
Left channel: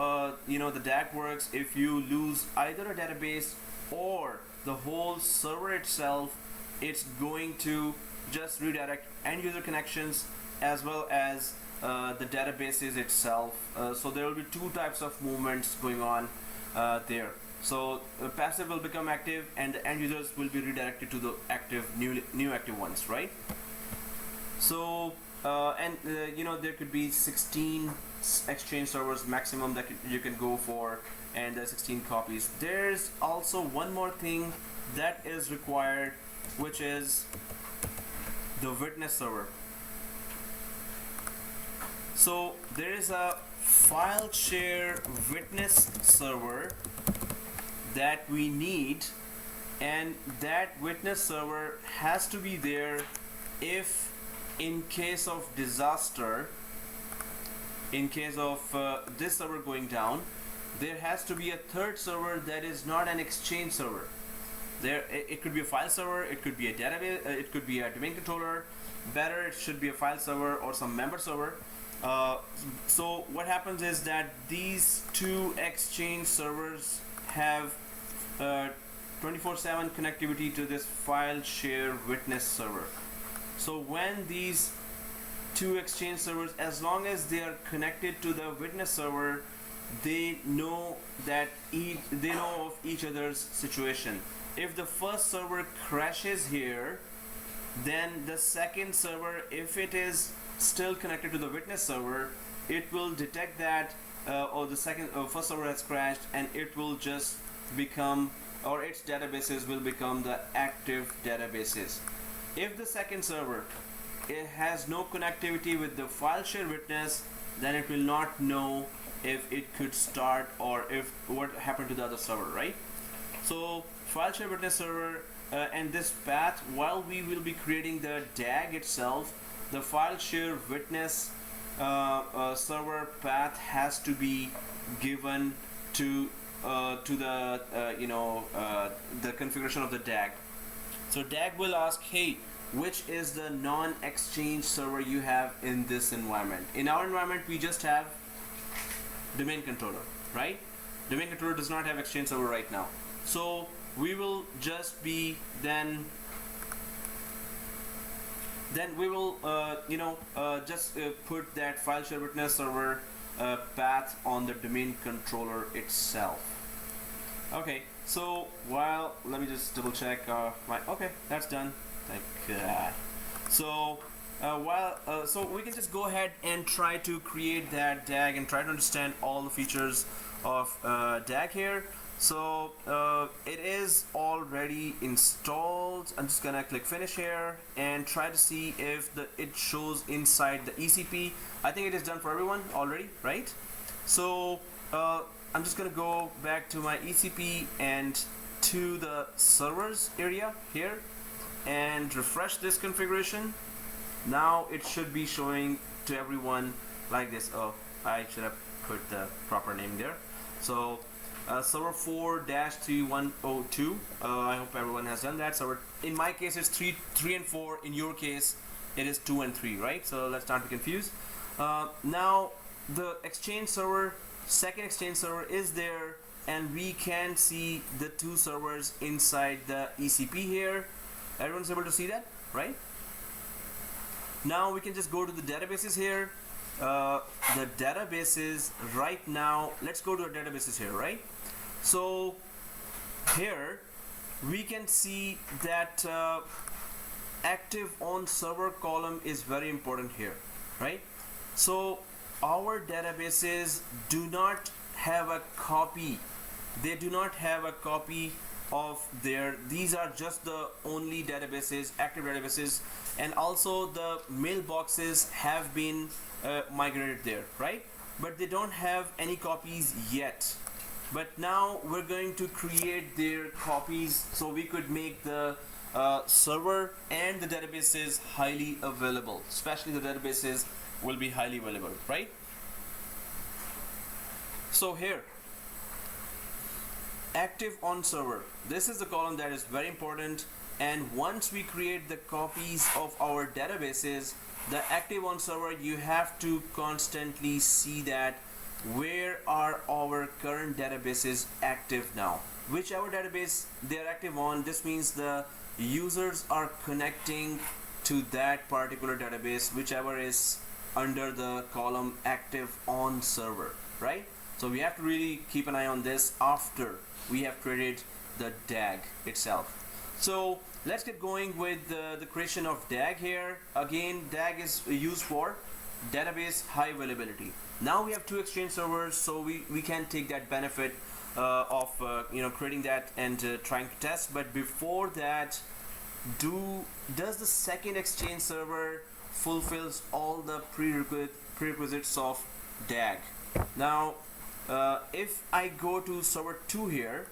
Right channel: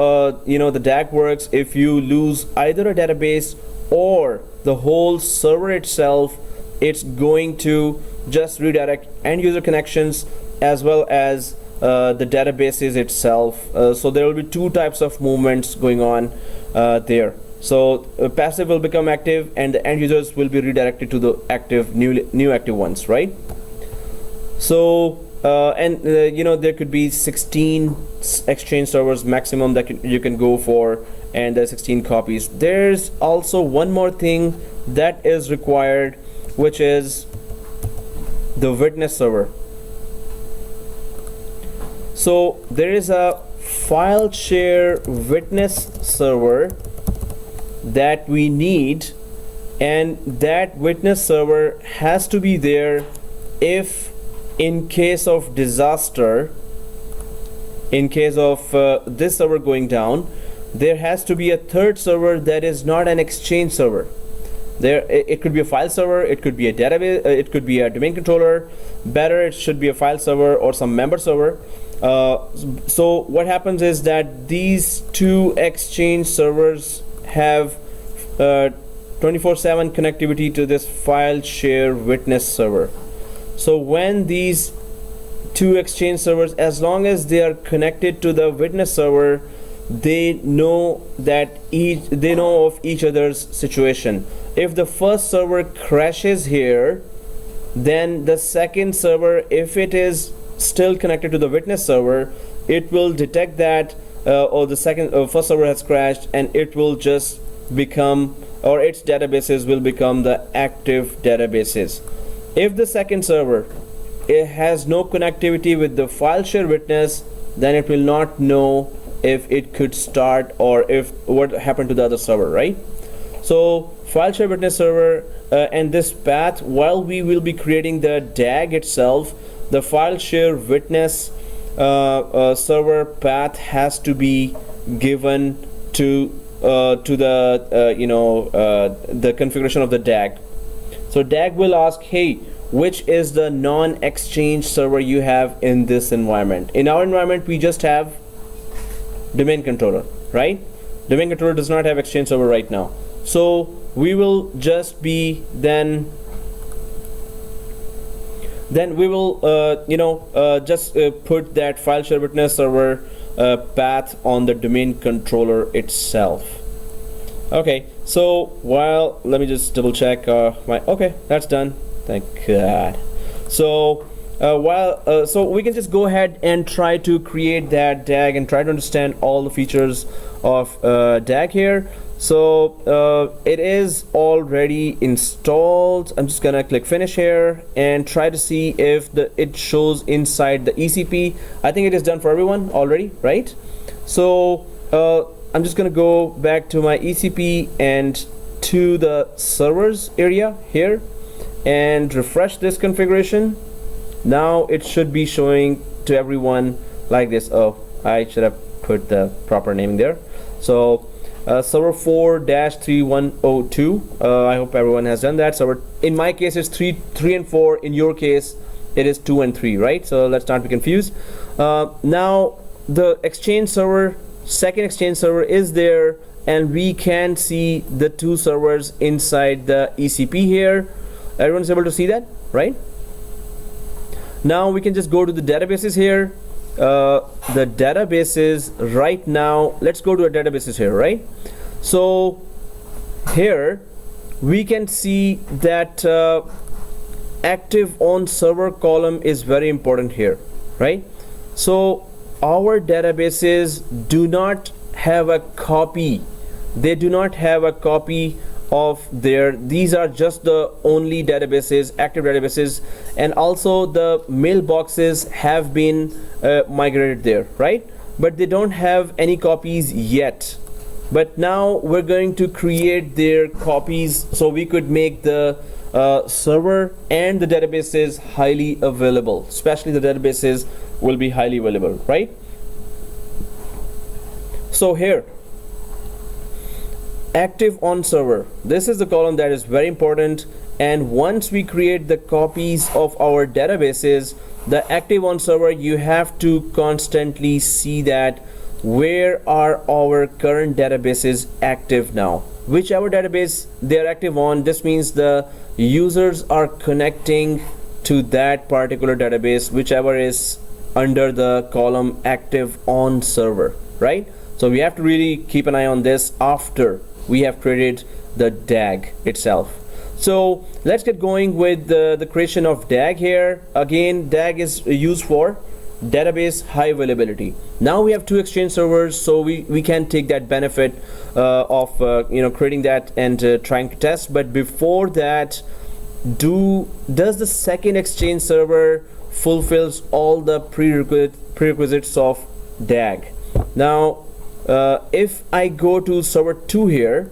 the DAG works. If you lose either a database or the whole server itself, it's going to just redirect end user connections as well as the databases itself. So there will be 2 types of movements going on there. So passive will become active, and the end users will be redirected to the active, new active ones, right? So there could be 16 Exchange servers maximum that you can go for, and there's 16 copies. There's also one more thing that is required, which is the witness server. So there is a file share witness server that we need, and that witness server has to be there if in case of disaster, in case of this server going down, there has to be a third server that is not an Exchange server. It could be a file server, it could be a database, it could be a domain controller. Better, it should be a file server or some member server. So what happens is that these 2 Exchange servers have 24/7 connectivity to this file share witness server. So when these 2 Exchange servers, as long as they are connected to the witness server, they know of each other's situation. If the first server crashes here, then the second server, if it is still connected to the witness server, it will detect that the first server has crashed, and it will just become or its databases will become the active databases. If the second server, it has no connectivity with the file share witness, then it will not know if it could start or if what happened to the other server, right? So file share witness server and this path, while we will be creating the DAG itself, the file share witness server path has to be given to the configuration of the DAG. So DAG will ask, hey, which is the non-exchange server you have in this environment? In our environment, we just have domain controller, right? Domain controller does not have exchange server right now. So we will just be then we will just put that file share witness server path on the domain controller itself. Okay, so let me just double check okay, that's done, thank God. So so we can just go ahead and try to create that DAG and try to understand all the features of DAG here. So it is already installed. I'm just gonna click finish here and try to see if it shows inside the ECP. I think it is done for everyone already, right? So I'm just gonna go back to my ECP and to the servers area here and refresh this configuration. Now it should be showing to everyone like this. Oh, I should have put the proper name there. So server 4-3102. I hope everyone has done that. So in my case it's 3 and 4. In your case it is 2 and 3, right? So let's not be confused. Now the exchange server, second exchange server is there, and we can see the two servers inside the ECP here. Everyone's able to see that, right? Now we can just go to the databases here. The databases right now, let's go to our databases here, right? So here we can see that active on server column is very important here, right? So our databases do not have a copy. They do not have a copy of these are just the only databases, active databases, and also the mailboxes have been migrated there, right? But they don't have any copies yet. But now we're going to create their copies so we could make the server and the databases highly available. Especially the databases will be highly available, right? So here, active on server, this is the column that is very important, and once we create the copies of our databases, the active on server, you have to constantly see that where are our current databases active now, whichever database they are active on. This means the users are connecting to that particular database, whichever is under the column active on server, right? So we have to really keep an eye on this after we have created the DAG itself. So let's get going with the creation of DAG here. Again, DAG is used for database high availability. Now we have two exchange servers, so we can take that benefit of creating that and trying to test. But before that, does the second exchange server fulfills all the prerequisites of DAG? Now if I go to server 2 here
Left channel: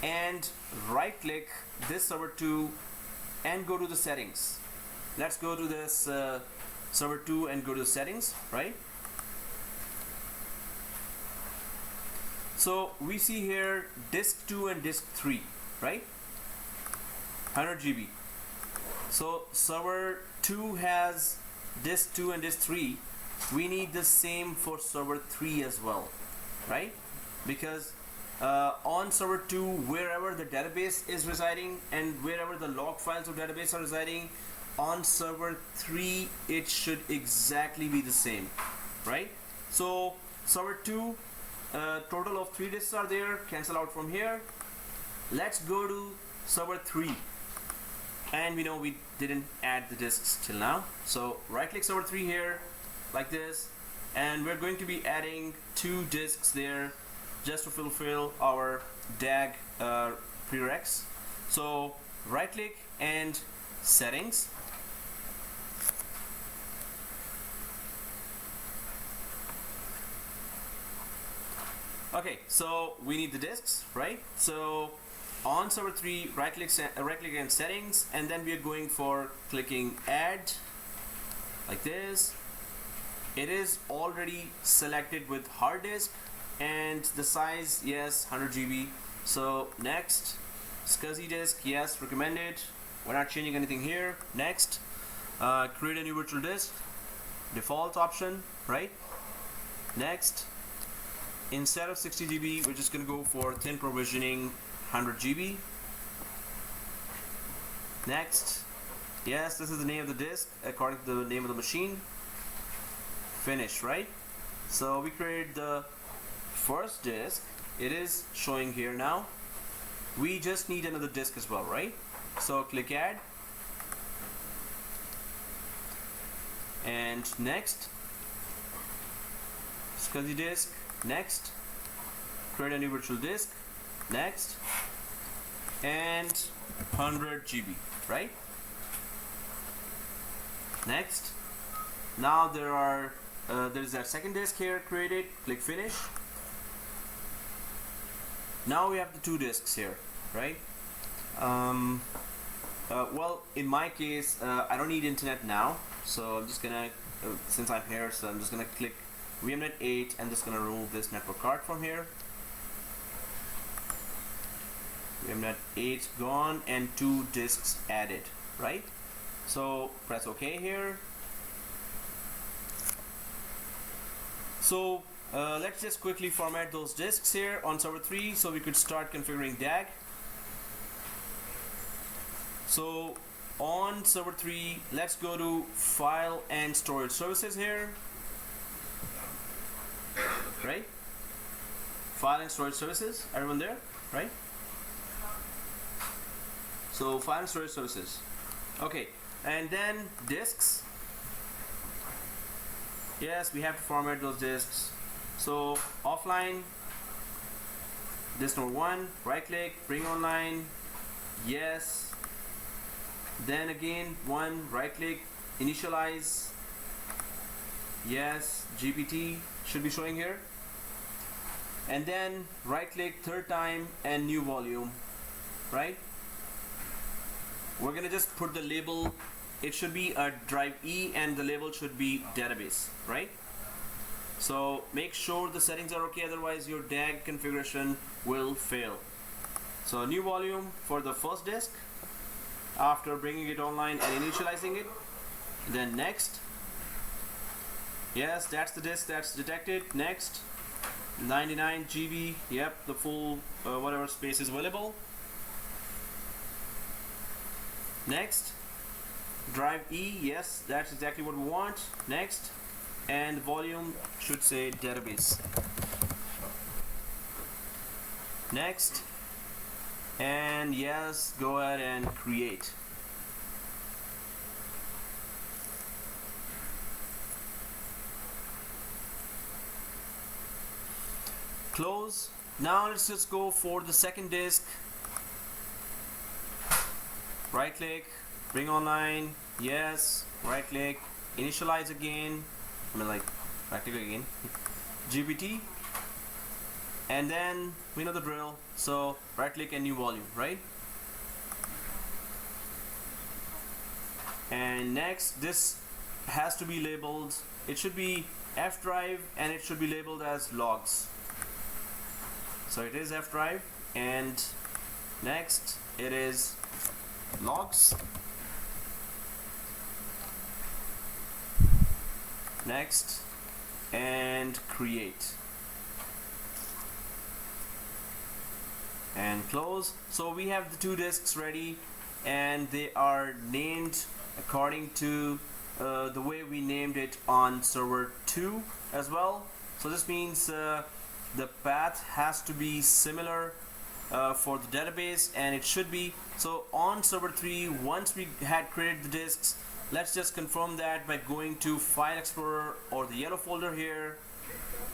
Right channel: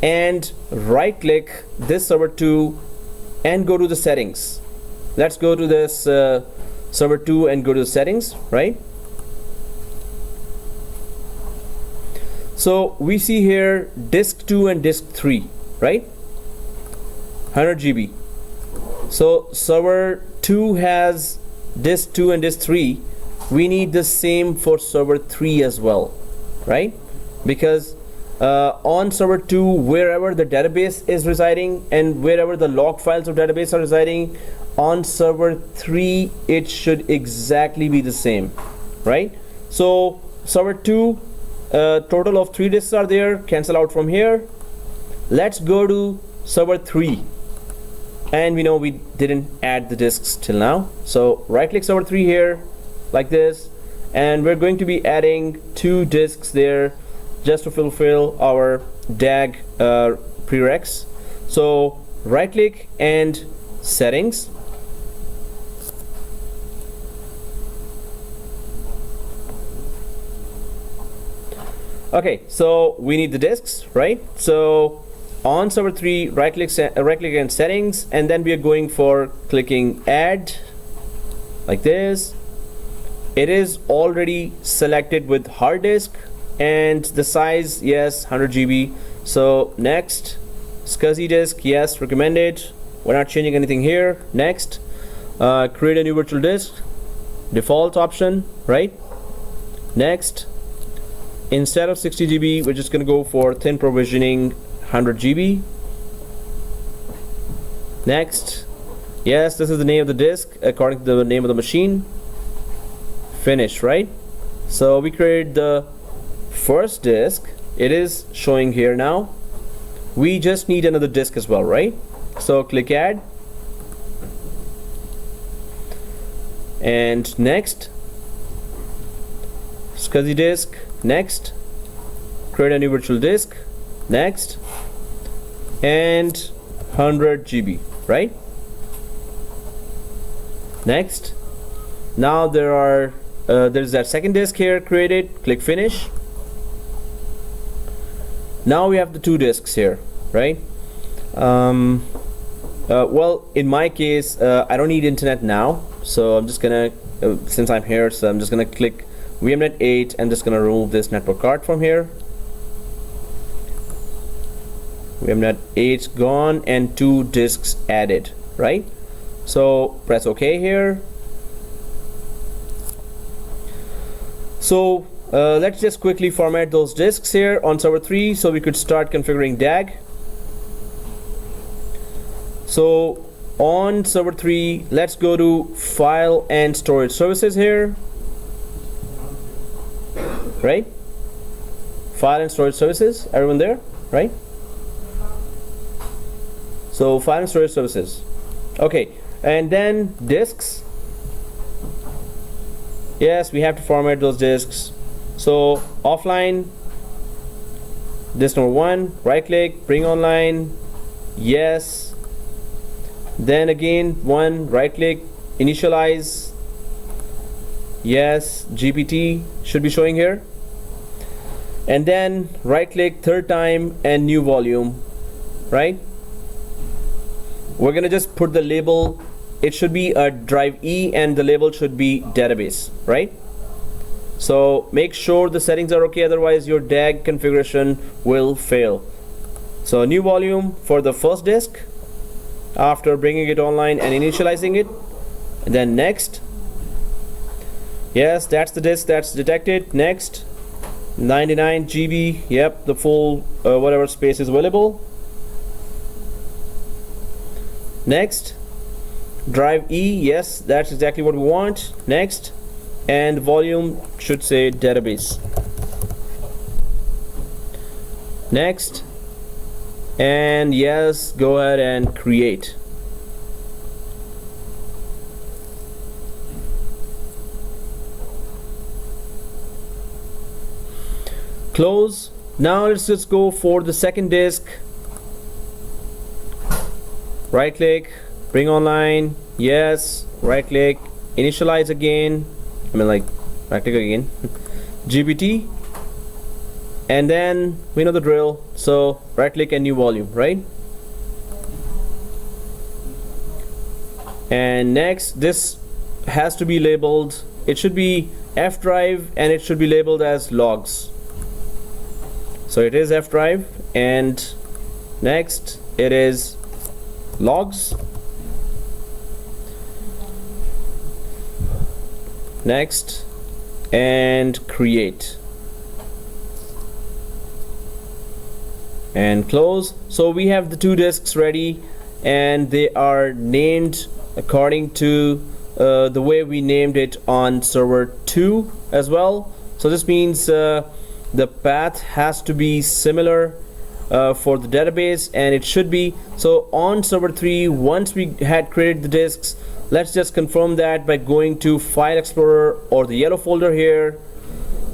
and right click this server 2 and go to the settings, let's go to this server 2 and go to the settings, right? So we see here disk 2 and disk 3, right? 100 GB. So server 2 has disk 2 and disk 3. We need the same for server 3 as well, right? Because on server 2, wherever the database is residing and wherever the log files of database are residing, on server 3 it should exactly be the same, right? So server 2, total of 3 disks are there, cancel out from here. Let's go to server 3, and we know we didn't add the disks till now, so right click server 3 here like this, and we're going to be adding 2 disks there just to fulfill our DAG prereqs. So right click and settings. Okay, so we need the disks, right? So on server 3, right click and settings, and then we are going for clicking add like this. It is already selected with hard disk and the size, yes, 100 GB. So next, SCSI disk, yes, recommended. We're not changing anything here. Next, create a new virtual disk, default option, right? Next, instead of 60 GB, we're just going to go for thin provisioning 100 GB. Next, yes, this is the name of the disk according to the name of the machine. Finish, right? So we created the first disk. It is showing here now. We just need another disk as well, right? So click add. And next, SCSI disk. Next, create a new virtual disk. Next, and 100 GB, right? Next, now there's that second disk here created. Click finish. Now we have the two disks here, right? Well, in my case, I don't need internet now, so I'm just gonna since I'm here, so I'm just gonna click VMnet 8 and just gonna remove this network card from here. VMnet 8 gone and two disks added, right? So press OK here. So let's just quickly format those disks here on server 3 so we could start configuring DAG. So on server 3, let's go to file and storage services here, right? File and storage services, everyone there, right? So file and storage services. Okay, and then disks. Yes, we have to format those disks. So offline, disk number 1, right click, bring online, yes. Then again 1, right click, initialize, yes. GPT should be showing here. And then right click third time and new volume, right? We're gonna just put the label. It should be a drive E and the label should be database, right? So make sure the settings are okay, otherwise your DAG configuration will fail. So new volume for the first disk after bringing it online and initializing it. And then next, yes, that's the disk that's detected. Next, 99 GB, yep, the full whatever space is available. Next, drive E, yes, that's exactly what we want. Next, and volume should say database. Next, and yes, go ahead and create. Close. Now let's just go for the second disk. Right click, bring online, yes, right click, initialize again, right click again, GPT, and then we know the drill, so right click and new volume, right? And next, this has to be labeled, it should be F drive and it should be labeled as logs. So it is F drive, and next it is logs. Next, and create. And close. So we have the two disks ready and they are named according to the way we named it on server 2 as well. So this means the path has to be similar for the database, and it should be. So on server 3, once we had created the disks, let's just confirm that by going to File Explorer or the yellow folder here.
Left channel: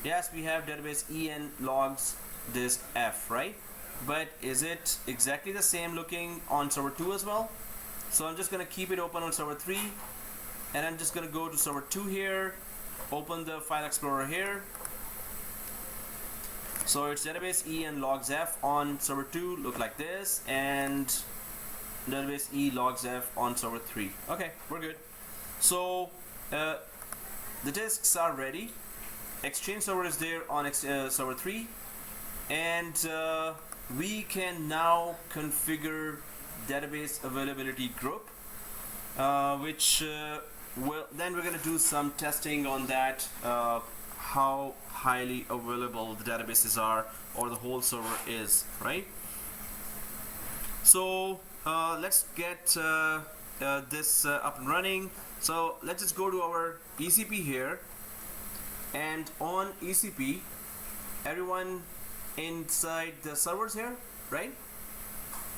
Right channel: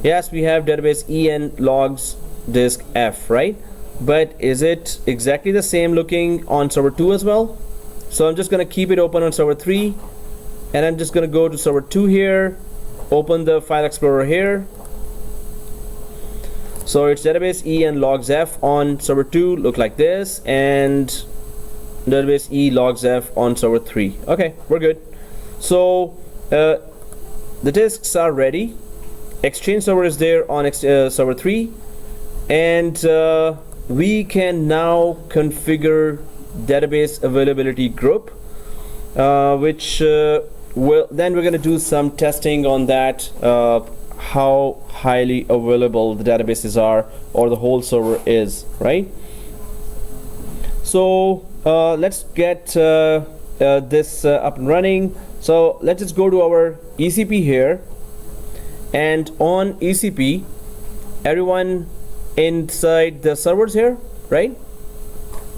Yes, we have database E and logs disk F, right? but is it exactly the same looking on server 2 as well? So I'm just going to keep it open on server 3, and I'm just going to go to server 2 here, open the file explorer here. So it's database E and logs F on server 2 look like this, and database E logs F on server 3. Okay, we're good. So the disks are ready. Exchange server is there on server 3, and we can now configure database availability group, which then we're going to do some testing on that, how highly available the databases are or the whole server is, right? So let's get this up and running. So let's just go to our ECP here, and on ECP, everyone inside the servers here, right?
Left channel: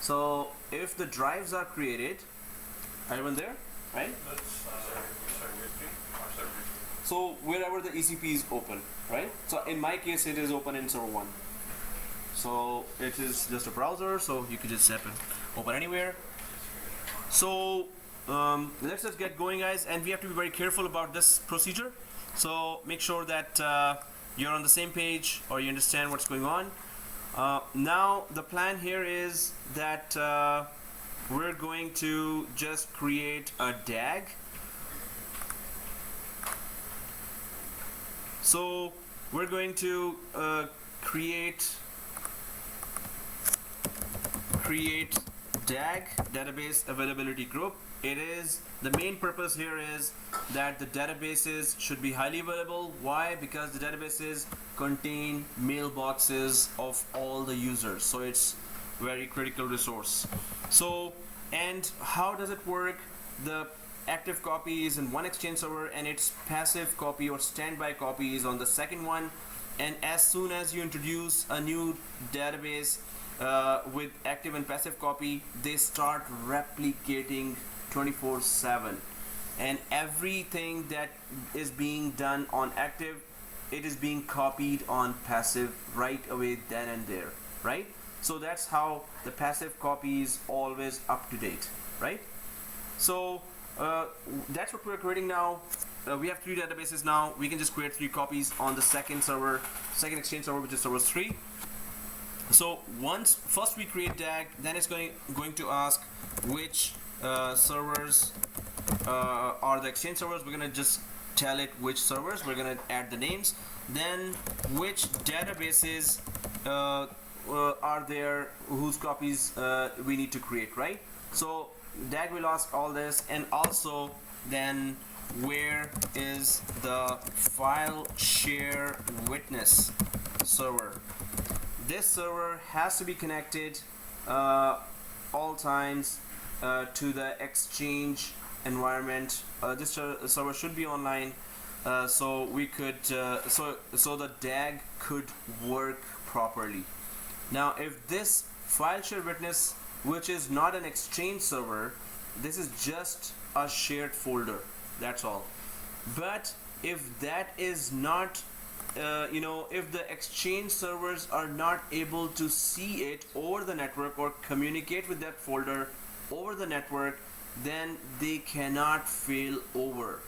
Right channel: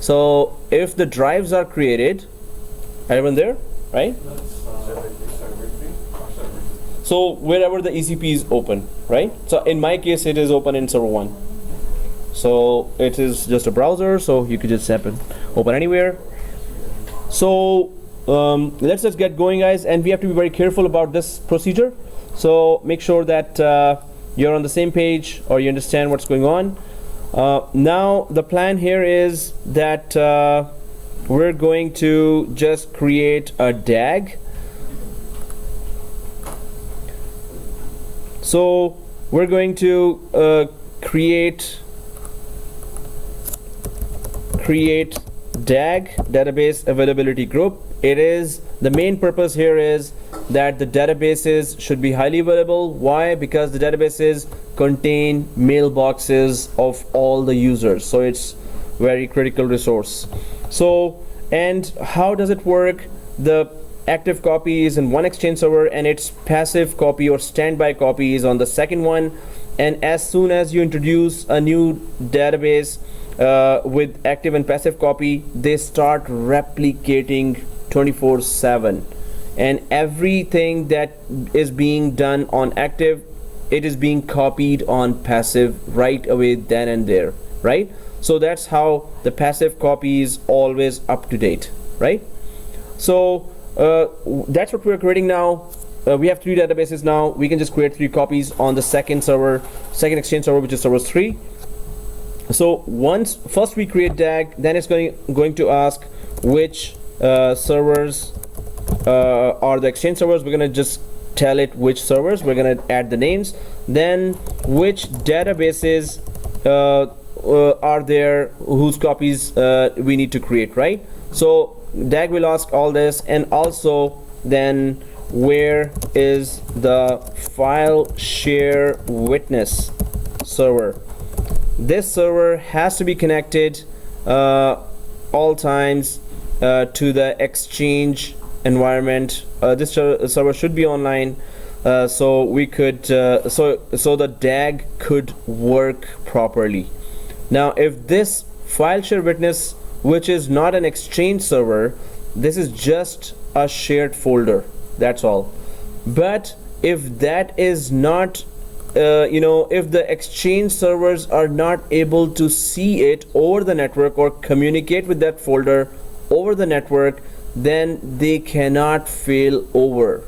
So if the drives are created, everyone there, right? So wherever the ECP is open, right? So in my case, it is open in server 1. So it is just a browser, so you could just open anywhere. So let's just get going, guys, and we have to be very careful about this procedure. So make sure that you're on the same page or you understand what's going on. Now the plan here is that we're going to just create a DAG. So we're going to create DAG, database availability group. It is the main purpose here is that the databases should be highly available. Why? Because the databases contain mailboxes of all the users, so it's very critical resource. So, and how does it work? The active copy is in one Exchange server, and its passive copy or standby copy is on the second one. And as soon as you introduce a new database with active and passive copy, they start replicating 24/7, and everything that is being done on active, it is being copied on passive right away then and there, right? So that's how the passive copy is always up to date, right? So that's what we're creating now. We have 3 databases now. We can just create 3 copies on the second Exchange server, which is server 3. So first we create DAG, then it's going to ask which servers are the Exchange servers. We're going to just tell it which servers. We're going to add the names. Then which databases are there whose copies we need to create, right? So DAG will ask all this, and also then where is the file share witness server. This server has to be connected all times to the Exchange environment. This server should be online, so we could so the DAG could work properly. Now if this file share witness, which is not an Exchange server, this is just a shared folder, that's all. But if that is not if the Exchange servers are not able to see it over the network or communicate with that folder over the network, then they cannot fail over.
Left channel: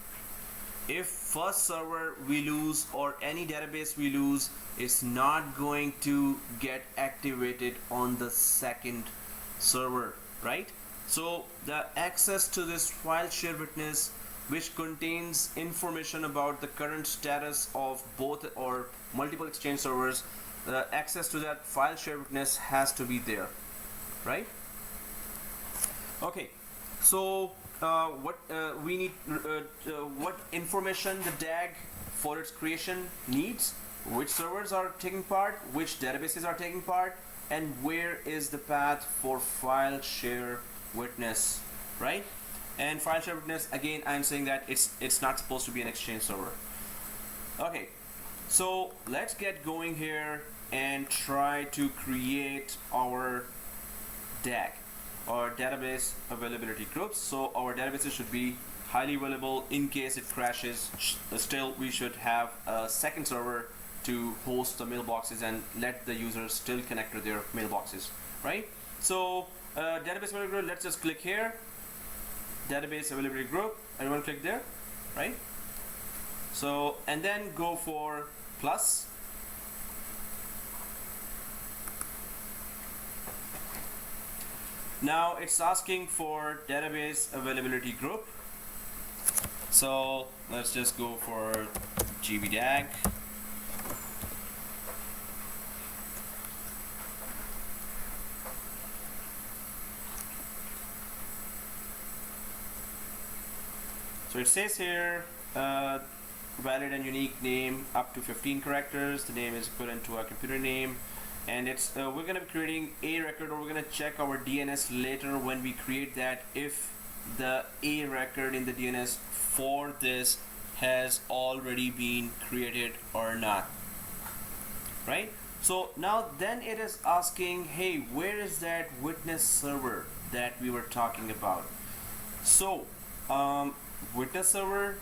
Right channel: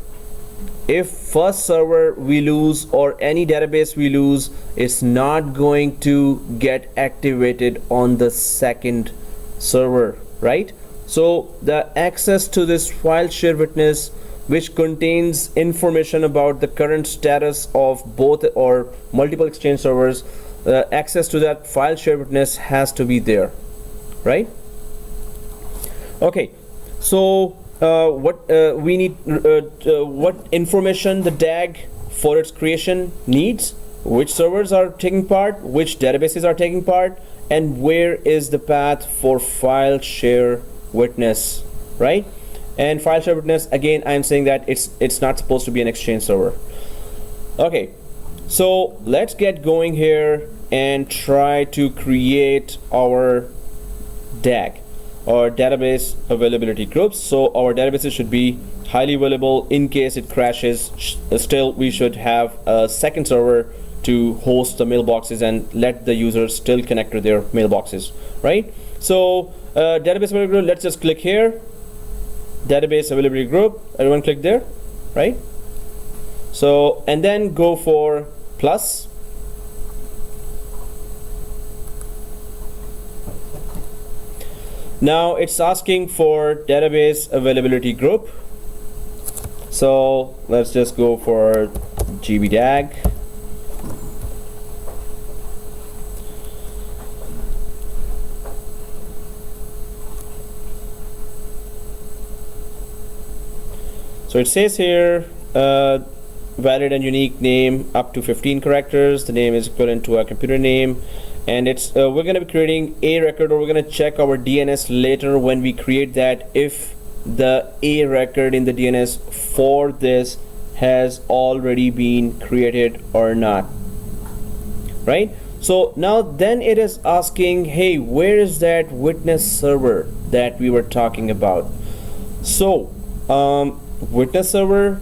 If first server we lose or any database we lose, it's not going to get activated on the second server, right? So the access to this file share witness, which contains information about the current status of both or multiple Exchange servers, access to that file share witness has to be there, right? Okay, so what we need, what information the DAG for its creation needs, which servers are taking part, which databases are taking part, and where is the path for file share witness, right? And file share witness, again, I'm saying that it's not supposed to be an Exchange server. Okay, so let's get going here and try to create our DAG or database availability groups. So our databases should be highly available. In case it crashes, still we should have a second server to host the mailboxes and let the users still connect to their mailboxes, right? So database availability group, let's just click here, database availability group, everyone click there, right? So, and then go for plus. Now it's asking for database availability group. So let's just go for DAG. So it says here valid and unique name up to 15 characters. The name is equivalent to a computer name, and it's we're going to be creating a record, or we're going to check our DNS later when we create that, if the a record in the DNS for this has already been created or not, right? So now then it is asking, hey, where is that witness server that we were talking about? So witness server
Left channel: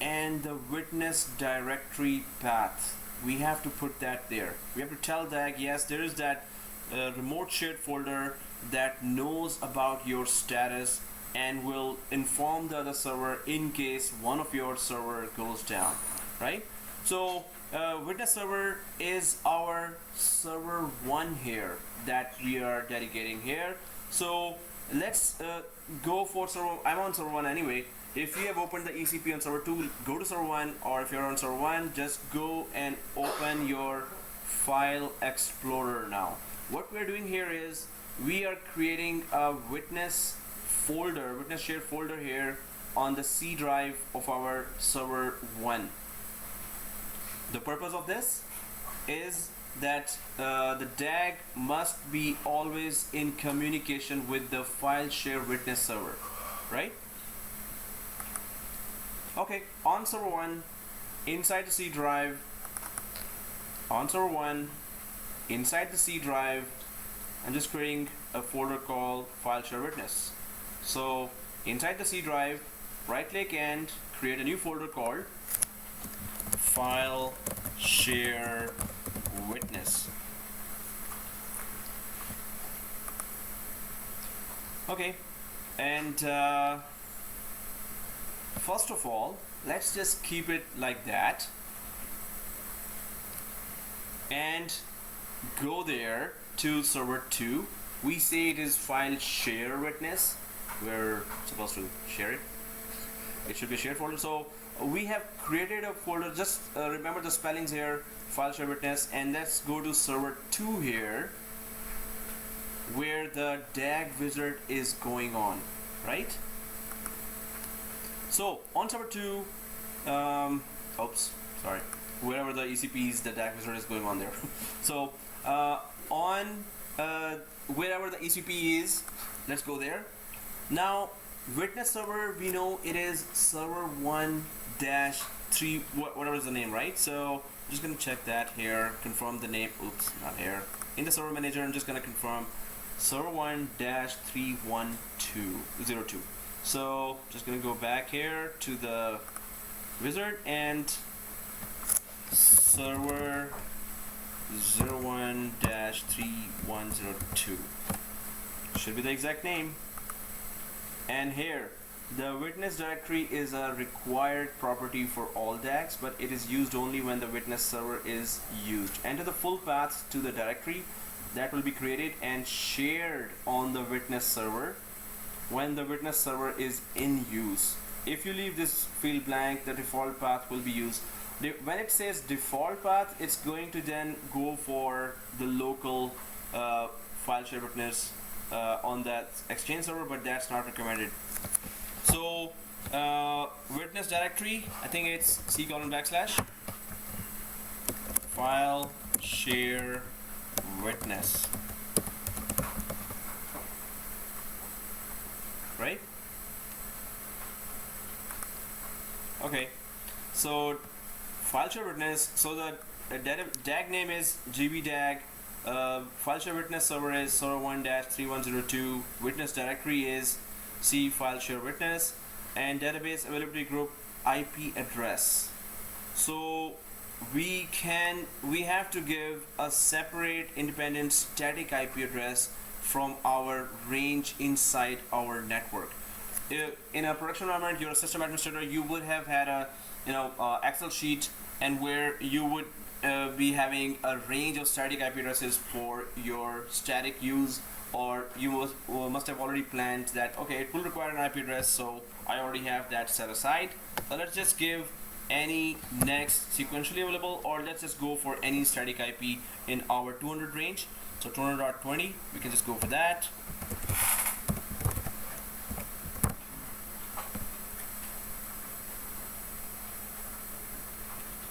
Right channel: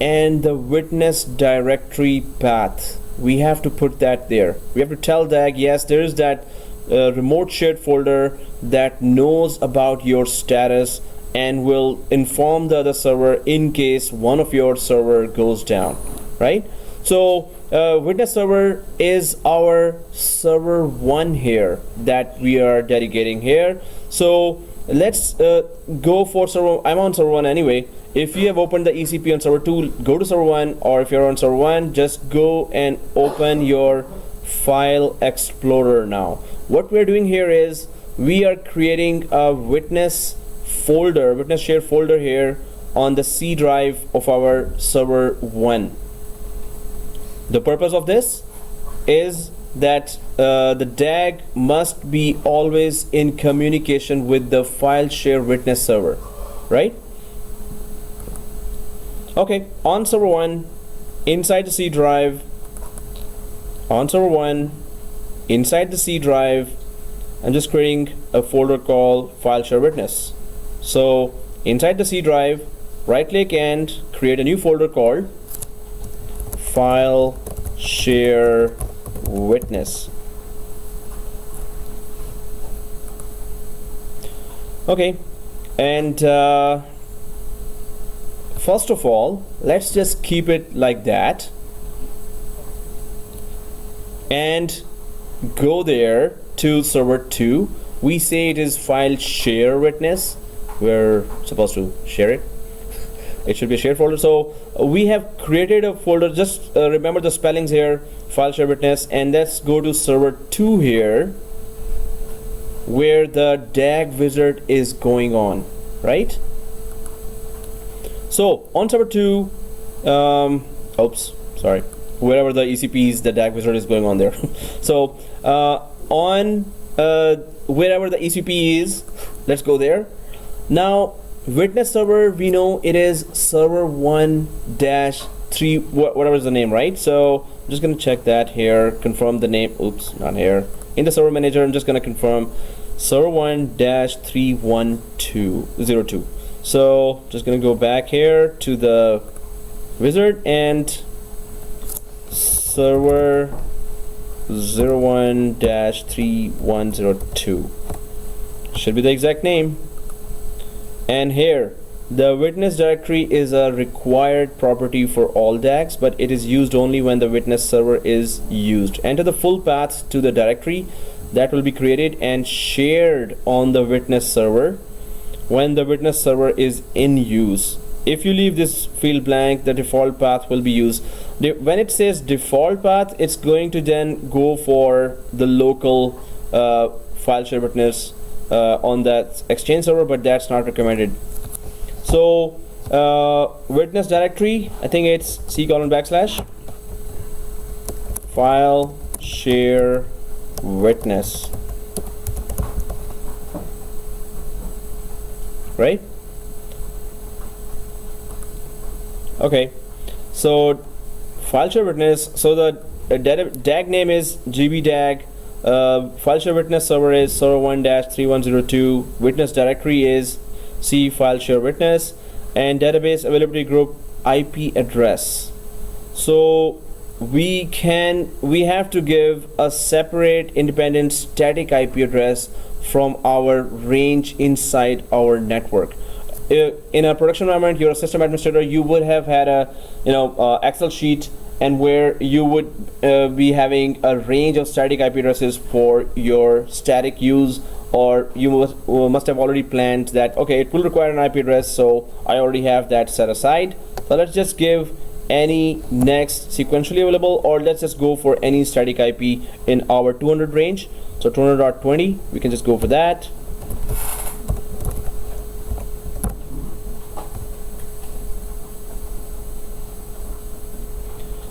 and the witness directory path, we have to put that there. We have to tell DAG, yes, there is that remote shared folder that knows about your status and will inform the other server in case one of your server goes down, right? So witness server is our server 1 here that we are dedicating here. So let's go for server. I'm on server 1 anyway. If you have opened the ECP on server 2, go to server 1, or if you're on server 1, just go and open your file explorer now. What we're doing here is we are creating a witness folder, witness share folder here on the C drive of our server 1. The purpose of this is that the DAG must be always in communication with the file share witness server, right? Okay, on server 1, inside the C drive, on server 1, inside the C drive, I'm just creating a folder called file share witness. So inside the C drive, right click and create a new folder called file share witness. Okay, and first of all, let's just keep it like that and go there to server 2. We say it is file share witness. We're supposed to share it. It should be a shared folder. So we have created a folder. Just remember the spellings here, file share witness, and let's go to server 2 here where the DAG wizard is going on, right? So on server 2, oops, sorry, wherever the ECPs, the DAG wizard is going on there. So on wherever the ECP is, let's go there. Now witness server, we know it is server 1-3, whatever is the name, right? So I'm just going to check that here, confirm the name. Oops, not here. In the server manager, I'm just going to confirm server 1-31202. So just going to go back here to the wizard and server 01-3102 should be the exact name. And here the witness directory is a required property for all DAGs, but it is used only when the witness server is used. Enter the full path to the directory that will be created and shared on the witness server when the witness server is in use. If you leave this field blank, the default path will be used. When it says default path, it's going to then go for the local file share witness on that Exchange server, but that's not recommended. So witness directory, I think it's C:\/ file share witness, right? Okay, so file share witness, so the DAG name is GBDAG, file share witness server is server 1-3102, witness directory is C file share witness, and database availability group IP address. So we have to give a separate independent static IP address from our range inside our network. In a production environment, you're a system administrator, you would have had a Excel sheet, and where you would be having a range of static IP addresses for your static use, or you must have already planned that, okay, it will require an IP address, so I already have that set aside. So let's just give any next sequentially available, or let's just go for any static IP in our 200 range. So 200.20, we can just go for that.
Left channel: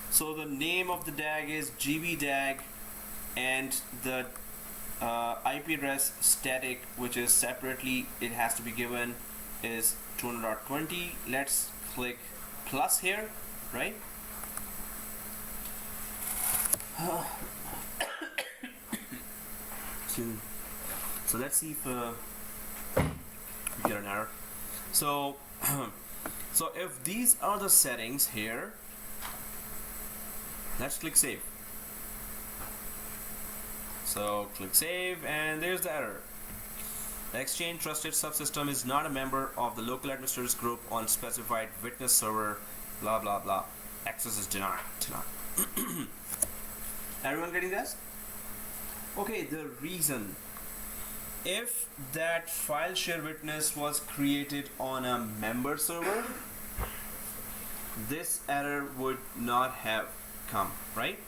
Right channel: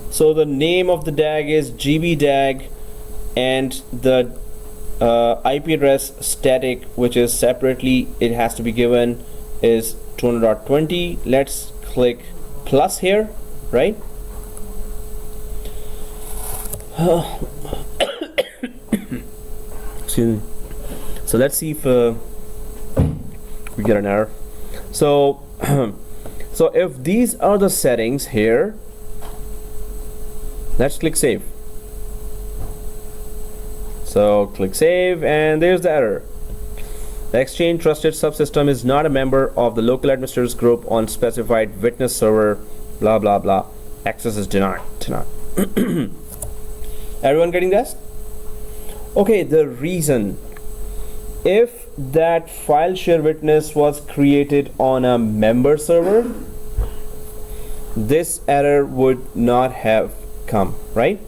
So the name of the DAG is GB-DAG, and the IP address static, which is separately, it has to be given, is 200.20. Let's click plus here, right? So let's see if we get an error. So so if these are the settings here, let's click save. So click save, and there's the error. The Exchange trusted subsystem is not a member of the local administrators group on specified witness server, blah blah blah. Access is denied. Everyone getting this? Okay, the reason, if that file share witness was created on a member server, this error would not have come, right?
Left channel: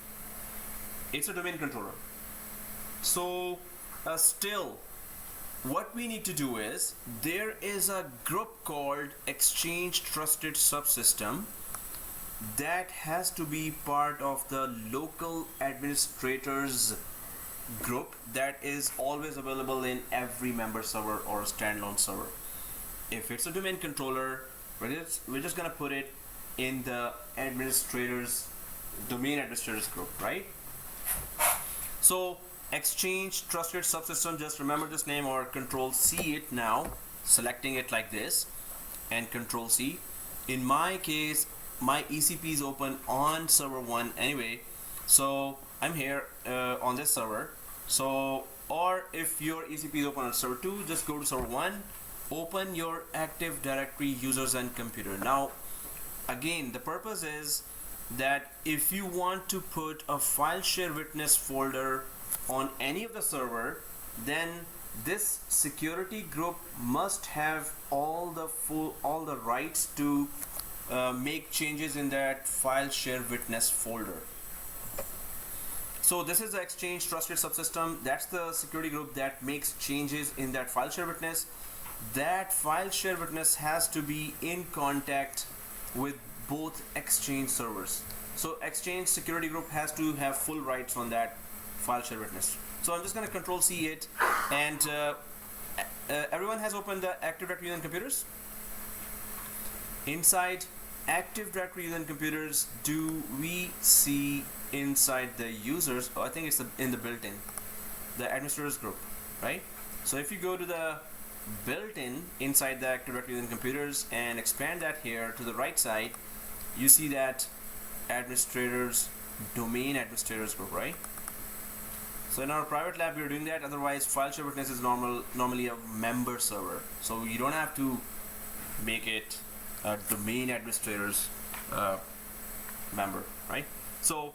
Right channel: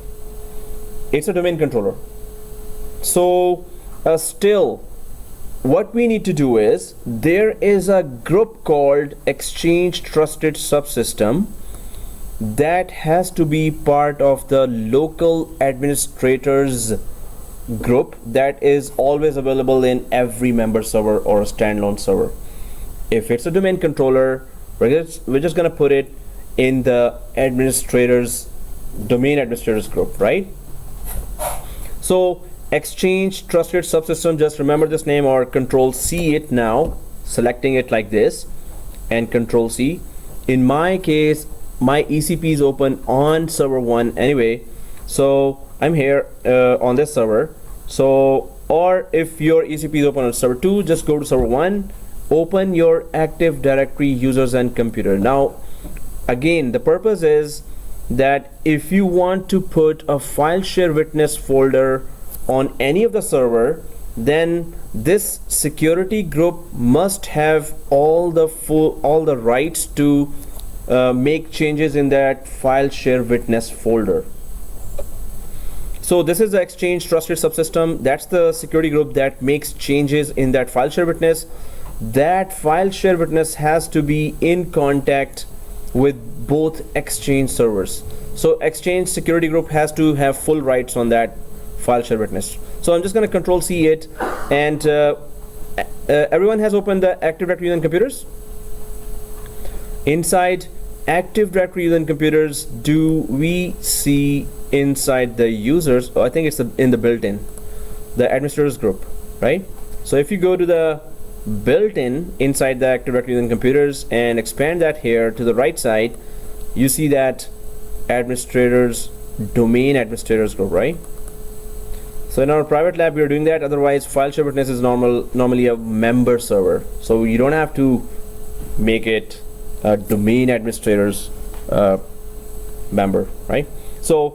It's a domain controller. So still, what we need to do is, there is a group called Exchange Trusted Subsystem that has to be part of the local administrators group that is always available in every member server or a standalone server. If it's a domain controller, we're just gonna put it in the domain administrators group, right? So Exchange Trusted Subsystem, just remember this name, or Control C it now, selecting it like this, and Control C. In my case, my ECP is open on server 1 anyway, so I'm here on this server. So, or if your ECP is open on server 2, just go to server 1, open your Active Directory users and computer. Now again, the purpose is that if you want to put a file share witness folder on any of the server, then this security group must have all the rights to make changes in that file share witness folder. So this is the Exchange Trusted Subsystem. That's the security group that makes changes in that file share witness. That file share witness has to be in contact with both Exchange servers. So Exchange security group has to have full rights on that file share witness. So I'm just going to Control C it, and everyone has opened the Active Directory on computers. Inside Active Directory on computers, do we see inside the users? Oh, I think it's in the built-in, the administrators group, right? So if you go to the built-in inside the Active Directory on computers and expand that here to the right side, you see that domain administrators group, right? So in our private lab we are doing that. Otherwise, file share witness is normally a member server, so you don't have to make it a domain administrators member, right? So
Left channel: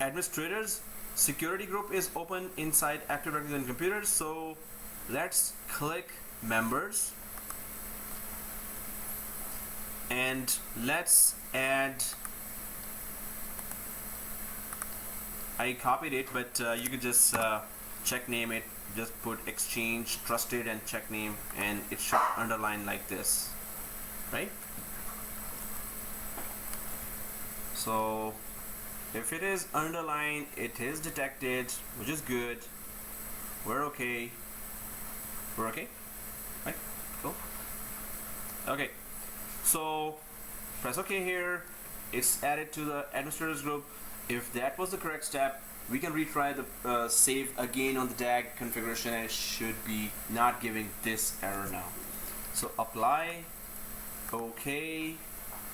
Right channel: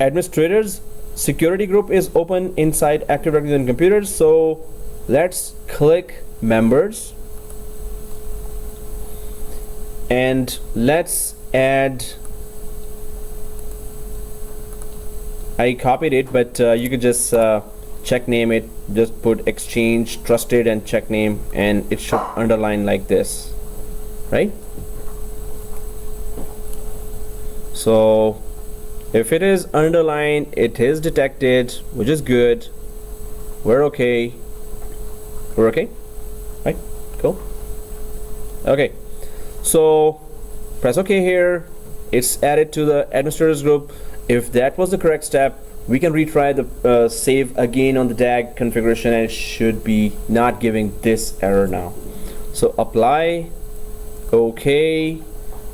administrators security group is open inside Active Directory on computers. So let's click members, and let's add, I copied it, but you could just check name it, just put Exchange Trusted and check name, and it should underline like this, right? So if it is underlined, it is detected, which is good. We're okay, right? Cool. Okay, so press OK here. It's added to the administrators group. If that was the correct step, we can retry the save again on the DAG configuration, and it should be not giving this error now. So apply, OK,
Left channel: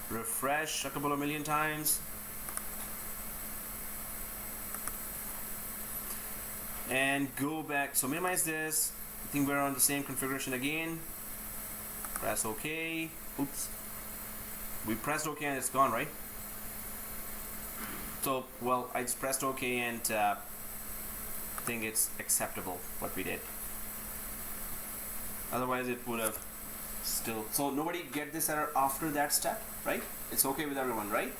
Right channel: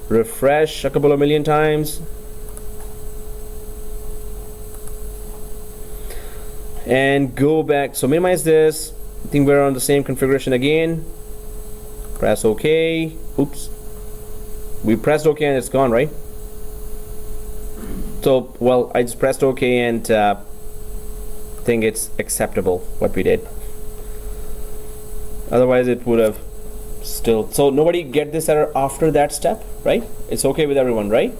refresh a couple of million times. and go back. So minimize this. I think we're on the same configuration again. Press OK. Oops. We pressed OK and it's gone, right? So, well, I just pressed OK and think it's acceptable what we did. Otherwise, it would have still. So nobody get this error after that step, right? It's okay with everyone, right?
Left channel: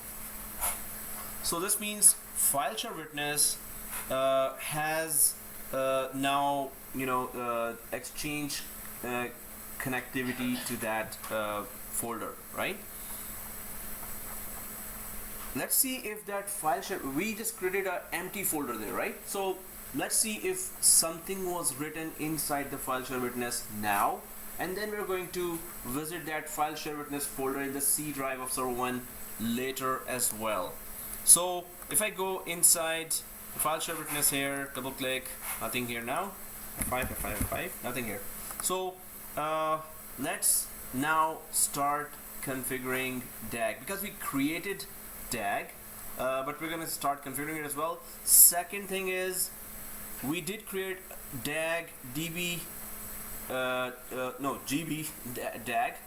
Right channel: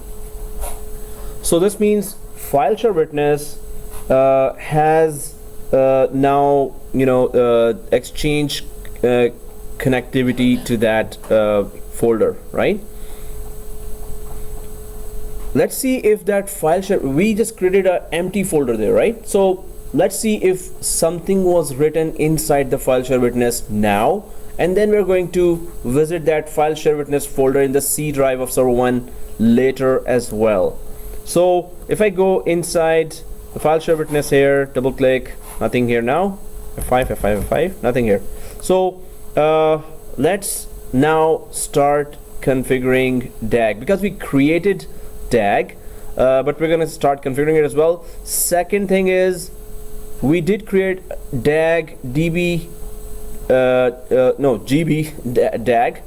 So this means file share witness has now, you know, Exchange connectivity to that folder, right? Let's see if that file share, we just created an empty folder there, right? So let's see if something was written inside the file share witness now, and then we're going to visit that file share witness folder in the C drive of server 1 later as well. So if I go inside the file share witness here, double click, nothing here now, F5, F5, F5, nothing here. So let's now start configuring DAG, because we created DAG, but we're going to start configuring it as well. Second thing is, we did create DAG DB GB DAG,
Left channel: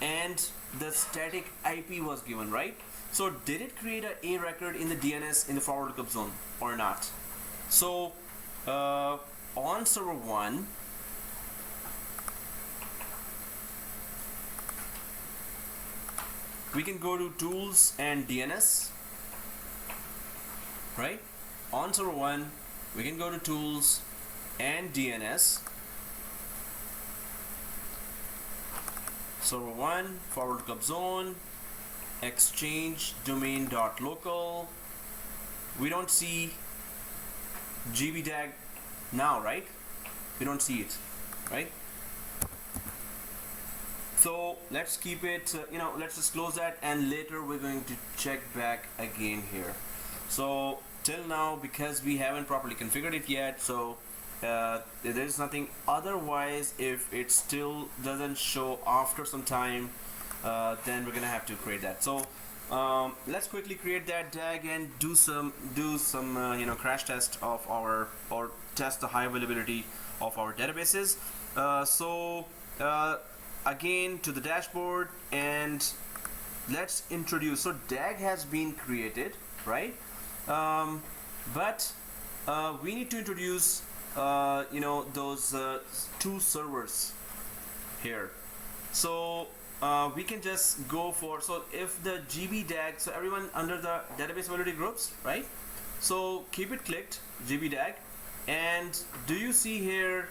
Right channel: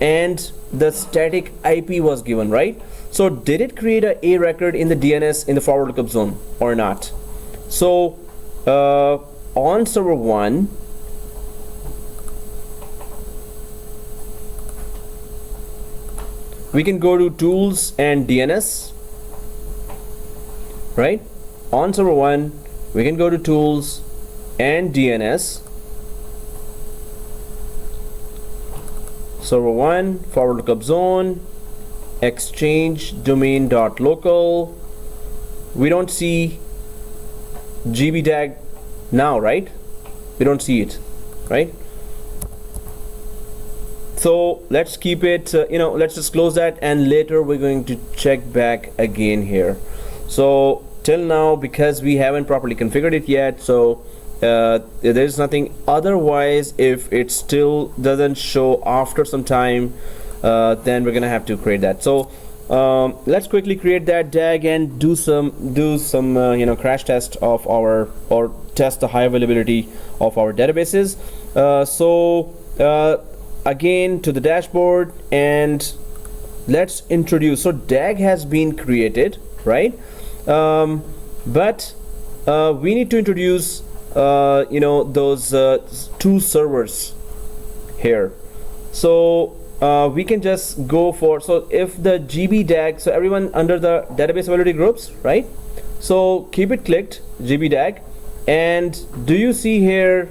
and the static IP was given, right? So did it create a record in the DNS in the forward lookup zone or not? So on server 1, we can go to tools and DNS, right? On server 1, we can go to tools and DNS. Server 1, forward lookup zone, exchange domain.local. We don't see GBDAG now, right? We don't see it, right? So let's keep it, you know, let's just close that, and later we're going to check back again here. So till now, because we haven't properly configured it yet, so there's nothing. Otherwise, if it still doesn't show after some time, then we're gonna have to create that. So let's quickly create that DAG and do some you know, crash test of our, or test the high availability of our databases. Again to the dashboard, and let's introduce. So DAG has been created, right? But we need to introduce you know, those two servers here. So we can just go for, so if the GB DAG, so everyone under the database availability groups, right? So keep it clicked, GB DAG, and do you see here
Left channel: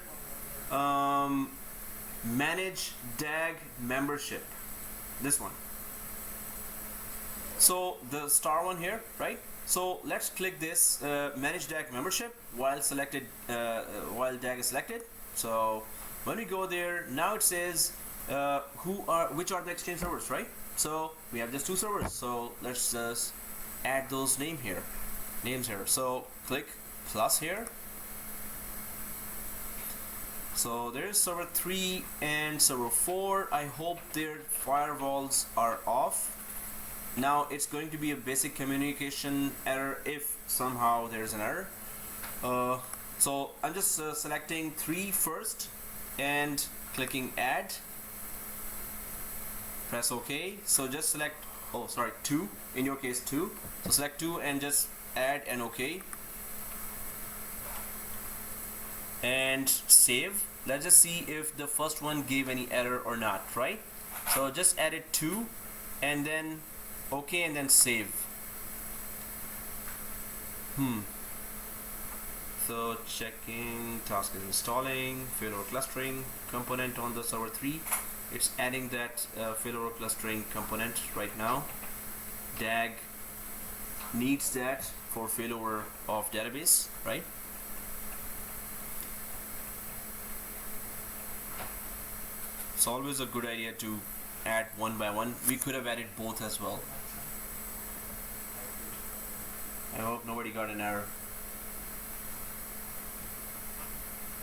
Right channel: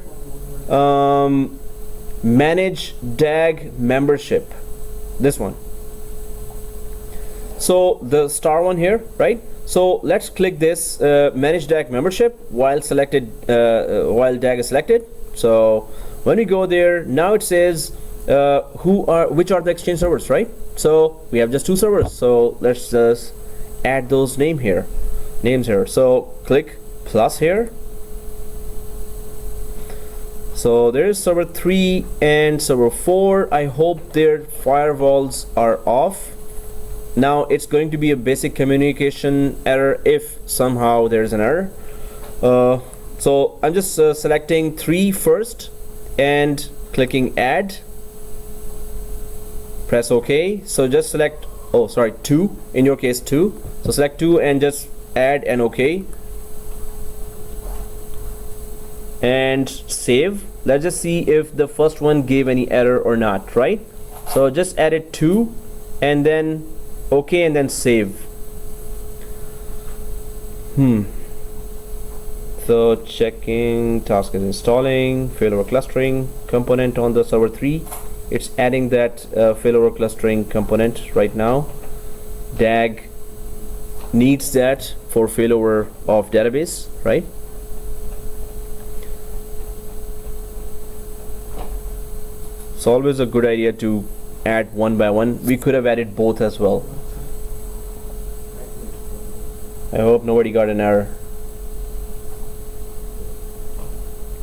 manage DAG membership, this one? So the star one here, right? So let's click this manage DAG membership while selected, while DAG is selected. So when we go there, now it says which are the Exchange servers, right? So we have just two servers. So let's just add those names here. So click plus here. So there's server 3 and server 4. I hope their firewalls are off. Now it's going to be a basic communication error if somehow there's an error. So I'm just selecting 3 first and clicking add. Press OK. So just select, oh sorry, 2, in your case 2. So select 2 and just add and OK. And save. Let's just see if the first one gave any error or not, right? So just add it 2 and then OK and then save. So checking, task is installing, failover clustering component on the server 3. It's adding that failover clustering component right now. DAG needs that for failover of database, right? It's always a good idea to add one by one. We could have added both as well. I hope nobody got an error.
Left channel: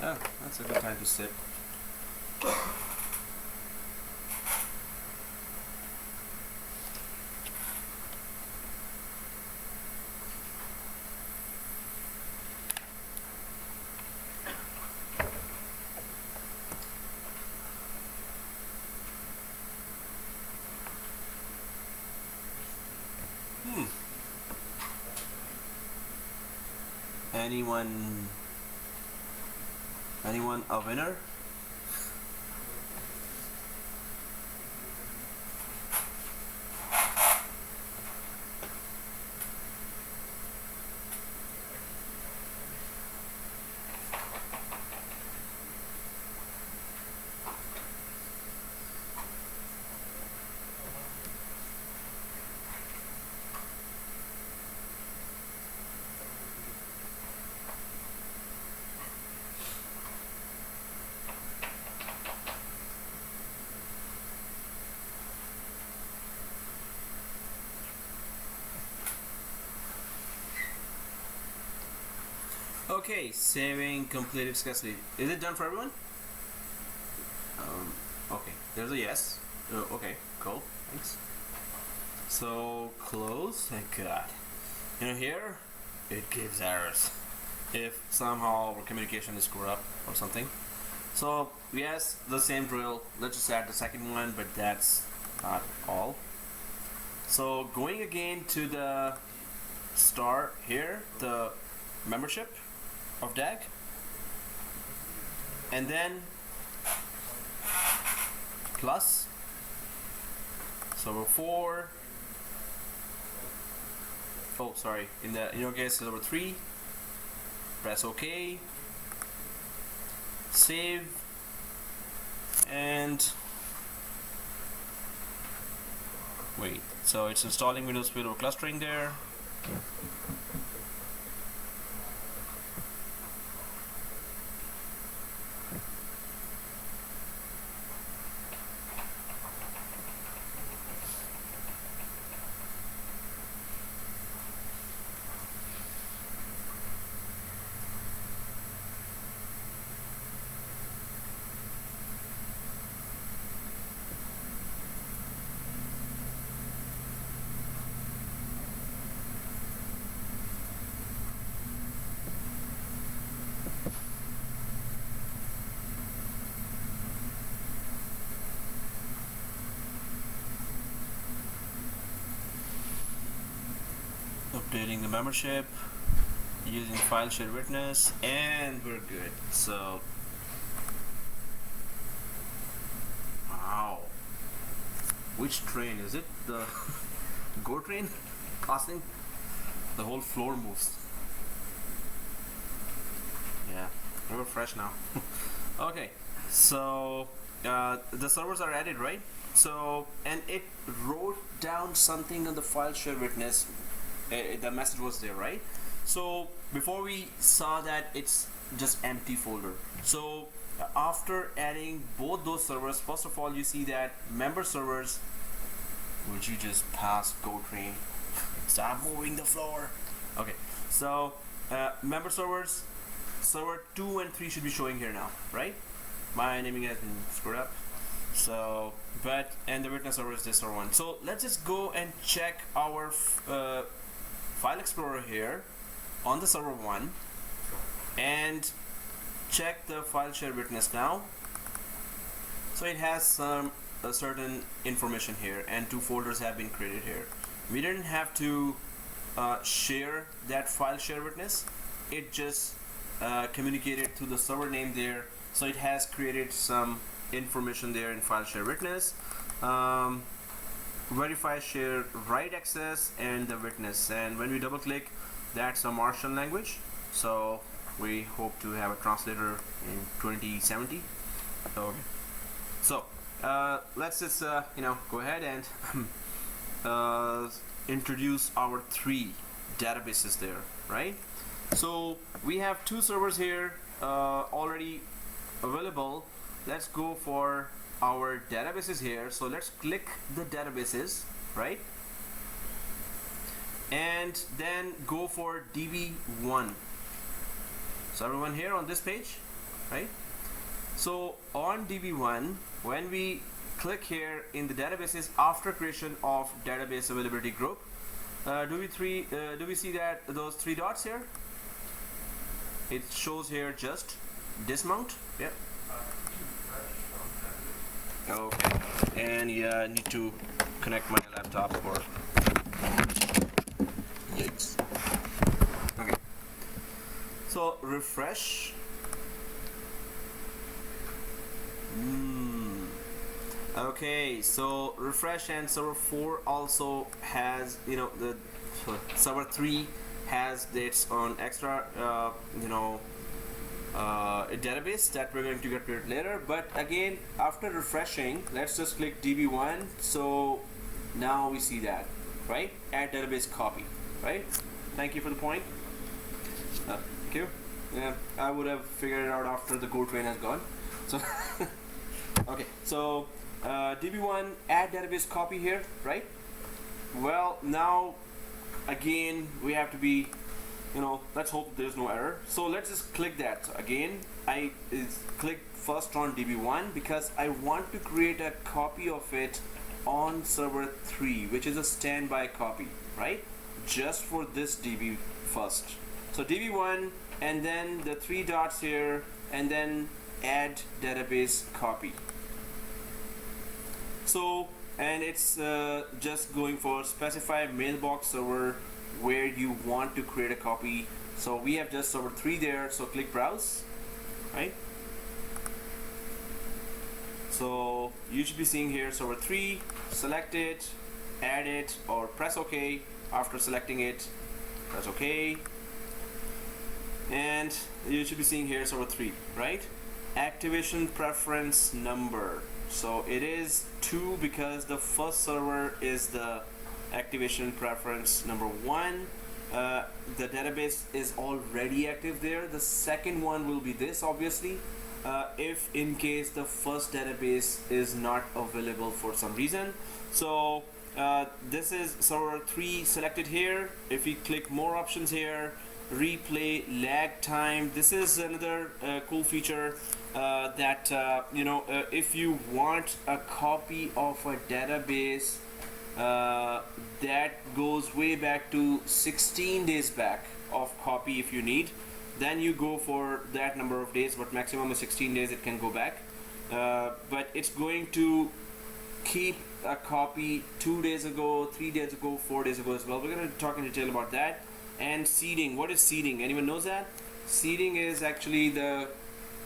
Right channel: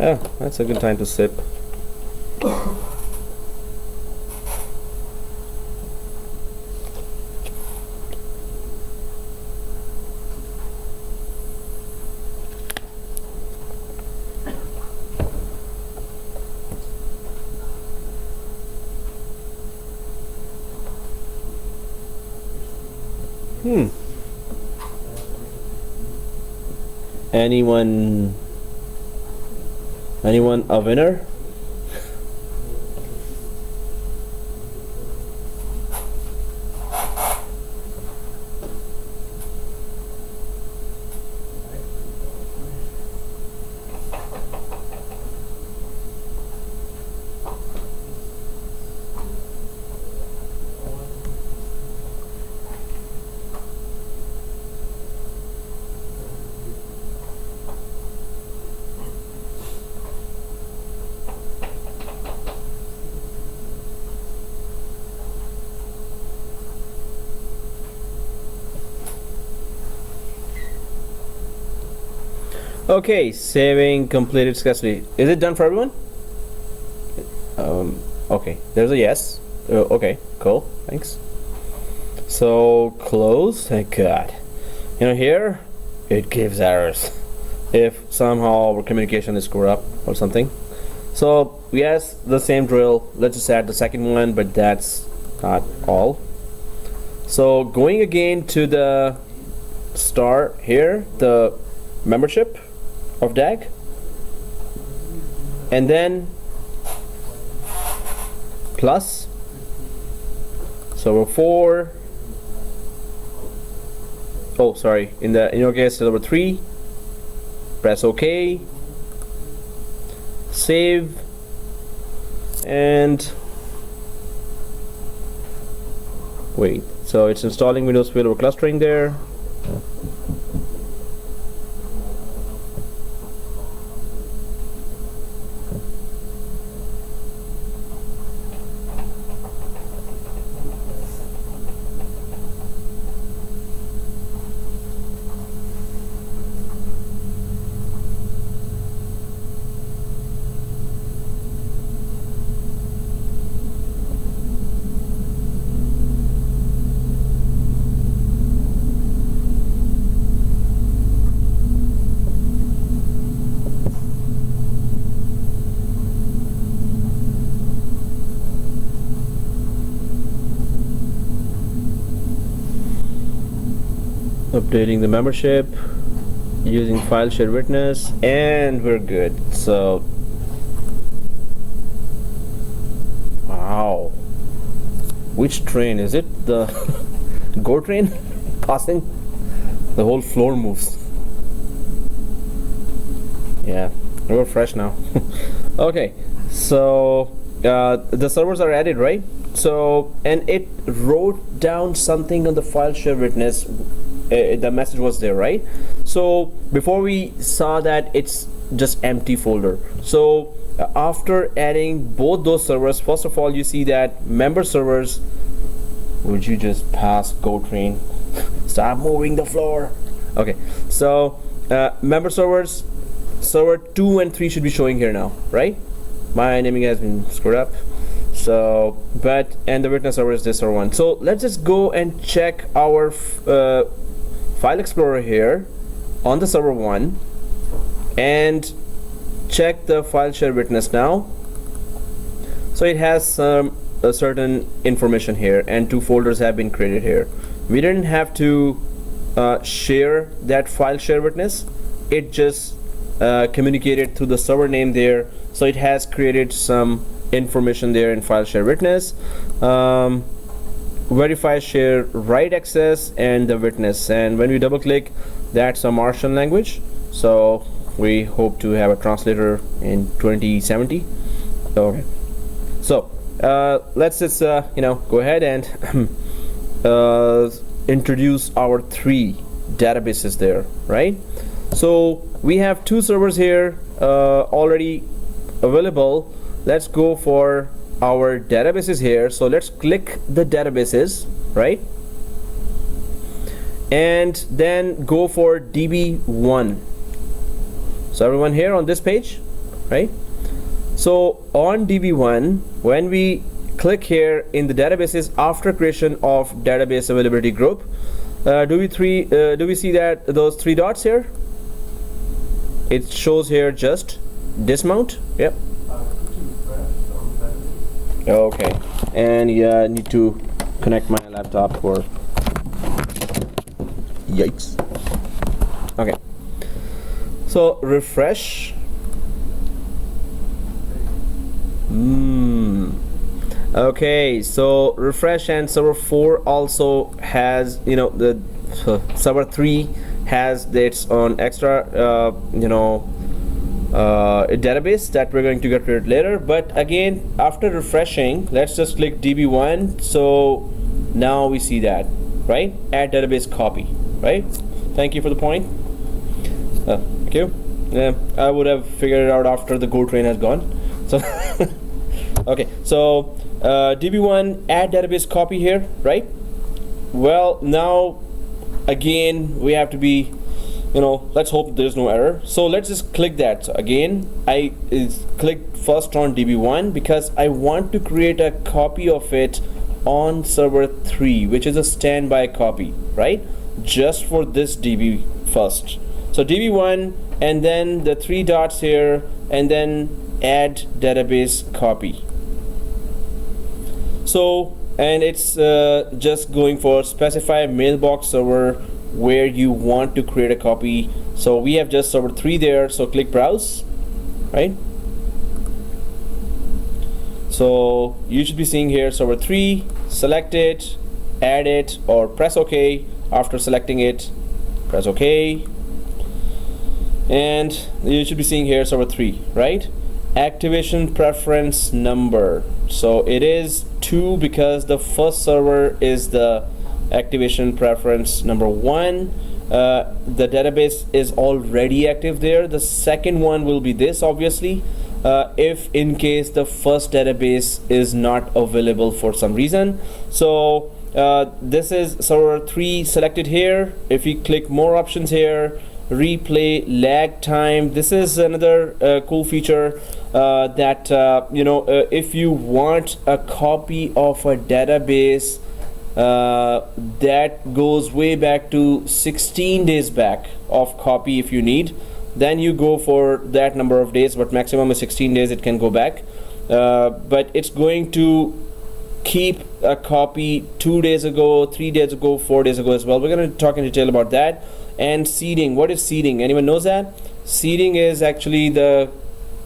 Ah, that's a good time to sip. Anyone a winner? Okay, saving completed successfully. Is it done for everyone? Okay, there's a yes. Okay, cool, thanks. So close. Thank God. Here it gives errors if somehow our communication is screwed up or something. So yes, the same drill. Let's just add the second one, but that's not all. So going again to the star here, the membership of DAG, and then plus server 4. Oh, sorry. In your case, server 3. Press OK. Save. And wait. So it's installing Windows failover clustering there. Updating the membership using file share witness, and we're good. So wow, which train is it? The go train passing? The whole floor moves. Yeah, we're fresh now. Okay, so the servers are added, right? So, and it wrote down something on the file share witness. The message was there, right? So before we saw that it's just empty folder. So after adding both those servers, first of all, you see that member servers. Would you just pass go train? Stop moving the floor. Okay, so member servers, server 2 and 3 should be showing here now, right? My naming has been screwed up. So, and the witness server is this server 1. So let's just go and check our File Explorer here on the server 1 and check the file share witness now. So it has some certain information here, and 2 folders have been created here. We didn't have to share that file share witness. It just communicated through the server name there. So it has created some information there in file share witness. Verify share write access and the witness, and when we double click, that's a Martian language, so we hope to have a translator in 2070. Okay, so let's just go ahead and introduce our 3 databases there, right? So we have 2 servers here already available. Let's go for our databases here. So let's click the databases, right? And then go for DB1. So everyone here on this page, right? So on DB1, when we click here in the databases after creation of database availability group, do we see that those 3 dots here? It shows here just dismount. Yep. Okay, and yeah, I need to connect my laptop for Yikes. Okay. So refresh. Okay, so refresh, and server 4 also has, you know, the server 3 has its own extra database that we're going to get rid later. But again, after refreshing, let's just click db1. So now we see that, right? Add database copy, right? Thank you for the point. Thank you. Yeah, I would have figured it out after the go train has gone. So okay, so db1 add database copy here, right? Well, now again we have to be, let's hope there's no error. So let's just click that. So again, I click first on db1 because I want to create a copy of it on server 3, which is a standby copy, right? Just for this db first. So db1 and then the 3 dots here, and then add database copy. So, and it's just going for specify mailbox server where you want to create a copy. So we have just server 3 there, so click browse, right? So you should be seeing here server 3, select it, add it, or press OK. After selecting it, press OK, and you should be seeing here server 3, right? Activation preference number. So it is 2 because the first server is the activation preference number 1. The database is already active there. The second one will be this, obviously, if in case the first database is not available for some reason. So this is server 3 selected here. If you click more options here, replay lag time, this is another cool feature that if you want a copy of a database that goes way back to 16 days back of copy, if you need, then you go for that number of days, but maximum is 16 days it can go back. But it's going to keep a copy 2 days ago, 3 days ago, 4 days ago as well. We're going to talk in detail about that. And seeding, what is seeding? Anyone knows that? Seeding is actually the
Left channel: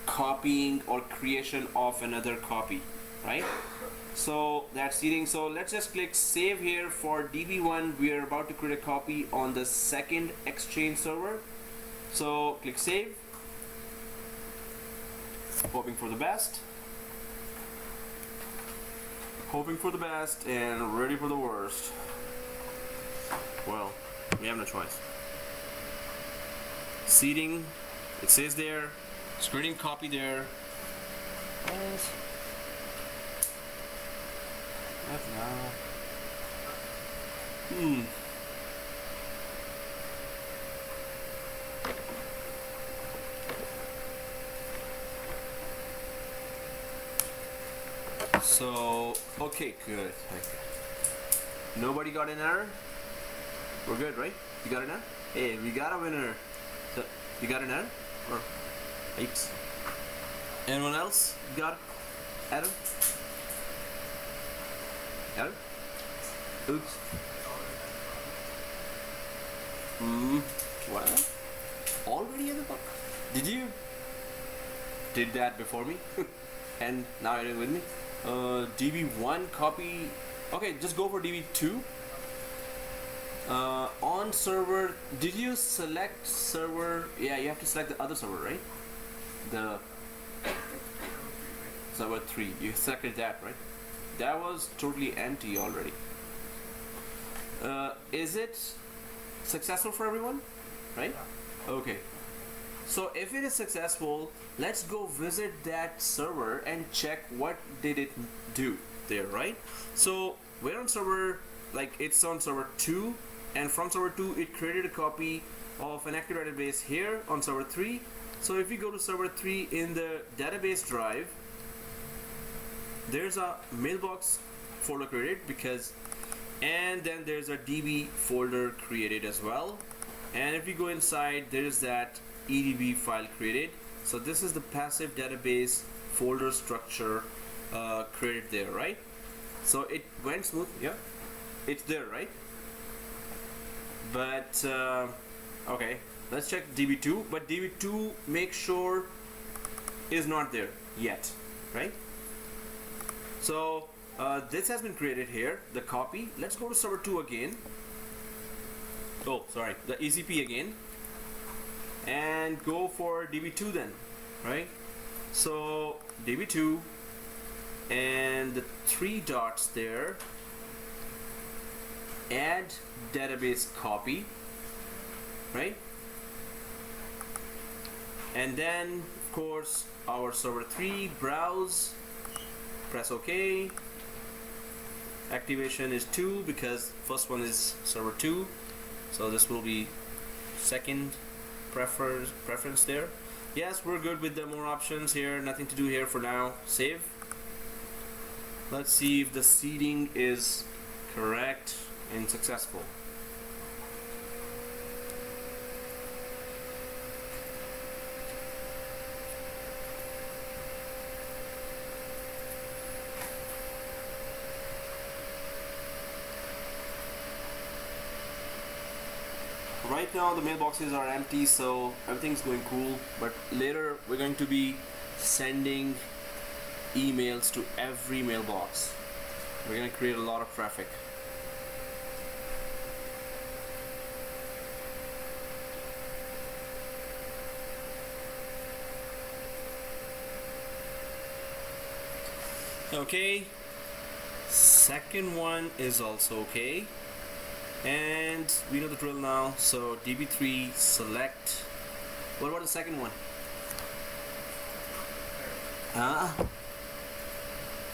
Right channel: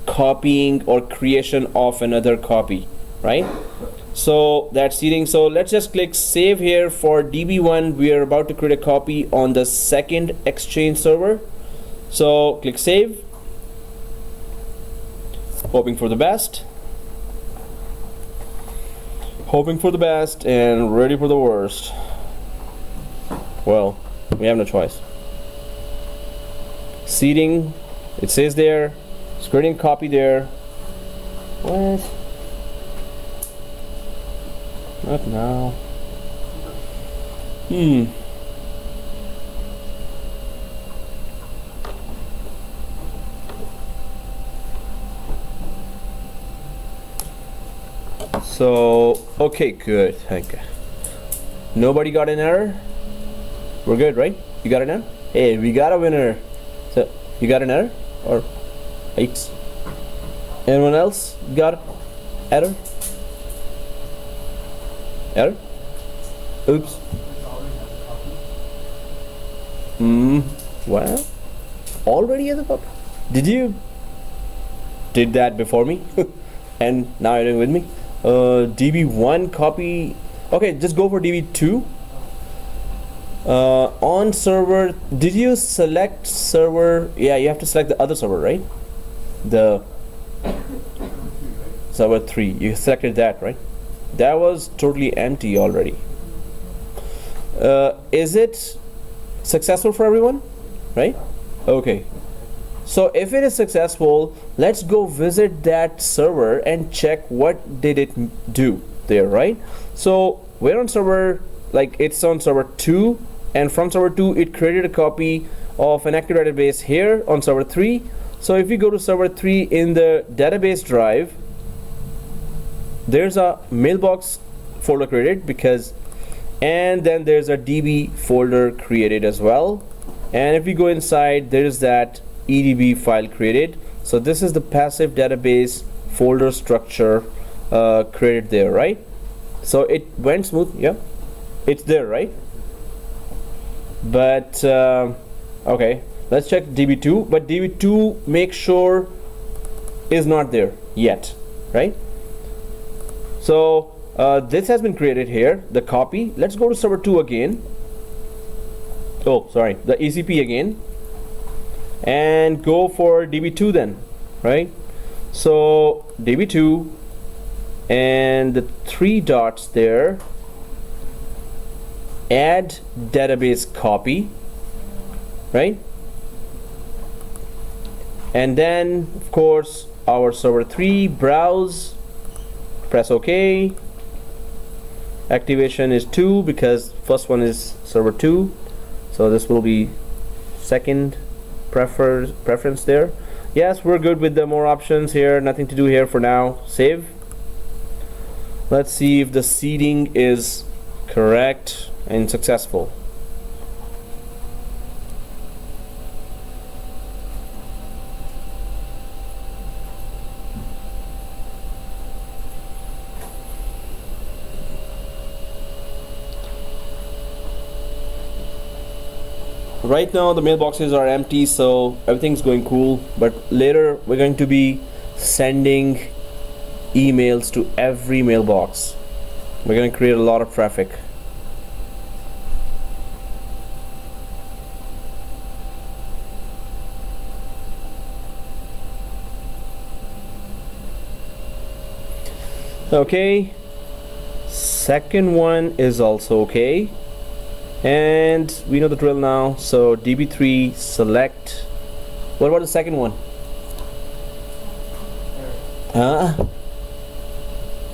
copying or creation of another copy, right? So that's seeding. So let's just click save here for db1. We are about to create a copy on the 2ndExchange server. So click save, hoping for the best, and ready for the worst. Well, we have no choice. Seeding, it says there, it's creating a copy there. What? Not now. So, okay, good. Thank you. Nobody got an error? We're good, right? You got an error? Hey, we got a winner. So, you got an error? Or eight? Anyone else got error? Error? Oops. Well, already at the top. Did you did that before me? And now you're doing with me? db1 copy. Okay, just go for db2. On server, did you select server? Yeah, you have to select the other server, right? The server 3. You selected that, right? That was totally empty already. Is it successful for everyone? Right? Okay. So if it is successful, let's go visit that server and check what did it do there, right? So we're on server, like it's on server 2, and from server 2 it created a copy of an active database here on server 3. So if we go to server 3 in the database drive, there's a mailbox folder created and then there's a db folder created as well. And if we go inside, there's that edb file created. So this is the passive database folder structure created there, right? So it went smooth. Yeah, it's there, right? But okay, let's check DB2. But DB2, make sure, is not there yet, right? So this has been created here, the copy. Let's go to server 2 again. Oh, sorry, the ECP again, and go for DB2 then, right? So DB2 and the 3 dots there, add database copy, right? And then of course our server 3, browse, press OK. Activation is 2 because first one is server 2, so this will be second preference there. Yes, we're good with the more options here, nothing to do here for now. Save. Let's see if the seeding is correct and successful. Right now the mailboxes are empty, so everything's going cool, but later we're going to be sending emails to every mailbox. We're going to create a lot of traffic. Okay, second one is also okay, and we know the drill now. So DB3 select. What about the second one?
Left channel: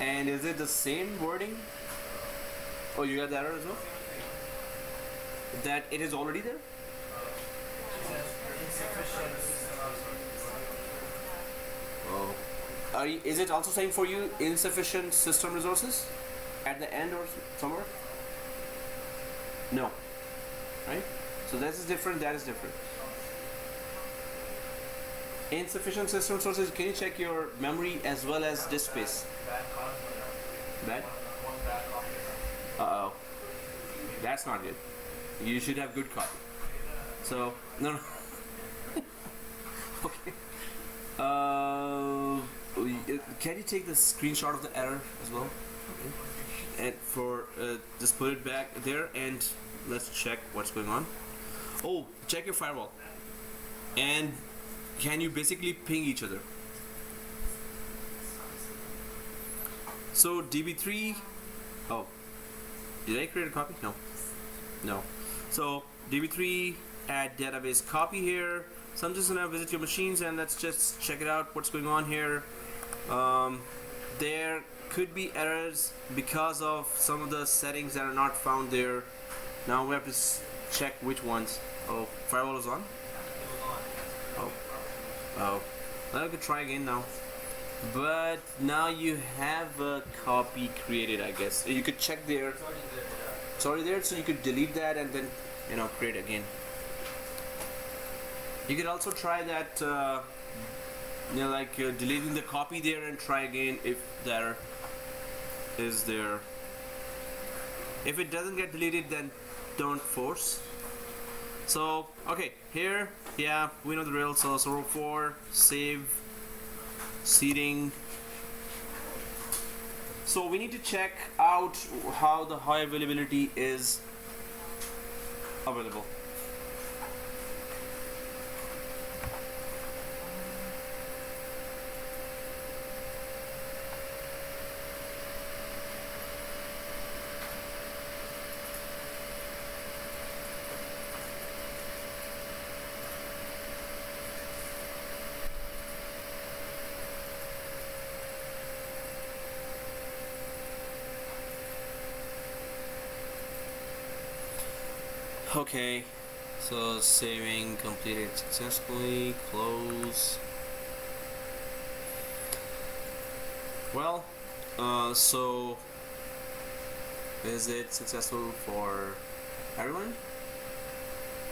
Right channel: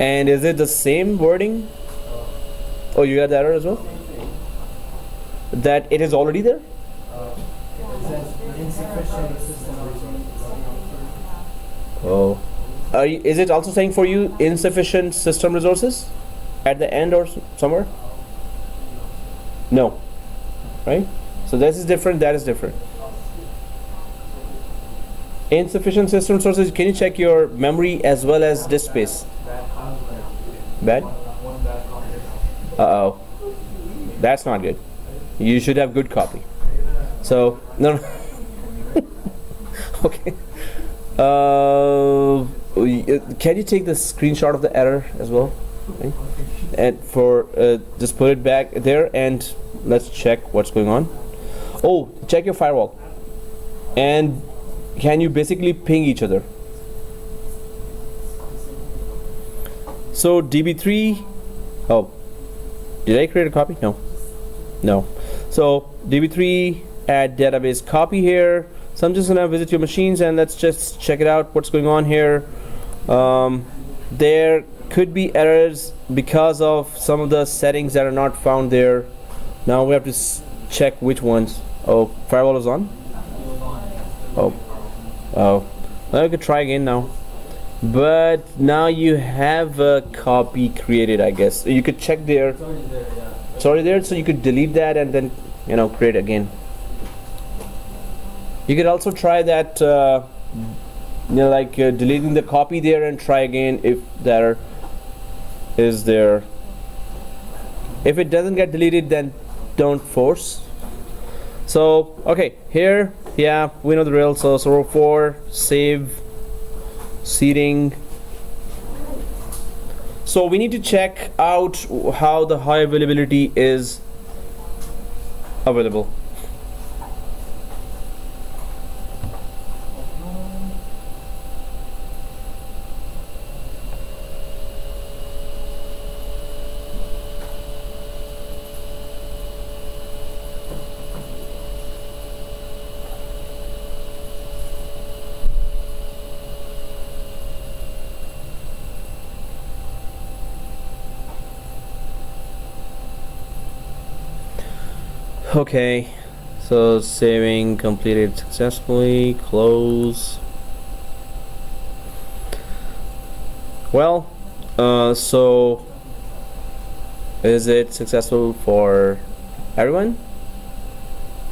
And is it the same wording? Oh, you got that error as well? That it is already there? Oh. Is it also saying for you insufficient system resources at the end or somewhere? No. Right? So this is different, that is different. Insufficient system resources, can you check your memory as well as disk space? Bad? Uh-oh. That's not good. You should have good copy. So, no. Okay. Can you take the screenshot of the error as well? Okay. And for just put it back there and let's check what's going on. Oh, check your firewall. And can you basically ping each other? So DB3, oh, did I create a copy? No. So DB3 add database copy here. So I'm just gonna visit your machines and let's just check it out, what's going on here. There could be errors because of some of the settings that are not found there. Now we have to check which ones. Oh, firewall is on. Oh, well, we could try again now. But now you have a copy created, I guess. You could check there. It's already there, so you could delete that and then, create again. You could also try that, deleting the copy there and try again if there is there. If it doesn't get deleted, then don't force. So, okay, here, yeah, we know the drill. So server 4, save, seeding. So we need to check out how the high availability is available. Okay, so saving completed successfully, close. Well, so is it successful for everyone?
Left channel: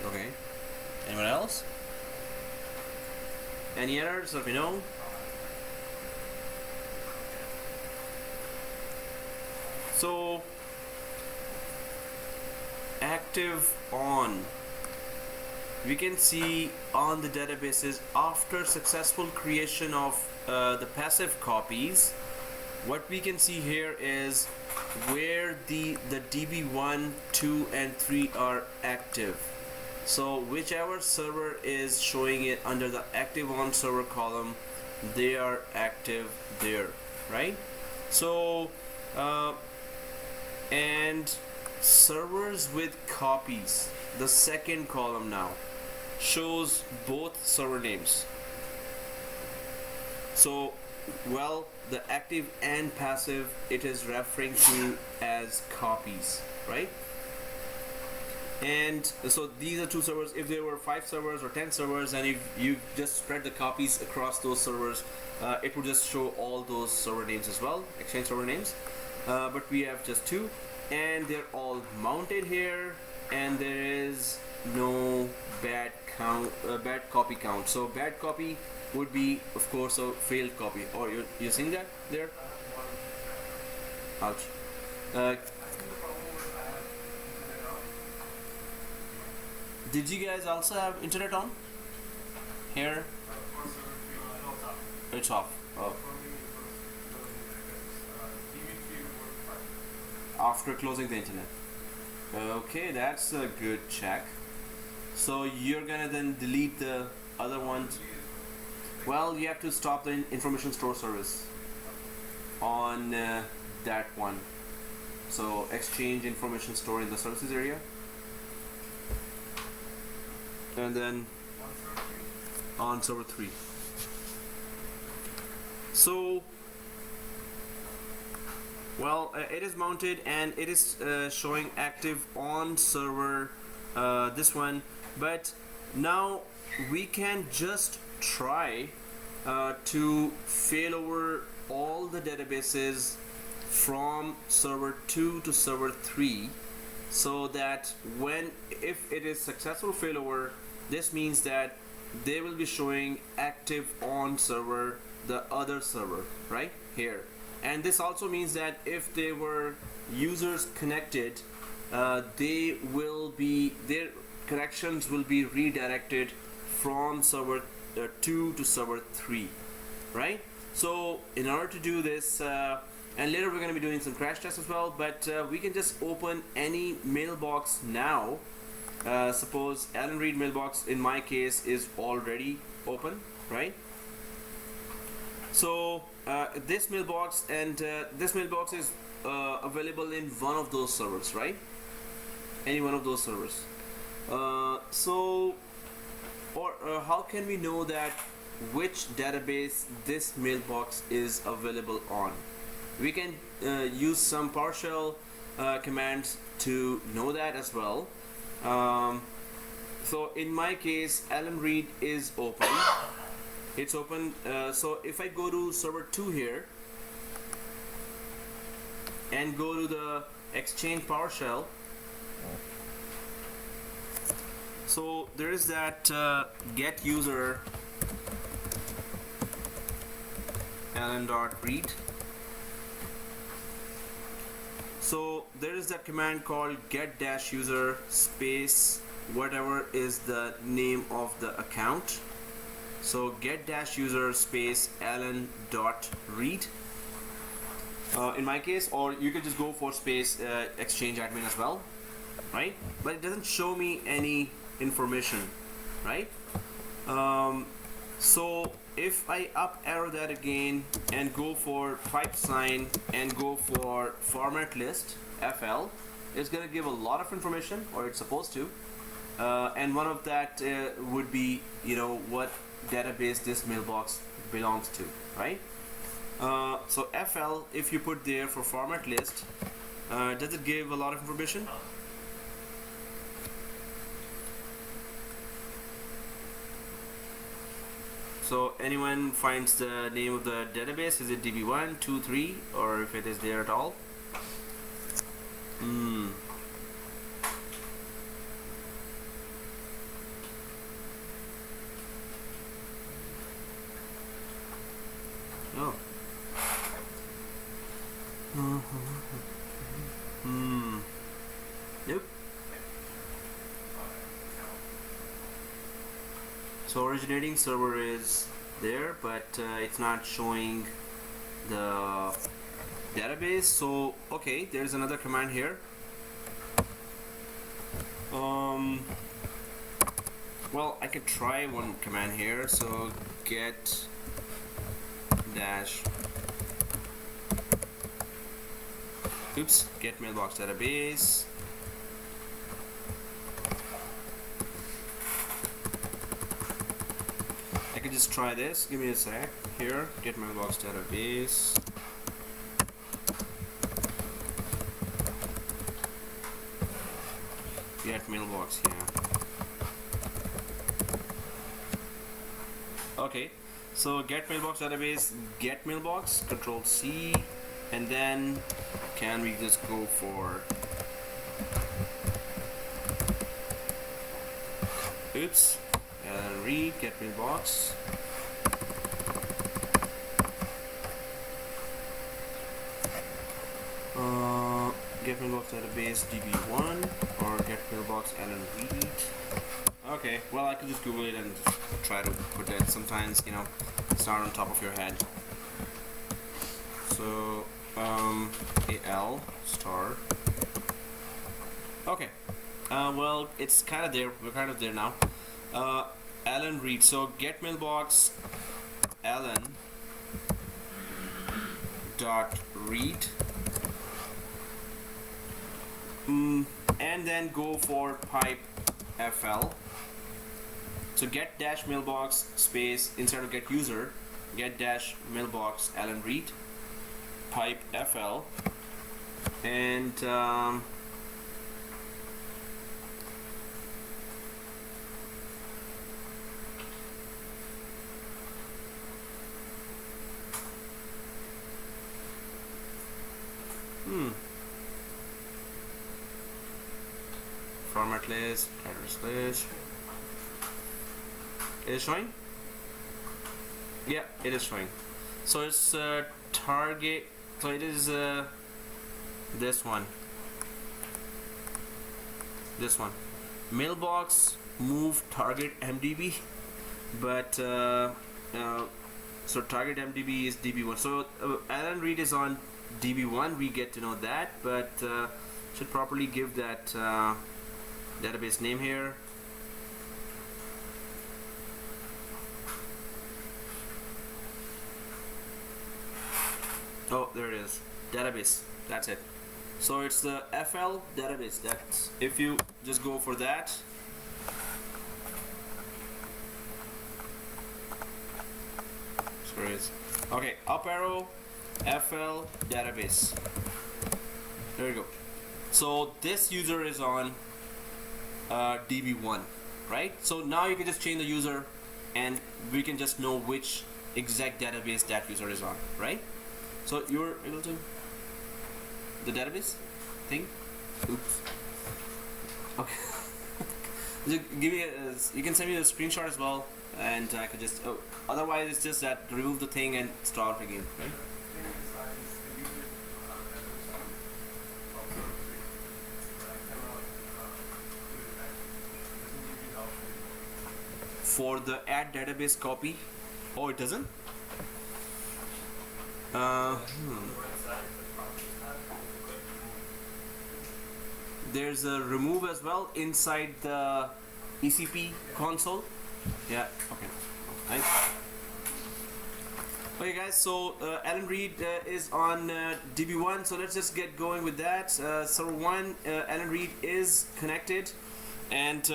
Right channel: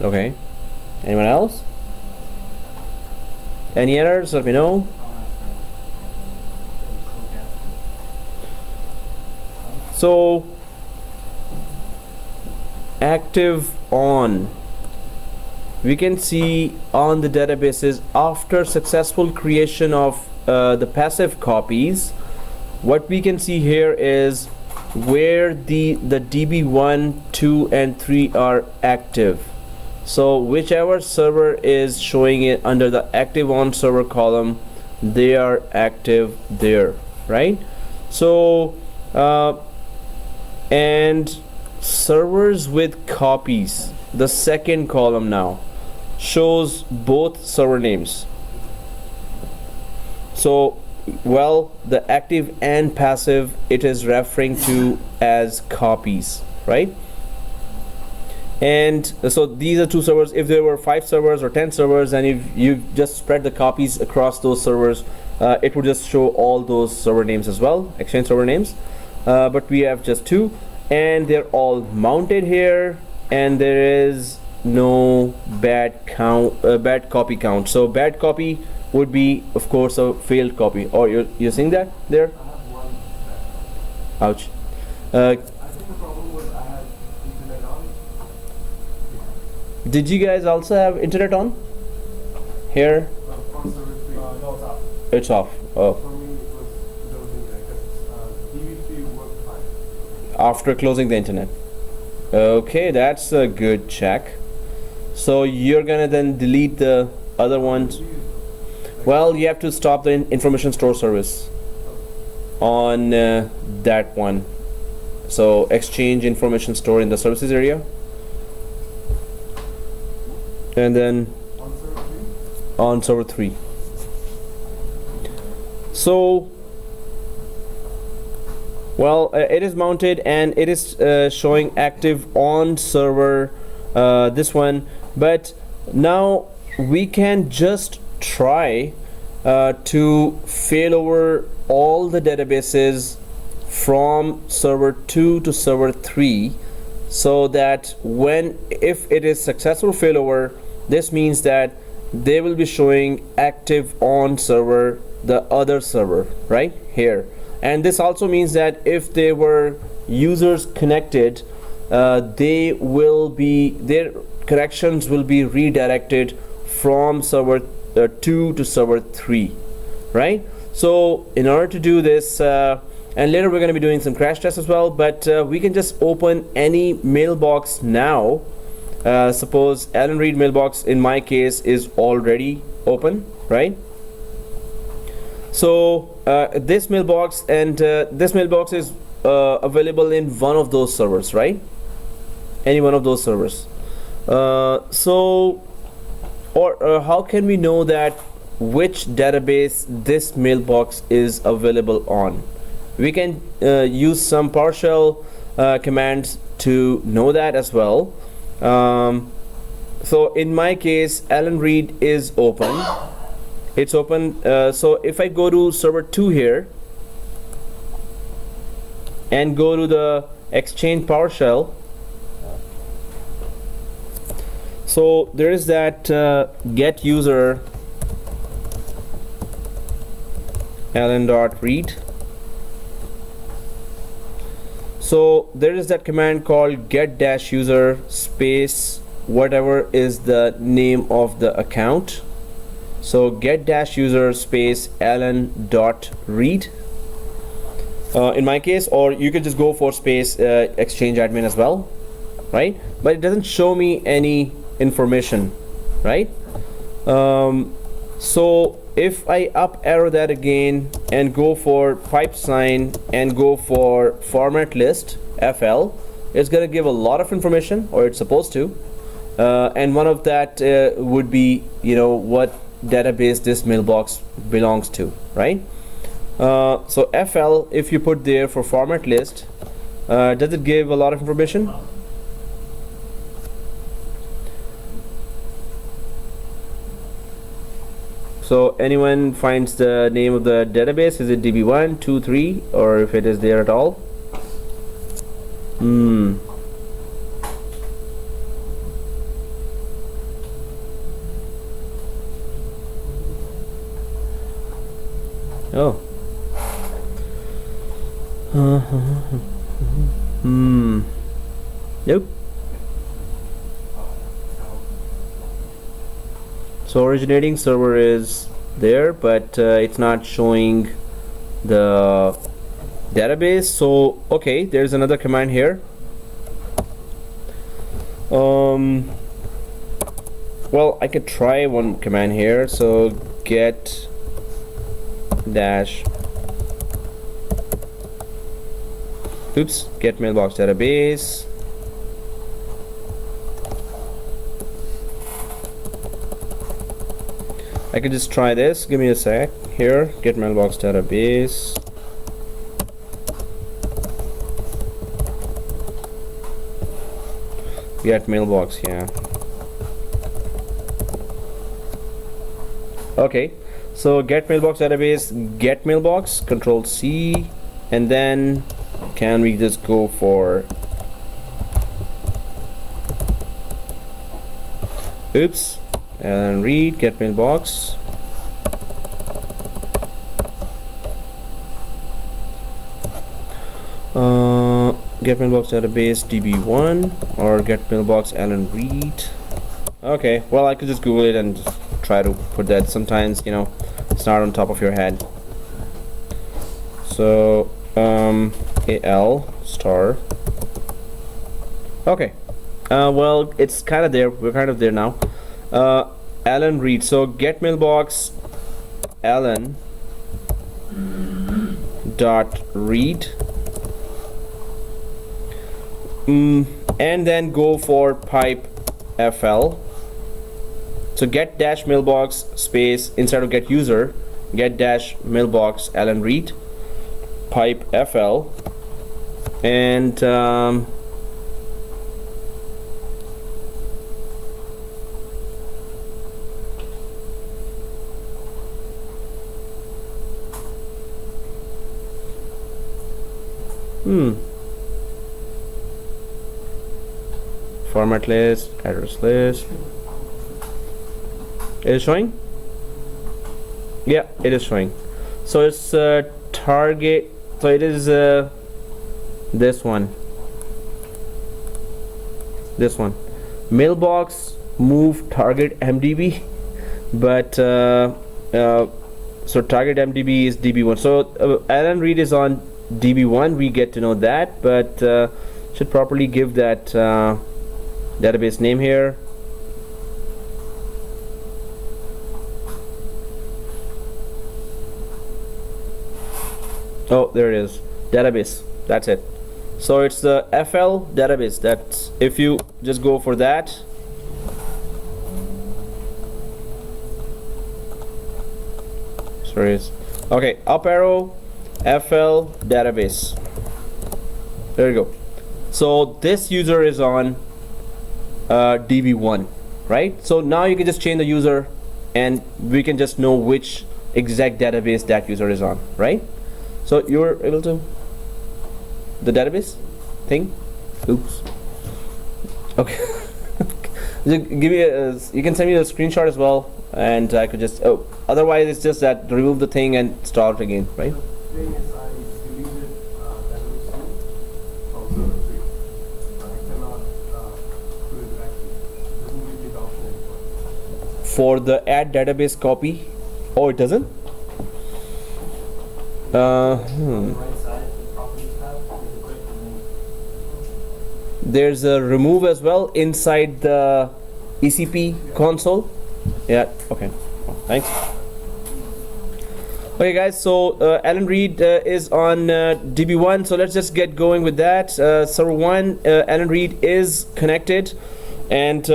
Okay, anyone else? Any errors, let me know. So active on, we can see on the databases after successful creation of the passive copies, what we can see here is where the DB1, 2 and 3 are active. So whichever server is showing it under the active on server column, they are active there, right? So and servers with copies, the second column now shows both server names. So well, the active and passive, it is referring to as copies, right? And so these are two servers. If there were 5 servers or 10 servers, and if you just spread the copies across those servers, it would just show all those server names as well, Exchange server names. But we have just 2, and they're all mounted here, and there is no bad copy count. So bad copy would be, of course, a failed copy. Or you're seeing that there? Ouch. I think the problem was I had internet on. Did you guys also have internet on? Here? For server 3. No, it's off. It's off. Oh. For me, it was DB3 worked fine. After closing the internet. Okay, that's a good check. So you're gonna then delete the other ones. Well, you have to stop the information store service on that one. So Exchange information store in the services area, and then on server 3. So well, it is mounted and it is showing active on server, this one. But now we can just try to fail over all the databases from server 2 to server 3, so that if it is successful failover, this means that they will be showing active on server, the other server right here. And this also means that if there were users connected, their corrections will be redirected from server 2 to server 3, right? So in order to do this, and later we're going to be doing some crash tests as well, but we can just open any mailbox now. Suppose Alan Reed mailbox in my case is already open, right? So this mailbox and this mailbox is available in one of those servers, right? Any one of those servers. How can we know that which database this mailbox is available on? We can use some PowerShell commands to know that as well. So in my case, Alan Reed is open. It's open. So if I go to server 2 here and go to the Exchange PowerShell, so there is that get user alan.read. So there is that command called get-user space whatever is the name of the account. So get-user space alan.read in my case, or you could just go for space Exchange admin as well, right? But it doesn't show me any information, right? So if I up arrow that again and go for pipe sign and go for format list FL, it's gonna give a lot of information, or it's supposed to, and one of that would be, you know, what database this mailbox belongs to, right? So FL, if you put there for format list, does it give a lot of information? So anyone finds the name of the database? Is it DB1, 2, 3, or if it is there at all? Oh. Nope. So originating server is there, but it's not showing the database. So okay, there's another command here. Well, I could try one command here. So get dash get mailbox database. I could just try this. Give me a sec here. Get mailbox database. Get mailbox, yeah. Okay, so get mailbox database, get mailbox, Control C, and then can we just go for and read get mailbox. Get mailbox database db1 or get mailbox Alan Reed. Okay, well, I could just Google it and try to put that. Sometimes, you know, it's not on top of your head. So al star. Okay, well, it's kind of there. We're kind of there now. Alan Reed. So get mailbox Alan dot read, and then go for pipe fl. So get dash mailbox space, instead of get user, get dash mailbox Alan Reed pipe fl, and format list, address list. It is showing? Yeah, it is showing. So it's target, so it is this one, mailbox move target MDB, but so target MDB is DB1. So Alan Reed is on DB1, we get to know that, but should properly give that database name here. Oh, there it is, database, that's it. So it's the FL database. That's, if you just go for that, sorry, okay, up arrow FL database, there you go. So this user is on DB1, right? So now you can just change the user and we can just know which exact database that user is on, right? So you're able to the database thing. Oops. Okay. Just give me a, you can send me a screenshot as well, and I could just, oh, otherwise it's just that remove the thing and start again, right? For the add database copy, oh, it doesn't. There's a remove as well inside the ECP console. Yeah, okay, thanks. Okay guys, so Alan Reed is on DB1, so let's just get going with that. Server 1, Alan Reed is connected, and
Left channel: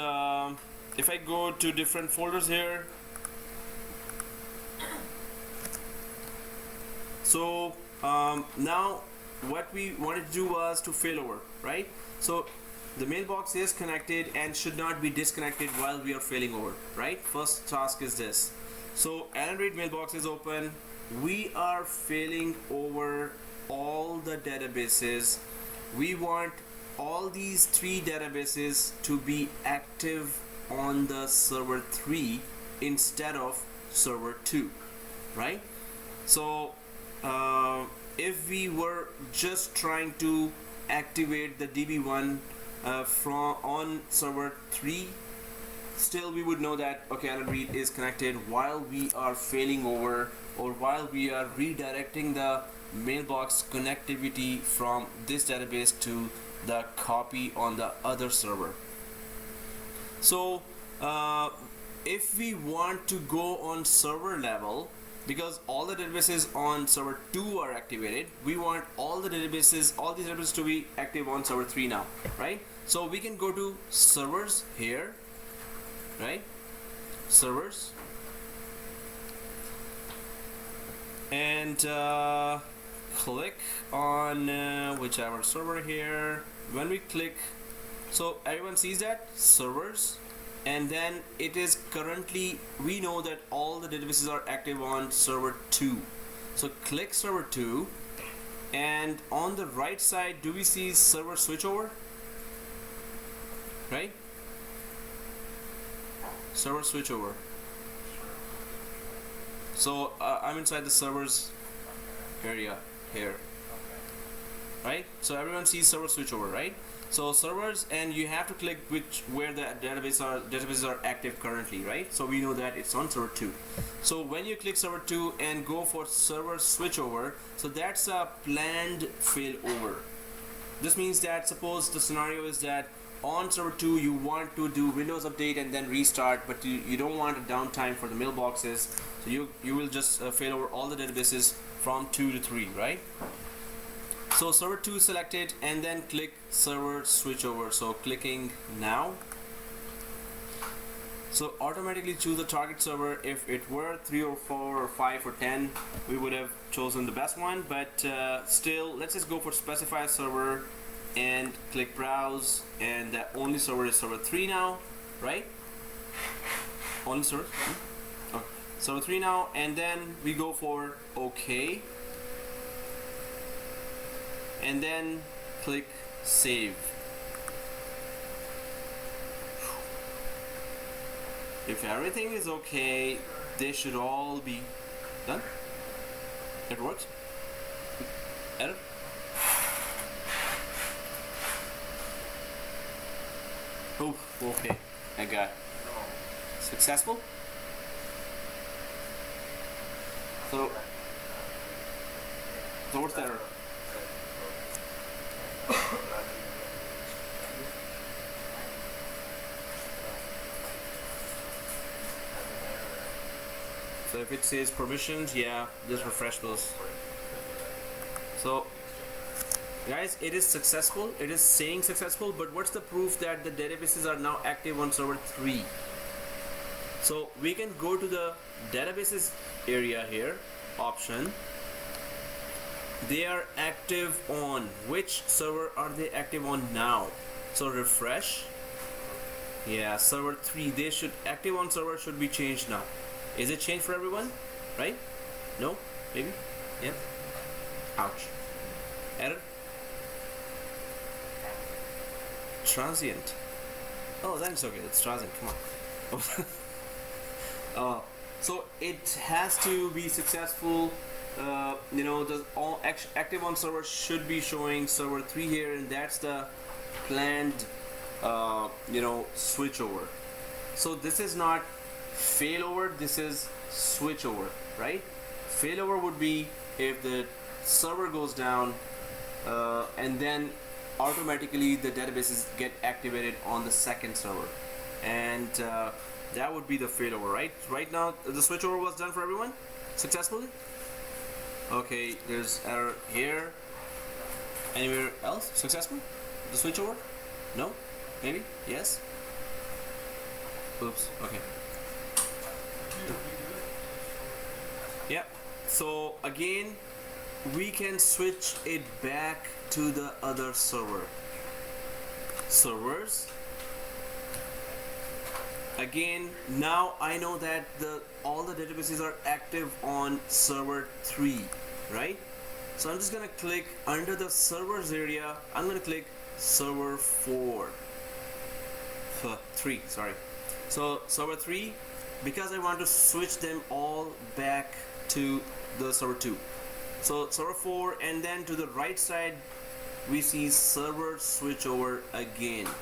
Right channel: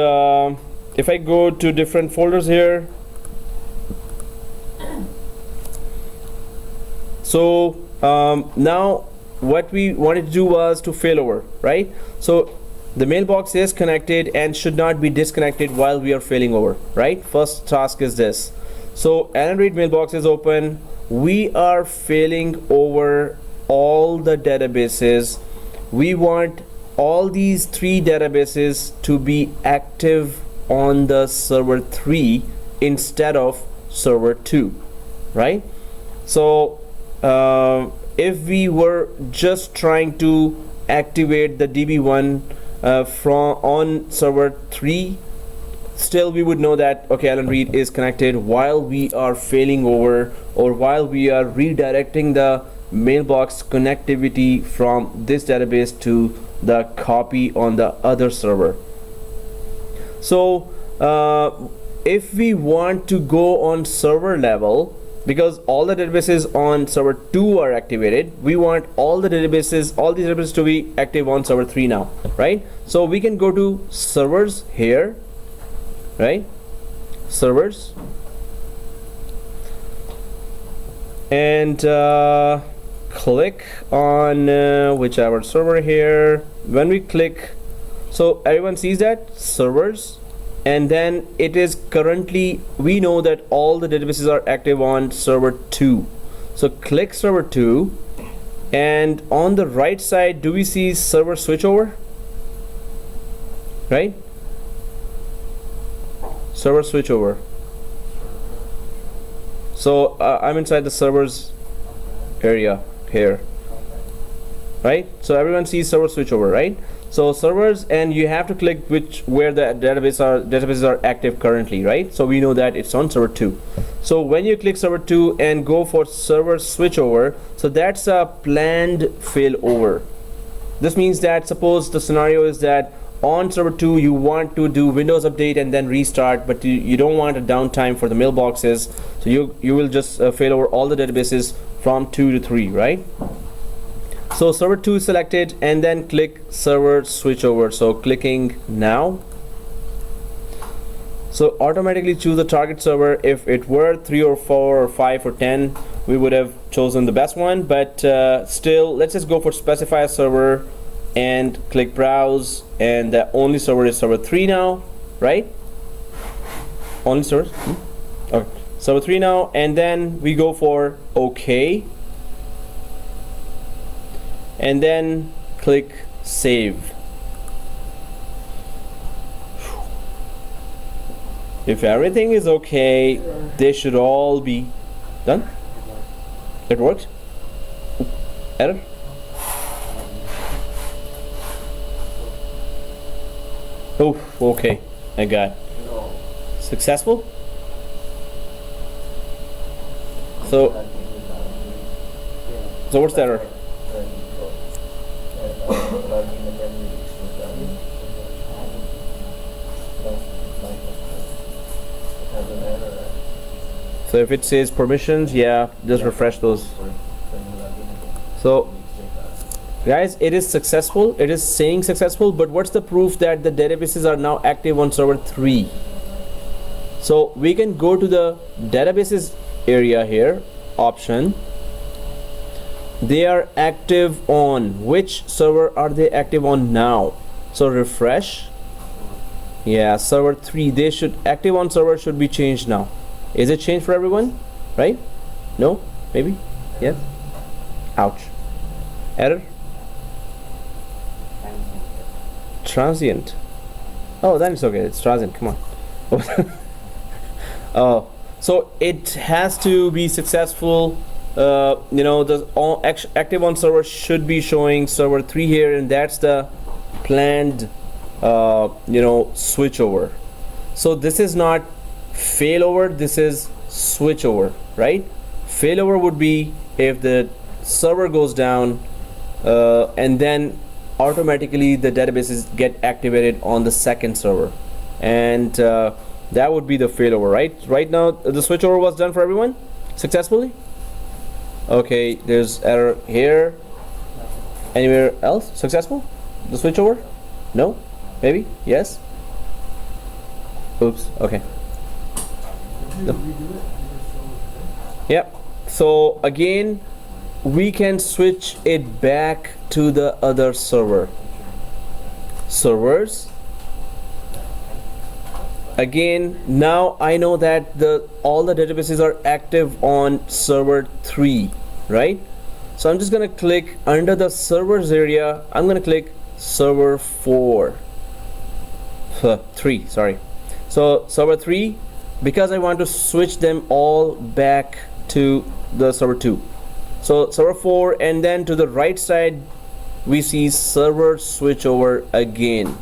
if I go to different folders here, so now what we wanted to do was to failover, right? So the mailbox is connected and should not be disconnected while we are failing over, right? First task is this. So Alan Reed mailbox is open. We are failing over all the databases. We want all these 3 databases to be active on the server 3 instead of server 2, right? So if we were just trying to activate the DB1 from on server 3 still we would know that, okay, Alan Reed is connected while we are failing over, or while we are redirecting the mailbox connectivity from this database to the copy on the other server. So if we want to go on server level, because all the databases on server 2 are activated, we want all these databases to be active on server 3 now, right? So we can go to servers here, right? Servers, and click on whichever server here. When we click, so everyone sees that servers, and then it is currently, we know that all the databases are active on server 2. So click server 2, and on the right side, do we see server switchover? Right? Server switchover. So I'm inside the servers area here, right? So everyone sees server switchover, right? So servers, and you have to click where the databases are active currently, right? So we know that it's on server 2. So when you click server 2 and go for server switchover, so that's a planned failover. This means that, suppose the scenario is that on server 2 you want to do Windows update and then restart, but you don't want a downtime for the mailboxes, so you will just fail over all the databases from 2 to 3, right? So server 2 is selected, and then click server switchover. So clicking now, so automatically choose the target server. If it were 3 or 4 or 5 or 10, we would have chosen the best one, but still, let's just go for specify a server and click browse, and the only server is server 3 now, right? Only server, okay, server 3 now, and then we go for OK, and then click save. If everything is okay, they should all be done. It works. Error. Oh, okay, I got successful. So what's the error? So if it says permissions, yeah, just refresh those. So guys, it is successful. It is saying successful, but what's the proof that the databases are now active on server 3? So we can go to the databases area here, option. They are active on which server are they active on now? So refresh. Yeah, server 3. They should active on server should be changed now. Is it changed for everyone? Right? No? Maybe? Yes? Ouch. Error? Transient. Oh, then it's okay. It's transient. Come on. Oh, so it has to be successful. You know, the active on server should be showing server 3 here, and that's the planned you know, switchover. So this is not failover, this is switchover, right? Failover would be if the server goes down and then automatically the databases get activated on the second server, and that would be the failover, right? Right now the switchover was done for everyone successfully. Okay, there's error here. Anywhere else successful? The switchover? No? Maybe? Yes? Oops, okay. No. Yeah, so again we can switch it back to the other server. Servers. Again, now I know that all the databases are active on server 3, right? So I'm just gonna click under the servers area. I'm gonna click server 3, sorry. So server 3, because I want to switch them all back to the server 2. So server 4, and then to the right side we see server switchover again,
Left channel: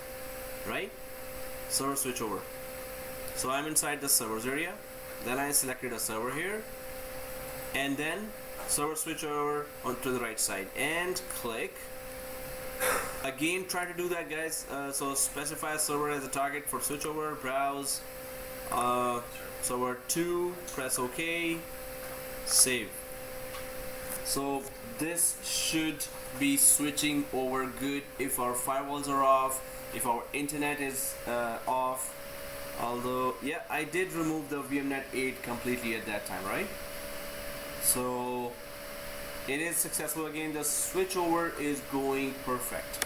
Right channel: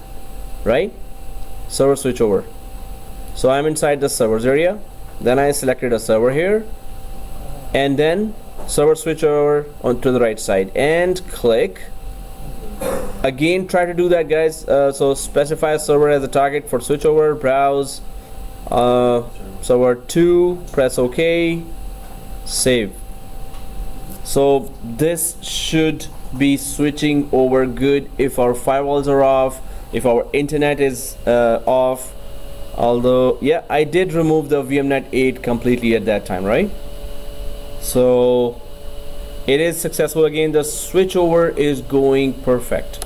right? Server switchover. So I'm inside the servers area, then I selected a server here, and then server switch over onto the right side and click. Again, try to do that, guys. So specify a server as a target for switchover, browse server 2, press OK, save. So this should be switching over good if our firewalls are off, if our internet is off. Although, yeah, I did remove the VMnet 8 completely at that time, right? So it is successful. Again, the switchover is going perfect.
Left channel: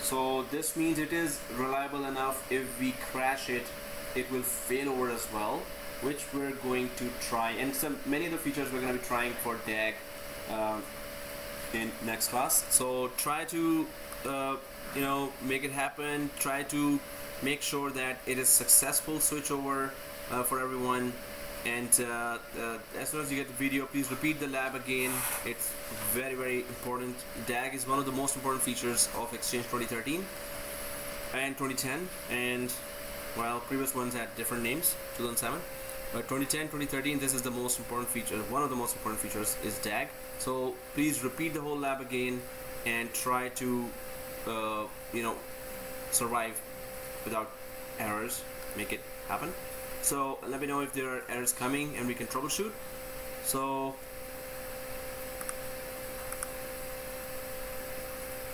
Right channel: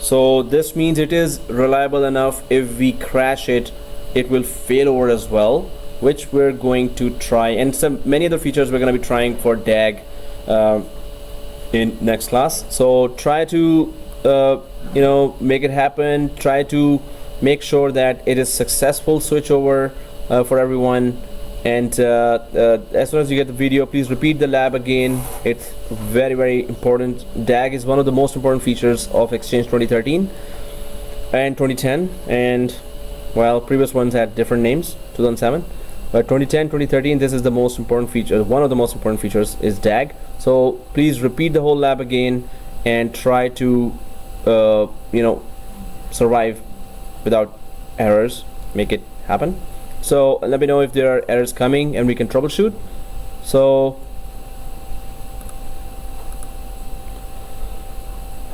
So this means it is reliable enough. If we crash it, it will fail over as well, which we're going to try. And many other features we're going to be trying for DAG in next class. So try to make it happen. Try to make sure that it is successful switchover for everyone. And as soon as you get the video, please repeat the lab again. It's very, very important. DAG is one of the most important features of Exchange 2013 and 2010, and well, previous ones had different names, 2007, but 2010, 2013, this is the most important feature. One of the most important features is DAG. So please repeat the whole lab again and try to survive without errors. Make it happen. So let me know if there are errors coming and we can troubleshoot. So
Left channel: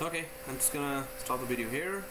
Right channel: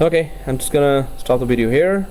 okay, I'm just gonna stop the video here.